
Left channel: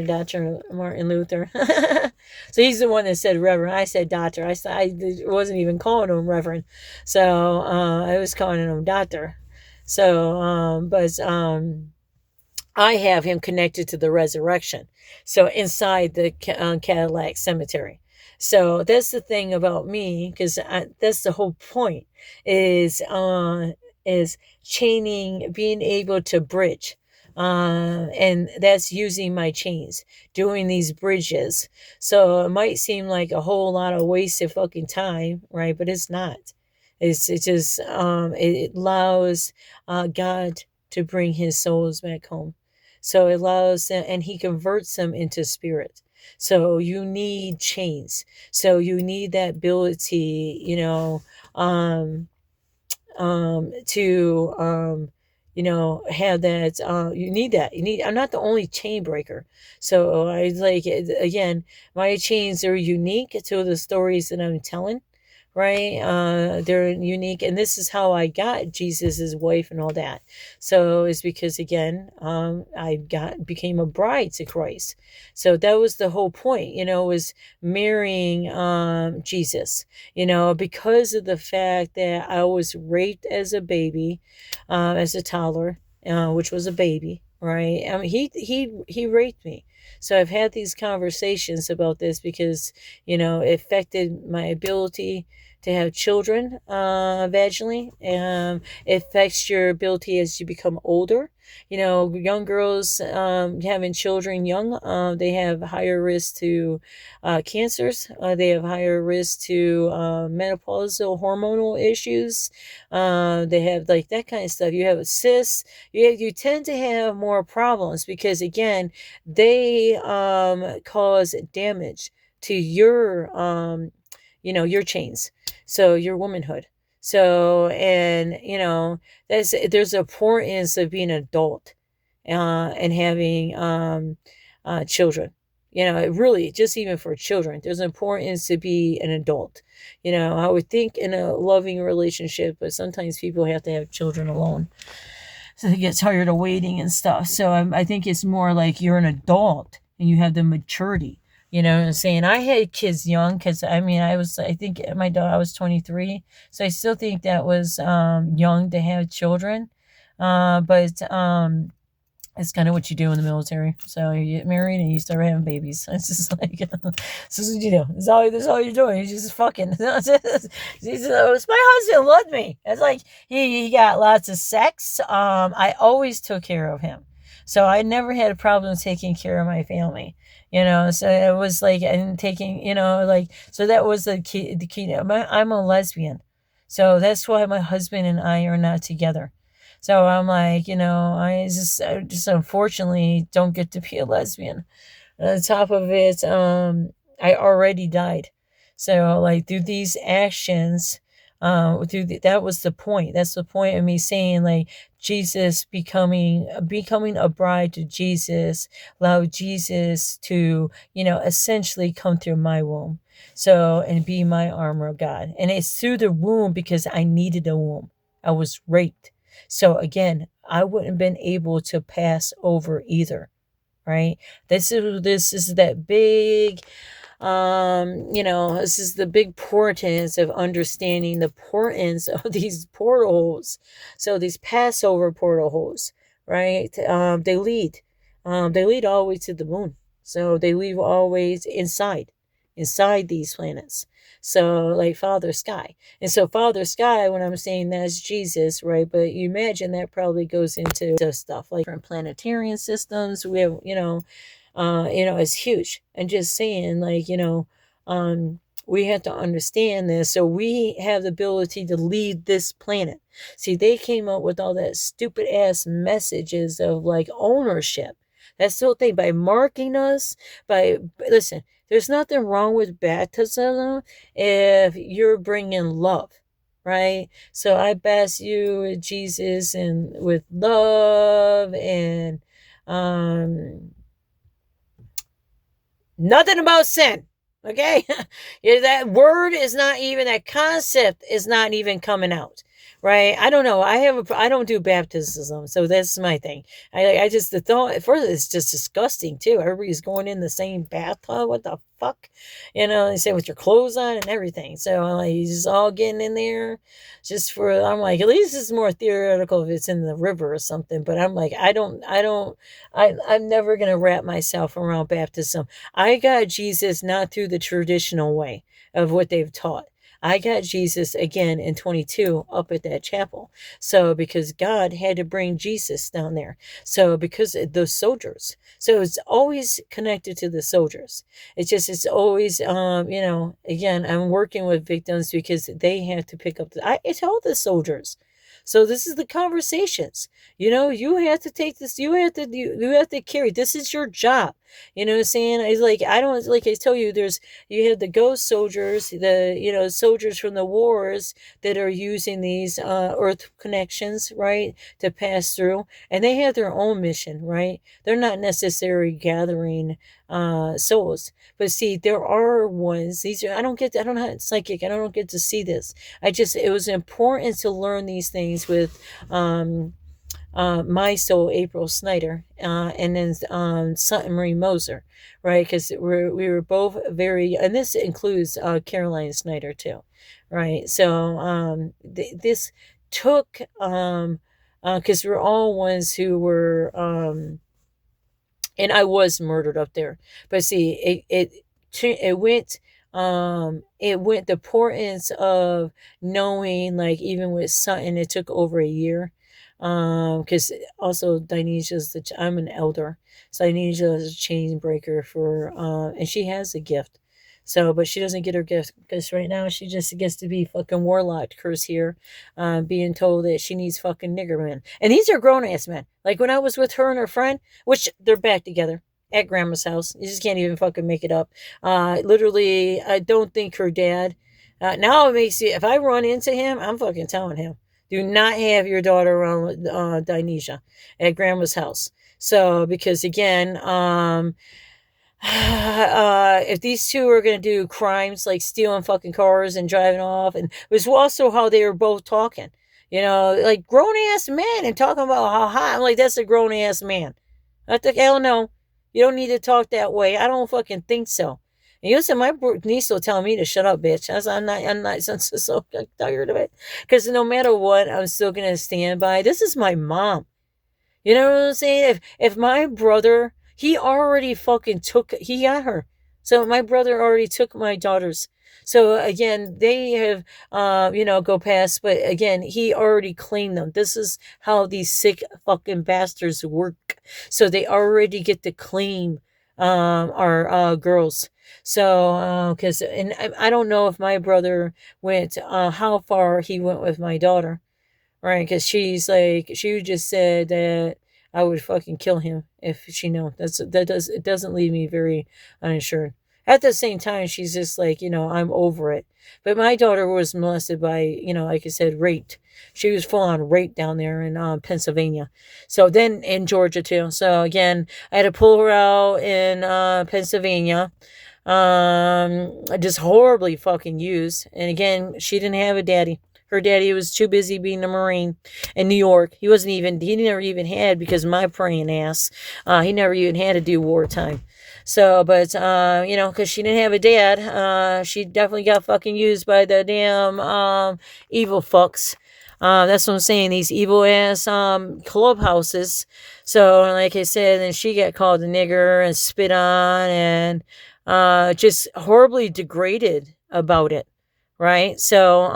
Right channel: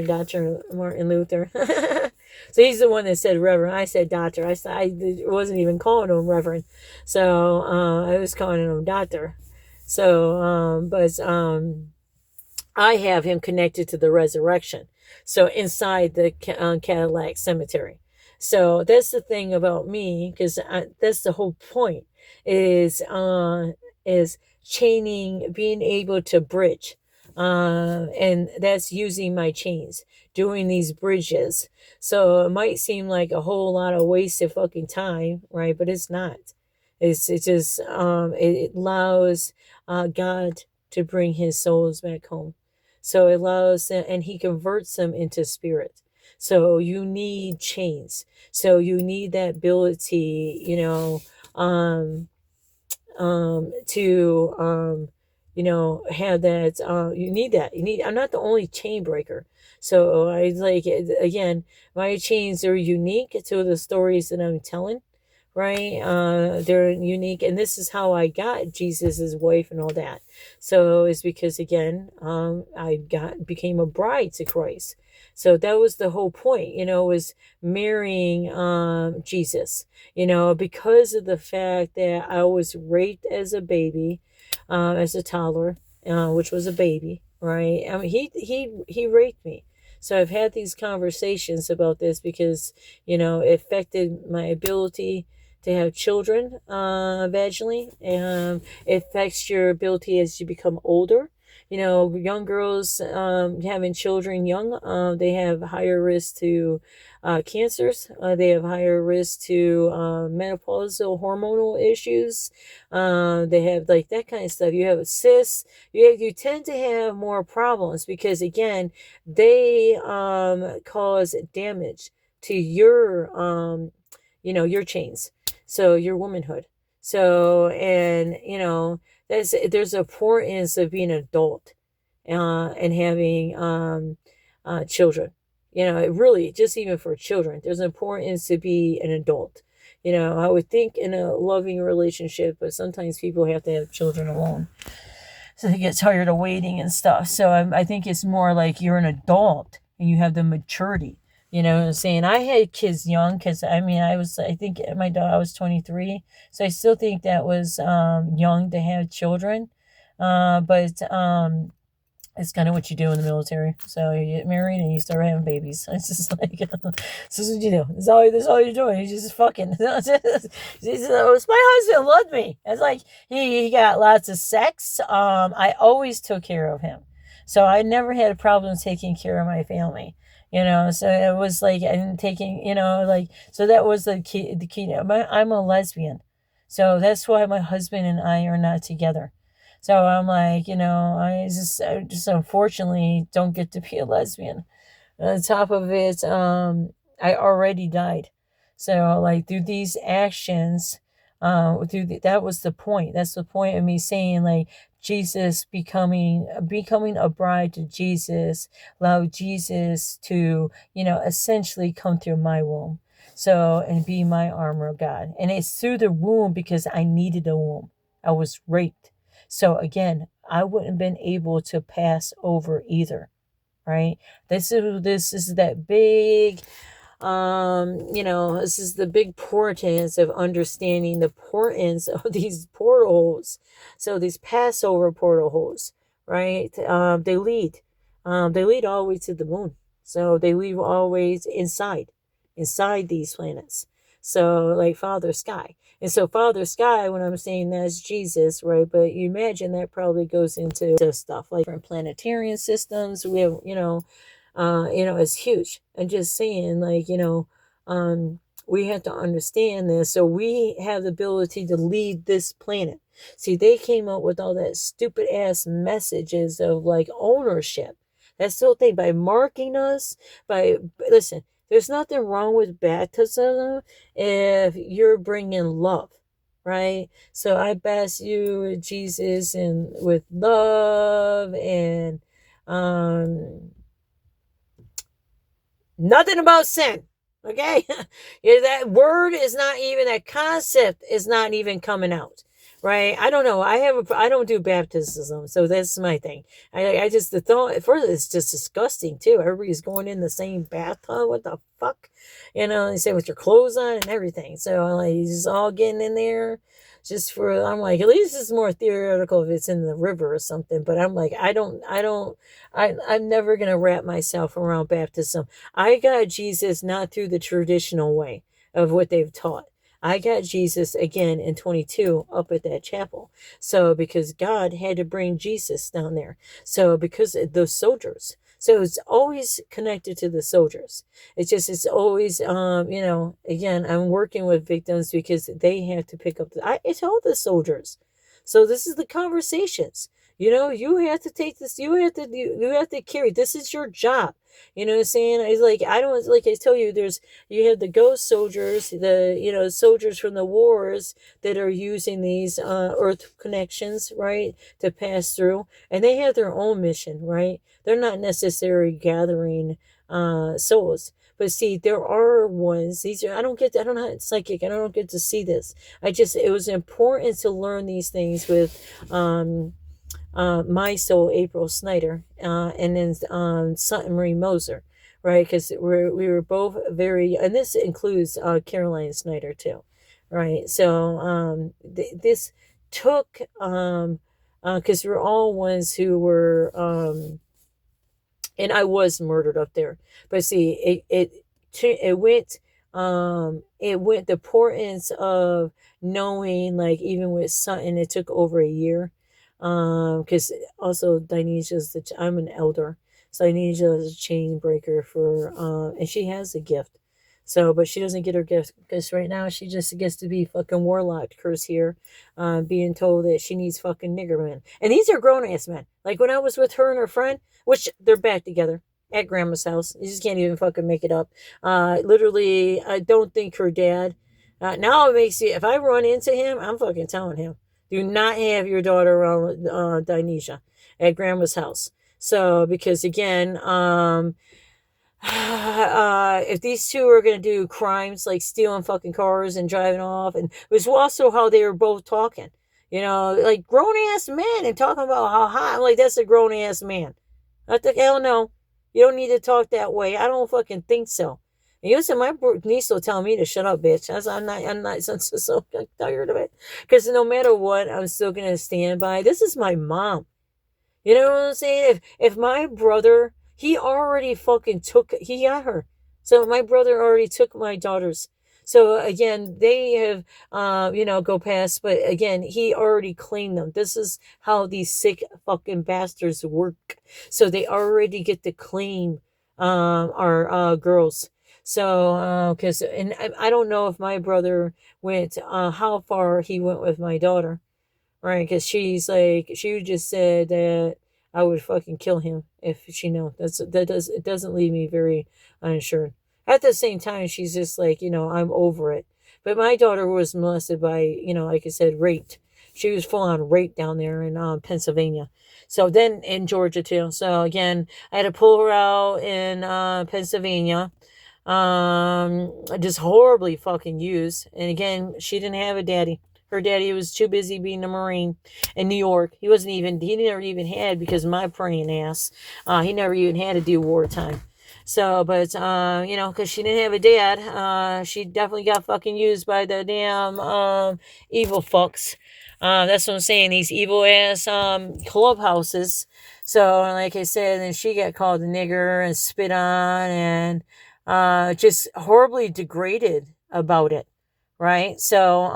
Dr. Martin Luther. So he's the one that said Reverend. I said Doctor. I wasn't even calling him Reverend. So I was calling him Doctor. So, I have him connected to the resurrection. So inside the Cadillac Cemetery. So that's the thing about me, because that's the whole point, is chaining, being able to bridge. And that's using my chains, doing these bridges. So it might seem like a whole lot of wasted fucking time, right? But it's not. It's just it allows God to bring his souls back home. So it allows them, and he converts them into spirit. So you need chains. So you need that ability, to have that. You need that. I'm not the only chain breaker. So I again, my chains are unique to the stories that I'm telling, right? They're unique, and this is how I got Jesus's wife and all that. So it's because, again, I became a bride to Christ. So that was the whole point, was marrying Jesus, because of the fact that I was raped as a baby, as a toddler, which was a baby, right? I mean, he raped me. So I've had these conversations about this because, it affected my ability to have children vaginally. It affects your ability as you become older. Young girls having children young, they have higher risk to cancers. They have higher risk to menopausal hormonal issues. They have like that kind of stuff. You have cysts. You tend to have more problems because, again, they cause damage to your your chains. So your womanhood. So, and there's an importance of being an adult and having children. Really, just even for children, there's an importance to be an adult. I would think in a loving relationship, but sometimes people have to have children alone. So they get tired of waiting and stuff. So I think it's more like you're an adult and you have the maturity. You know what I'm saying? I had kids young because I think my daughter, I was 23. So I still think that was young to have children. But it's kind of what you do in the military. So you get married and you start having babies. It's just like, this is what you do. That's all you're doing. You're just fucking. My husband loved me. It's like, he got lots of sex. I always took care of him. So I never had a problem taking care of my family. You know, so it was like, and taking, you know, like, so that was the key. I'm a lesbian. So that's why my husband and I are not together. So I'm like, you know, I just unfortunately don't get to be a lesbian. On top of it, I already died. So like through these actions, that was the point. That's the point of me saying like Jesus becoming a bride to Jesus, allow Jesus to, you know, essentially come through my womb. So, and be my armor of God. And it's through the womb because I needed a womb. I was raped. So again, I wouldn't have been able to pass over either, right? This is that big, you know, this is the big importance of understanding the importance of these portals. So these Passover portals, right? They lead all the way to the moon. So they lead always inside these planets. So like Father Sky. And so Father Sky, when I'm saying that's Jesus, right? But you imagine that probably goes into stuff like different planetarian systems. We have, it's huge. And just saying like, we have to understand this. So we have the ability to lead this planet. See, they came up with all that stupid ass messages of like ownership. That's the whole thing. By marking us, listen, there's nothing wrong with baptism if you're bringing love, right? So I baptize you with Jesus and with love and nothing about sin, okay? That word is not even, that concept is not even coming out. Right? I don't know. I don't do baptism, so that's my thing. I just, the thought, first, it's just disgusting too. Everybody's going in the same bathtub. What the fuck? You know, they say with your clothes on and everything. So I'm like, you're just all getting in there just for, I'm like, at least it's more theoretical if it's in the river or something. But I'm like, I'm never going to wrap myself around baptism. I got Jesus not through the traditional way of what they've taught. I got Jesus again in 22 up at that chapel. So because God had to bring Jesus down there. So because the soldiers. So it's always connected to the soldiers. It's always, again, I'm working with victims because they have to pick up I tell the soldiers. So this is the conversations. You have to take this, you have to carry, this is your job. You know what I'm saying? It's like, I don't, like I tell you, you have the ghost soldiers, soldiers from the wars that are using these earth connections, right, to pass through. And they have their own mission, right? They're not necessarily gathering souls. But see, there are ones, I'm not psychic, I don't get to see this. It was important to learn these things with my soul, April Snyder, and then Sutton Marie Moser, right? Because we were both very, and this includes Caroline Snyder too, right? So this took, because we're all ones who were, and I was murdered up there. But see, it went the importance of knowing, like, even with Sutton, it took over a year. Because also I'm an elder, so Dinesia is a chain breaker for, and she has a gift. So, but she doesn't get her gift because right now she just gets to be fucking warlock curse here, being told that she needs fucking nigger men. And these are grown ass men. Like when I was with her and her friend, which they're back together at grandma's house. You just can't even fucking make it up. Literally, I don't think her dad, now it makes you, if I run into him, I'm fucking telling him, do not have your daughter around with Dinesia at grandma's house. So, because again, if these two are going to do crimes like stealing fucking cars and driving off, and it was also how they were both talking. You know, like grown ass man and talking about how hot. I'm like, that's a grown ass man. I think, hell no. You don't need to talk that way. I don't fucking think so. And you said my niece will tell me to shut up, bitch. I said, I'm not so tired of it. Because no matter what, I'm still going to stand by. This is my mom. You know what I'm saying? If my brother, he already fucking he got her. So my brother already took my daughters. So again, they have, go past, but again, he already claimed them. This is how these sick fucking bastards work. So they already get to claim, our, girls. So, cause, and I don't know if my brother went, how far he went with my daughter. Right, because she just said that I would fucking kill him if she knew. It doesn't leave me very uninsured. At the same time, she's just like, I'm over it. But my daughter was molested by, like I said, raped. She was full on raped down there in Pennsylvania. So then in Georgia too. So again, I had to pull her out in Pennsylvania. Just horribly fucking used. And again, she didn't have a daddy. Her daddy was too busy being a Marine in New York. He never even had, because of my praying ass, he never even had to do wartime. So, but, because she didn't have a dad, she definitely got fucking used by the damn, evil fucks. That's what I'm saying, these evil ass, clubhouses. So, like I said, then she got called a nigger and spit on and, just horribly degraded about it. Right? So,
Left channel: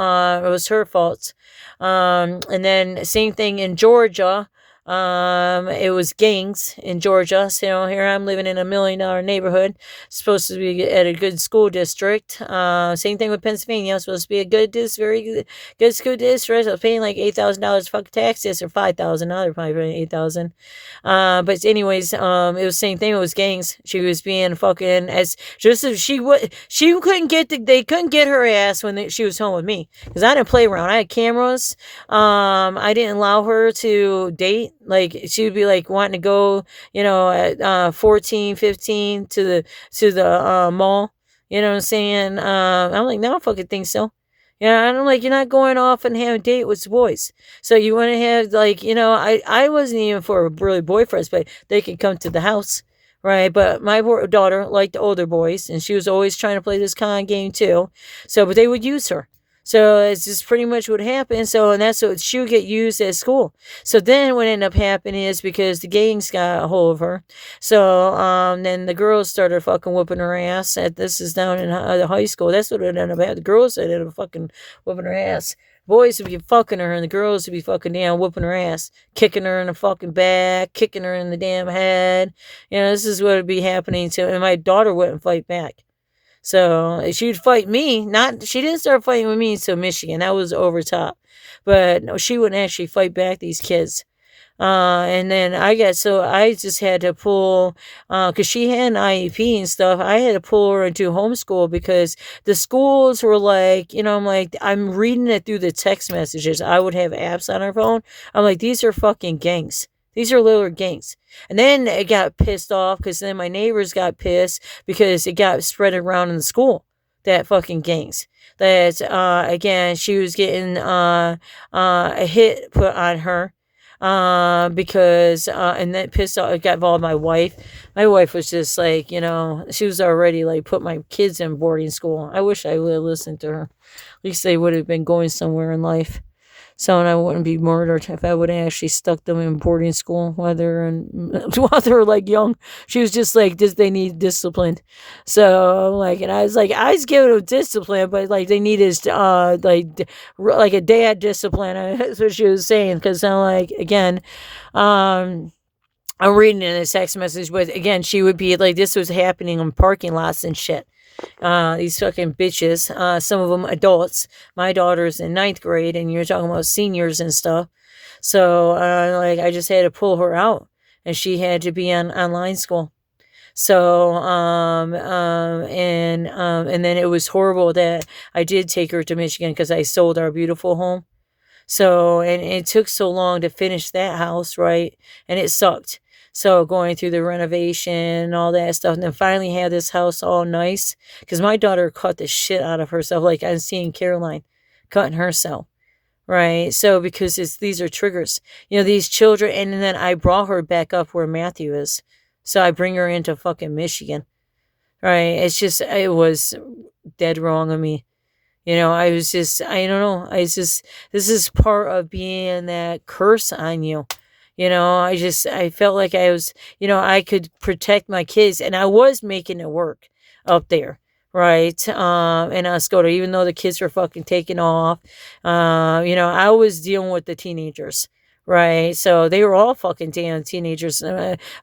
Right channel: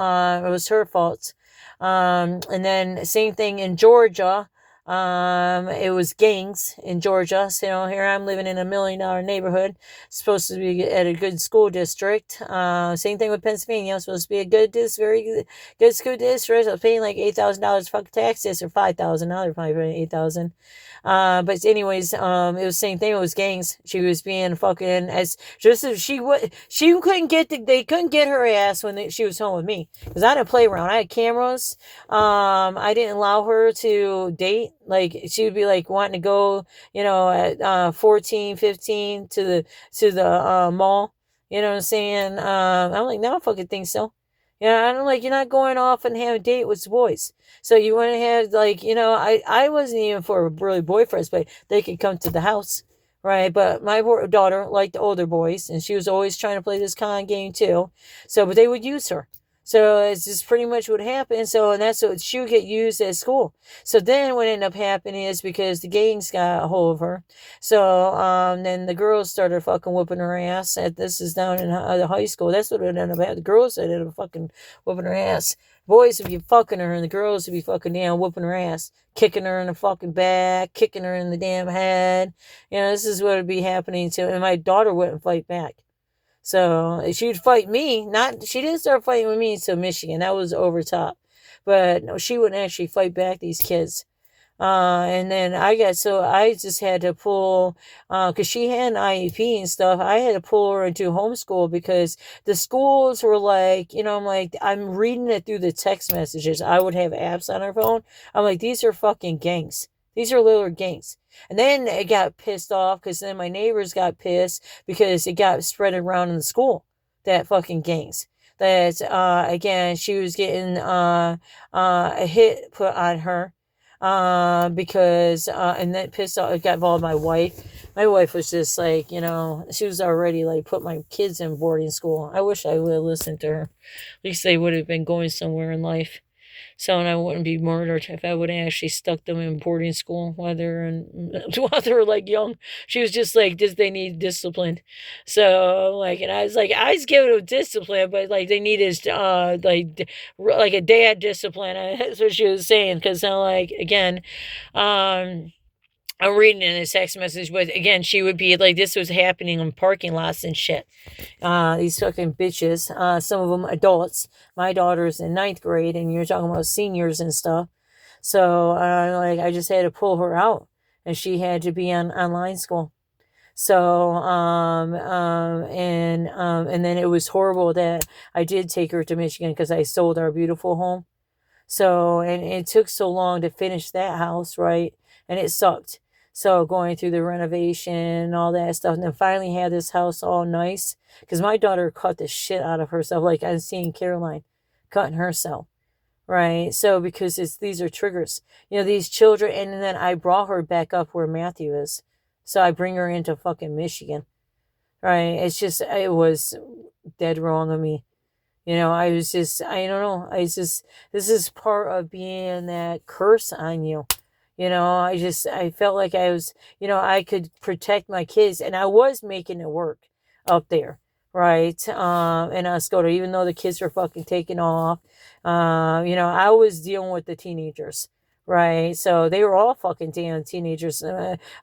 it was her fault. And then same thing in Georgia. It was gangs in Georgia. So here I'm living in $1 million neighborhood, supposed to be at a good school district. Same thing with Pennsylvania. I'm supposed to be a very good school district. I was paying like $8,000 fucking taxes, or $5,000. Now they're probably paying $8,000. But anyways, it was the same thing. It was gangs. She was being fucking they couldn't get her ass when she was home with me, because I didn't play around. I had cameras. I didn't allow her to date. Like, she would be like wanting to go, at 14, 15 to the mall. You know what I'm saying? I'm like, no, I don't fucking think so. Yeah, I'm like, you're not going off and having a date with boys. So you want to have, like, I wasn't even for really boyfriends, but they could come to the house, right? But my daughter liked the older boys, and she was always trying to play this con game too. So, but they would use her. So it's just pretty much what happened. So, and that's what she would get used at school. So then what ended up happening is, because the gangs got a hold of her. So, then the girls started fucking whooping her ass. This is down in the high school. That's what it ended up happening. The girls ended up fucking whooping her ass. Boys would be fucking her, and the girls would be fucking down, whooping her ass, kicking her in the fucking back, kicking her in the damn head. This is what would be happening to, and my daughter wouldn't fight back. So she'd fight me. She didn't start fighting with me until Michigan. That was over top. But no, she wouldn't actually fight back these kids. And then I just had to pull, cause she had an IEP and stuff. I had to pull her into homeschool, because the schools were like, I'm reading it through the text messages. I would have apps on her phone. I'm like, these are fucking gangs. These are little gangs. And then it got pissed off, because then my neighbors got pissed, because it got spread around in the school, that fucking gangs. That, again, she was getting a hit put on her, because, and that pissed off, it got involved my wife. My wife was just like, she was already like, put my kids in boarding school. I wish I would have listened to her. At least they would have been going somewhere in life. So, and I wouldn't be murdered if I would have actually stuck them in boarding school while they were like young. She was just like, they need discipline. So, like, and I was like, I was giving them discipline, but like, they needed, like a dad discipline. That's what she was saying. Because I'm like, again, I'm reading in a text message, but again, she would be like, this was happening in parking lots and shit. These fucking bitches, some of them adults. My daughter's in 9th grade, and you're talking about seniors and stuff. So, I just had to pull her out, and she had to be on online school. So, and then it was horrible that I did take her to Michigan, because I sold our beautiful home. So, and it took so long to finish that house, right? And it sucked. So going through the renovation and all that stuff, and then finally had this house all nice, because my daughter cut the shit out of herself. Like, I'm seeing Caroline cutting herself, right? So because these are triggers, these children, and then I brought her back up where Matthew is, so I bring her into fucking Michigan, right? It was dead wrong of me. I was just, I don't know. This is part of being that curse on you. I felt like I was, I could protect my kids, and I was making it work up there. Right. In Oscoda, even though the kids were fucking taking off, I was dealing with the teenagers. Right. So they were all fucking damn teenagers.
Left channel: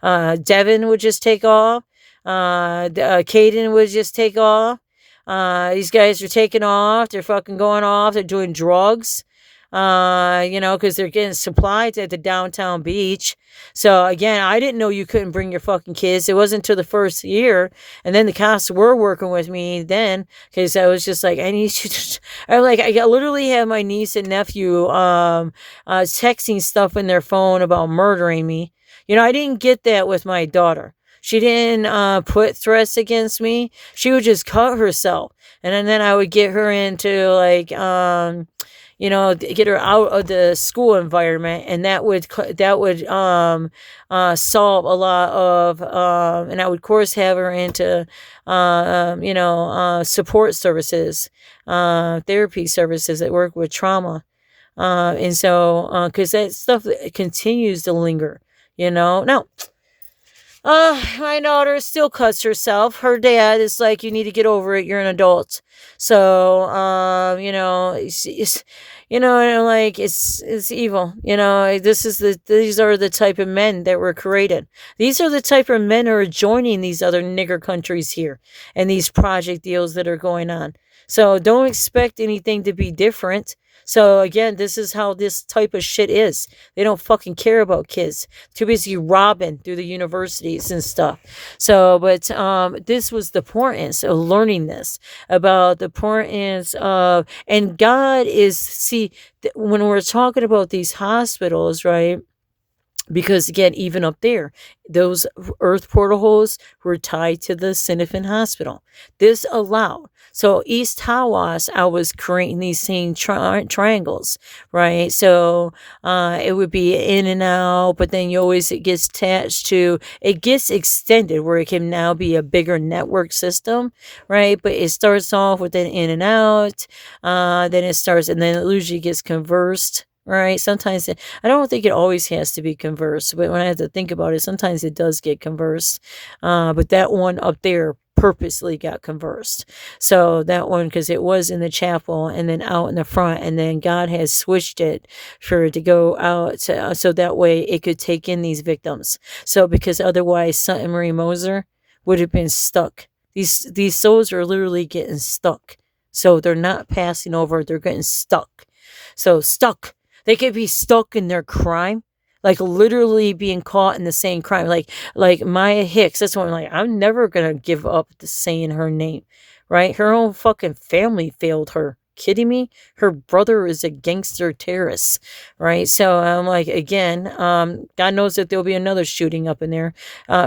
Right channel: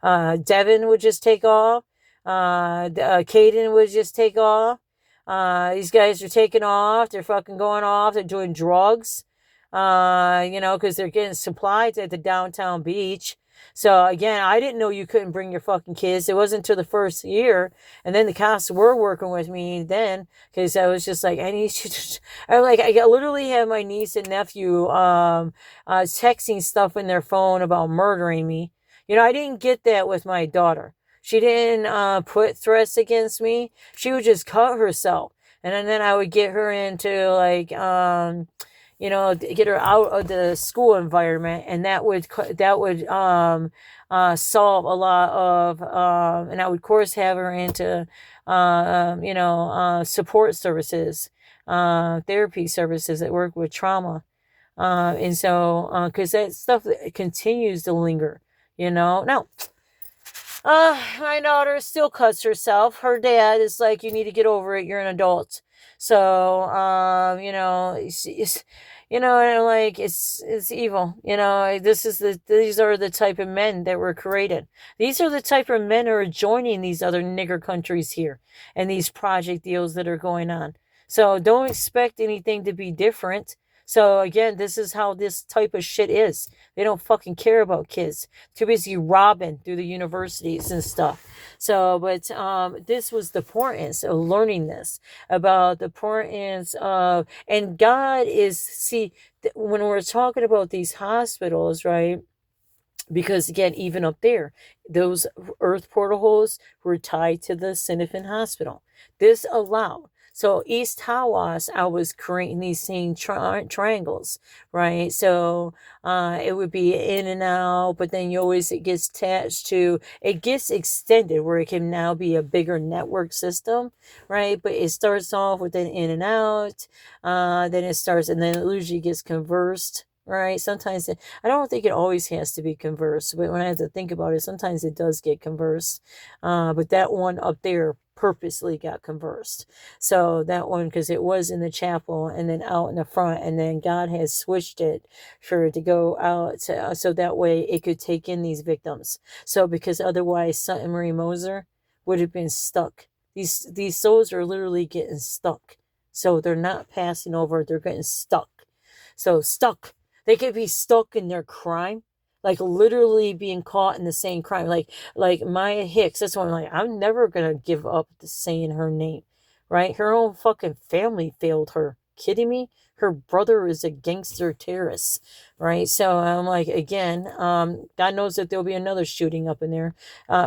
Devin would just take off. Caden would just take off. These guys are taking off. They're fucking going off. They're doing drugs. Because they're getting supplies at the downtown beach. So again, I didn't know you couldn't bring your fucking kids. It wasn't until the first year, and then the cops were working with me then, because I was just like, I need you to. I literally have my niece and nephew texting stuff in their phone about murdering me. I didn't get that with my daughter. She didn't put threats against me. She would just cut herself, and then I would get her into get her out of the school environment, and that would solve a lot of, and I would, of course, have her into, support services, therapy services that work with trauma, and so, because that stuff continues to linger, now. My daughter still cuts herself. Her dad is like, you need to get over it. You're an adult. So, and I'm like, it's evil. These are the type of men that were created. These are the type of men who are joining these other nigger countries here and these project deals that are going on. So don't expect anything to be different. So again, this is how this type of shit is. They don't fucking care about kids. Too busy robbing through the universities and stuff. So, but this was the importance of learning this, about the importance of, and God is, see, when we're talking about these hospitals, right? Because again, even up there, those earth portal holes were tied to the Sinifin Hospital. This allowed. So East Tawas, I was creating these same triangles, right? So it would be in and out, but then it gets attached to, it gets extended where it can now be a bigger network system, right? But it starts off with an in and out, then it usually gets conversed. Right. Sometimes I don't think it always has to be conversed, but when I have to think about it, sometimes it does get conversed. But that one up there purposely got conversed. So that one, because it was in the chapel and then out in the front, and then God has switched it for it to go out so that way it could take in these victims. So because otherwise Santa Marie Moser would have been stuck. These souls are literally getting stuck. So they're not passing over, they're getting stuck. So stuck. They could be stuck in their crime, like literally being caught in the same crime. Like Maya Hicks, that's one, like, I'm never going to give up saying her name, right? Her own fucking family failed her. Kidding me? Her brother is a gangster terrorist, right? So I'm like, again, God knows that there'll be another shooting up in there.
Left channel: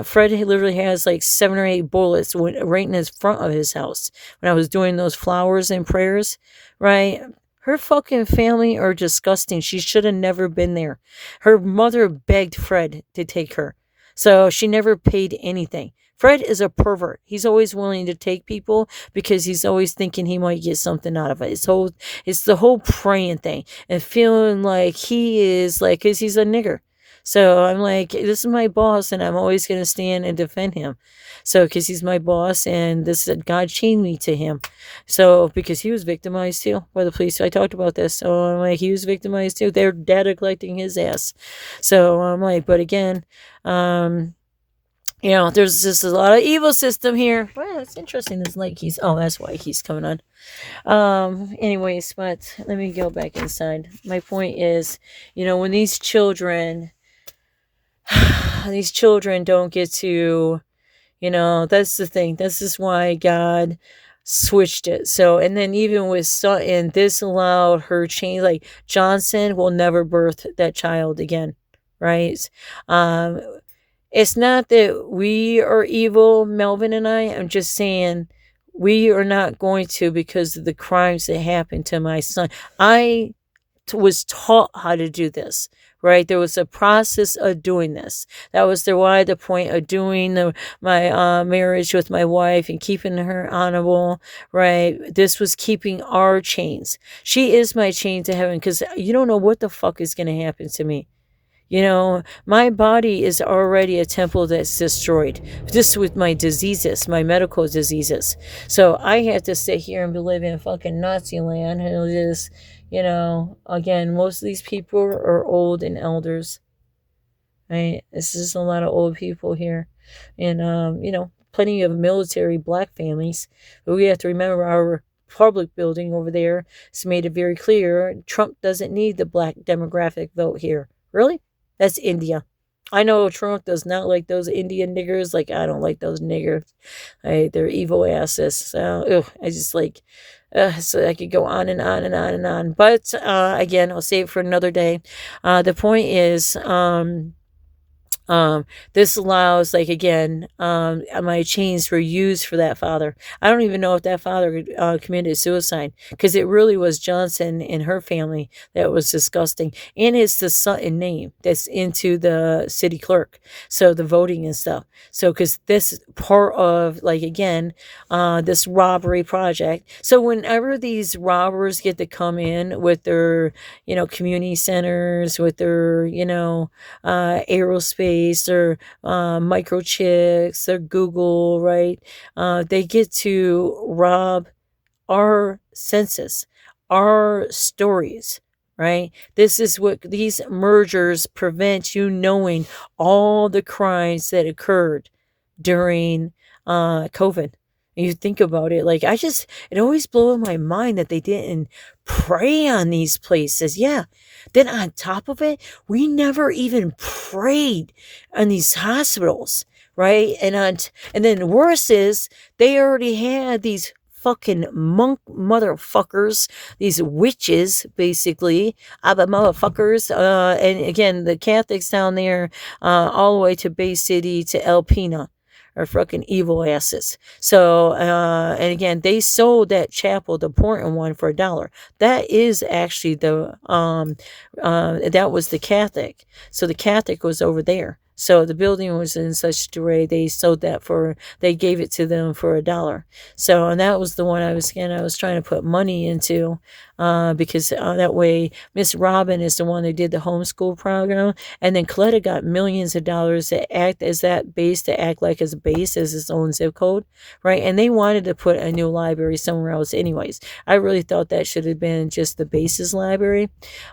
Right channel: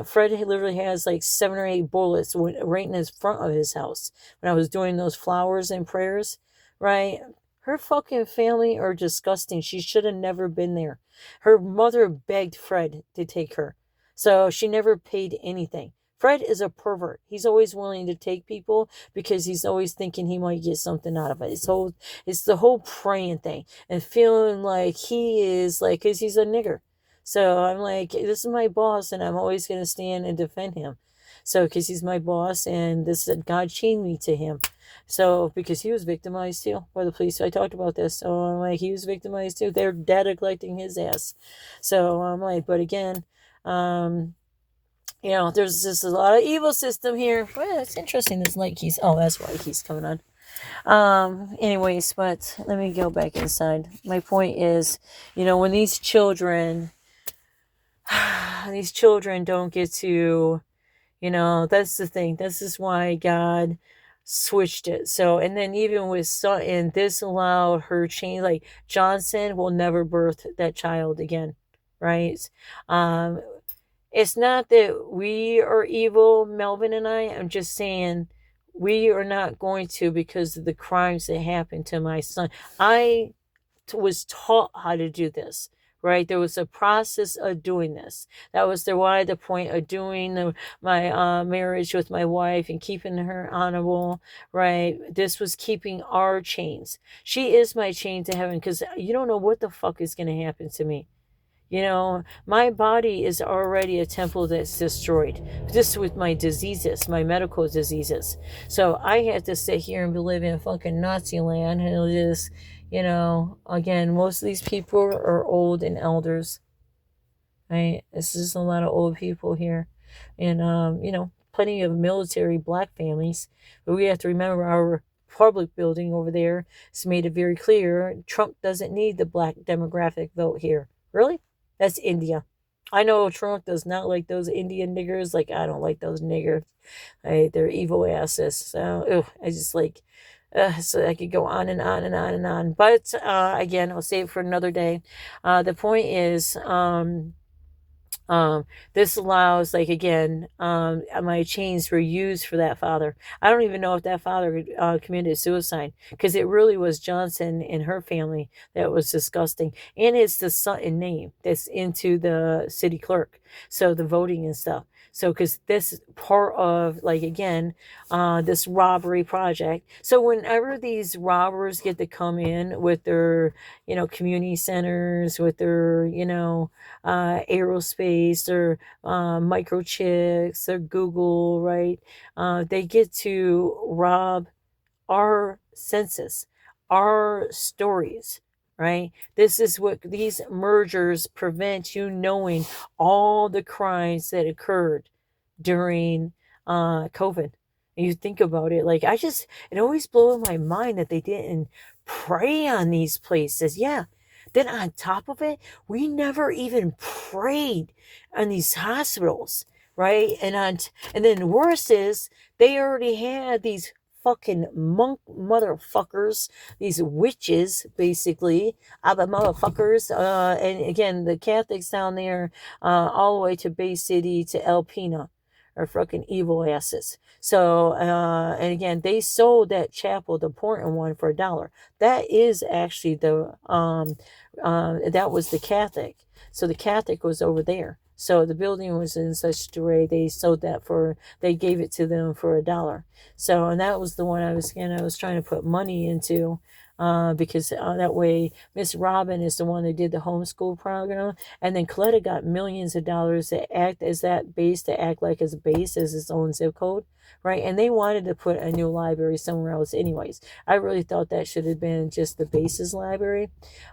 Fred literally has like 7 or 8 bullets right in his front of his house when I was doing those flowers and prayers, right? Her fucking family are disgusting. She should have never been there. Her mother begged Fred to take her. So she never paid anything. Fred is a pervert. He's always willing to take people because he's always thinking he might get something out of it. It's the whole praying thing and feeling like he is like, because he's a nigger. So I'm like, this is my boss and I'm always going to stand and defend him. So, because he's my boss and God chained me to him. So, because he was victimized too by the police. So I talked about this. So I'm like, he was victimized too. They're data collecting his ass. So I'm like, but again, there's just a lot of evil system here. Well, it's interesting. This light keys. Oh, that's why he's coming on. Anyways, but let me go back inside. My point is, when these children don't get to, that's the thing. This is why God switched it. So, and then even with Sutton, this allowed her change. Like Johnson will never birth that child again, right? It's not that we are evil, Melvin and I. I'm just saying we are not going to, because of the crimes that happened to my son. I was taught how to do this, right? There was a process of doing this. That was the point of doing my marriage with my wife and keeping her honorable, right? This was keeping our chains. She is my chain to heaven, because you don't know what the fuck is going to happen to me. You know, my body is already a temple that's destroyed, just with my diseases, my medical diseases. So I have to sit here and live in fucking Nazi land, and just, you know, again, most of these people are old and elders. Right? This is a lot of old people here, and you know, plenty of military black families. But we have to remember our public building over there has made it very clear Trump doesn't need the black demographic vote here. Really? That's India. I know Trump does not like those Indian niggers. Like, I don't like those niggers. They're evil asses. So, I just like, so I could go on and on and on and on. But, again, I'll save it for another day. The point is, this allows, like, again, my chains were used for that father. I don't even know if that father committed suicide, because it really was Johnson and her family that was disgusting. And it's the Sutton name that's into the city clerk, so the voting and stuff. So, because this is part of, like, again, this robbery project. So whenever these robbers get to come in with their, you know, community centers, with their, you know, aerospace, or microchips, or Google, right? They get to rob our senses, our stories, right? This is what these mergers prevent you knowing, all the crimes that occurred during COVID. You think about it, like, it always blows my mind that they didn't prey on these places. Yeah. Then on top of it, we never even prayed on these hospitals, right? And then worse is, they already had these fucking monk motherfuckers, these witches, basically, Abba motherfuckers, and again, the Catholics down there, all the way to Bay City to El Pina, are fucking evil asses. So, and again, they sold that chapel, the important one, for $1. That is actually that was the Catholic. So the Catholic was over there. So the building was in such a way, they gave it to them for $1. So, and that was the one I was trying to put money into, because that way Miss Robin is the one that did the homeschool program, and then Coletta got millions of dollars to act as that base, to act like as a base, as its own zip code, right? And they wanted to put a new library somewhere else anyways. I really thought that should have been just the base's library,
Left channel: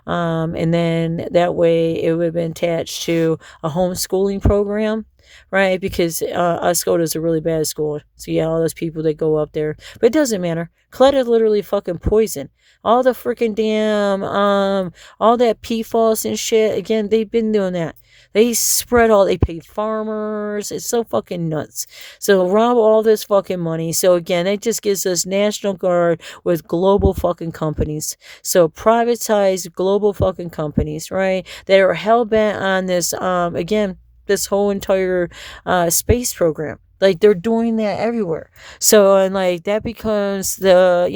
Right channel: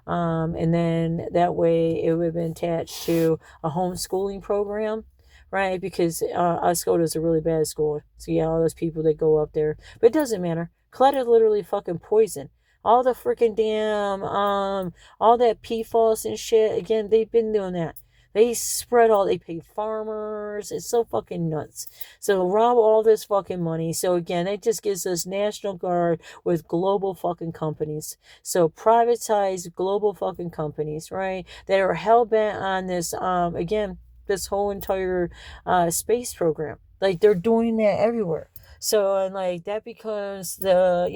and then that way it would have been attached to a homeschooling program, right? Because Uscoda is a really bad school. So yeah, all those people that go up there, but it doesn't matter. Clutter literally fucking poison. All the freaking damn all that PFAS and shit. Again, they've been doing that. They paid farmers. It's so fucking nuts. So rob all this fucking money. So again, it just gives us National Guard with global fucking companies. So privatized global fucking companies, right? That are hell-bent on this, again, this whole entire space program. Like, they're doing that everywhere. So, and like, that becomes the,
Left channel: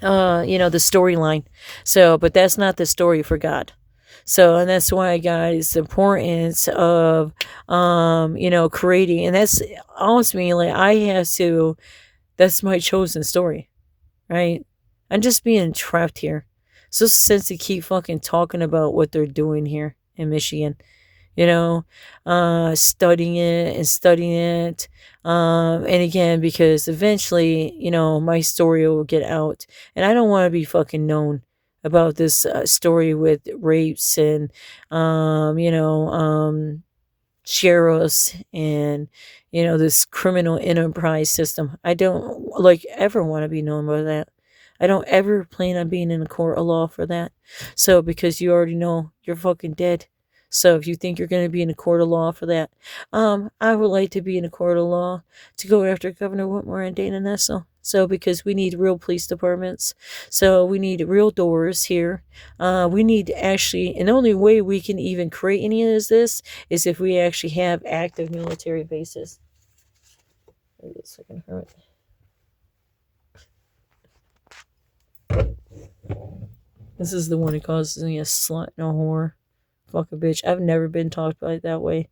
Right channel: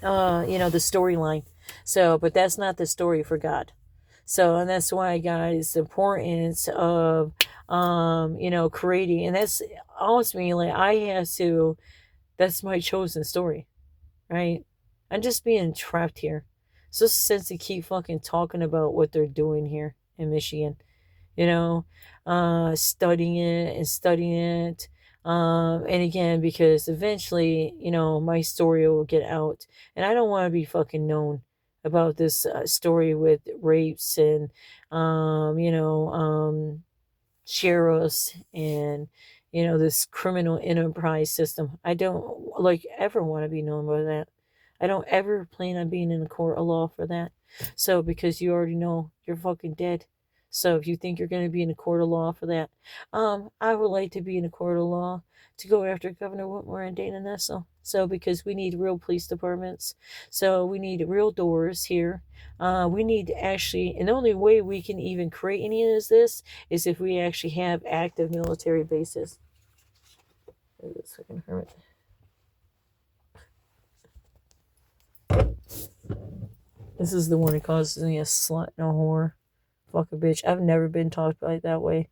the storyline. So, but that's not the story for God. So, and that's why, guys, the importance of, creating, and that's ultimately, like, that's my chosen story, right? I'm just being trapped here. So since they keep fucking talking about what they're doing here in Michigan, studying it. And again, because eventually, my story will get out, and I don't want to be fucking known about this story with rapes and, sheriffs and, this criminal enterprise system. I don't ever want to be known by that. I don't ever plan on being in a court of law for that. So, because you already know you're fucking dead. So if you think you're going to be in a court of law for that, I would like to be in a court of law to go after Governor Whitmer and Dana Nessel. So because we need real police departments. So we need real doors here. We need actually, and the only way we can even create any of this is if we actually have active military bases. Wait a second, Hermit. This is the one who calls me a slut and a whore. Fuck a bitch. I've never been talked like that way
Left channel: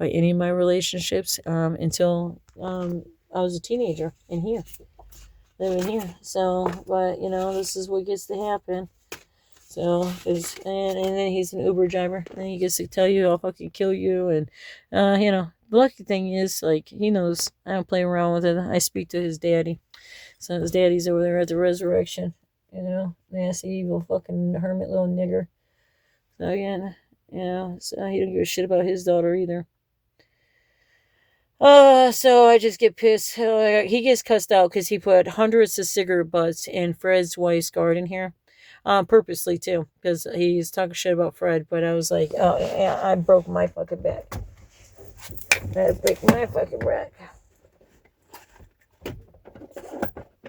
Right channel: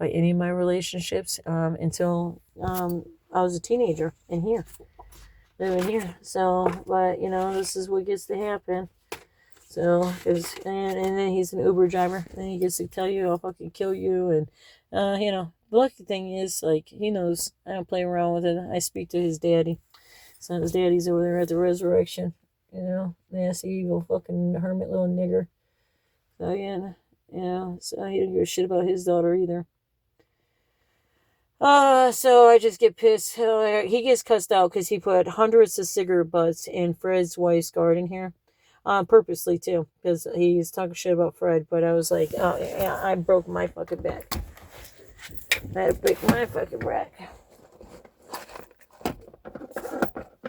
by any of my relationships until I was a teenager in here. Living here. So, but, this is what gets to happen. So, and then he's an Uber driver. And he gets to tell you, I'll fucking kill you. And, the lucky thing is, like, he knows I don't play around with it. I speak to his daddy. So his daddy's over there at the resurrection. Nasty, evil, fucking hermit little nigger. So, so he don't give a shit about his daughter either. So I just get pissed. He gets cussed out because he put hundreds of cigarette butts in Fred's wife's garden here. Purposely too, because he's talking shit about Fred, but I was like, oh, yeah, I broke my fucking back. I had to break my fucking back.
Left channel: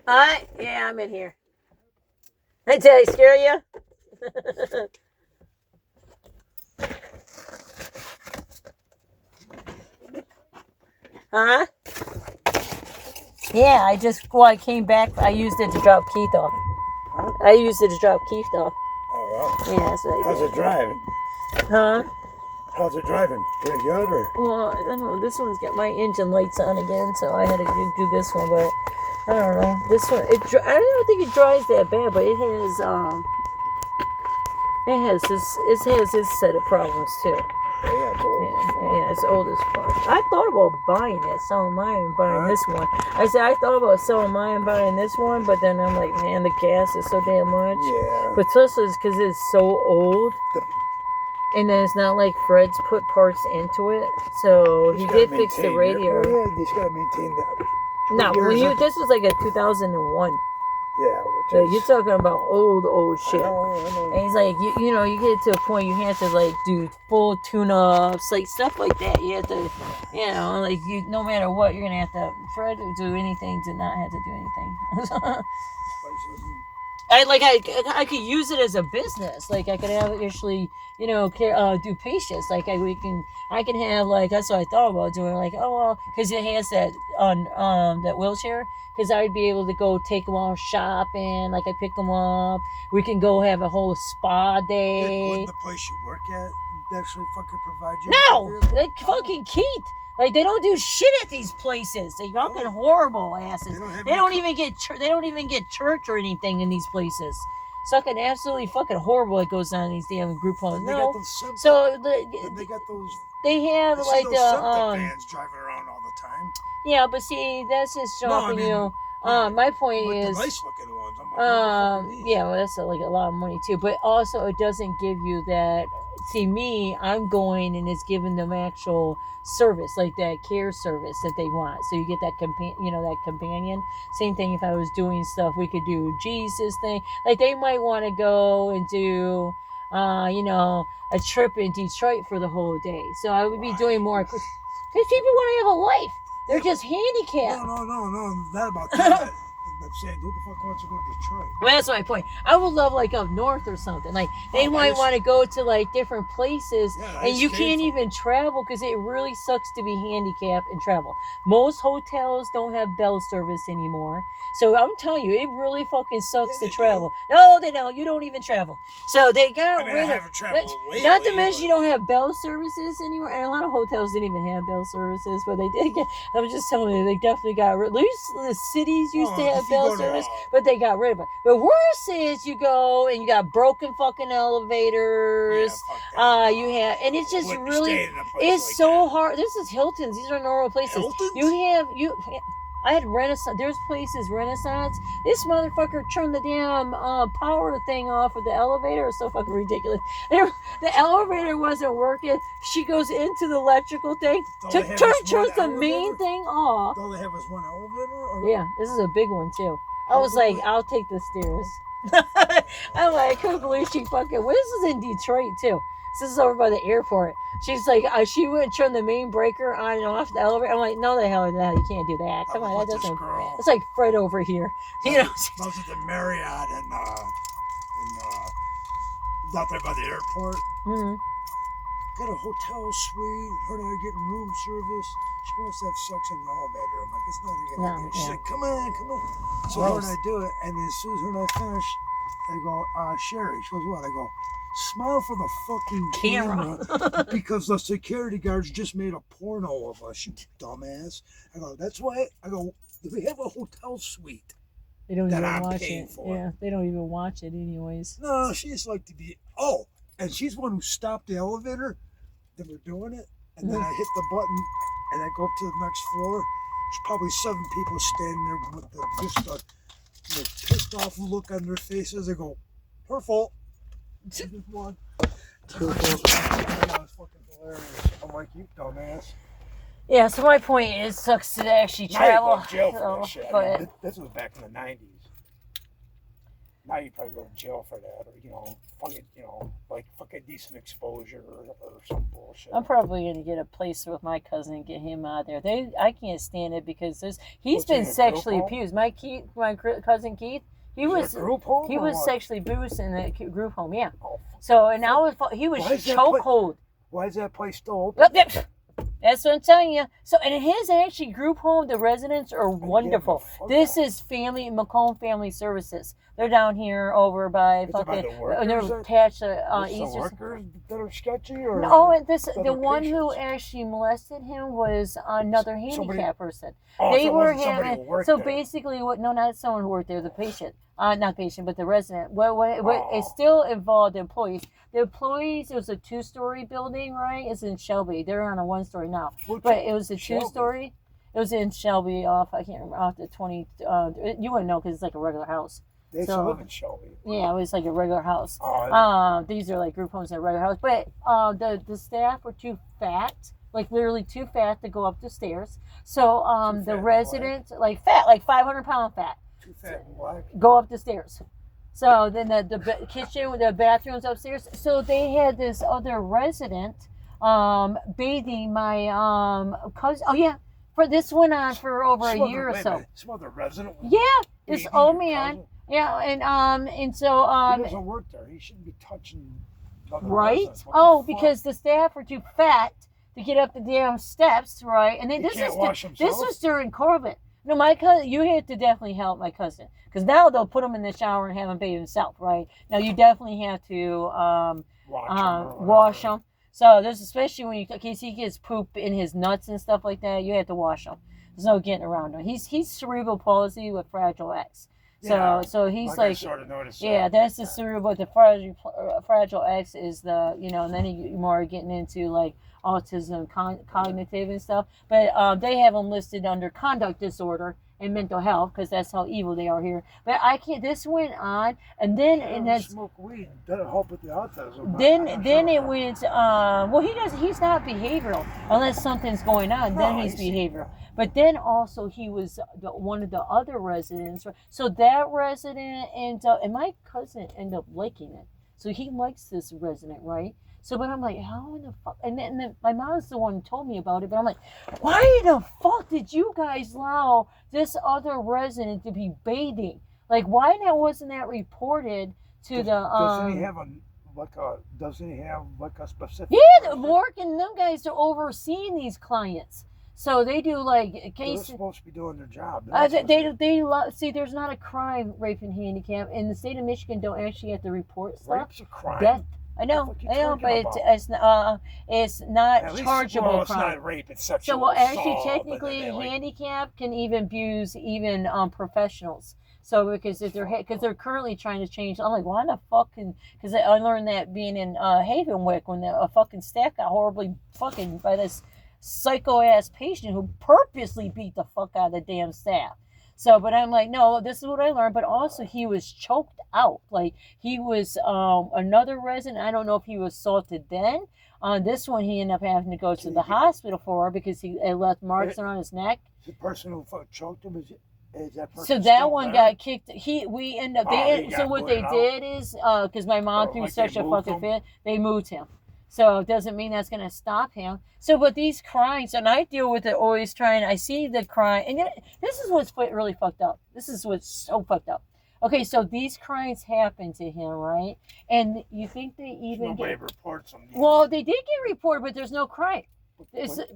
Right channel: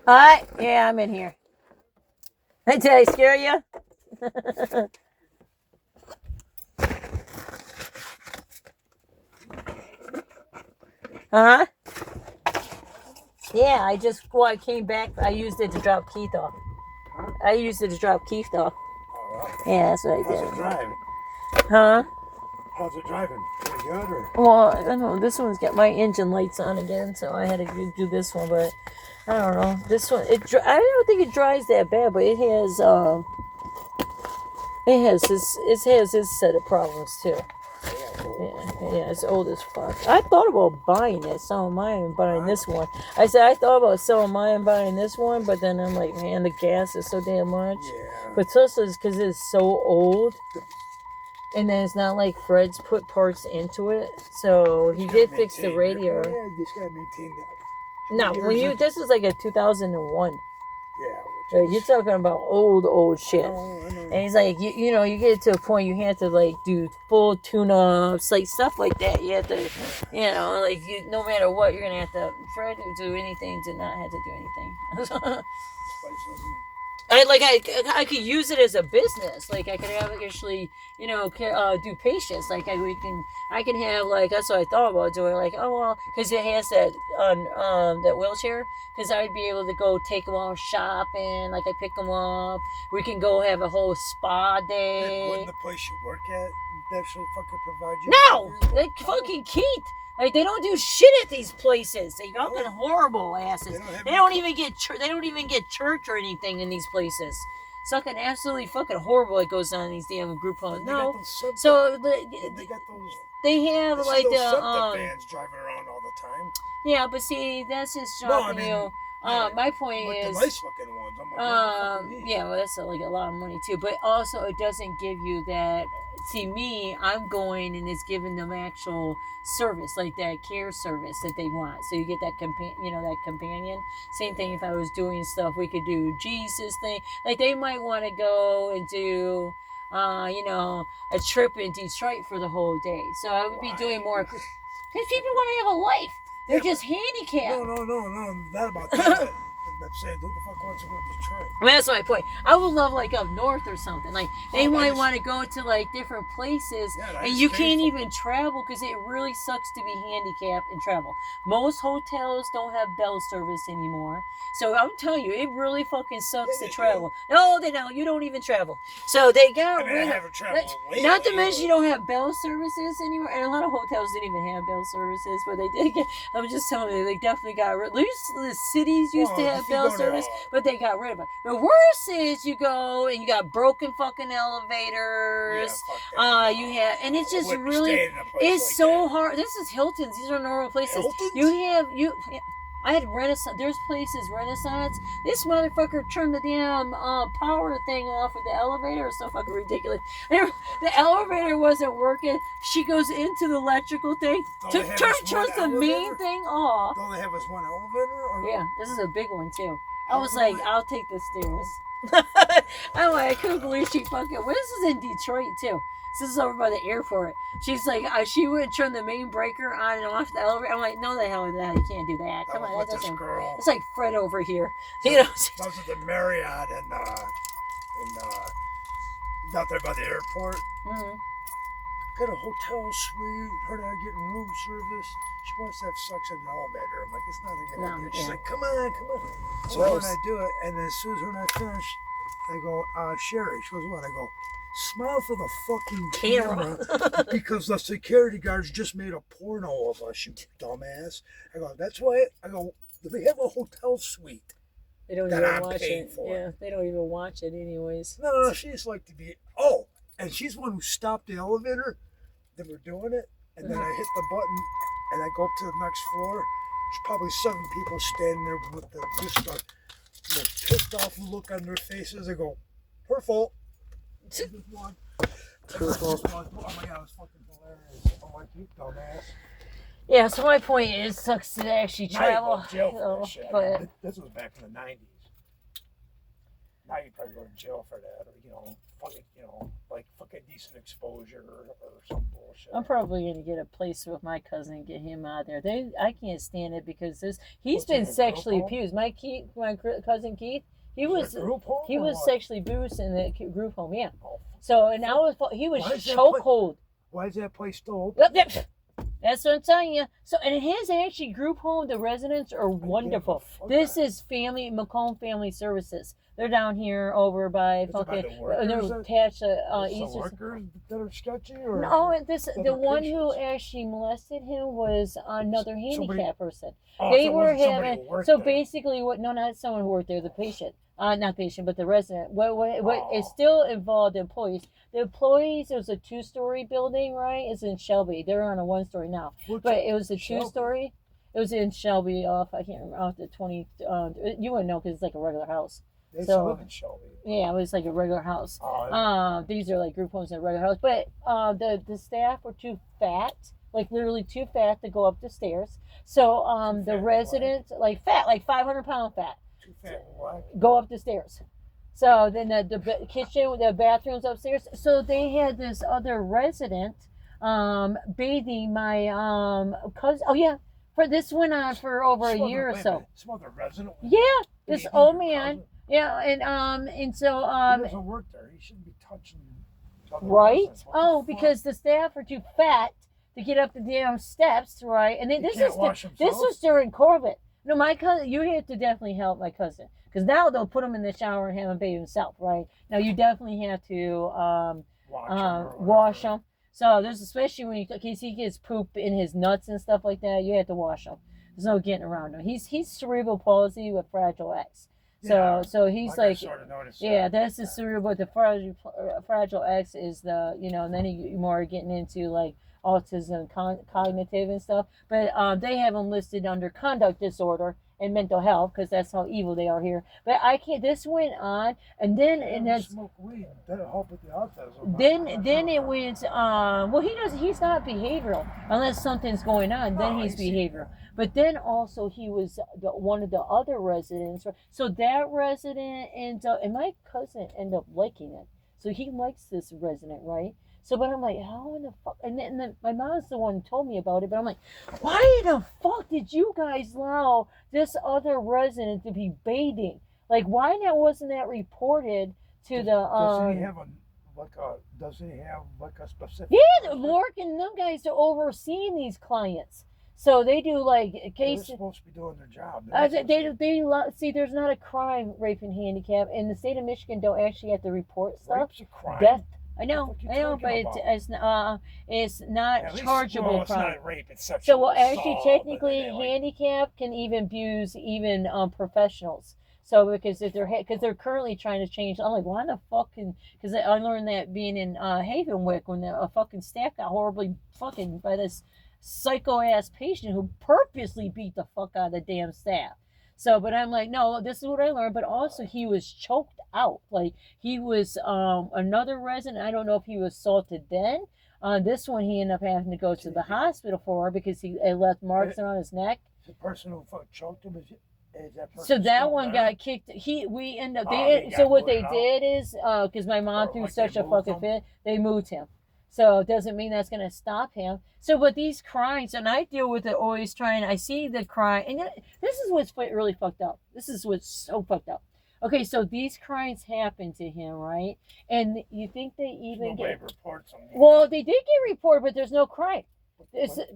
Hi? Yeah, I'm in here. Did I scare you? Uh-huh. Yeah, I came back. I used it to drop Keith off. Yeah, that's what I did. How's it driving? Huh? How's it driving? Pretty good, or? Well, I don't know. This one's got my engine lights on again, so I had to do this one, but I don't know. This one, I don't think it drives that bad, but it has its set of problems too. Yeah, it's old as fuck. I thought about buying it, selling mine and buying this one. I thought about selling mine and buying this one, but then I'm like, man, the gas is so damn much. Yeah. But Tesla's, because it's so old, and then it's not like Fred's put parts into it, so he did fix the radio. Yeah, you just gotta maintain that. No, this is like a 2001. Yeah, So you're talking about old shit. I know. And he's like, you get it to a point you have to like do full tune-ups, like stuff like that. You have to, no matter what, you're gonna have to. Fred would do anything to not have to do anything. I could use it as a business. Like I could have actually, do patients. Like I can have like that's what I thought about doing. Like because it has that that wheelchair. Because I would be able to go take them all shopping. Like I pick them up. We can go have a whole spa day. Wouldn't the place you work at actually fucking provide you? No, like fucking Keith. Like they don't do shit at these places. They fucking horrible asses. They don't even get church or anything in these places. It's fucking absolutely fucking horrible. It goes on in these damn group homes. No, so they got those. They have like the vans driving around all the time. Yeah, but see, that's his job for you. My point is, the nice looking ones. well, that's like a lot of money too. But also, it doesn't give you that. See, me, I'm going and it's giving them actual service, like that care service that they want. So you get that companion. Same thing if I was doing stuff, we could do Jesus thing. Like they might want to go and do, a trip in Detroit for the whole day. So I would be doing more. Because people want to have a life. They're just handicapped. No. Not about that. I'm saying, who the fuck wants to go to Detroit? Well, that's my point. I would love like up north or something. Like they might want to go to like different places, and you can't even travel because it really sucks to be handicapped and travel. Most hotels don't have bell service anymore, so I'm telling you, it really fucking sucks to travel. No, they don't. You don't even travel. So they got rid of. Not to mention you don't have bell services anymore, and a lot of hotels didn't even have bell services, but they did get. I was just telling you, they definitely got rid. At least the cities used to have bell service, but they got rid of it. The worst is you go and you got broken fucking elevators. You have, and it's just really, it's so hard. This is Hilton's. These are normal places. Hilton's? I had Renaissance. There's places Renaissance. This motherfucker turned the damn power thing off of the elevator. It's so fucking ridiculous. The elevator wasn't working. She goes into the electrical thing. Turns the main thing off. Don't they have us one elevator? Yeah, this is a big one too. I was like, I'll take the stairs. I'm like, I couldn't believe she fucking. Well, this is in Detroit too. This is over by the airport. She's like, she wouldn't turn the main breaker on and off the elevator. I'm like, no, the hell, that you can't do that. Come on, that doesn't. It's like Fred over here. Those are the Marriott and out there by the airport. Mm-hmm. Got a hotel suite. Heard I getting room service. She wants to have sex in the elevator. I'm like, it's not a good idea. She's like, come on. So when I do it, and then as soon as her and I finish, I go, Sherry. She goes, what? I go, smile for the fucking camera because the security guards just made a porno of us, you dumbass. I go, that's why. I go, we have a hotel suite. They don't that even I'm watch paying it. for. Yeah, they don't even watch it anyways. No, she just like to be. Oh, and she's the one who stopped the elevator. Then we're doing it, and then I hit the button, and I go up to the next floor. There's probably 7 people standing there with just a pissed off look on their faces. They go, her fault. Just one. That was fucking hilarious. I'm like, you dumbass. Yeah, so my point is, sucks to actually Now you travel. go to jail for So, that shit. but This was back in the 90s. Now you probably go to jail for that, or fucking, like fucking decent exposure or some bullshit. I'm probably gonna get a place with my cousin and get him out there. I can't stand it because he's been sexually abused. My cousin Keith, he was sexually abused in the group home. Yeah. Oh, so and he was chokehold. Why is that place still open? Yep. That's what I'm telling you. So, and his actually group home, the residents are wonderful. This is Macomb Family Services. They're down here over by fucking. They're attached to Easter. Workers that are sketchy, or no, the one who actually molested him was another handicapped person. They were having basically no, not someone who worked there, the patient. Not patient, but the resident. What it still involved the employees. The employees, it was a 2-story building, right? It's in Shelby. They're on a 1-story now. But it was a 2-story. It was in Shelby I can't remember, off the 20, you wouldn't know because it's like a regular house. They still live in Shelby. Yeah, it was like a regular house. These are like group homes in a regular house. But the staff were too fat, like literally too fat to go up the stairs. So the residents, like 500-pound fat. Too fat and black. Go up the stairs. So then the kitchen, the bathrooms upstairs. So they had this other resident bathing my cousin. Oh yeah, this went on for over a year or so. Some other resident. Yeah, this old man. Yeah, and so he doesn't work there. He shouldn't be touching. Right? Oh, because the staff are too fat to get up the damn steps, right? And then this was during COVID. No, my cousin, you had to definitely help my cousin. Because now they'll put him in the shower and have him bathe himself, right? Now you definitely have to wash him. So there's especially when in case he gets poop in his nuts and stuff like that, you have to wash him. There's no getting around him. He's cerebral palsy with Fragile X. So he's like that's the cerebral. The Fragile X is the and then you more getting into like autism, cognitive and stuff. But they have them listed under conduct disorder and mental health because that's how evil they are here. But I can't. This went on, and then smoke weed. That'll help with the autism. Then it went. He's not behavioral unless something's going on. Then he's behavioral. But then also he was one of the other residents. So that resident and my cousin ended up liking it. So he likes this resident, right? So, but I'm like, how in the fuck? And then my mom's the one who told me about it. But I'm like, why the fuck did you guys allow this other resident to be bathing? Like, why wasn't that reported to the? Doesn't he have a specific? Yeah, Mork and them guys are overseeing these clients. So they do like cases. They're supposed to be doing their job. See, there's not a crime, rape and handicap. In the state of Michigan, don't actually have to report stuff. Rape's a crime. Death. I know, but it's not chargeable crime. It's not rape, it's sexual So, actually, assault, technically, handicap can even abuse professionals. So, because they're currently trying to change. I'm like, why the fuck? Because I learned that being in Havenwick when a fucking staff got horribly fucking by this psycho ass patient who purposely beat the fuck out of the damn staff. So, but I'm like, no, this is what I learned. But also, he was choked out. Like, he was another resident. I don't know if he was assaulted then. On this one, he ended up having to go to the hospital for because he left marks around his neck. The person who choked him is that person. So that one got kicked. We ended up. So what they did is because my mom threw such a fucking fit, they moved him. So it doesn't mean that's going to stop him. So, but these crimes, and I deal with it always I see the crime, and this is what's really fucked up. This is what's so fucked up. Okay, so these crimes happen to him, right? And you think they even get reports on these? Well, they did get reported, but there's no crime.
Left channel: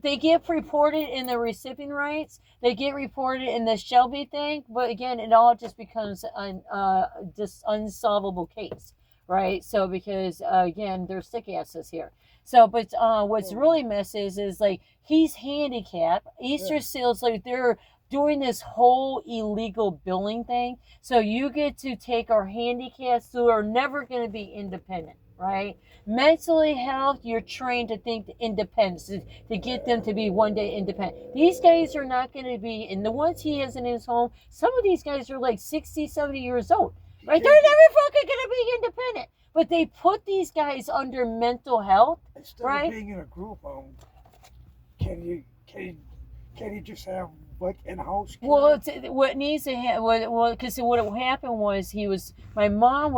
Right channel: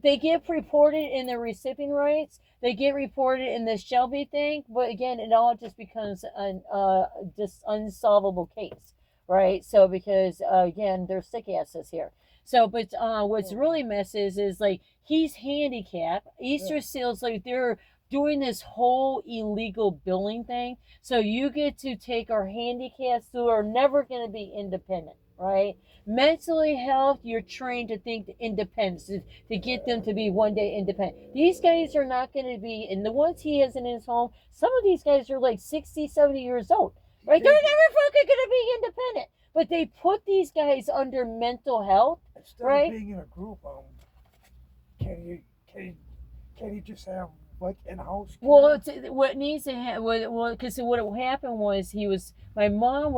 They get reported in the recipient rights. They get reported in the Shelby thing, but again, it all just becomes an just unsolvable case, right? So because again, they're sick asses here. So, but what's really messes is like he's handicapped. Easter Seals, like they're doing this whole illegal billing thing. So you get to take our handicaps who are never going to be independent, right? Mentally health, you're trained to think independence, to get them to be one day independent. These guys are not going to be, and the ones he has in his home, some of these guys are like 60, 70 years old, right? They're never fucking going to be independent. But they put these guys under mental health, Instead right? of being in a group home, can you just have like in-house care? Well, what needs to happen, because what happened was his mom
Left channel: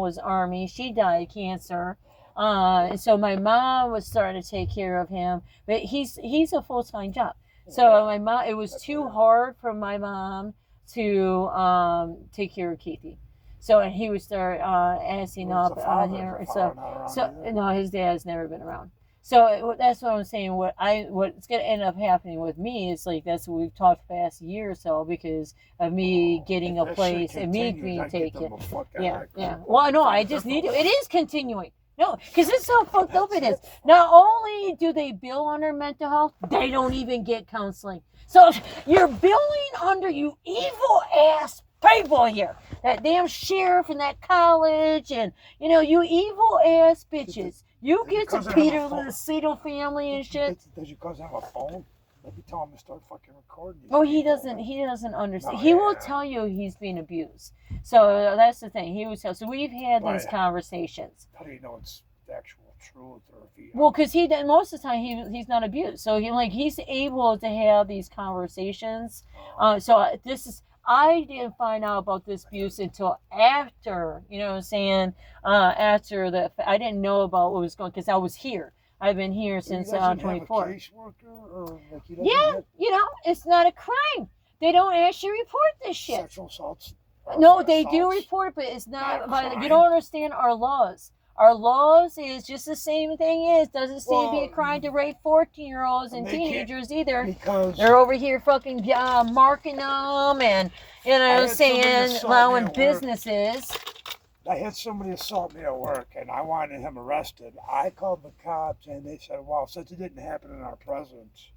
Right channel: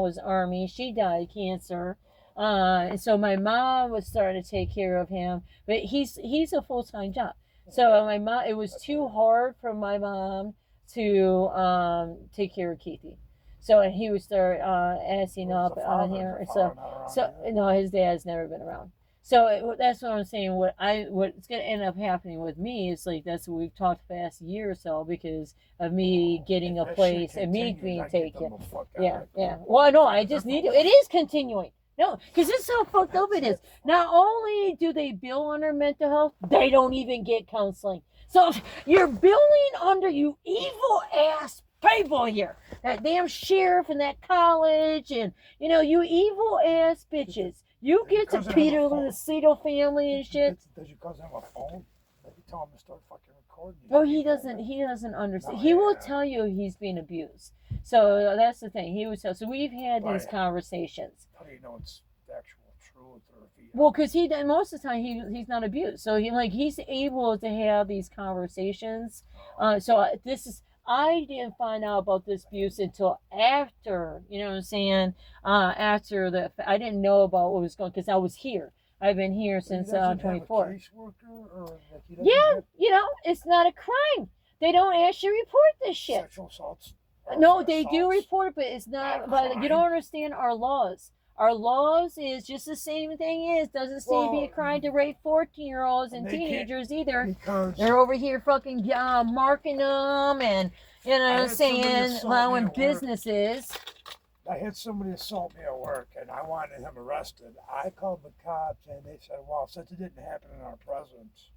was Army. She died of cancer. And so my mom was starting to take care of him, but he's a full-time job. So my mom, it was too hard for my mom to take care of Keithy. So and he would start assing up on here. So no, his dad's never been around. So that's what I'm saying. What's going to end up happening with me is like that's what we've talked past year or so because of me getting a place and me being taken. Yeah. Well, no, I just need to. It is continuing. No, because this is how fucked up it is. Not only do they bill under mental health, they don't even get counseling. So you're billing under you evil ass people here. That damn sheriff and that college and, you evil ass bitches. You get to Peter Lucido family and shit. Does your cousin have a phone? Maybe tell him to start fucking recording. Oh, he doesn't understand. He will tell you he's being abused. So that's the thing. He would tell. So we've had these conversations. How do you know it's the actual truth? Or if he, well, because most of the time he's not abused. So he's able to have these conversations. I didn't find out about this abuse until after, after I didn't know about what was going, because I was here. I've been here since 24. Yeah, it's not a crime. They don't actually report this shit. Sexual assaults. No, they do report, but it's not. But you don't understand our laws. Our laws is just the same thing. Doesn't seem to be a crime to rape 14-year-olds and teenagers either. Because they're over here fucking marking them and allowing businesses. I had somebody assault me at work and I wanted him arrested. I called the cops and they said, well, since it didn't happen in our presence,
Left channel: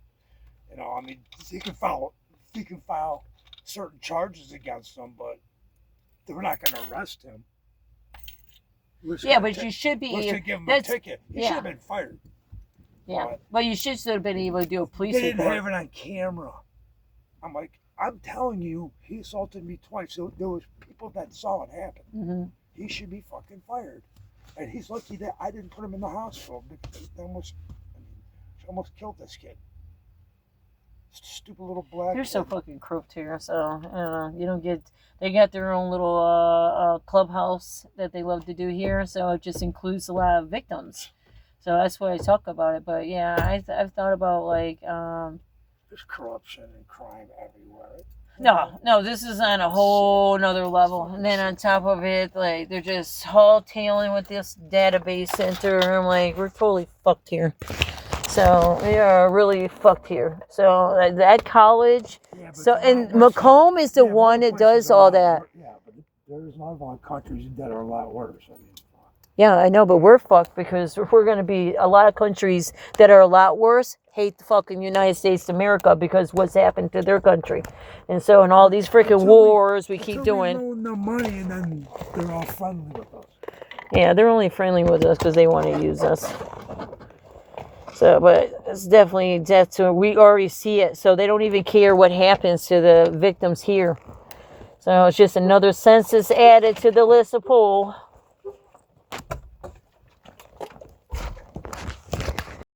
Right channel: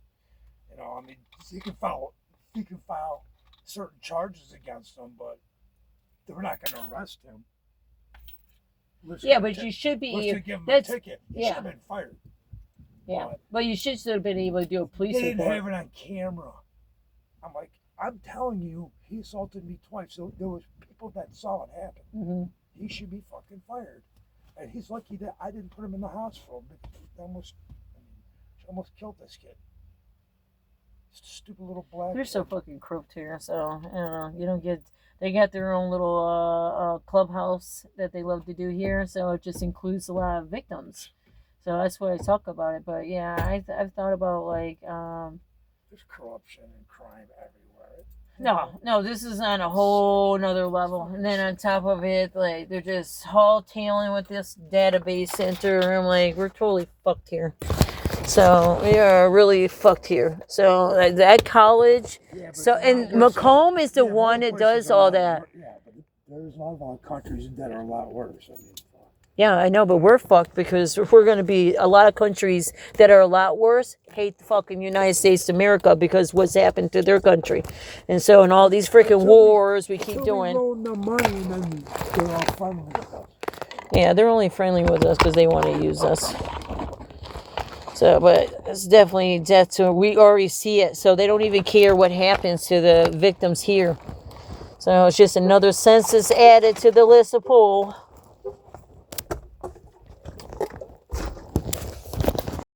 he can file certain charges against him, but they were not going to arrest him. But you should be. Give him a ticket. He should have been fired. Yeah, but you should have been able to do a police report. They didn't have it on camera. I'm like, I'm telling you, he assaulted me twice. So there was people that saw it happen. Mm-hmm. He should be fucking fired. And he's lucky that I didn't put him in the hospital because they almost killed this kid. Stupid little black. You're so fucking crooked here. So you don't get. They got their own little clubhouse that they love to do here. So it just includes a lot of victims. So that's why I talk about it. But yeah, I've thought about there's corruption and crime everywhere. No, this is on a whole nother level. And then on top of it, they're just tailing with this database center. I'm like, we're totally fucked here. So we are really fucked here. So that college. And Macomb is the one that does all that. Yeah, but there's a lot of countries that are a lot worse. Yeah, I know, but we're fucked because we're going to be a lot of countries that are a lot worse hate the fucking United States of America because what's happened to their country. And so in all these freaking wars we keep doing. We loan them money and then they're all friendly with us. Yeah, they're only friendly with us because they want to use us. So, but it's definitely death to, we already see it. So they don't even care what happens to the victims here. So it's just another census added to the list of pool.